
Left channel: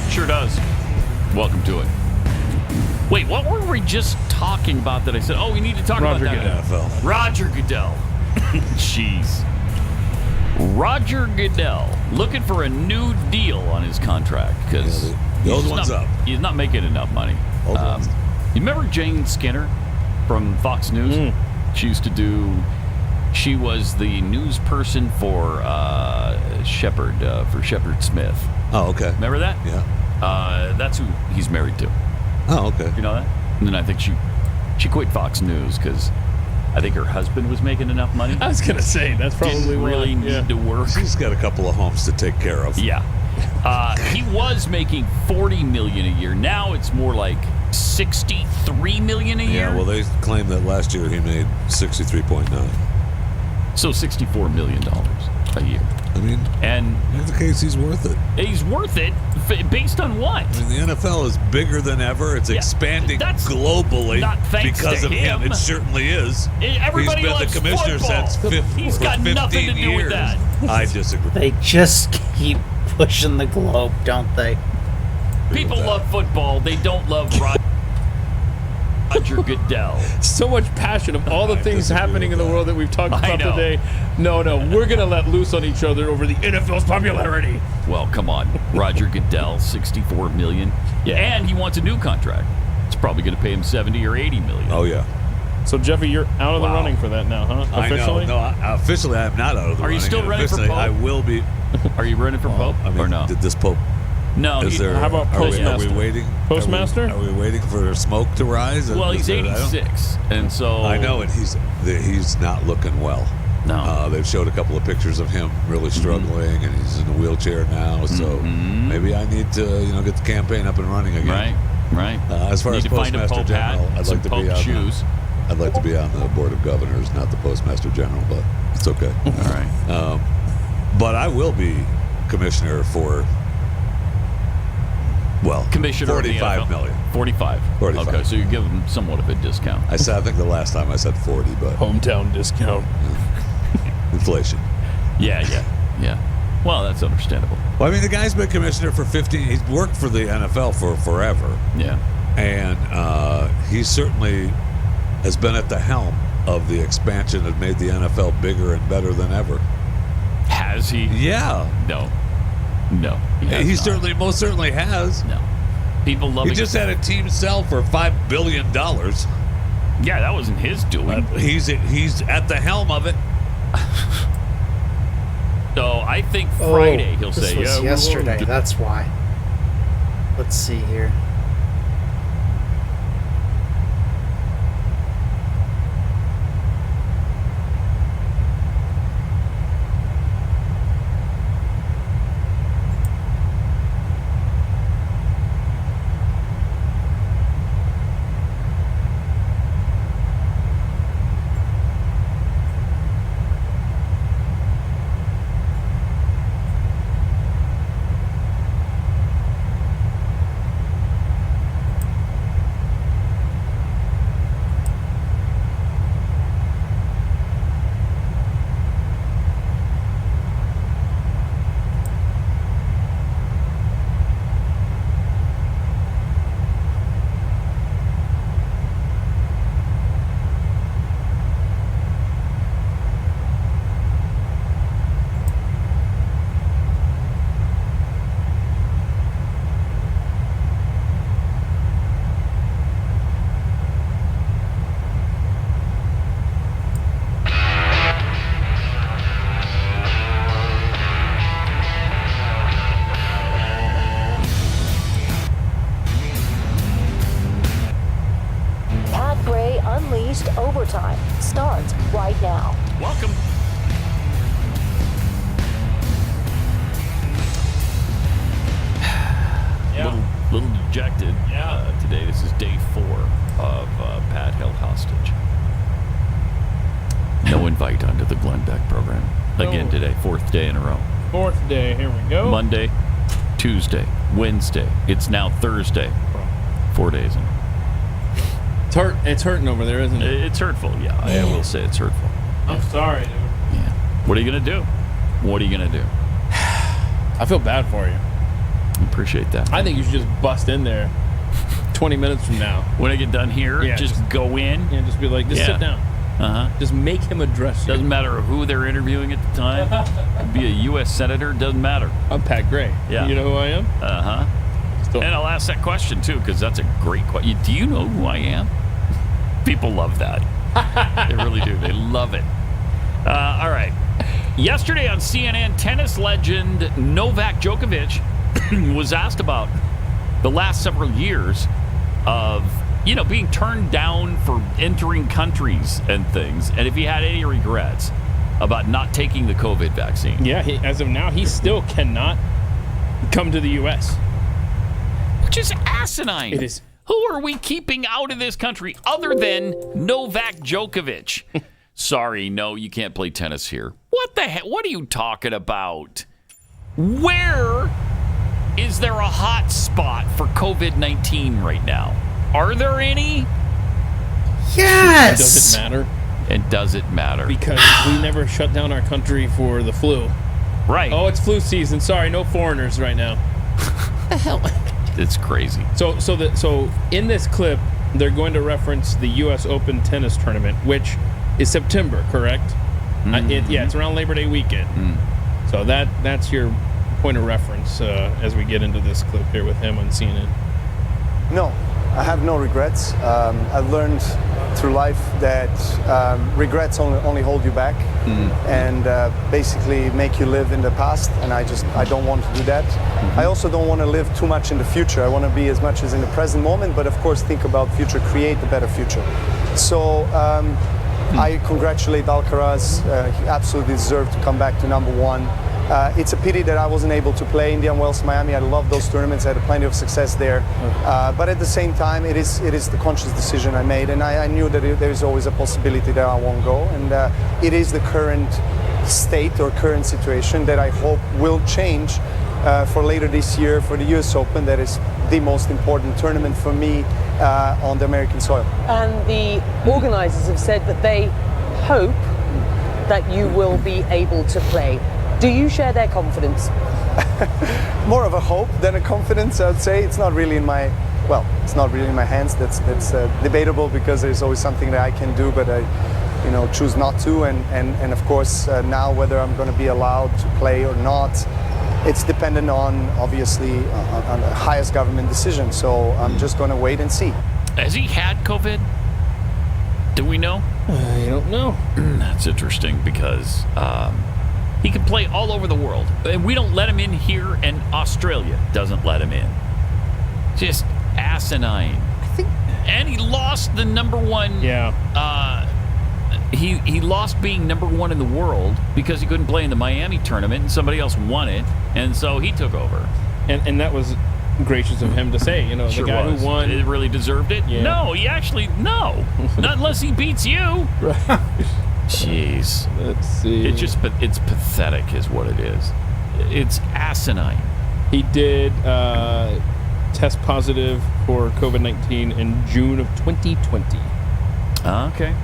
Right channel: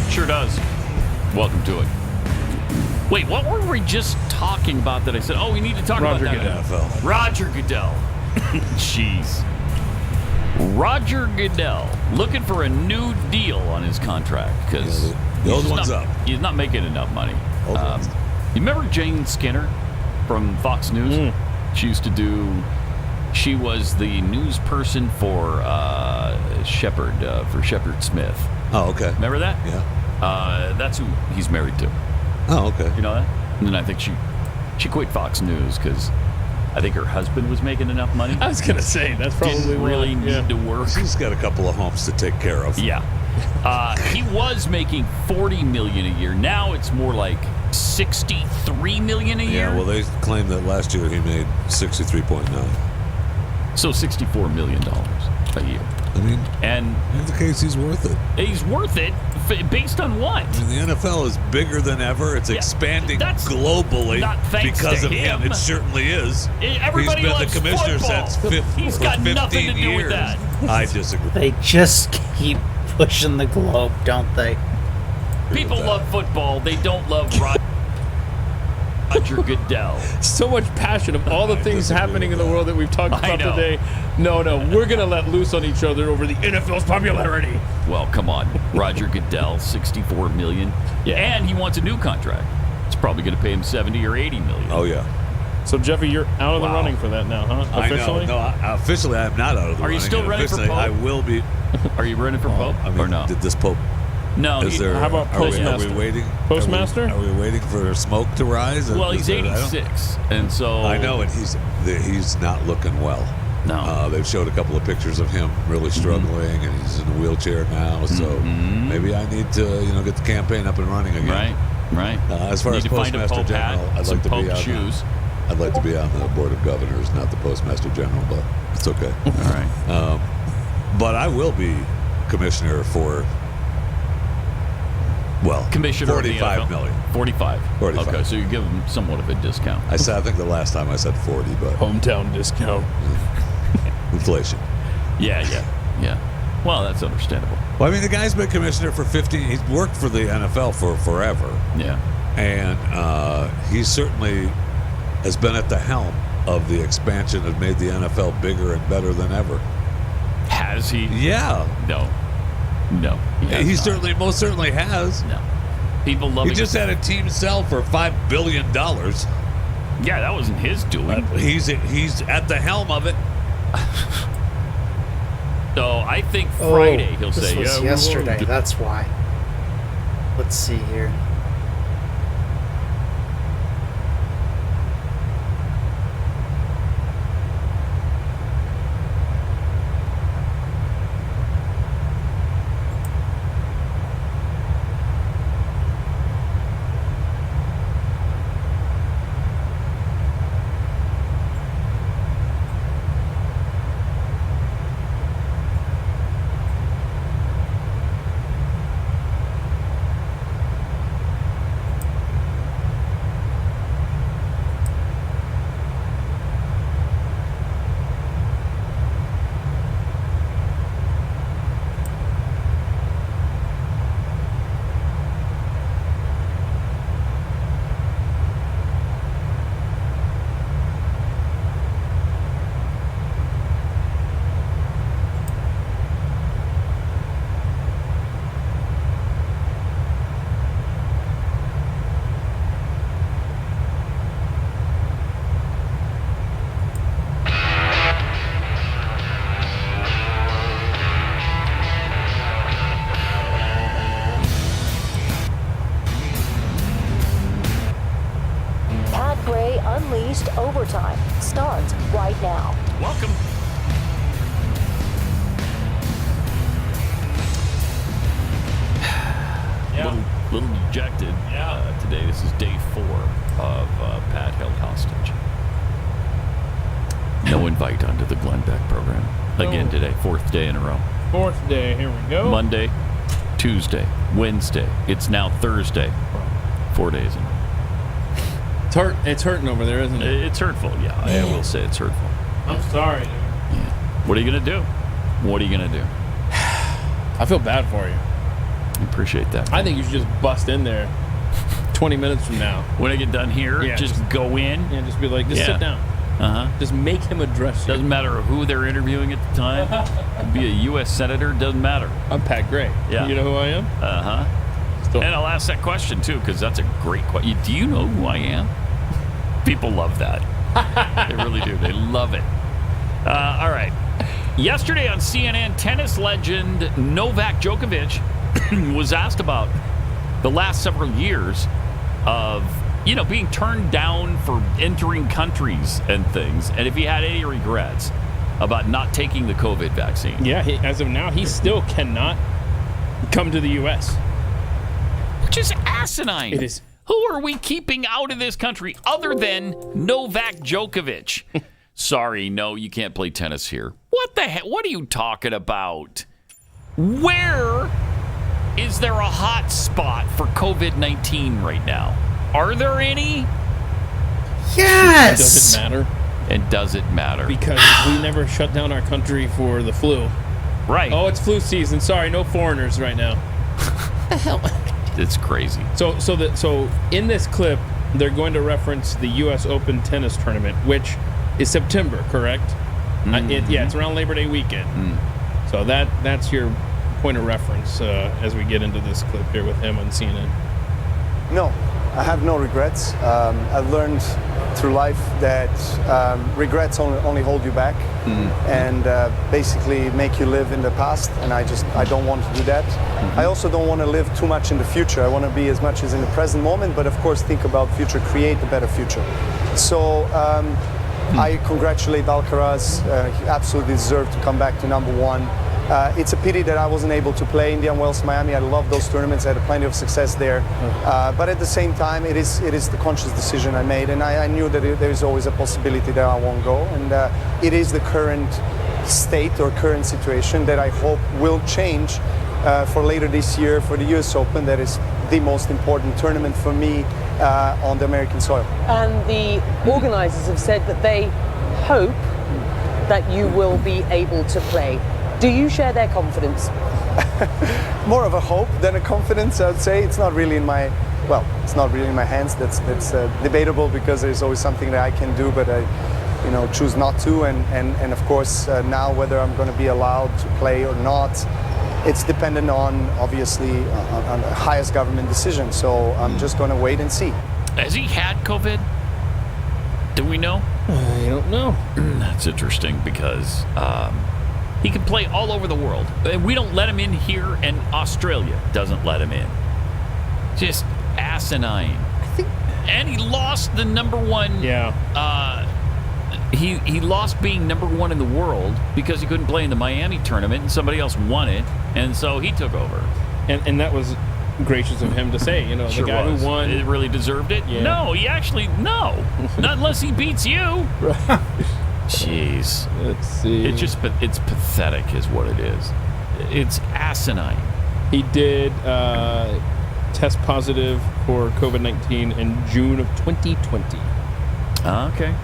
Sure does. Welcome to it. Wait, what were we just talking about that I said, we need to talk about that? NFL. Roger Goodell. Jeez. Roger Goodell looking for a new deal on his contract because he's not making enough money. You remember Jane Skinner from Fox News? She was the news person for Shepard Smith. Oh, okay. Remember that? Yeah. That's who he's married to. Oh, okay. You know that? And then I think she quit Fox News because I think her husband was making enough money. I was going to say, that's probably didn't really need to work. She's got a couple of homes to take care of. Yeah. He was making $40 million a year. Now it's more like $63 million a year. Yeah, well, they claim that last year he made 63.9. So $64 million a year. I mean, and in the case, he's worth it. He's worth it based on what? I mean, the NFL is bigger than ever. It's expanding globally because of him. It certainly is. Everybody He's been loves the commissioner football. since He's for got 15 nothing to do years. with that. I disagree. They just keep pushing the globe, don't they? People love football. They don't love Roger Goodell. So much passion of all the things happening in the world that we've talked about today. No, we're going to let loose on each other over the NFL's popularity. Well, come on. Roger Goodell, $64 million. Yeah. And he wants a new contract. It's probably going to pay him $70 or $80 million. Oh, yeah. So, Jeffy, you're out of the running for that now, huh? Officially? I know. No, officially, I am not out of the running. Are you still running for Pope? I will be. Are you running for Pope or no? Did this Pope... No. How about Postmaster? Are we waiting? Postmaster? Are we waiting for smoke to rise? Well, he's 86, and so... I know, and he's not looking well. No. They've showed a couple of pictures of him really struggling, and he's in a wheelchair now, so maybe I need to, get the campaign up and running again. Right. As far as Postmaster General, I'd like to be on shoes. I'd like to be on the Board of Governors, not the Postmaster General, but it's okay. All right. But I will be commissioner for... Well, Commissioner $45 million. 45. Okay, so you give them somewhat of a discount. I think the last time I said 40, but hometown discount. Inflation. Yeah. Well, that's understandable. Well, I mean, the guy's been commissioner for 15. He's worked for the NFL for forever. Yeah. And he certainly has been at the helm of the expansion that made the NFL bigger and better than ever. Has he? Yeah. No. He most certainly has. No. People love. He just had a team sell for $5 billion. Yeah, that wasn't his doing. He's at the helm of it. So I think Friday he'll say, This was yesterday. That's why. Let's see here. Unleashed Overtime starts right now. Welcome. Little dejected today. This is day 4 of Pat held hostage. No invite onto the Glenn Beck program. Again today, 4th day in a row. 4th day, here we go. Monday, Tuesday, Wednesday. It's now Thursday. 4 days in. It's hurting over there, isn't it? It's hurtful, yeah. I will say it's hurtful. I'm sorry, dude. Yeah. What are you going to do? I feel bad for you. Appreciate that. I think you should just bust in there 20 minutes from now. When I get done here, just go in. Yeah, just be like, sit down. Just make him address you. Doesn't matter who they're interviewing at the time. Could be a U.S. senator. Doesn't matter. I'm Pat Gray. Yeah. You know who I am? And I'll ask that question, too, because that's a great question. Do you know who I am? People love that. They really do. They love it. All right. Yesterday on CNN, tennis legend Novak Djokovic was asked about the last several years of, being turned down for entering countries and things, and if he had any regrets about not taking the COVID vaccine. Yeah, as of now, he still cannot come to the U.S. Which is asinine. It is. Who are we keeping out of this country other than Novak Djokovic? Sorry, no, you can't play tennis here. What the heck? What are you talking about? Where is there a hot spot for COVID-19 right now? Are there any? Yes. Does it matter? And does it matter? Because we never shut down our country for the flu. Right. Oh, it's flu season. Sorry, no foreigners right now. The hell? It's crazy. So in this clip, they're going to reference the U.S. Open tennis tournament, which is September, correct? It's around Labor Day weekend. So that's your point of reference as we get into this clip here with him on CNN. No, I have no regrets. I've learned through life that regrets only hold you back and basically make you live in the past, and I don't want to do that. I also don't want to live too much in the future. I want to be as much as in the present moment, but of course think about future, create a better future. So I congratulate Alcaraz. He absolutely deserved to come back to number one. It's a pity that I wasn't able to play Indian Wells, Miami. I love those tournaments. I had plenty of success there. But at the same time, it is the conscious decision I made, and I knew that there is always a possibility that I won't go. And it is the current state or current situation that I hope will change for later this year for the US Open. That is the most important tournament for me on the American soil. And the organizers have said that they hope that you will be able to play. Do you share their confidence? More of a hope than a confidence, I would say. It's not really in my hands. That's debatable because there's always something that I can do, but I choose not to. And of course, now whether I'm going to be allowed to play or not, it's dependent on, obviously, on the highest government decision. So I'm just going to wait and see. Has he had COVID? Do we know? I don't know. That's interesting because he can play all over the world. And we don't let him in here, and Australia doesn't let him in. Just asinine. And he lost the number one. Yeah. He lost being number one in the world because he couldn't play in the Miami tournament, and somebody else won it, and so he took over. And that was gracious of him to say, Sure the guy was. who won. It really deserved it? Yeah. No, not unless he beats you. Jeez. Let's see. It's pathetic is what it is. It's asinine. He did test positive for COVID-19 in June of 2020. Okay.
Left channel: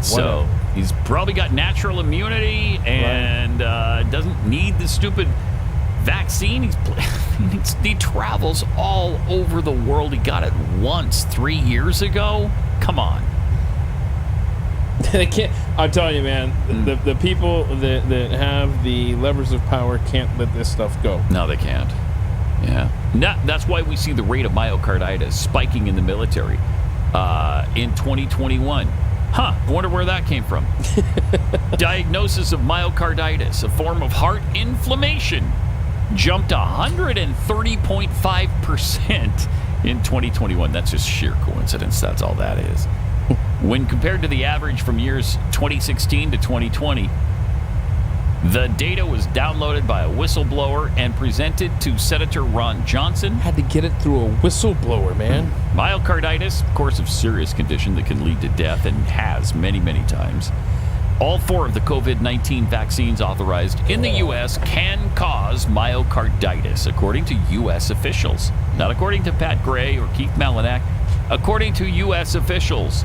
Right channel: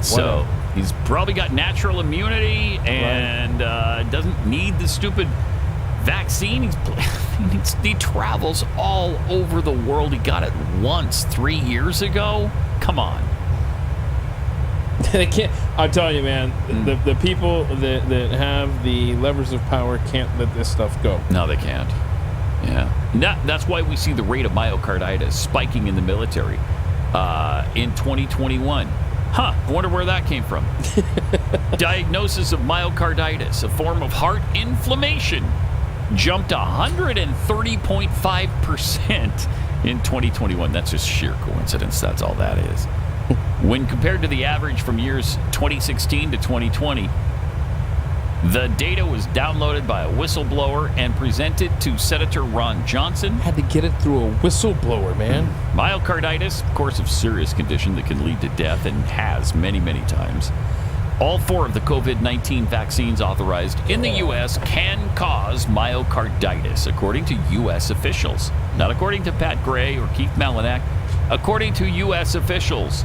So he's probably got natural immunity and doesn't need the stupid vaccine. He travels all over the world. He got it once 3 years ago. Come on. They can't. I'm telling you, man. The people that have the levers of power can't let this stuff go. No, they can't. Yeah. That's why we see the rate of myocarditis spiking in the military in 2021. I wonder where that came from. Diagnosis of myocarditis, a form of heart inflammation, jumped 130.5% in 2021. That's just sheer coincidence. That's all that is. When compared to the average from years 2016 to 2020, the data was downloaded by a whistleblower and presented to Senator Ron Johnson. Had to get it through a whistleblower, man. Myocarditis, of course, a serious condition that can lead to death and has many, many times. All 4 of the COVID-19 vaccines authorized in the U.S. can cause myocarditis, according to U.S. officials. Not according to Pat Gray or Keith Malinak, according to U.S. officials.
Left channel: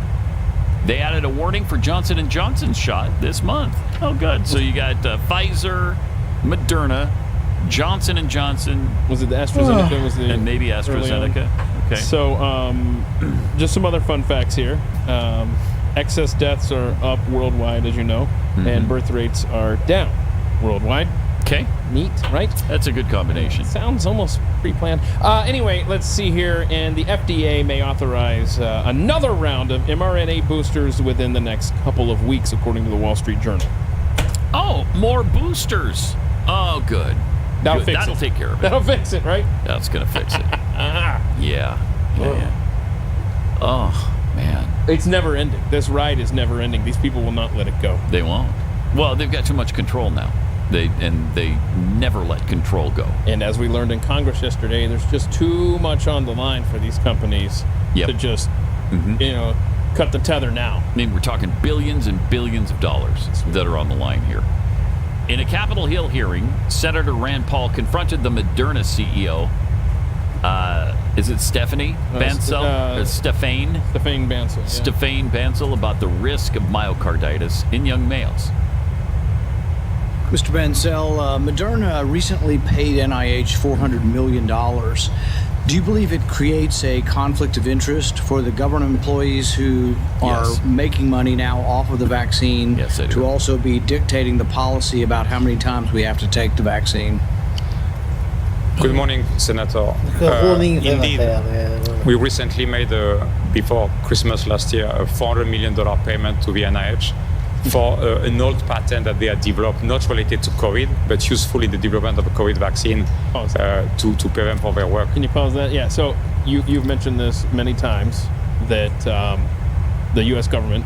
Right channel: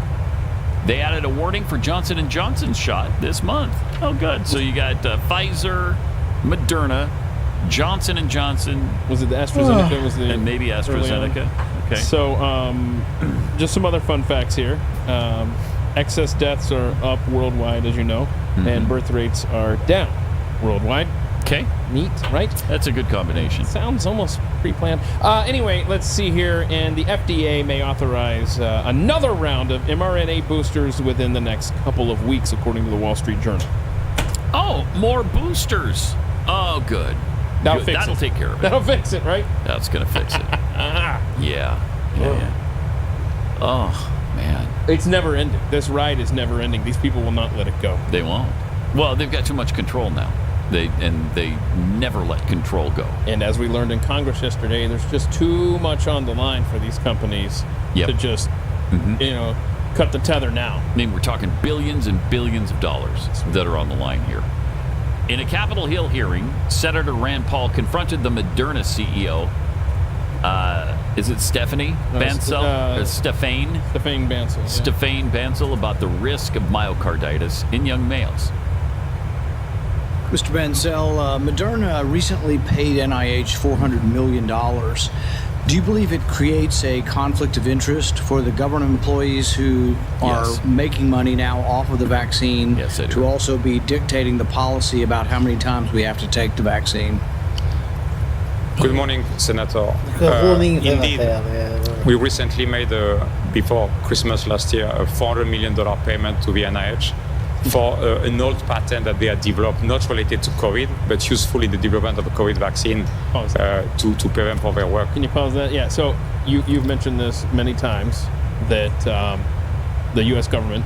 They added a warning for Johnson & Johnson's shot this month. Oh, good. So you got Pfizer, Moderna, Johnson & Johnson. Was it the AstraZeneca? Was the and maybe AstraZeneca. Okay. So, just some other fun facts here. Excess deaths are up worldwide, as you know, and birth rates are down worldwide. Okay. Neat, right? That's a good combination. Sounds almost pre-planned. Anyway, let's see here. And the FDA may authorize another round of mRNA boosters within the next couple of weeks, according to the Wall Street Journal. Oh, more boosters. Oh, good. That'll take care of it. That'll fix it, right? That's going to fix it. Yeah. Oh, man. It's never ending. This ride is never ending. These people will not let it go. They won't. Well, they've got too much control now. They never let control go. And as we learned in Congress yesterday, there's just too much on the line for these companies to just, cut the tether now. I mean, we're talking billions and billions of dollars that are on the line here. In a Capitol Hill hearing, Senator Rand Paul confronted the Moderna CEO. Is it Stephanie Bancel? Stephane Bancel. Yeah. Stephane Bancel about the risk of myocarditis in young males. Mr. Bancel, Moderna recently paid NIH $400 million. Do you believe it creates a conflict of interest for the government employees who are making money now off of the vaccine to also be dictating the policy about how many times we have to take the vaccine? Good morning, Senator. Indeed, we recently made, before Christmas last year, a $400 million payment to the NIH for an old patent that they had developed, not related to COVID, but useful in the development of a COVID vaccine to pay them for their work. Can you pause that? Yeah, so you've mentioned this many times, that the U.S. government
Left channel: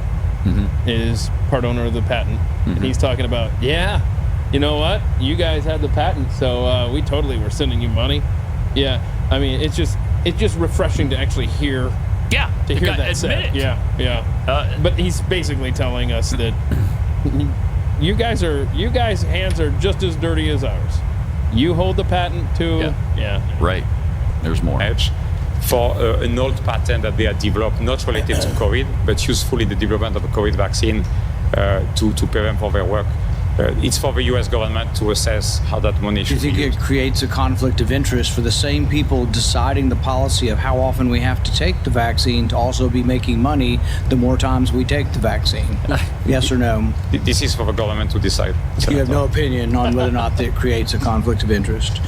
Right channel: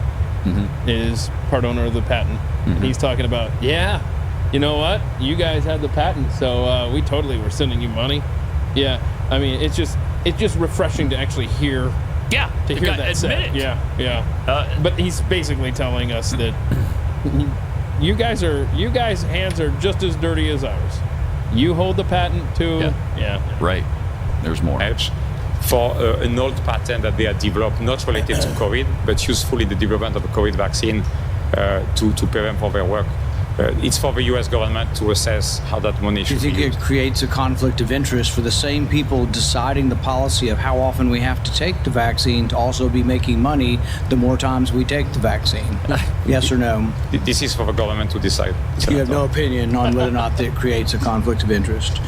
is part owner of the patent. And he's talking about, you know what? You guys had the patent, so we totally were sending you money. Yeah, I mean, it's just refreshing to actually hear. Yeah, to hear that said. It. Yeah. But he's basically telling us that you guys' hands are just as dirty as ours. You hold the patent too. Yeah. Right. There's more. For an old patent that they had developed, not related to COVID, but useful in the development of a COVID vaccine to pay them for their work. It's for the U.S. government to assess how that money should be used. Do you think it creates a conflict of interest for the same people deciding the policy of how often we have to take the vaccine to also be making money the more times we take the vaccine? Yes or no? This is for the government to decide. You have no opinion on whether or not that creates a conflict of interest.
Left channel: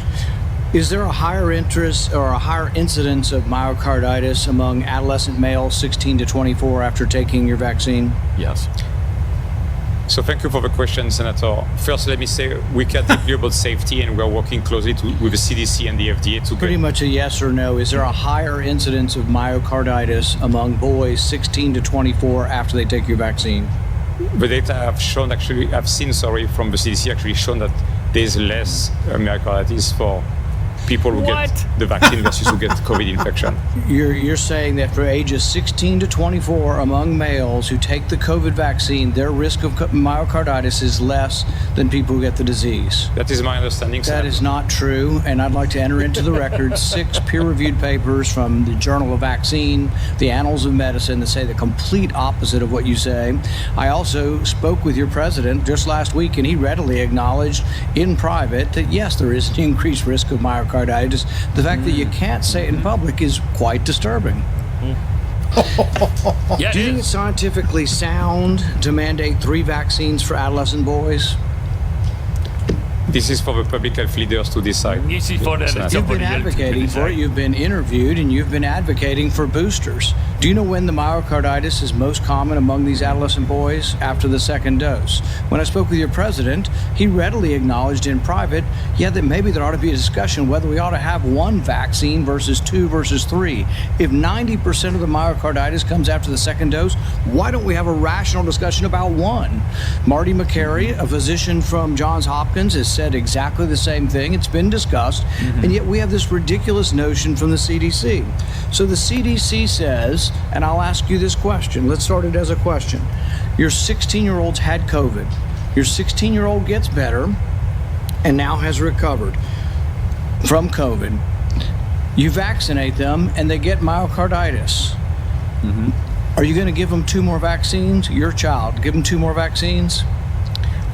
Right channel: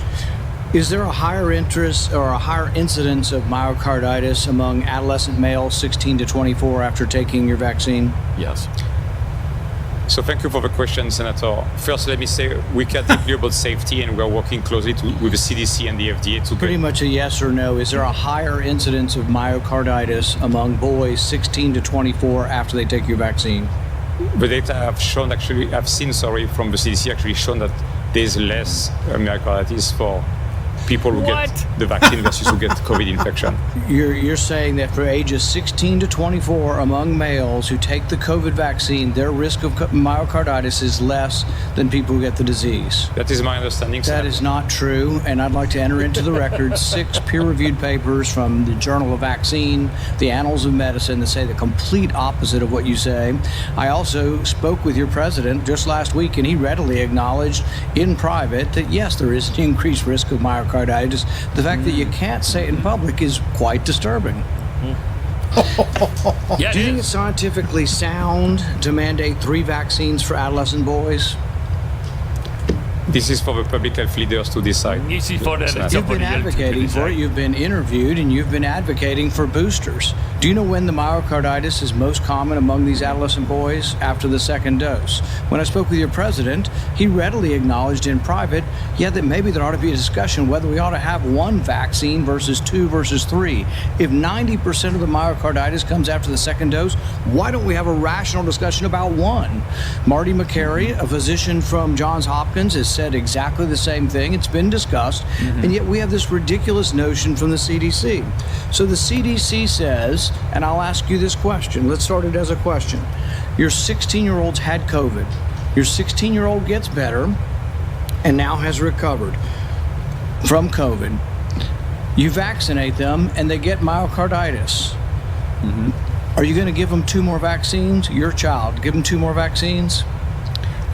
Is there a higher interest or a higher incidence of myocarditis among adolescent males 16 to 24 after taking your vaccine? Yes. So thank you for the question, Senator. First, let me say we care deeply about safety, and we're working closely with the CDC and the FDA to Pretty much a yes or no. Is there a higher incidence of myocarditis among boys 16 to 24 after they take your vaccine? The data I've seen from the CDC actually shown that there's less myocarditis for people who get the vaccine versus who get COVID infection. You're saying that for ages 16 to 24 among males who take the COVID vaccine, their risk of myocarditis is less than people who get the disease. That is my understanding, Senator. That is not true, and I'd like to enter into the record 6 peer-reviewed papers from the Journal of Vaccine, the Annals of Medicine, that say the complete opposite of what you say. I also spoke with your president just last week, and he readily acknowledged in private that yes, there is an increased risk of myocarditis. The fact that you can't say it in public is quite disturbing. Do you think it's scientifically sound to mandate 3 vaccines for adolescent boys? This is for the public health leaders to decide. You've been advocating for it, you've been interviewed, and you've been advocating for boosters. Do you know when the myocarditis is most common among these adolescent boys? After the second dose. When I spoke with your president, he readily acknowledged in private, that maybe there ought to be a discussion whether we ought to have 1 vaccine versus 2 versus 3. If 90% of the myocarditis comes after the second dose, why don't we have a rational discussion about 1? Marty McCary, a physician from Johns Hopkins, has said exactly the same thing. It's been discussed, and yet we have this ridiculous notion from the CDC. So the CDC says, and I'll ask you this question. Let's start it as a question. Your 16-year-old's had COVID. Your 16-year-old gets better and now has recovered from COVID. You vaccinate them and they get myocarditis. Are you going to give them 2 more vaccines? Your child, give them 2 more vaccines?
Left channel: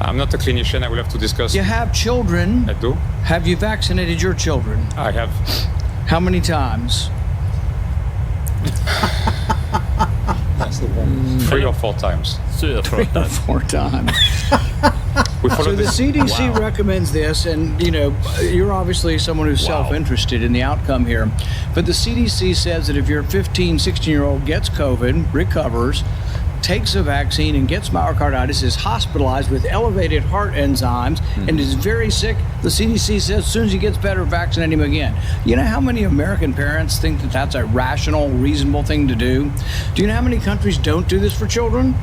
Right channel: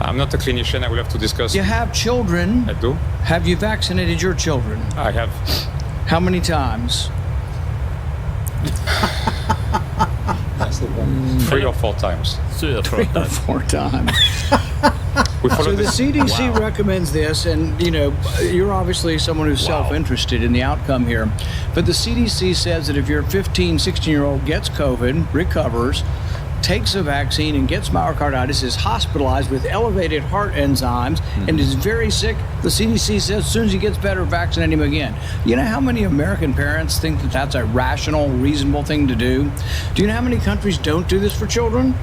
I'm not a clinician. I will have to discuss. You have children. I do. Have you vaccinated your children? I have. How many times? That's the one. 3 or 4 times. 3 or 4 times. So the CDC recommends this, and you're obviously someone who's self-interested in the outcome here, but the CDC says that if your 15, 16-year-old gets COVID, recovers, takes a vaccine and gets myocarditis, is hospitalized with elevated heart enzymes, and is very sick, the CDC says as soon as he gets better, vaccinate him again. You know how many American parents think that that's a rational, reasonable thing to do? Do you know how many countries don't do this for children?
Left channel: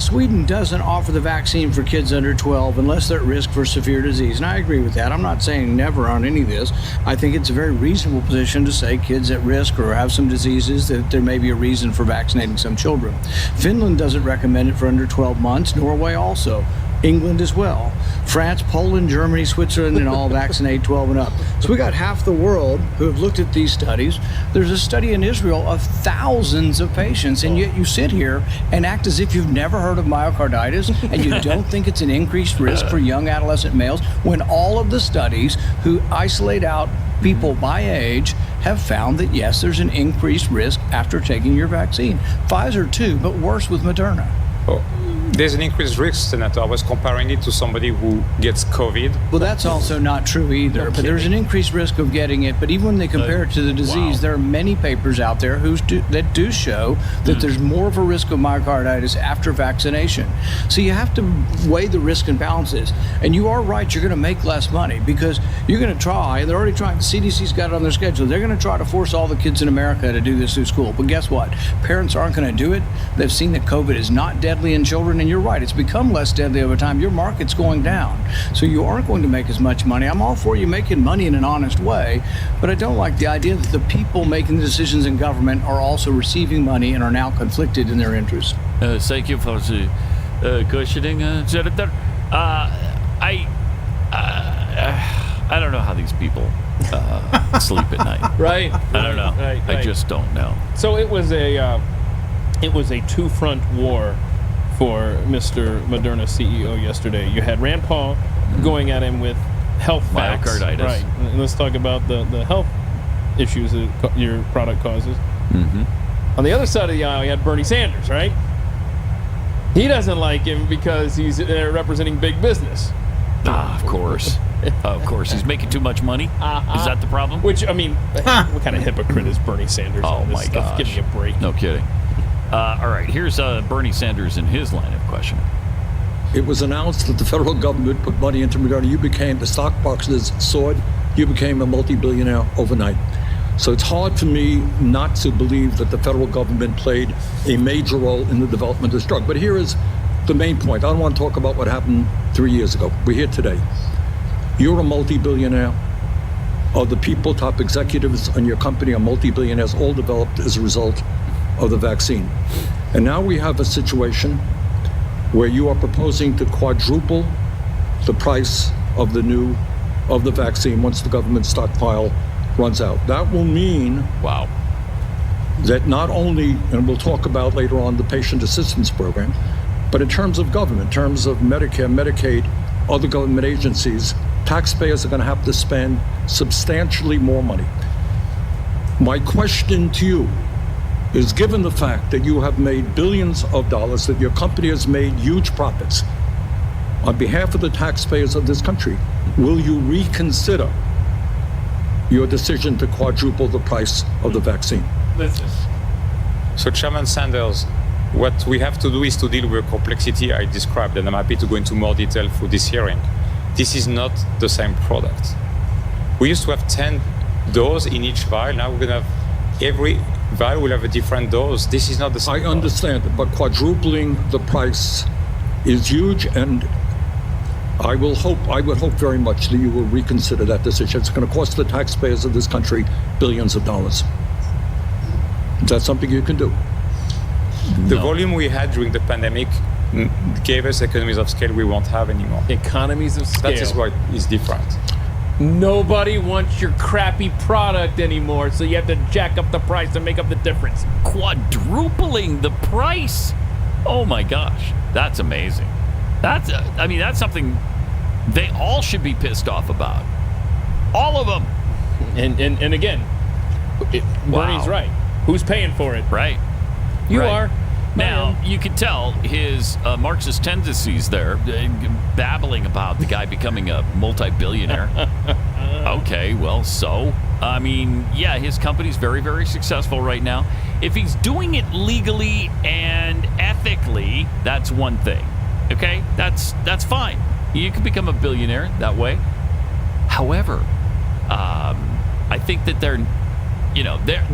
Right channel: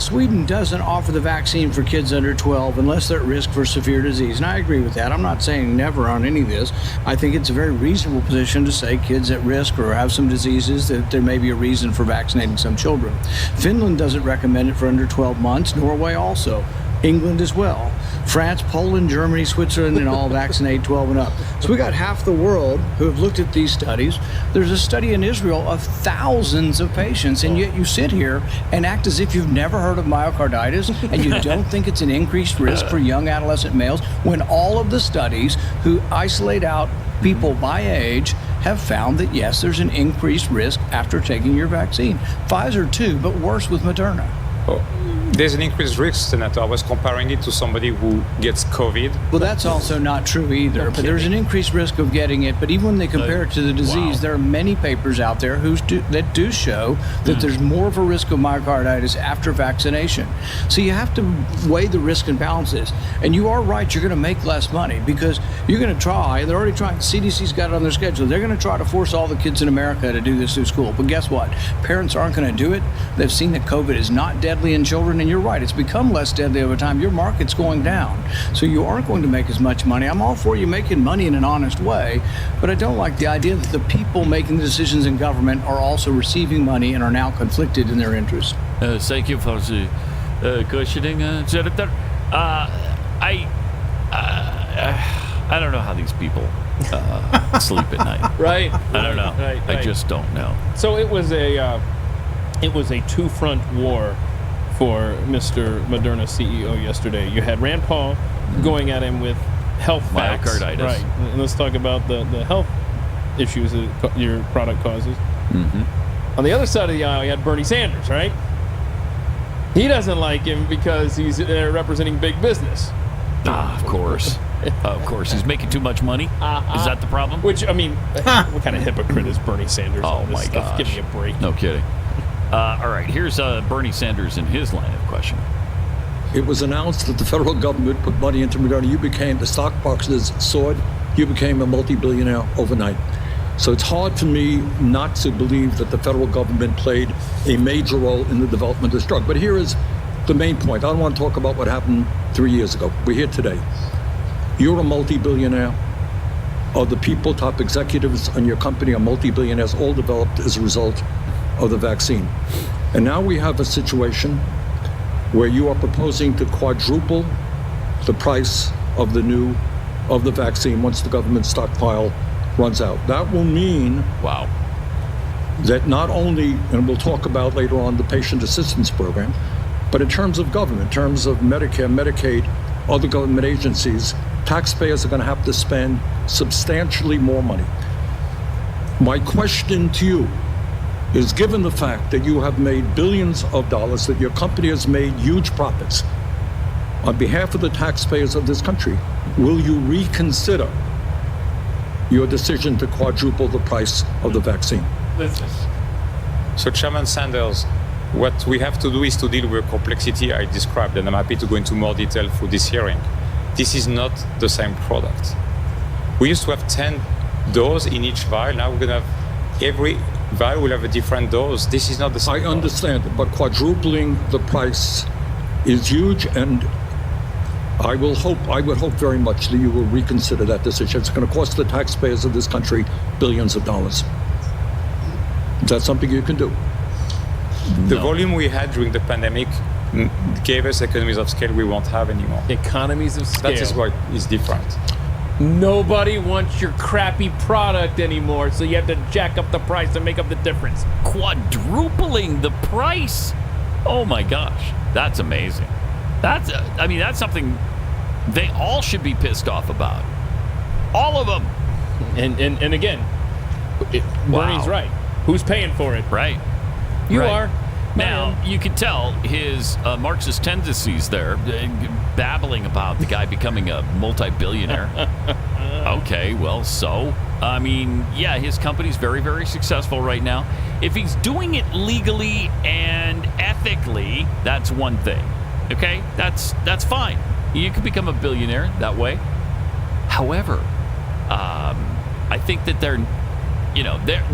Sweden doesn't offer the vaccine for kids under 12 unless they're at risk for severe disease. And I agree with that. I'm not saying never on any of this. I think it's a very reasonable position to say kids at risk or have some diseases that there may be a reason for vaccinating some children. Finland doesn't recommend it for under 12 months. Norway also. England as well. France, Poland, Germany, Switzerland, and all vaccinate 12 and up. So we got half the world who have looked at these studies. There's a study in Israel of thousands of patients, and yet you sit here and act as if you've never heard of myocarditis, and you don't think it's an increased risk for young adolescent males, when all of the studies who isolate out people by age have found that, yes, there's an increased risk after taking your vaccine. Pfizer too, but worse with Moderna. Oh. There's an increased risk, Senator. I was comparing it to somebody who gets COVID. Well, that's also not true either. Okay. But there's an increased risk of getting it. But even when they compare it to the disease, there are many papers out there that do show that there's more of a risk of myocarditis after vaccination. So you have to weigh the risk and balances. And you are right, you're going to make less money because you're going to try. They're already trying. The CDC's got it on their schedule. They're going to try to force all the kids in America to do this through school. But guess what? Parents aren't going to do it. They've seen that COVID is not deadly in children. And you're right, it's become less deadly over time. Your market's going down, so you aren't going to make as much money. I'm all for you making money in an honest way, but I don't like the idea that the people making the decisions in government are also receiving money and are now conflicted in their interests. Thank you for the questioning, Senator. I don't know how these people sleep at night. Right. I don't know. Right. I just don't know. So it was a two-front war for Mr. Moderna CEO yesterday. You had Rand Paul going at him with health facts. Myocarditis. Right. And let's talk about the health issues that your product causes. Mm-hmm. On the other side of the aisle, you had Bernie Sanders, right? He doesn't like him because he's representing big business. Of course. Of course. He's making too much money? Is that the problem? Which, I mean, what kind of hypocrite is Bernie Sanders on this stuff? Gosh. Give me a break. No kidding. All right, here's Bernie Sanders in his line of questioning. It was announced that the federal government put money into Moderna. The stock boxes soared. You became a multi-billionaire overnight. So it's hard for me not to believe that the federal government played a major role in the development of this drug. But here is the main point. I don't want to talk about what happened 3 years ago. We're here today. You're a multi-billionaire. The people, top executives on your company are multi-billionaires, all developed as a result of the vaccine. And now we have a situation where you are proposing to quadruple the price of the vaccine once the government stockpile runs out. That will mean that not only, and we'll talk about later on the patient assistance program, but in terms of government, in terms of Medicare, Medicaid, other government agencies, taxpayers are going to have to spend substantially more money. My question to you is, given the fact that you have made billions of dollars, that your company has made huge profits, on behalf of the taxpayers of this country, will you reconsider your decision to quadruple the price of the vaccine? So, Chairman Sanders, what we have to do is to deal with the complexity I described, and I'm happy to go into more detail for this hearing. This is not the same product. We used to have 10 doses in each vial. Now we're going to have every vial will have a different dose. This is not the same. I understand it, but quadrupling the price is huge, and I would hope very much that you will reconsider that decision. It's going to cost the taxpayers of this country billions of dollars. Is that something you can do? The volume we had during the pandemic gave us economies of scale we won't have anymore. Economies of scale. That is what is different. Nobody wants your crappy product anymore, so you have to jack up the price and make up the difference. Quadrupling the price? Oh my gosh, that's amazing. That's something they all should be pissed off about. All of them. And again, Bernie's right. Who's paying for it? Right. You are. Now, you can tell his Marxist tendencies there, babbling about the guy becoming a multi-billionaire. Okay, well, so? I mean, yeah, his company's very, very successful right now. If he's doing it legally and ethically, that's one thing. Okay? That's fine. You can become a billionaire that way. However, I think that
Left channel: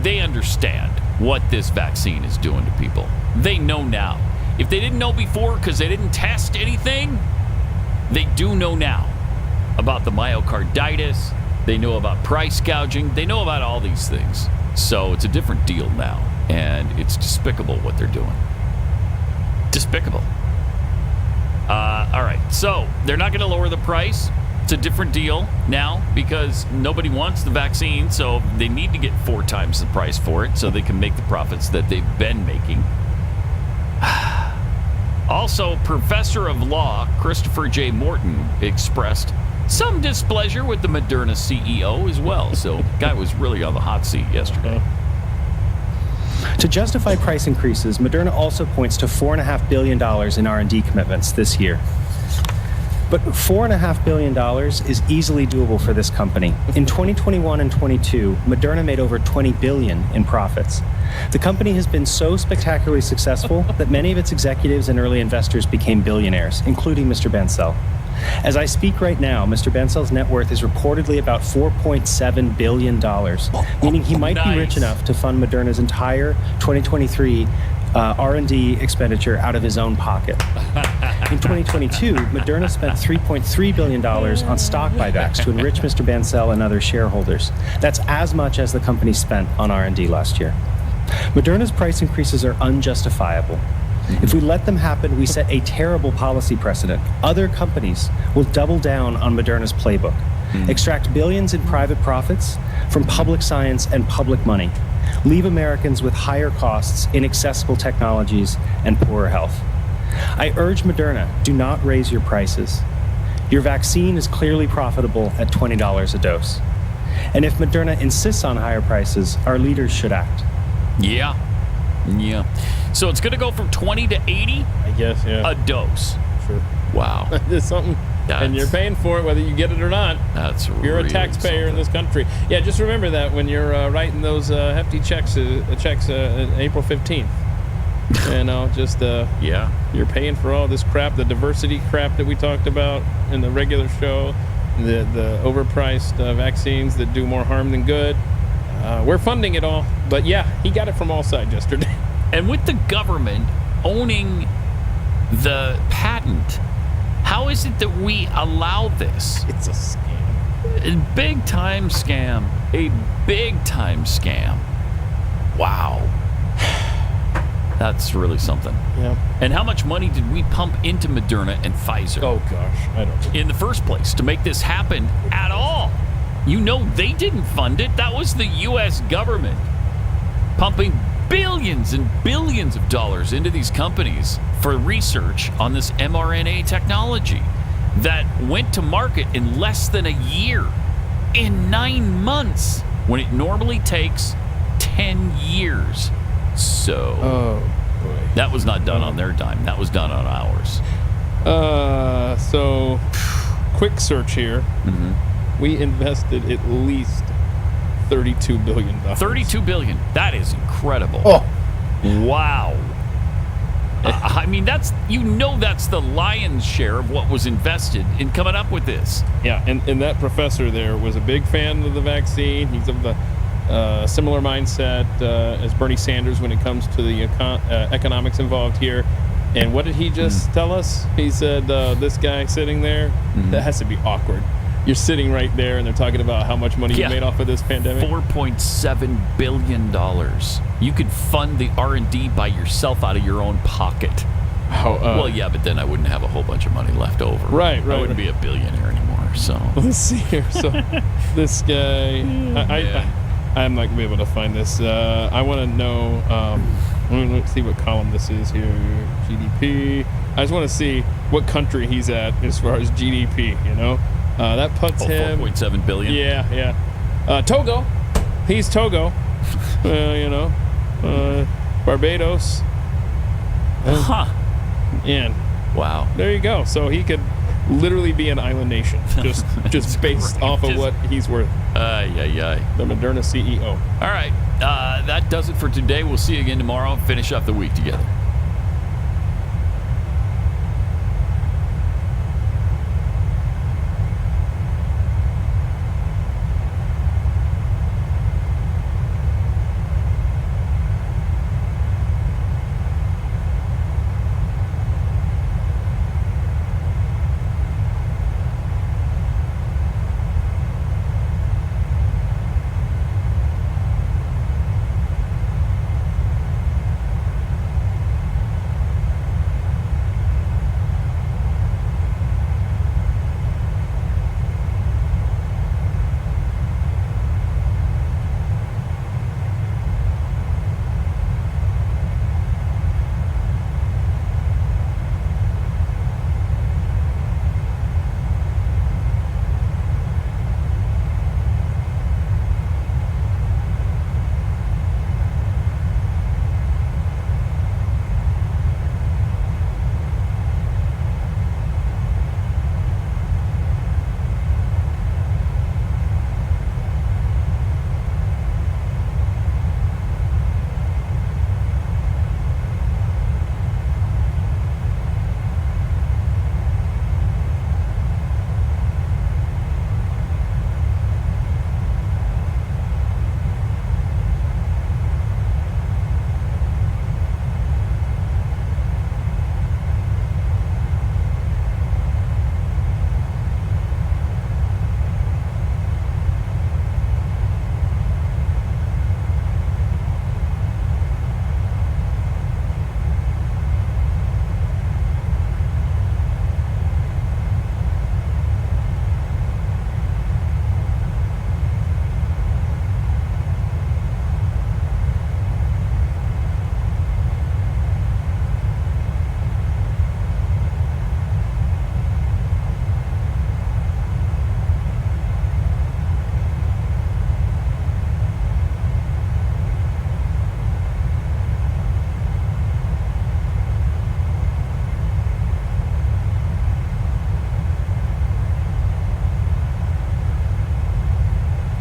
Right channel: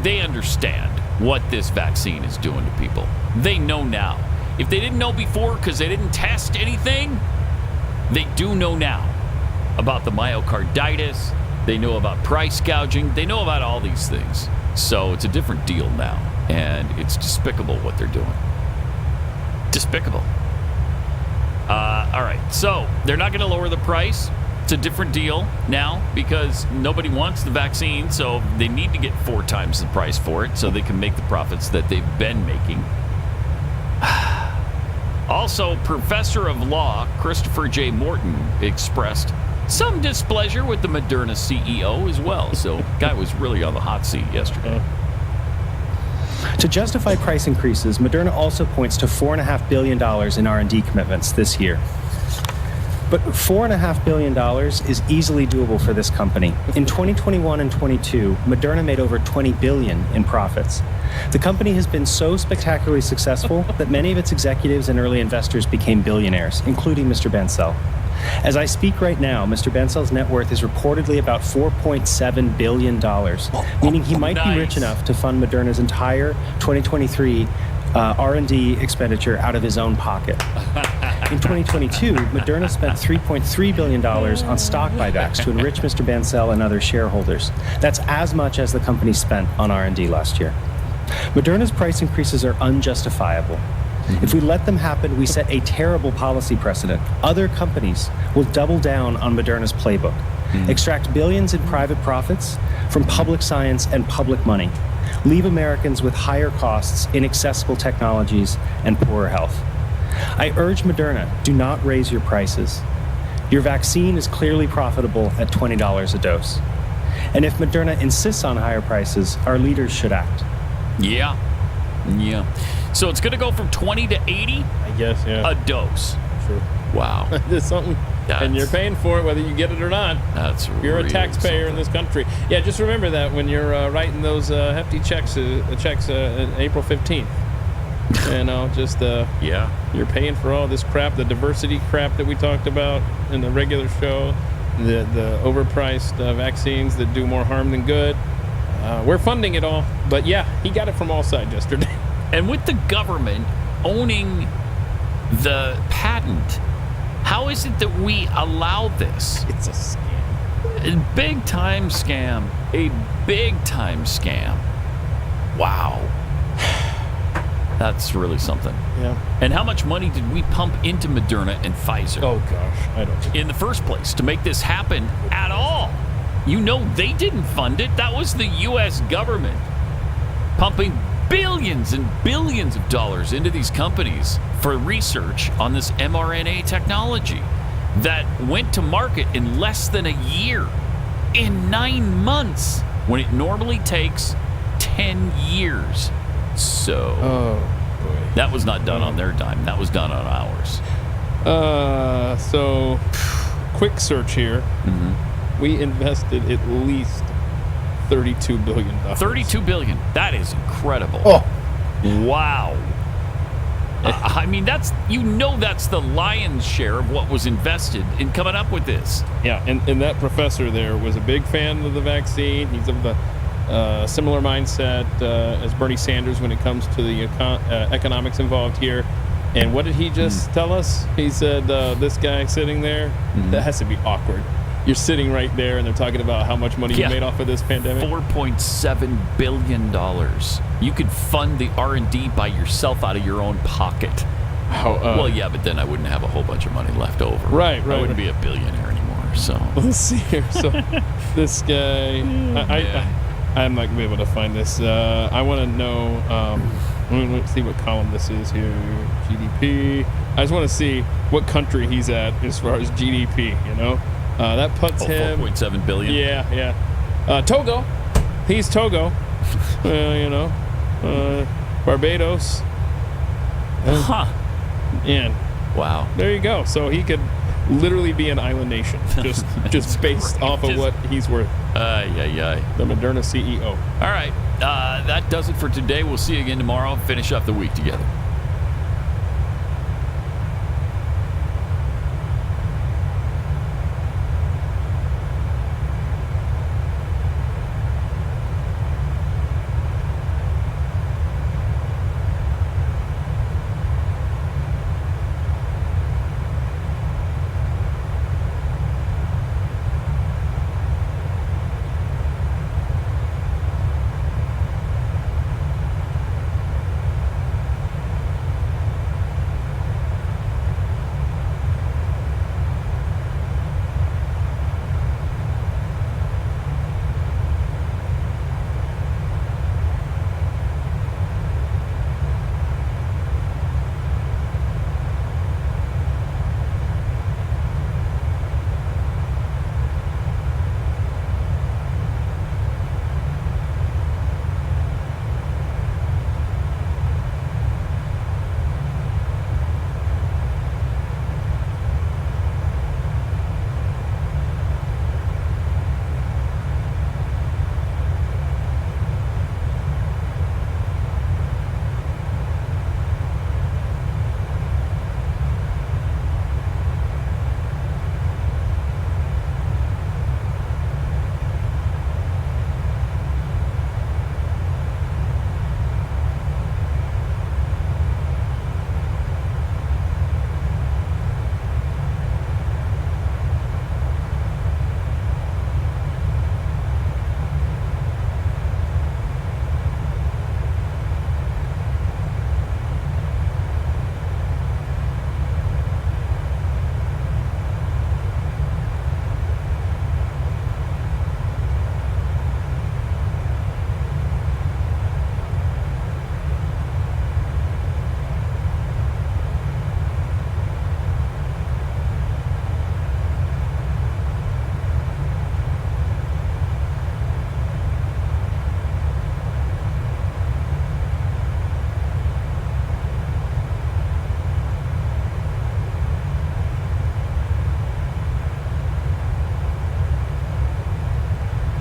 they understand what this vaccine is doing to people. They know now. If they didn't know before because they didn't test anything, they do know now about the myocarditis. They know about price gouging. They know about all these things. So it's a different deal now. And it's despicable what they're doing. Despicable. All right. So they're not going to lower the price. It's a different deal now because nobody wants the vaccine. So they need to get 4 times the price for it so they can make the profits that they've been making. Also, Professor of Law Christopher J. Morton expressed some displeasure with the Moderna CEO as well. So, guy was really on the hot seat yesterday. To justify price increases, Moderna also points to $4.5 billion in R&D commitments this year. But $4.5 billion is easily doable for this company. In 2021 and 22, Moderna made over $20 billion in profits. The company has been so spectacularly successful that many of its executives and early investors became billionaires, including Mr. Bancel. As I speak right now, Mr. Bancel's net worth is reportedly about $4.7 billion, meaning he might be rich enough to fund Moderna's entire 2023 R&D expenditure out of his own pocket. In 2022, Moderna spent $3.3 billion on stock buybacks to enrich Mr. Bancel and other shareholders. That's as much as the company spent on R&D last year. Moderna's price increases are unjustifiable. If we let them happen, we set a terrible policy precedent. Other companies will double down on Moderna's playbook, extract billions in private profits from public science and public money, leave Americans with higher costs, inaccessible technologies, and poorer health. I urge Moderna, do not raise your prices. Your vaccine is clearly profitable at $20 a dose. And if Moderna insists on higher prices, our leaders should act. Yeah. So it's going to go from 20 to 80? I guess, yeah. A dose. Sure. Wow. There's something. And you're paying for it whether you get it or not. That's You're a taxpayer in this country. Yeah, just remember that when you're writing those hefty checks April 15th. You're paying for all this crap, the diversity crap that we talked about in the regular show, the overpriced vaccines that do more harm than good. We're funding it all. But yeah, he got it from all sides yesterday. And with the government owning the patent, how is it that we allow this? It's a scam. A big-time scam. A big-time scam. Wow. That's really something. Yeah. And how much money did we pump into Moderna and Pfizer? Oh, gosh. I don't know. In the first place, to make this happen at all. You know they didn't fund it. That was the U.S. government pumping billions and billions of dollars into these companies for research on this mRNA technology that went to market in less than a year, in 9 months, when it normally takes 10 years. So, that was not done on their dime. That was done on ours. So, quick search here. We invested at least $32 billion. $32 billion. That is incredible. Oh. Wow. I mean, that's the lion's share of what was invested in coming up with this. Yeah, and that professor there was a big fan of the vaccine. He's of the similar mindset as Bernie Sanders when it comes to the economics involved here. And what did he just tell us? He said, this guy sitting there, that has to be awkward. You're sitting right there, and they're talking about how much money you made off of this pandemic. $4.7 billion. You could fund the R&D by yourself out of your own pocket. Well, yeah, but then I wouldn't have a whole bunch of money left over. Right. I wouldn't be a billionaire anymore. So let's see here. So this guy, I'm not gonna be able to find this. I want to know. Let's see what column this is here. GDP. I just want to see what country he's at as far as GDP. You know, that puts him 4.7 billion. Yeah. Togo, he's Togo. You know, Barbados. And wow, there you go. So he could literally be an island nation, just based off of what he's worth. The Moderna CEO. All right, that does it for today. We'll see you again tomorrow. Finish up the week together.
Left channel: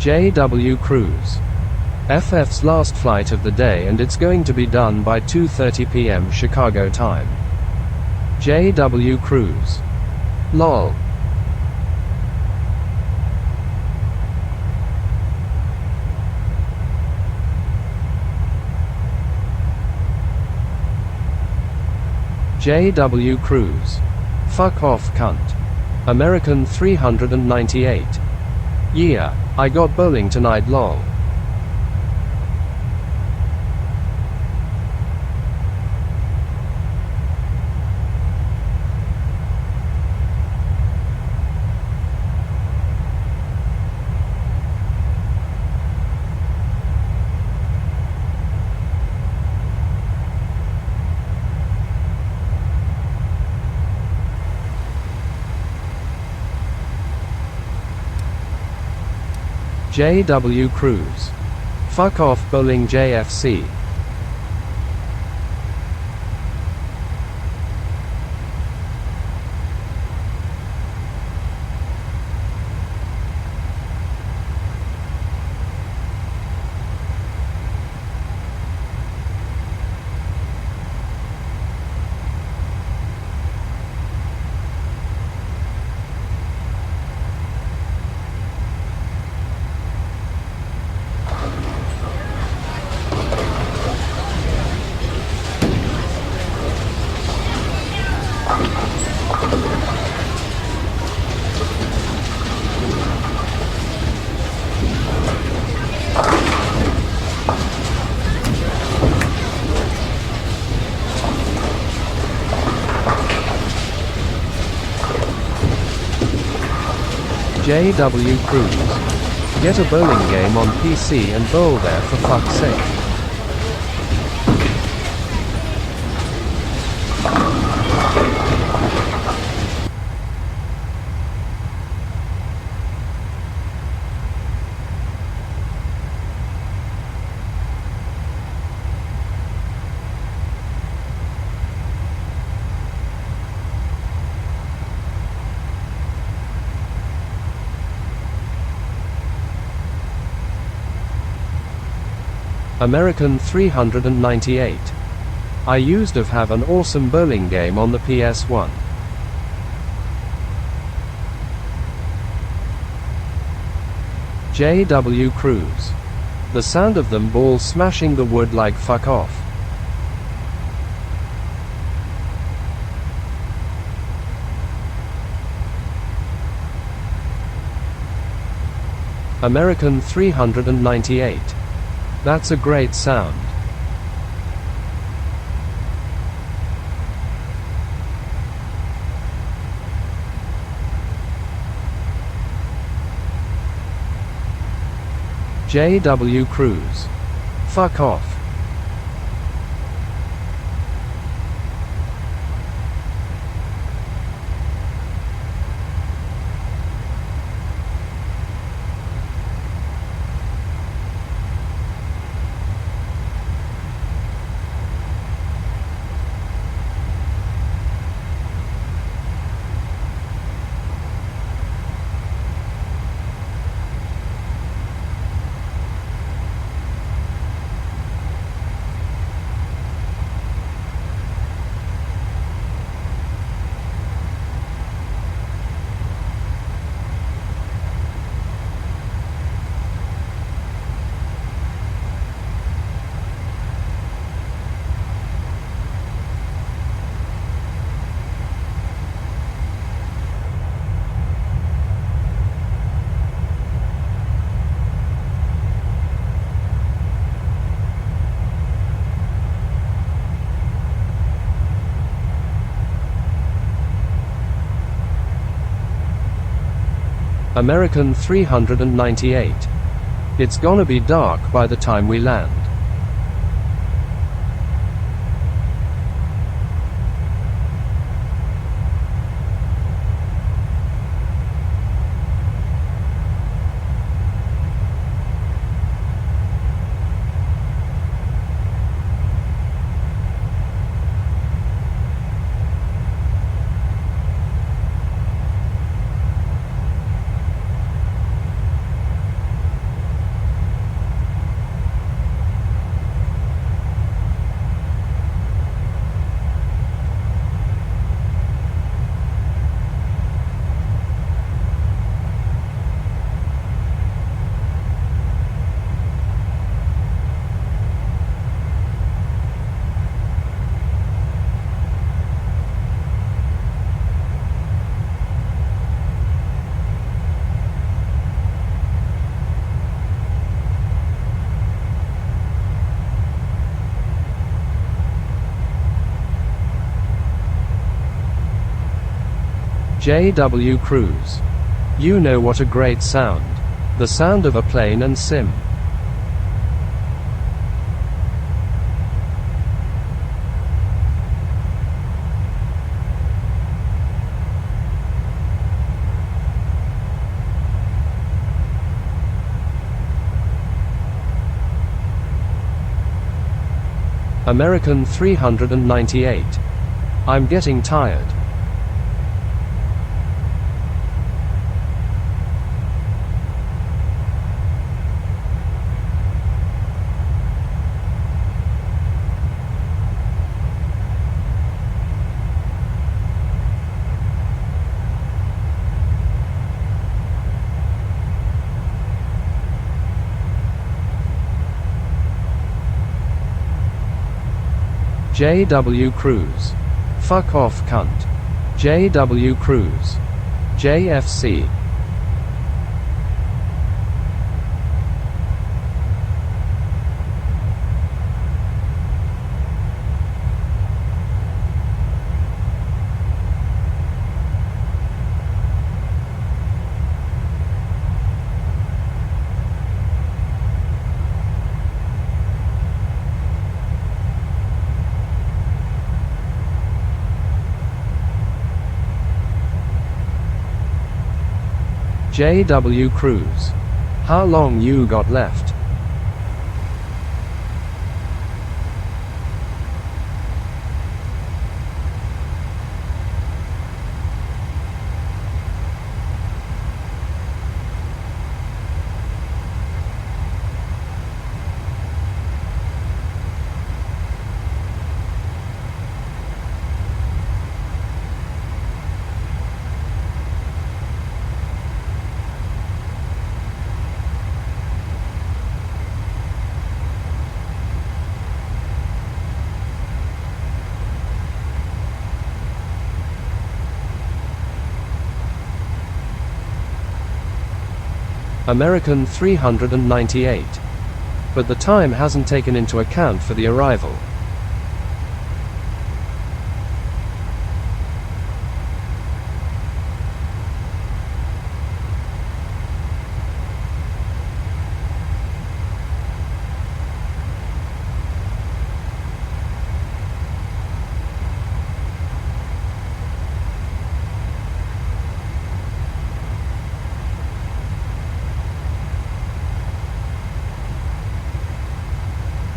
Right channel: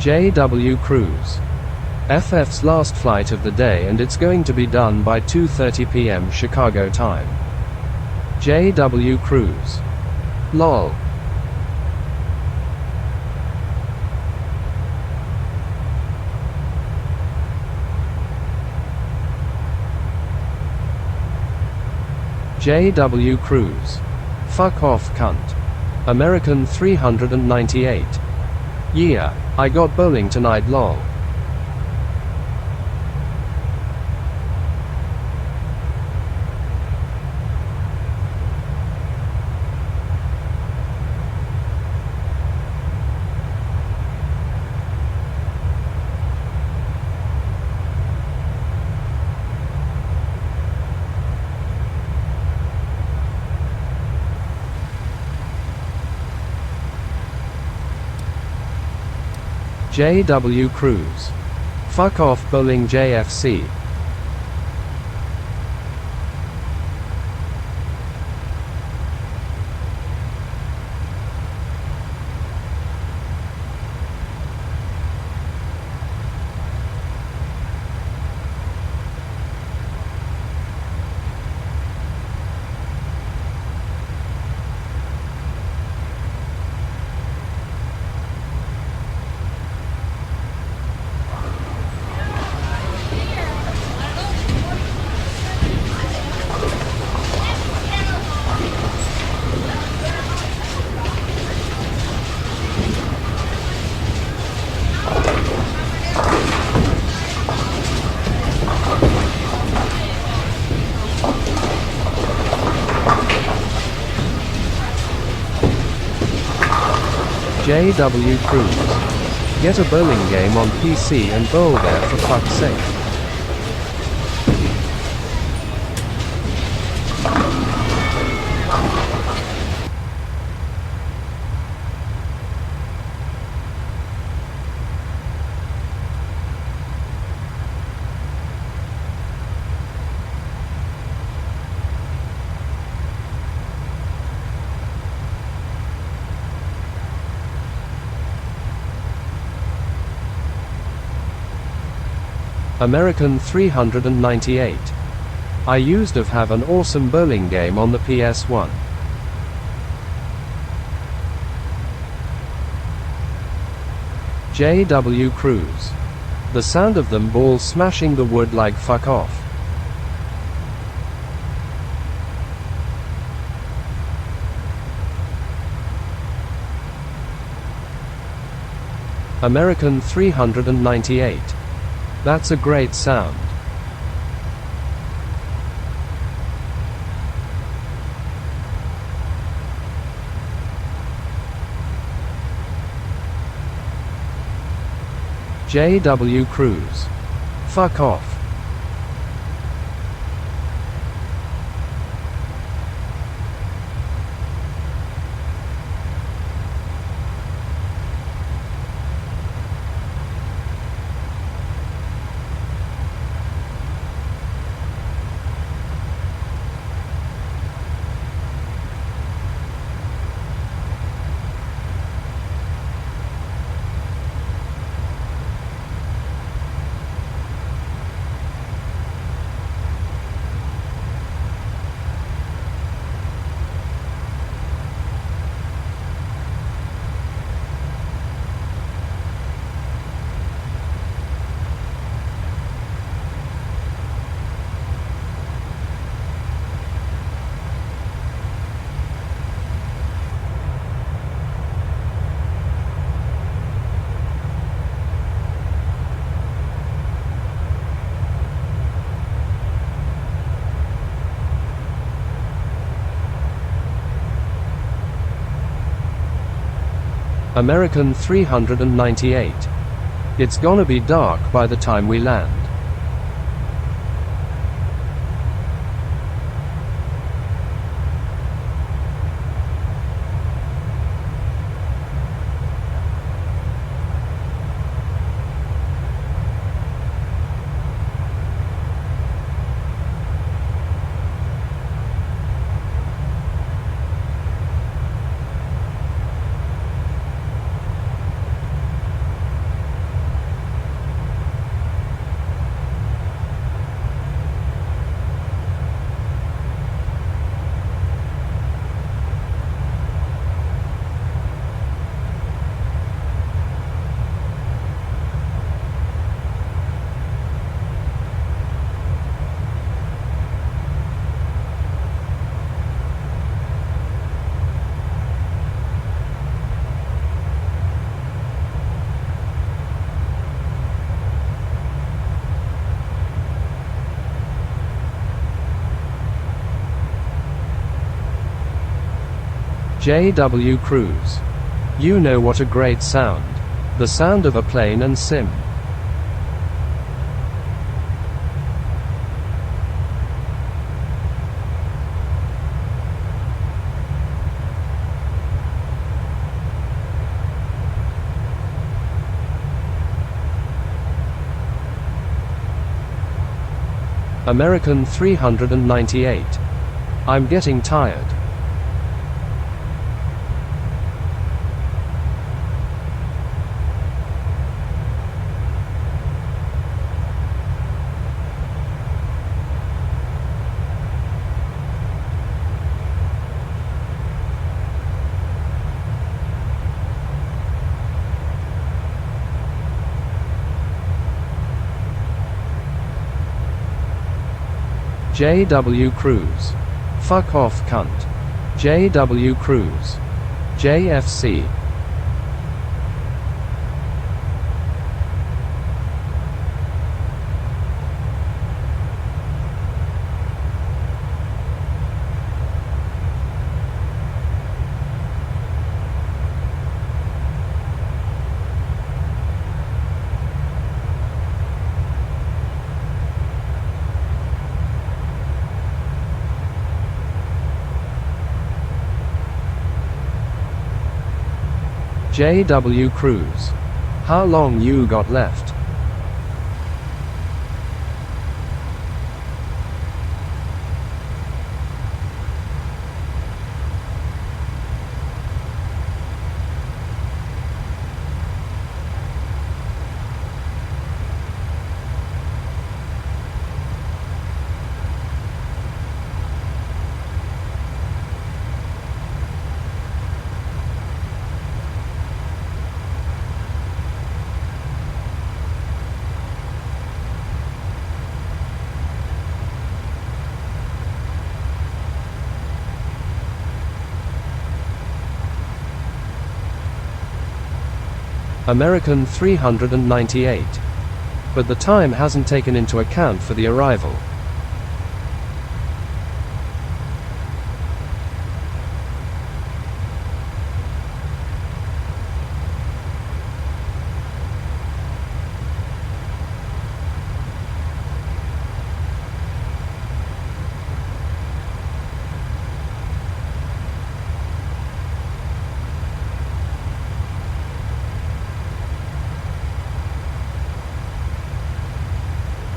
JW Cruise. FF's last flight of the day, and it's going to be done by 2:30 p.m. Chicago time. JW Cruise. LOL. JW Cruise. Fuck off, cunt. American 398. Yeah, I got bowling tonight, lol. JW Cruise. Fuck off, bowling JFC. JW Cruise. Get a bowling game on PC and bowl there for fuck's sake. American 398. I used to have an awesome bowling game on the PS1. J.W. Cruz. The sound of them balls smashing the wood like fuck off. American 398. That's a great sound. J.W. Cruz. Fuck off. American 398. It's gonna be dark by the time we land. J.W. Cruz. You know what a great sound. The sound of a plane and sim. American 398. I'm getting tired. J.W. Cruz. Fuck off, cunt. J.W. Cruz. JFC. J.W. Cruz. How long you got left? American 398. But the time hasn't taken into account for the arrival.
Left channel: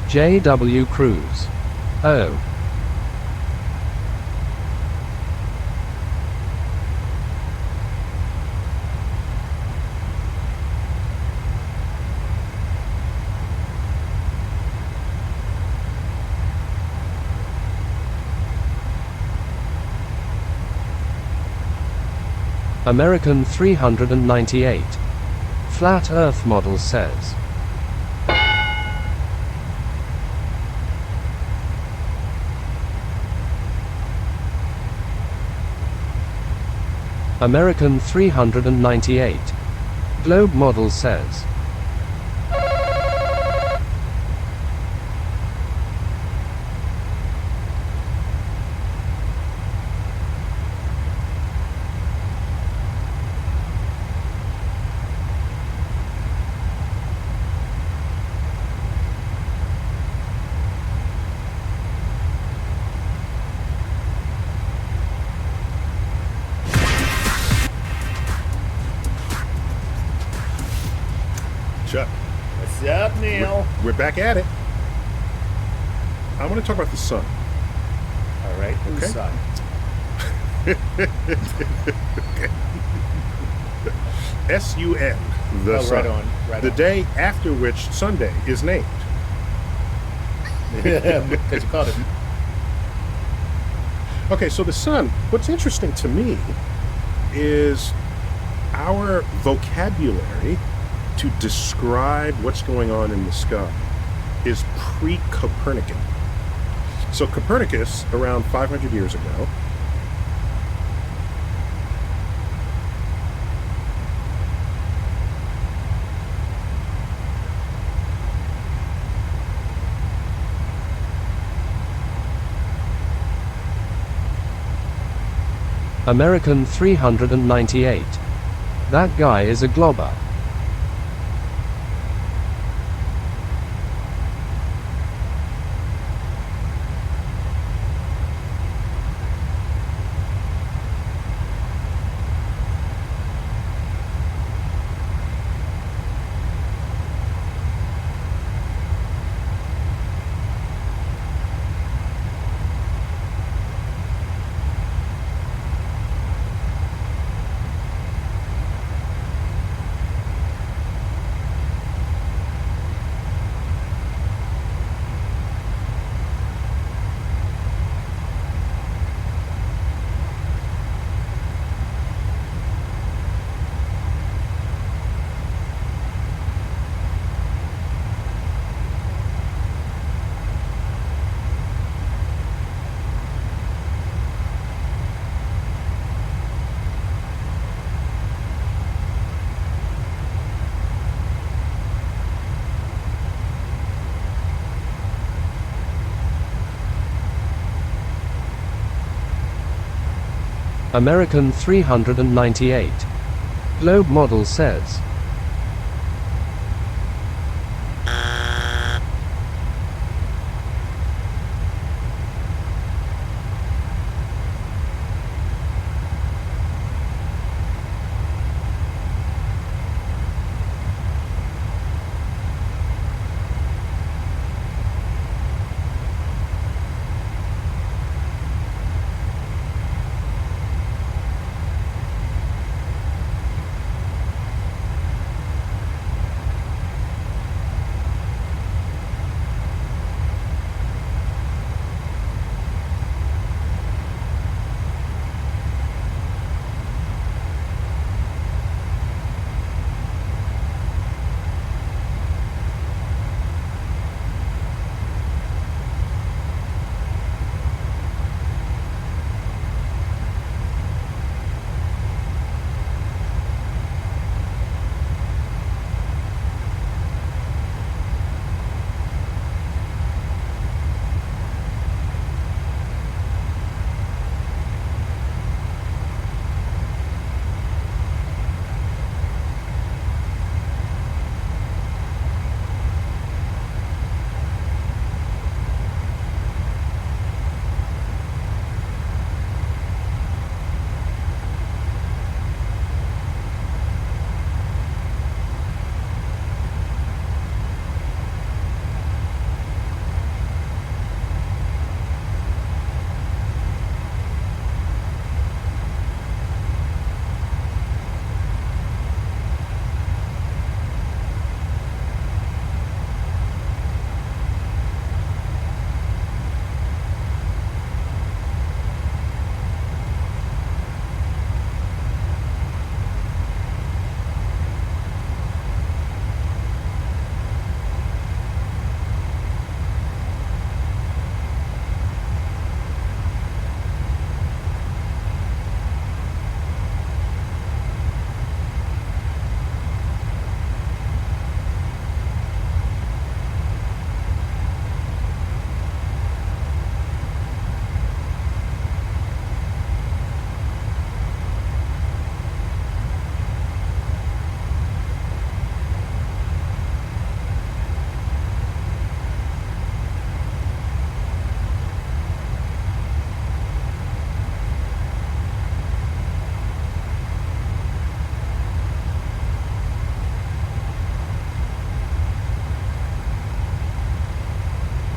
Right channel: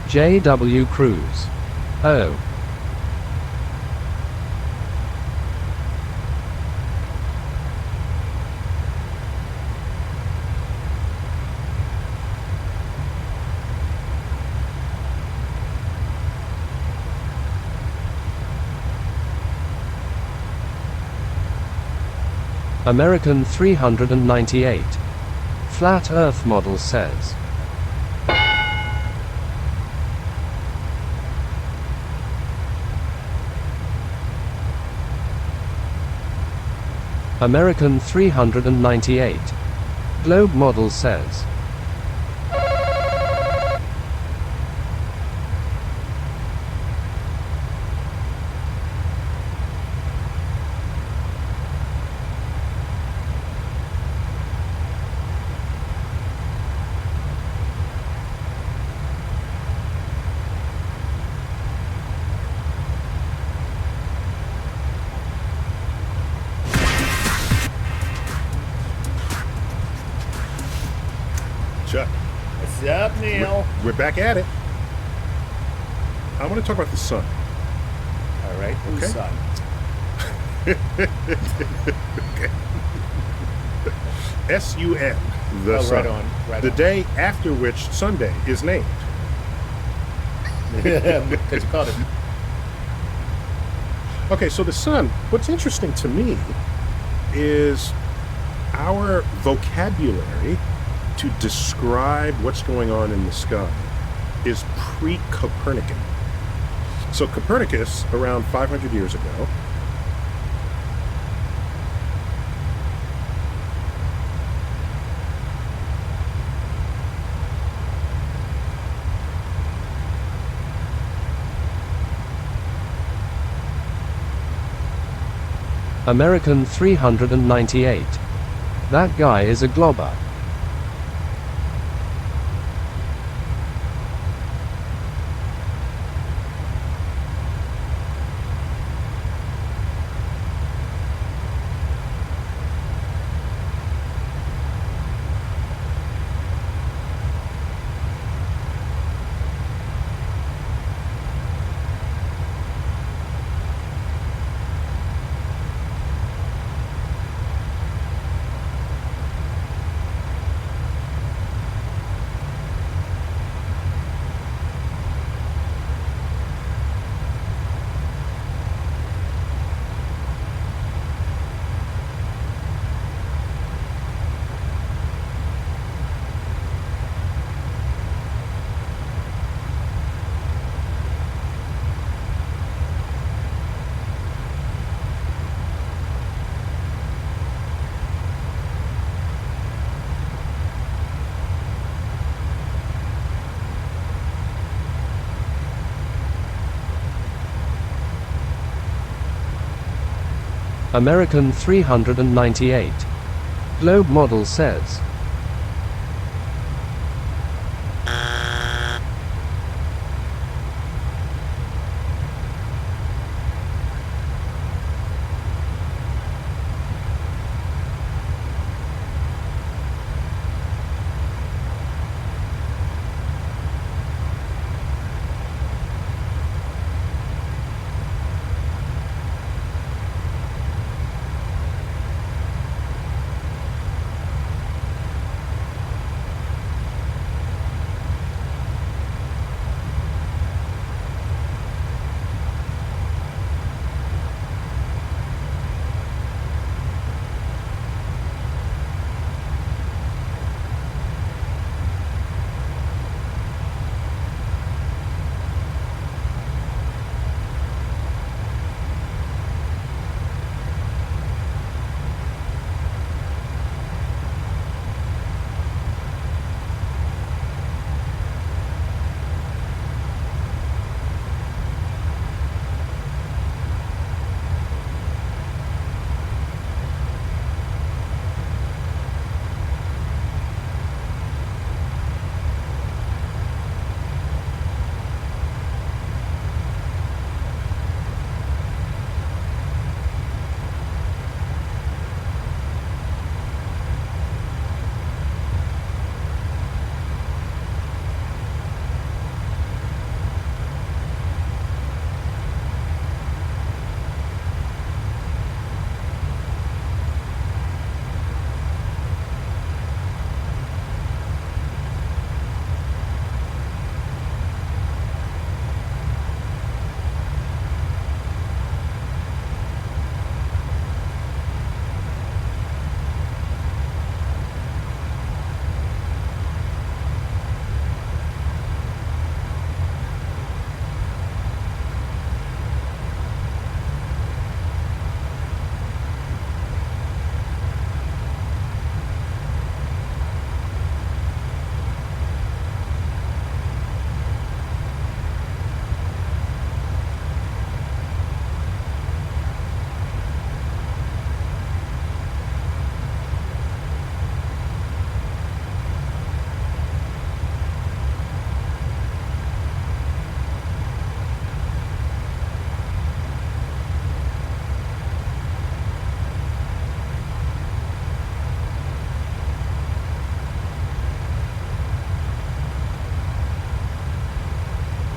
JW Cruise. Oh. American 398. Flat Earth model says. American 398. Globe model says. Chuck. What's up, Neil? We're back at it. I want to talk about the sun. All right, whose Okay. son? S-U-N, the Oh, sun. right on, right the on. day after which Sunday is named. Because you called it. Okay, so the sun, what's interesting to me is our vocabulary to describe what's going on in the sky is pre-Copernican. So Copernicus, around 500 years ago, American 398. That guy is a globber. American 398. Globe model says.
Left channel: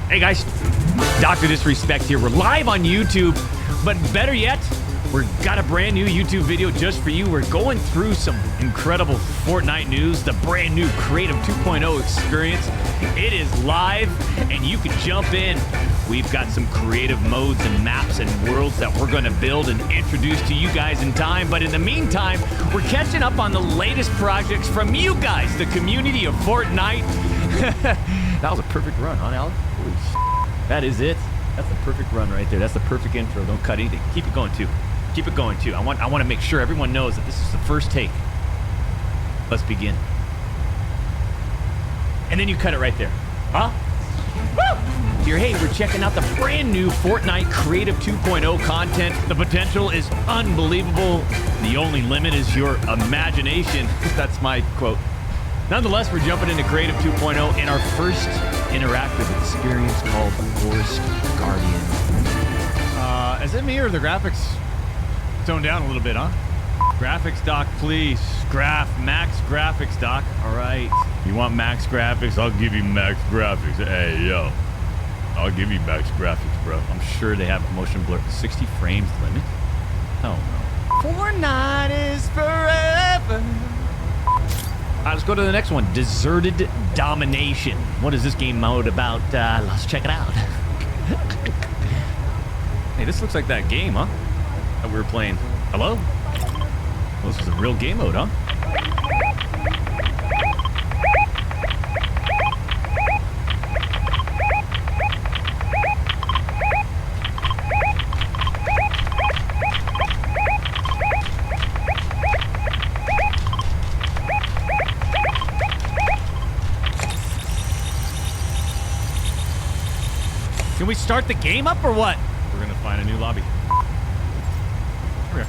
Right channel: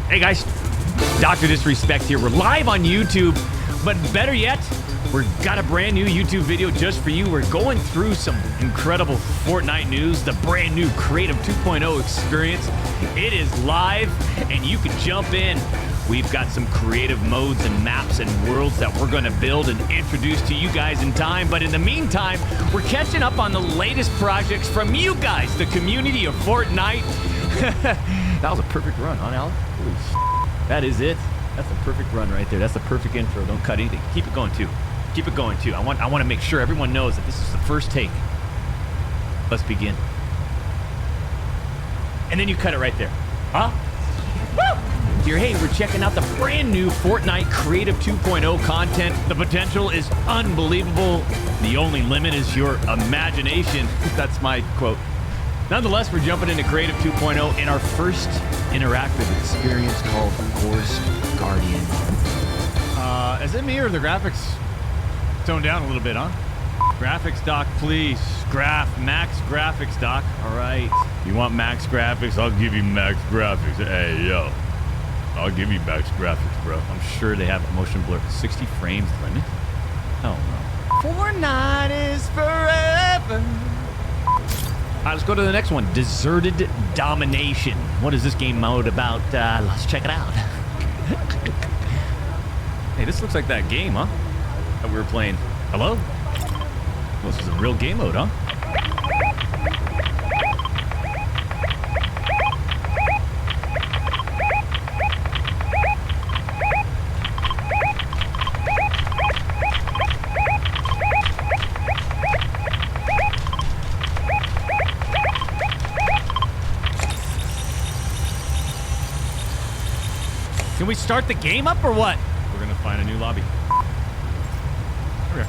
Hey guys, Dr. Disrespect here. We're live on YouTube, but better yet, we've got a brand new YouTube video just for you. We're going through some incredible Fortnite news, the brand new Creative 2.0 experience. It is live, and you can jump in. We've got some creative modes and maps and worlds that we're going to build and introduce to you guys in time. But in the meantime, we're catching up on the latest projects from you guys, the community of Fortnite. That was a perfect run, huh, Alex? Holy shit. That is it. That's the perfect run right there. That's the perfect intro. Don't cut anything. Keep it going, too. Keep it going, too. I want to make sure everyone knows that this is the first take. Let's begin. And then you cut it right there. Huh? Woo! Here, hey, we're checking out the brand new Fortnite Creative 2.0 content. The potential is unbelievable. The only limit is your imagination. That's my quote. Nonetheless, we're jumping into Creative 2.0 in our first interactive experience called Forest Guardian. Is it me or the graphics toned down a little bit, huh? Graphics doc, please. Max graphics doc. All right. You want max graphics? I'll give you max graphics. Hey, yo. I'll give you max graphics, bro. I'm sure they have motion blur. 60 frames limit? Oh, no. Fortnite is forever. All right, let's go to the next one. Deserted Domination. What is this game mode about? Let's check it out. Hey, this looks like that game, huh? That we were playing. Hello? Well, this is a real game mode, huh? Can we start the game up or what? We're gonna find a new lobby. Come here.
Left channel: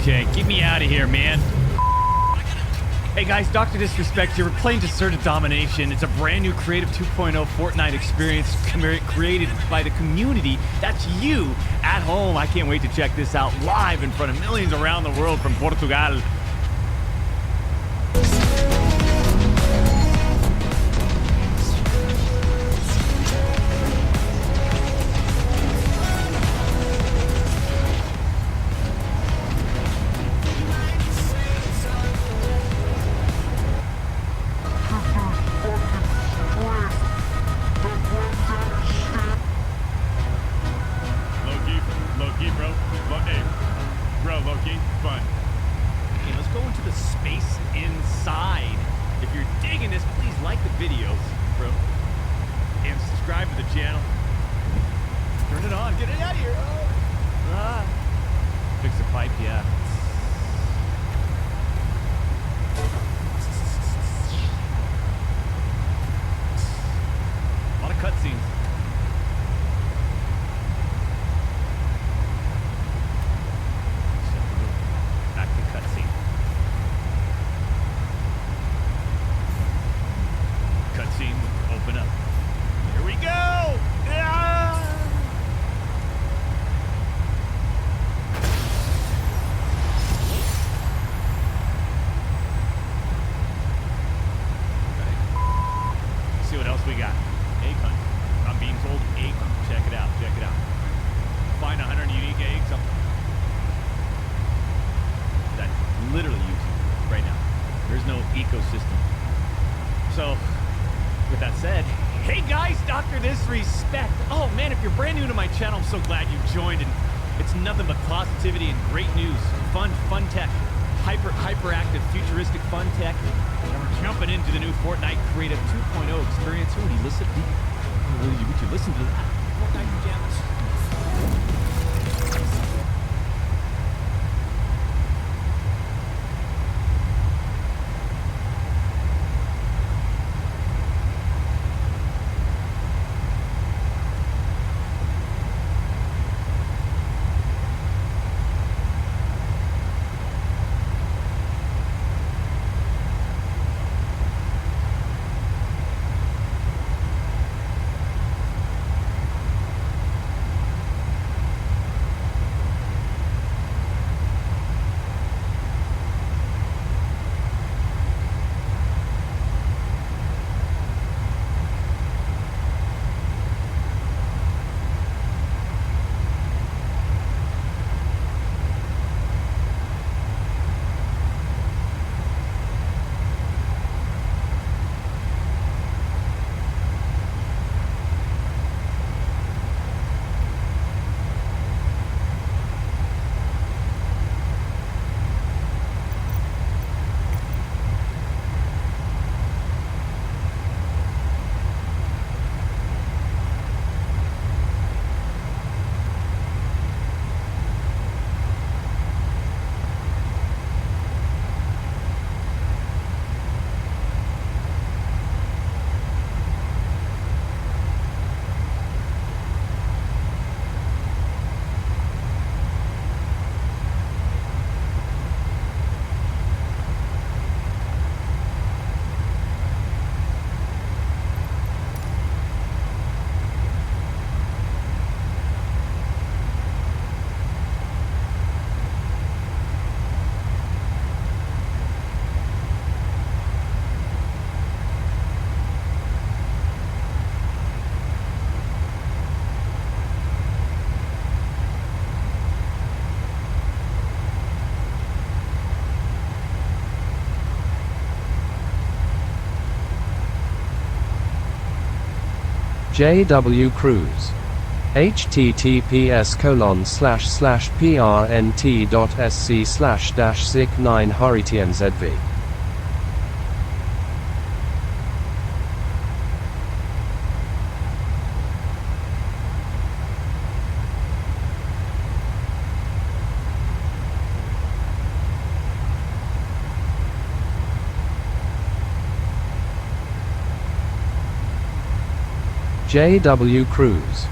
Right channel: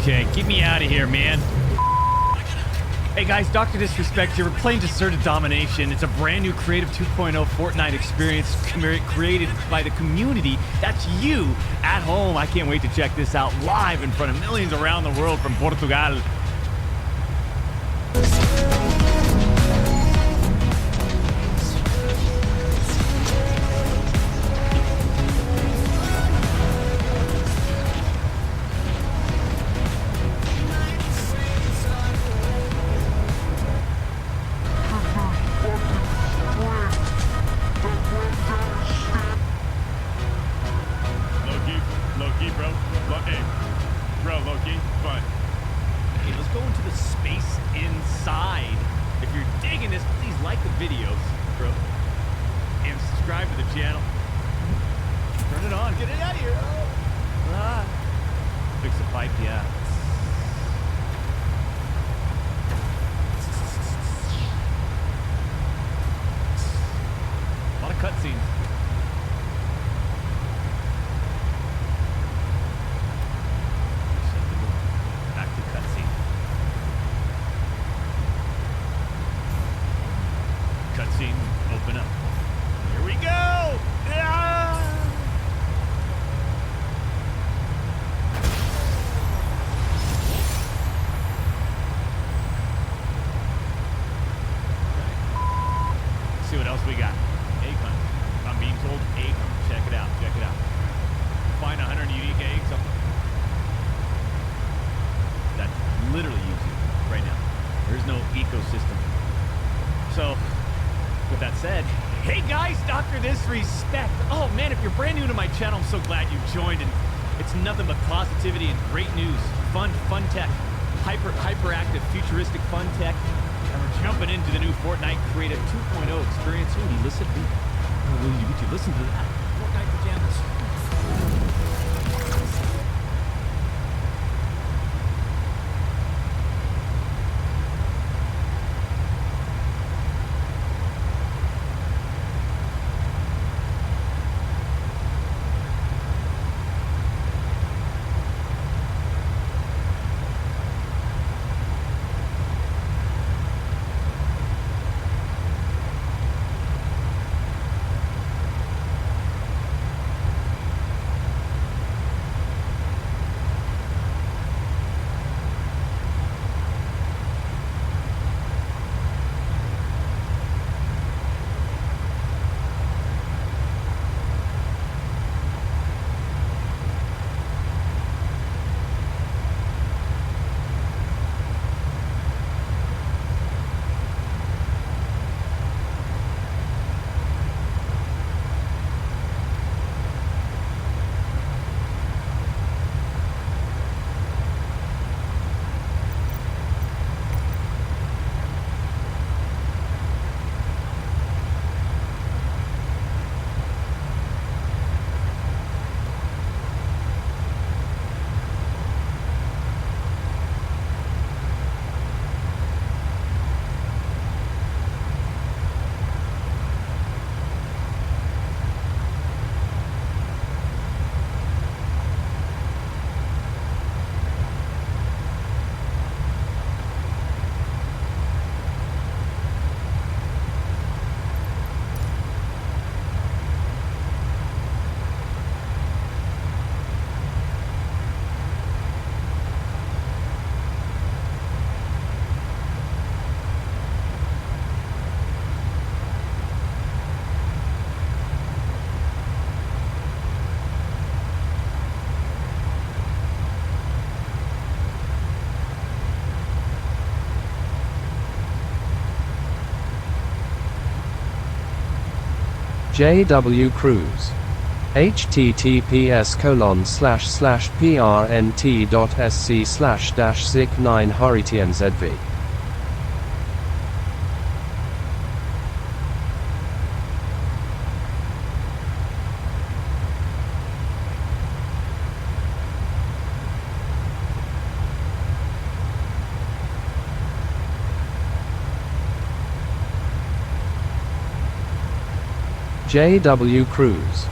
Okay, get me out of here, man. Hey guys, Dr. Disrespect here. We're playing Deserted Domination. It's a brand new Creative 2.0 Fortnite experience created by the community. That's you at home. I can't wait to check this out live in front of millions around the world from Portugal. Low-key, bro. Hey, bro, low-key, fun. Okay, let's go into the space inside. If you're digging this, please like the videos, bro. And subscribe to the channel. Turn it on. Get it out of here. Oh. Ah. Fix the pipe, yeah. A lot of cutscenes. Cutscene, open up. Here we go! Ah! Okay. Let's see what else we got. Egg hunt. I'm being told egg hunt. Check it out, check it out. Find 100 unique eggs. That's literally YouTube right now. There's no ecosystem. So, with that said, hey guys, Dr. Disrespect. Oh man, if you're brand new to my channel, I'm so glad you joined, and it's nothing but positivity and great news. Fun tech. Hyperactive, futuristic fun tech. And we're jumping into the new Fortnite Creative 2.0 experience. Would you listen to that? Fortnite pajamas. JW Cruise. https://prnt.sc/-sic9 HurriTNZV. JW Cruise.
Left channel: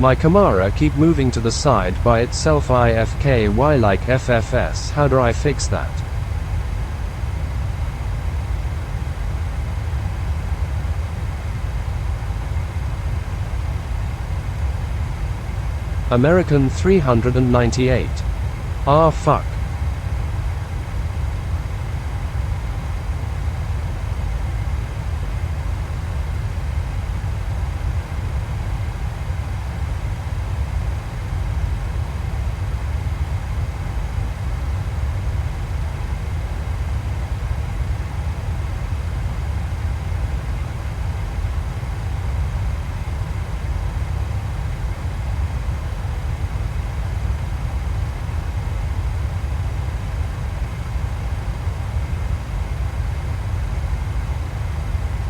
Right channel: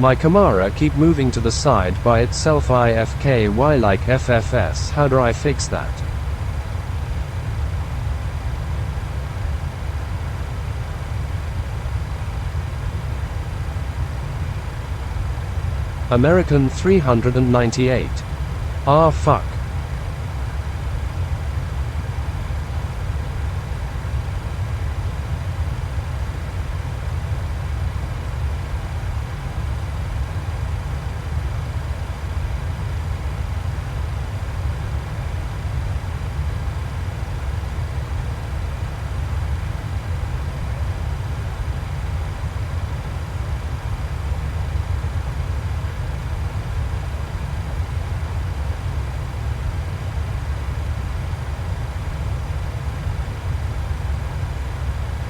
My Camara keep moving to the side by itself IFKY like FFS. How do I fix that? American 398. Ah fuck.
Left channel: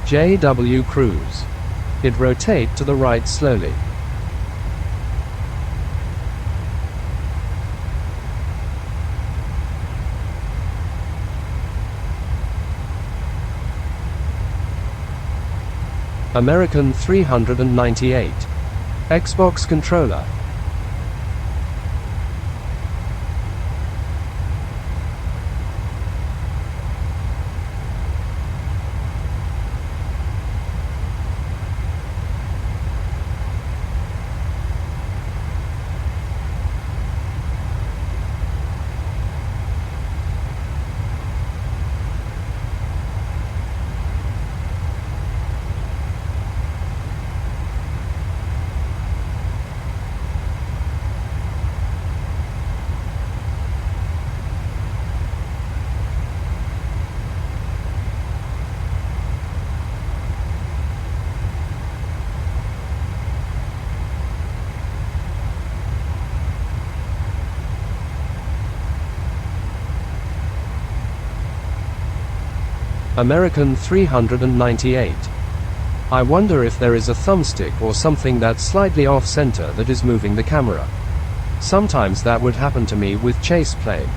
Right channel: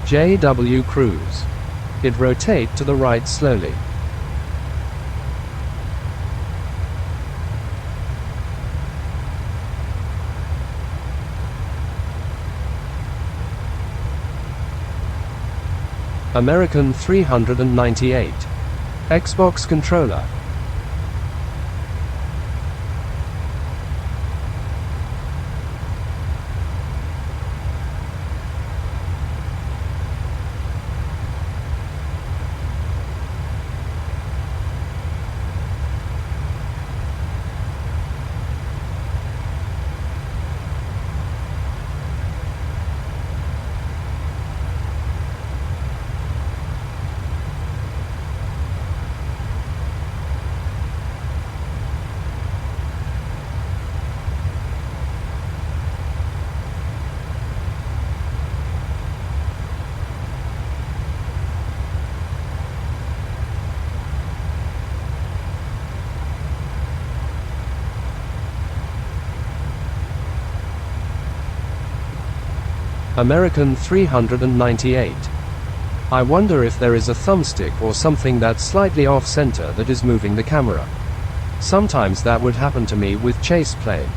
JW Cruise. It rotate to the right slowly. American 398. Xbox controller. American 398. I wonder if there is a thumbstick or something that's slightly off-center that is moving the camera. Sometimes that would happen to me with chase plane.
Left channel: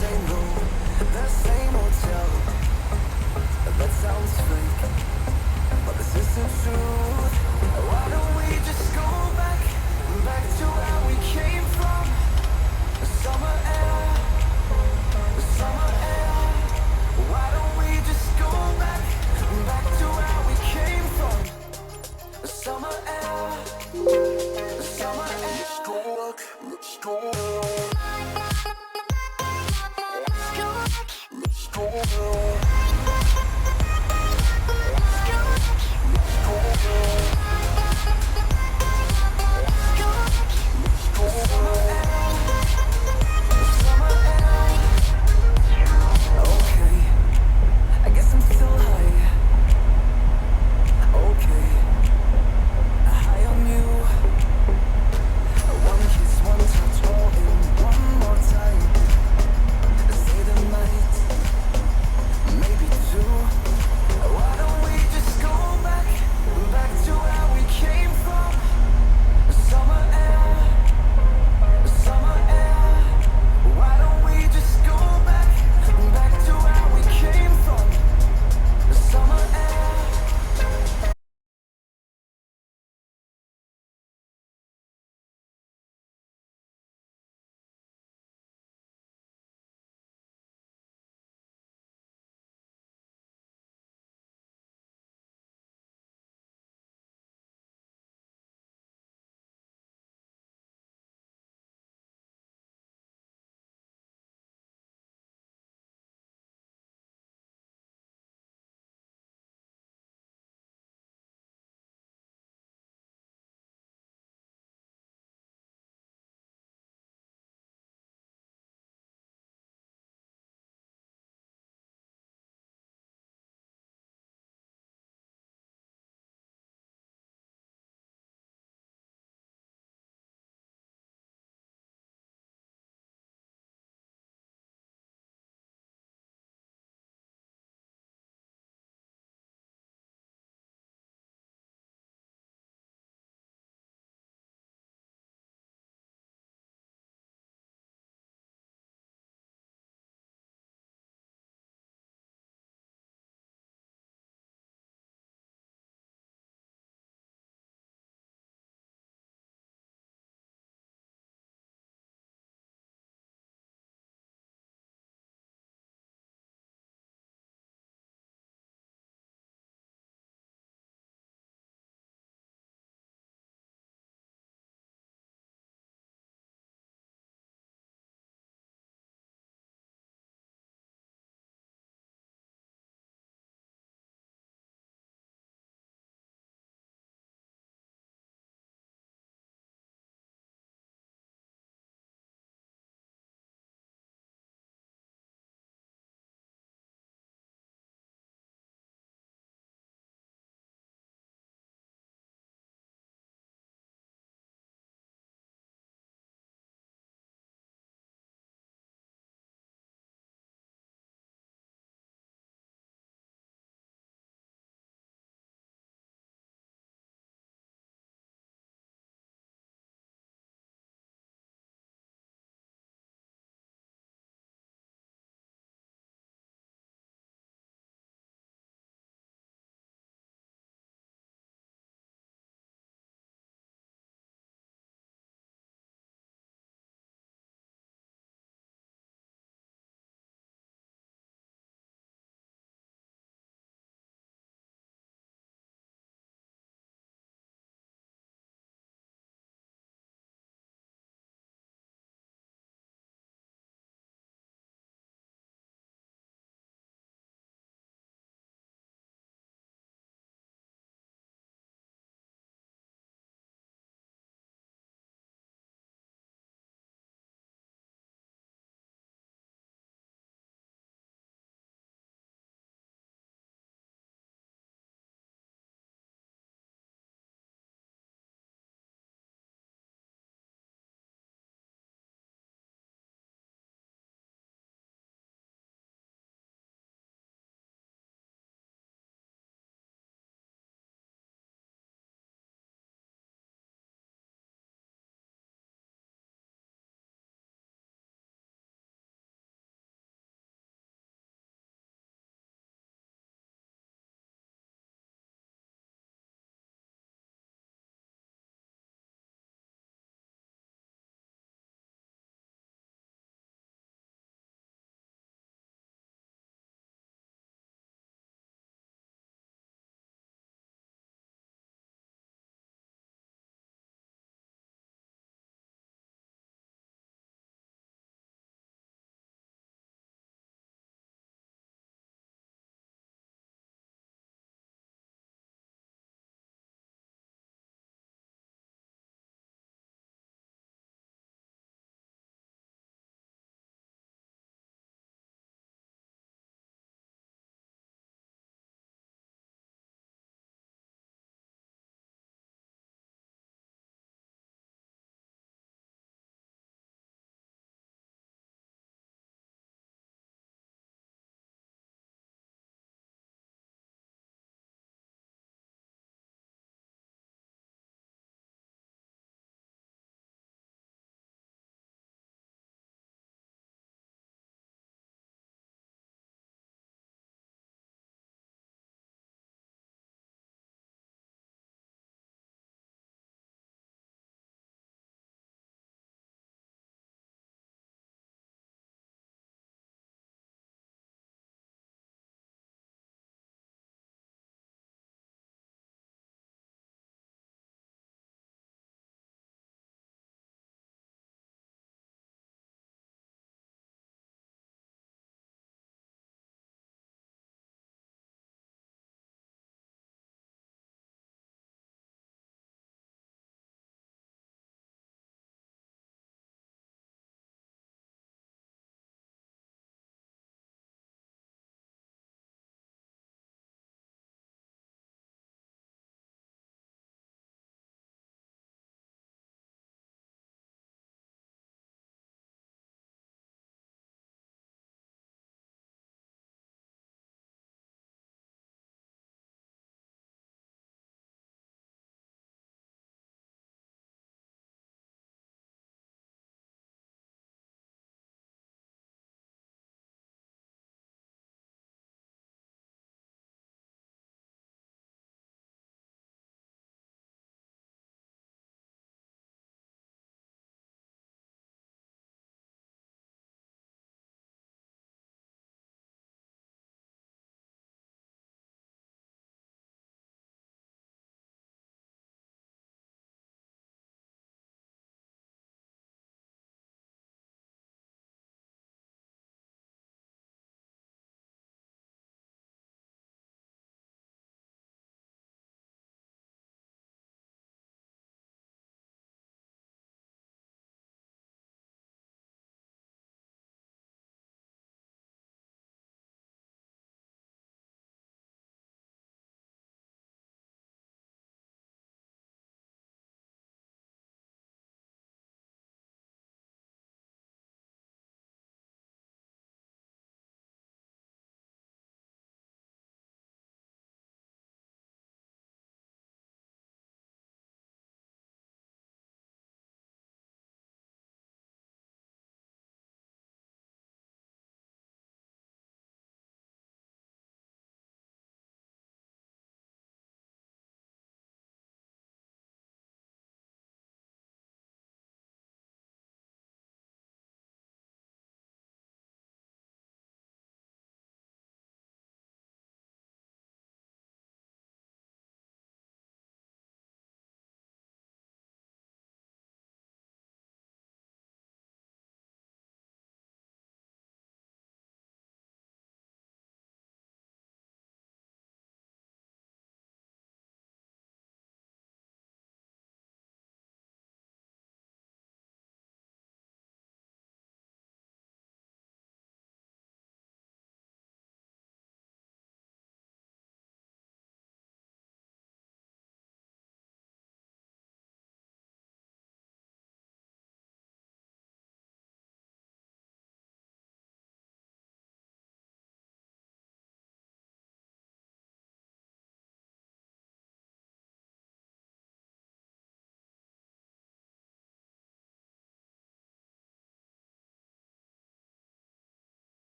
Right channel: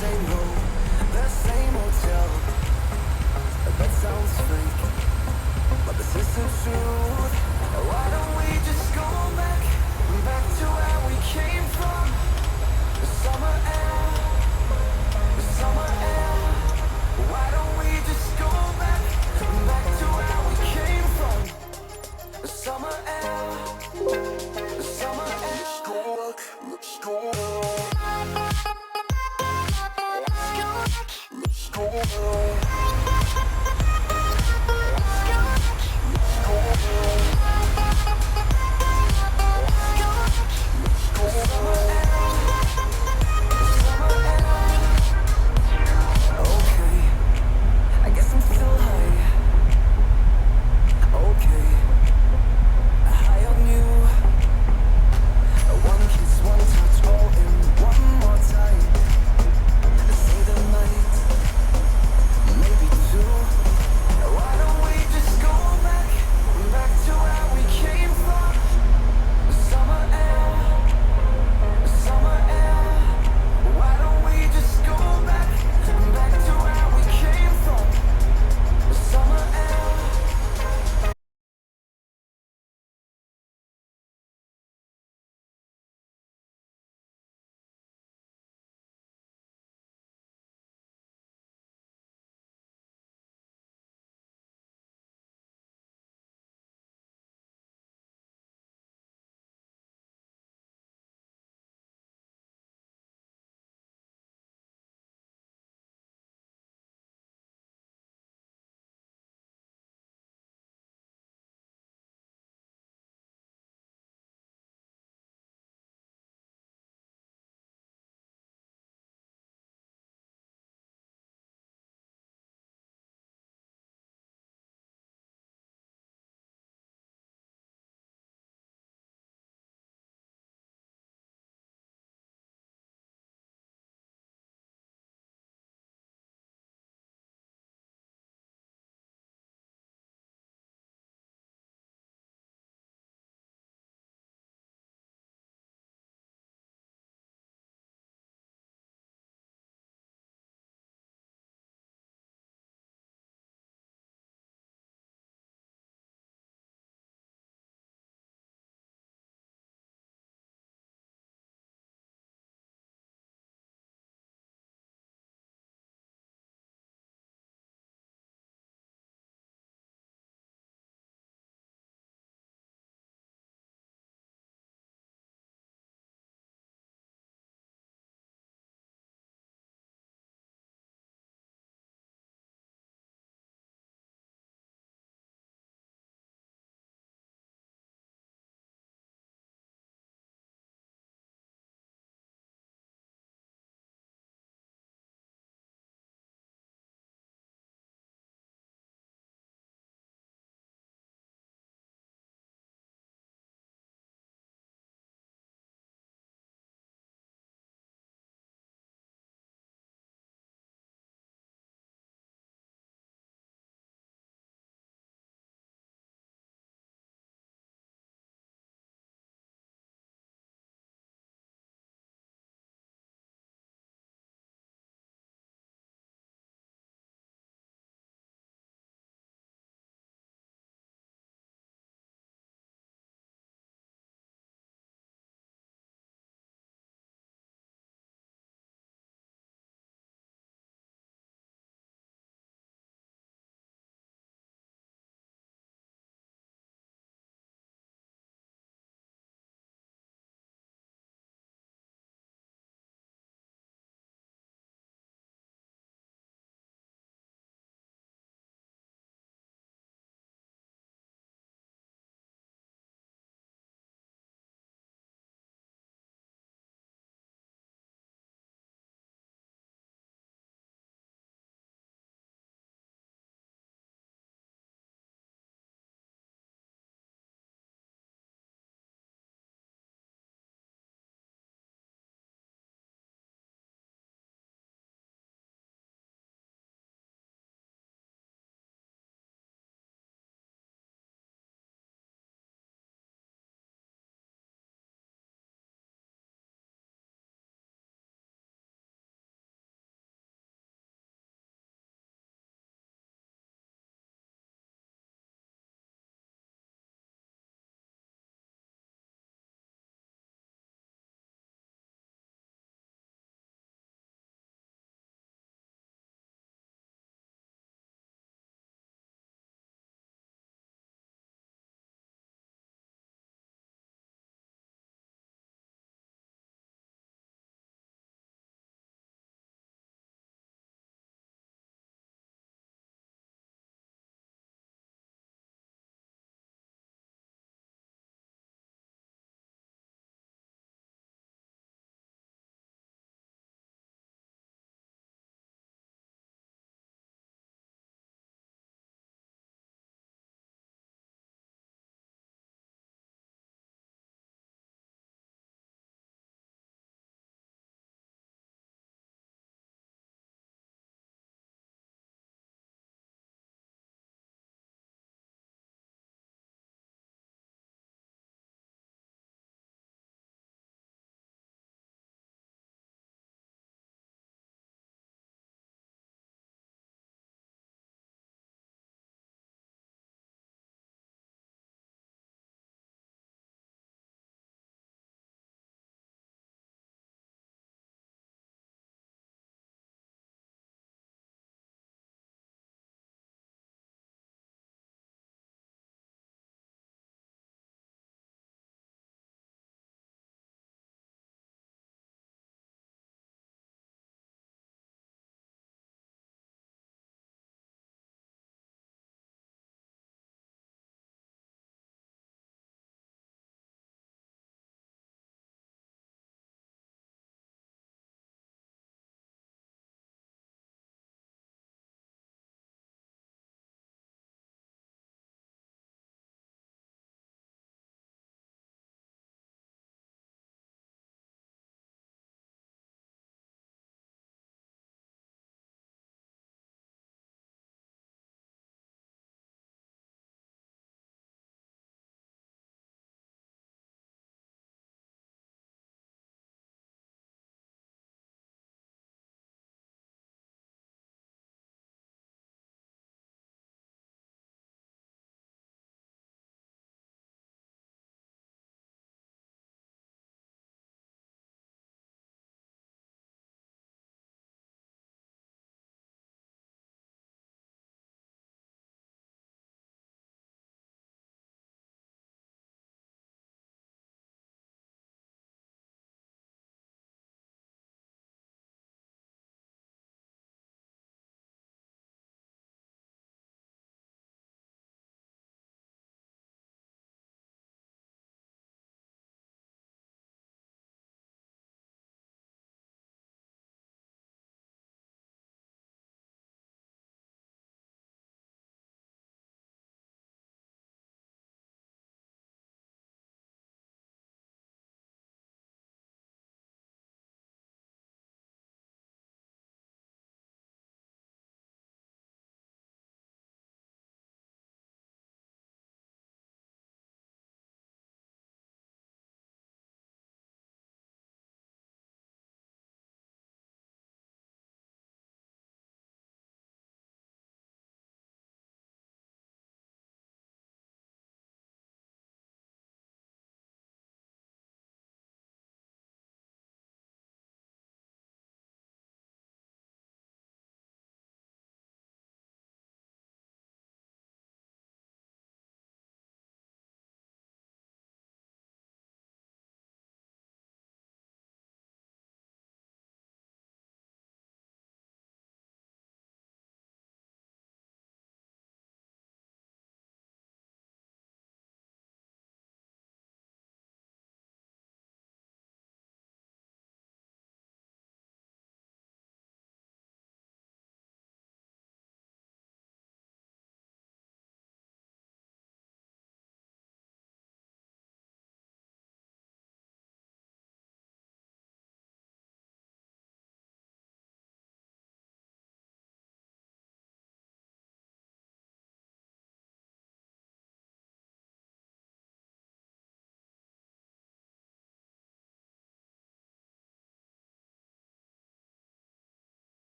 say no. The same hotel. That sounds fake, but this is the truth. Why don't we just go back to where we came from? The summer air, the summer air. Why don't we just go back to where we came from? The summer air, the summer air. Let's go back, let's go back. Let's go back.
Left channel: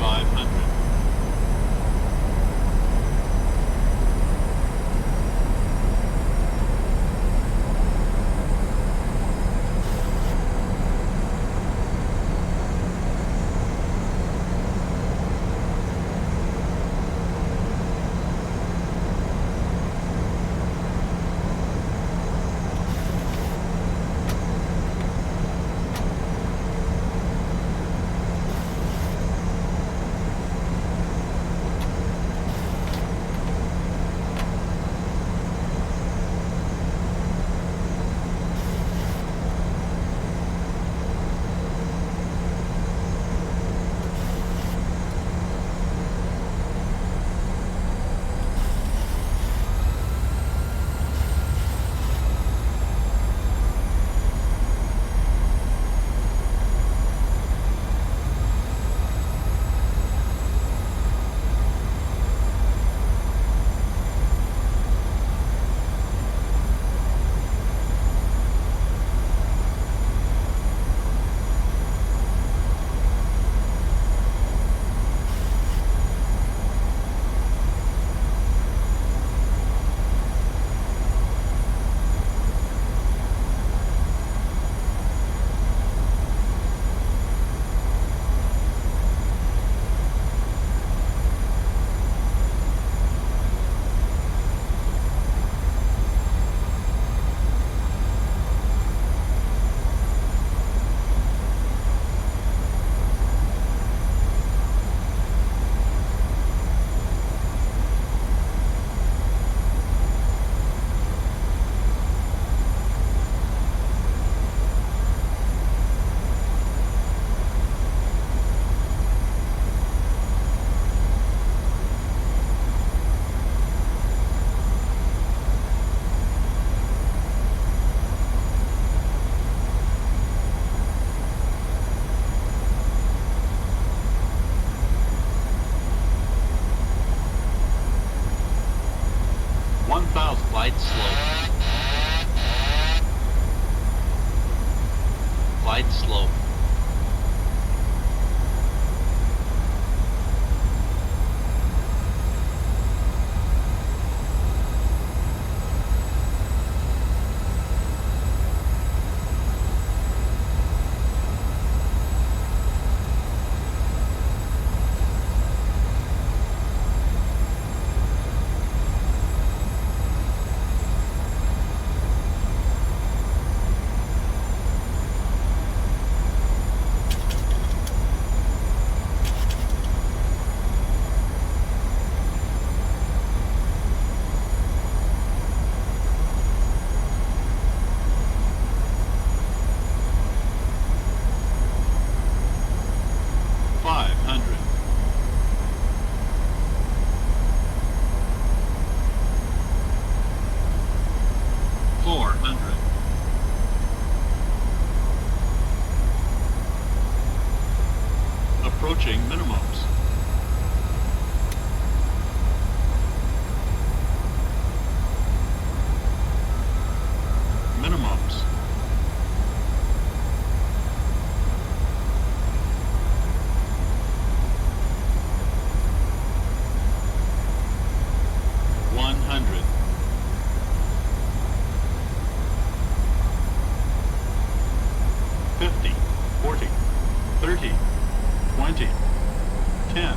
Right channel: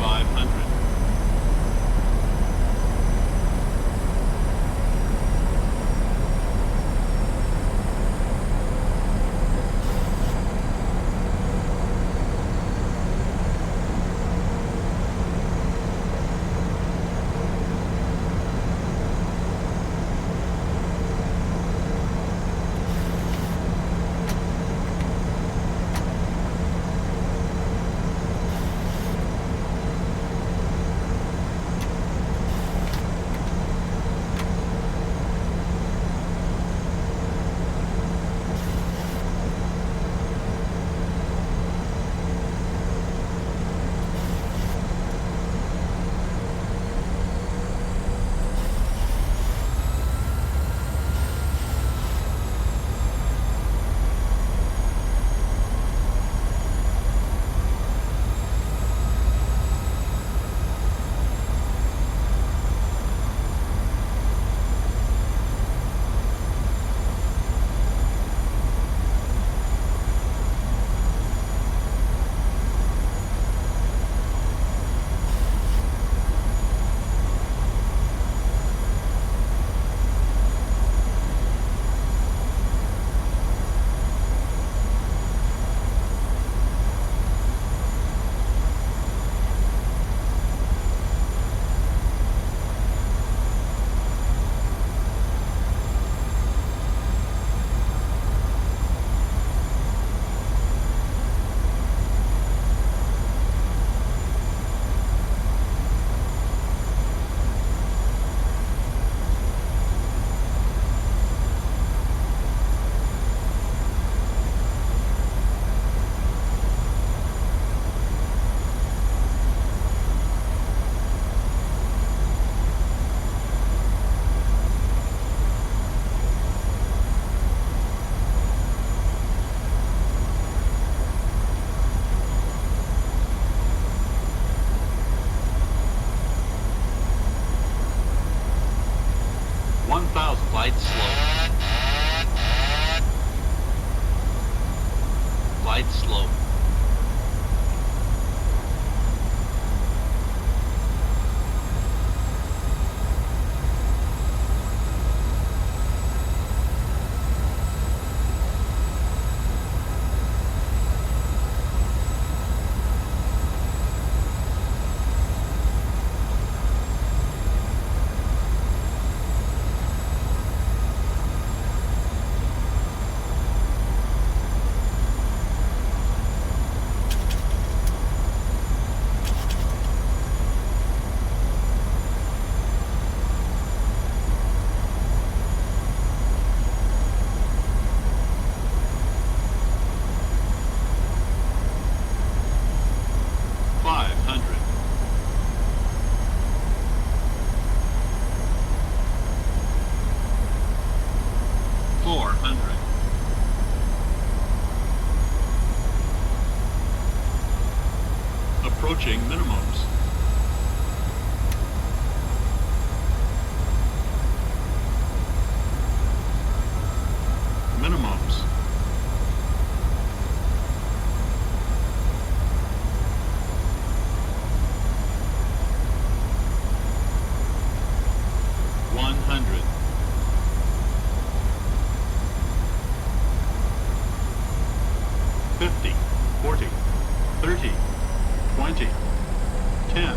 500. 1,000. Glide slow. Glide slow. Approaching minimums. Minimums. $100. 50, 40, 30, 20, 10.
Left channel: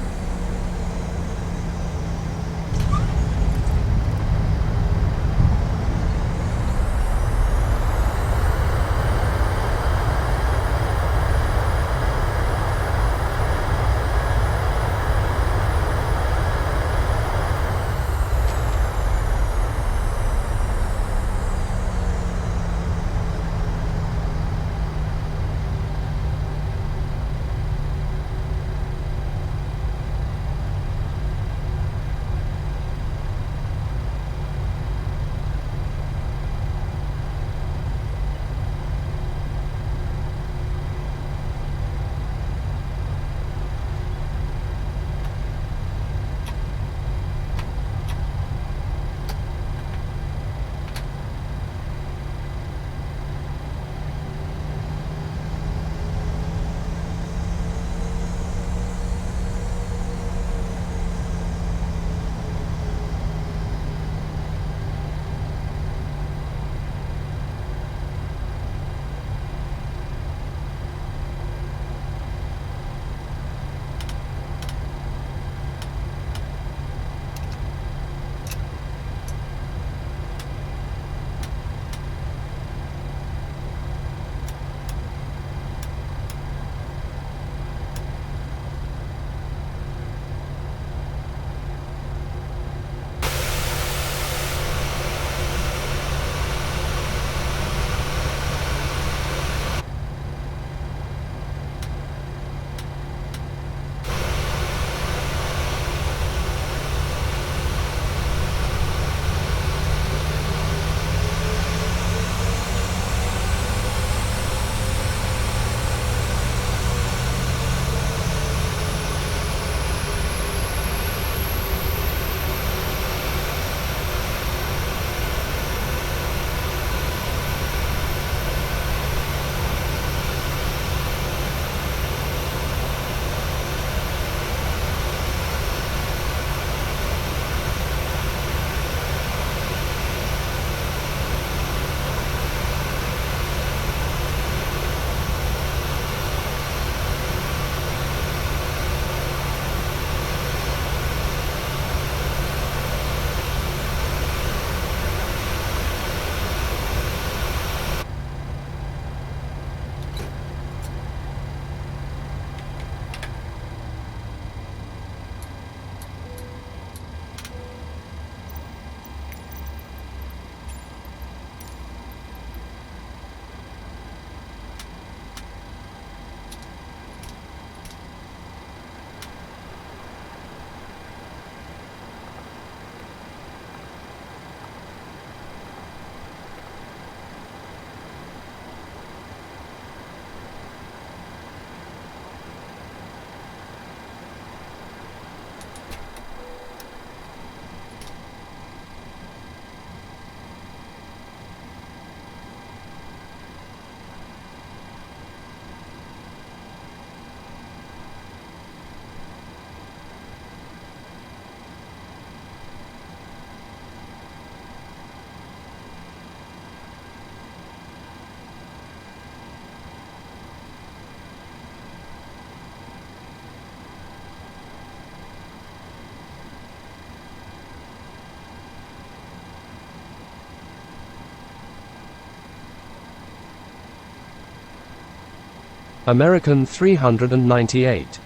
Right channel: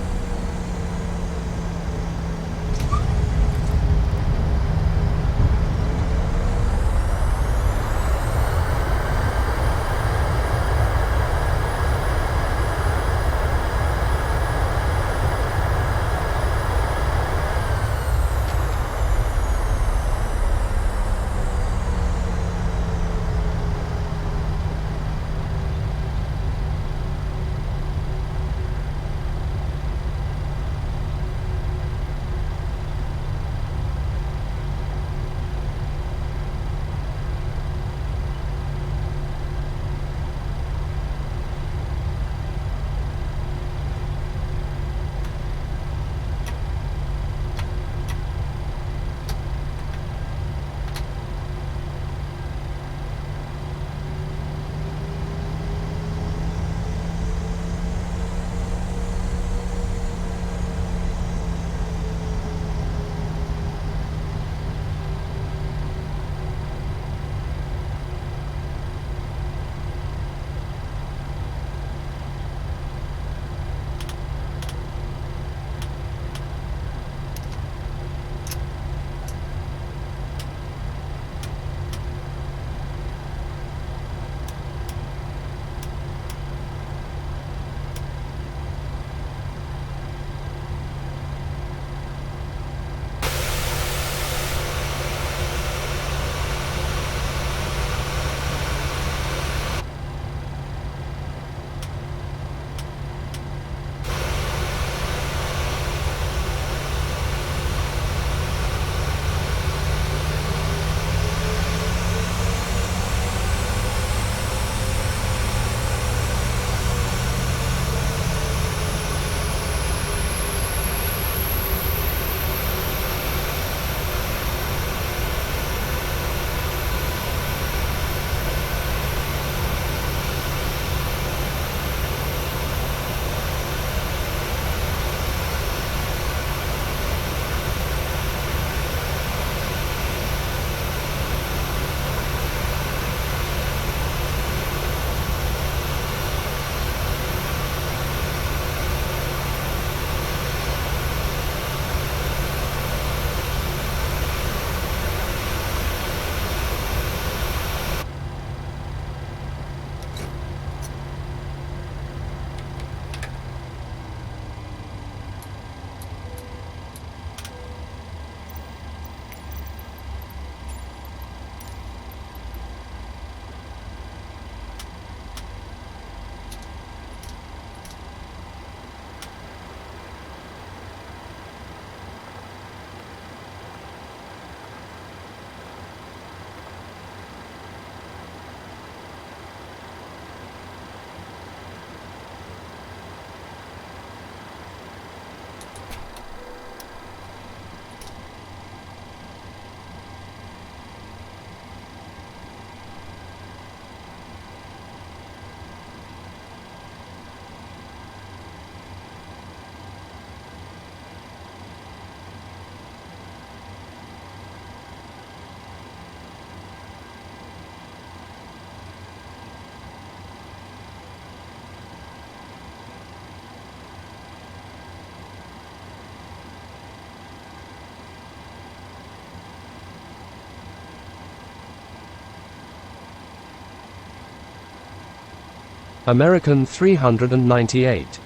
American 398.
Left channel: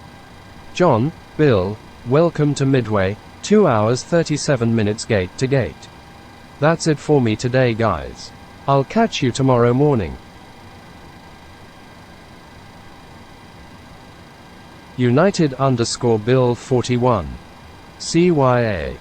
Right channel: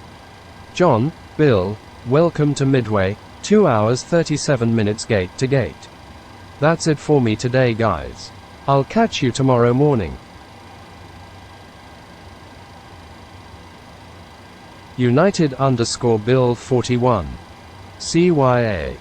John, Bill, welcome to Midway, 2 hours 37 minutes gate to gate. That's it for me today, guys. I'll catch you tomorrow morning. United_Bill 41. CYA.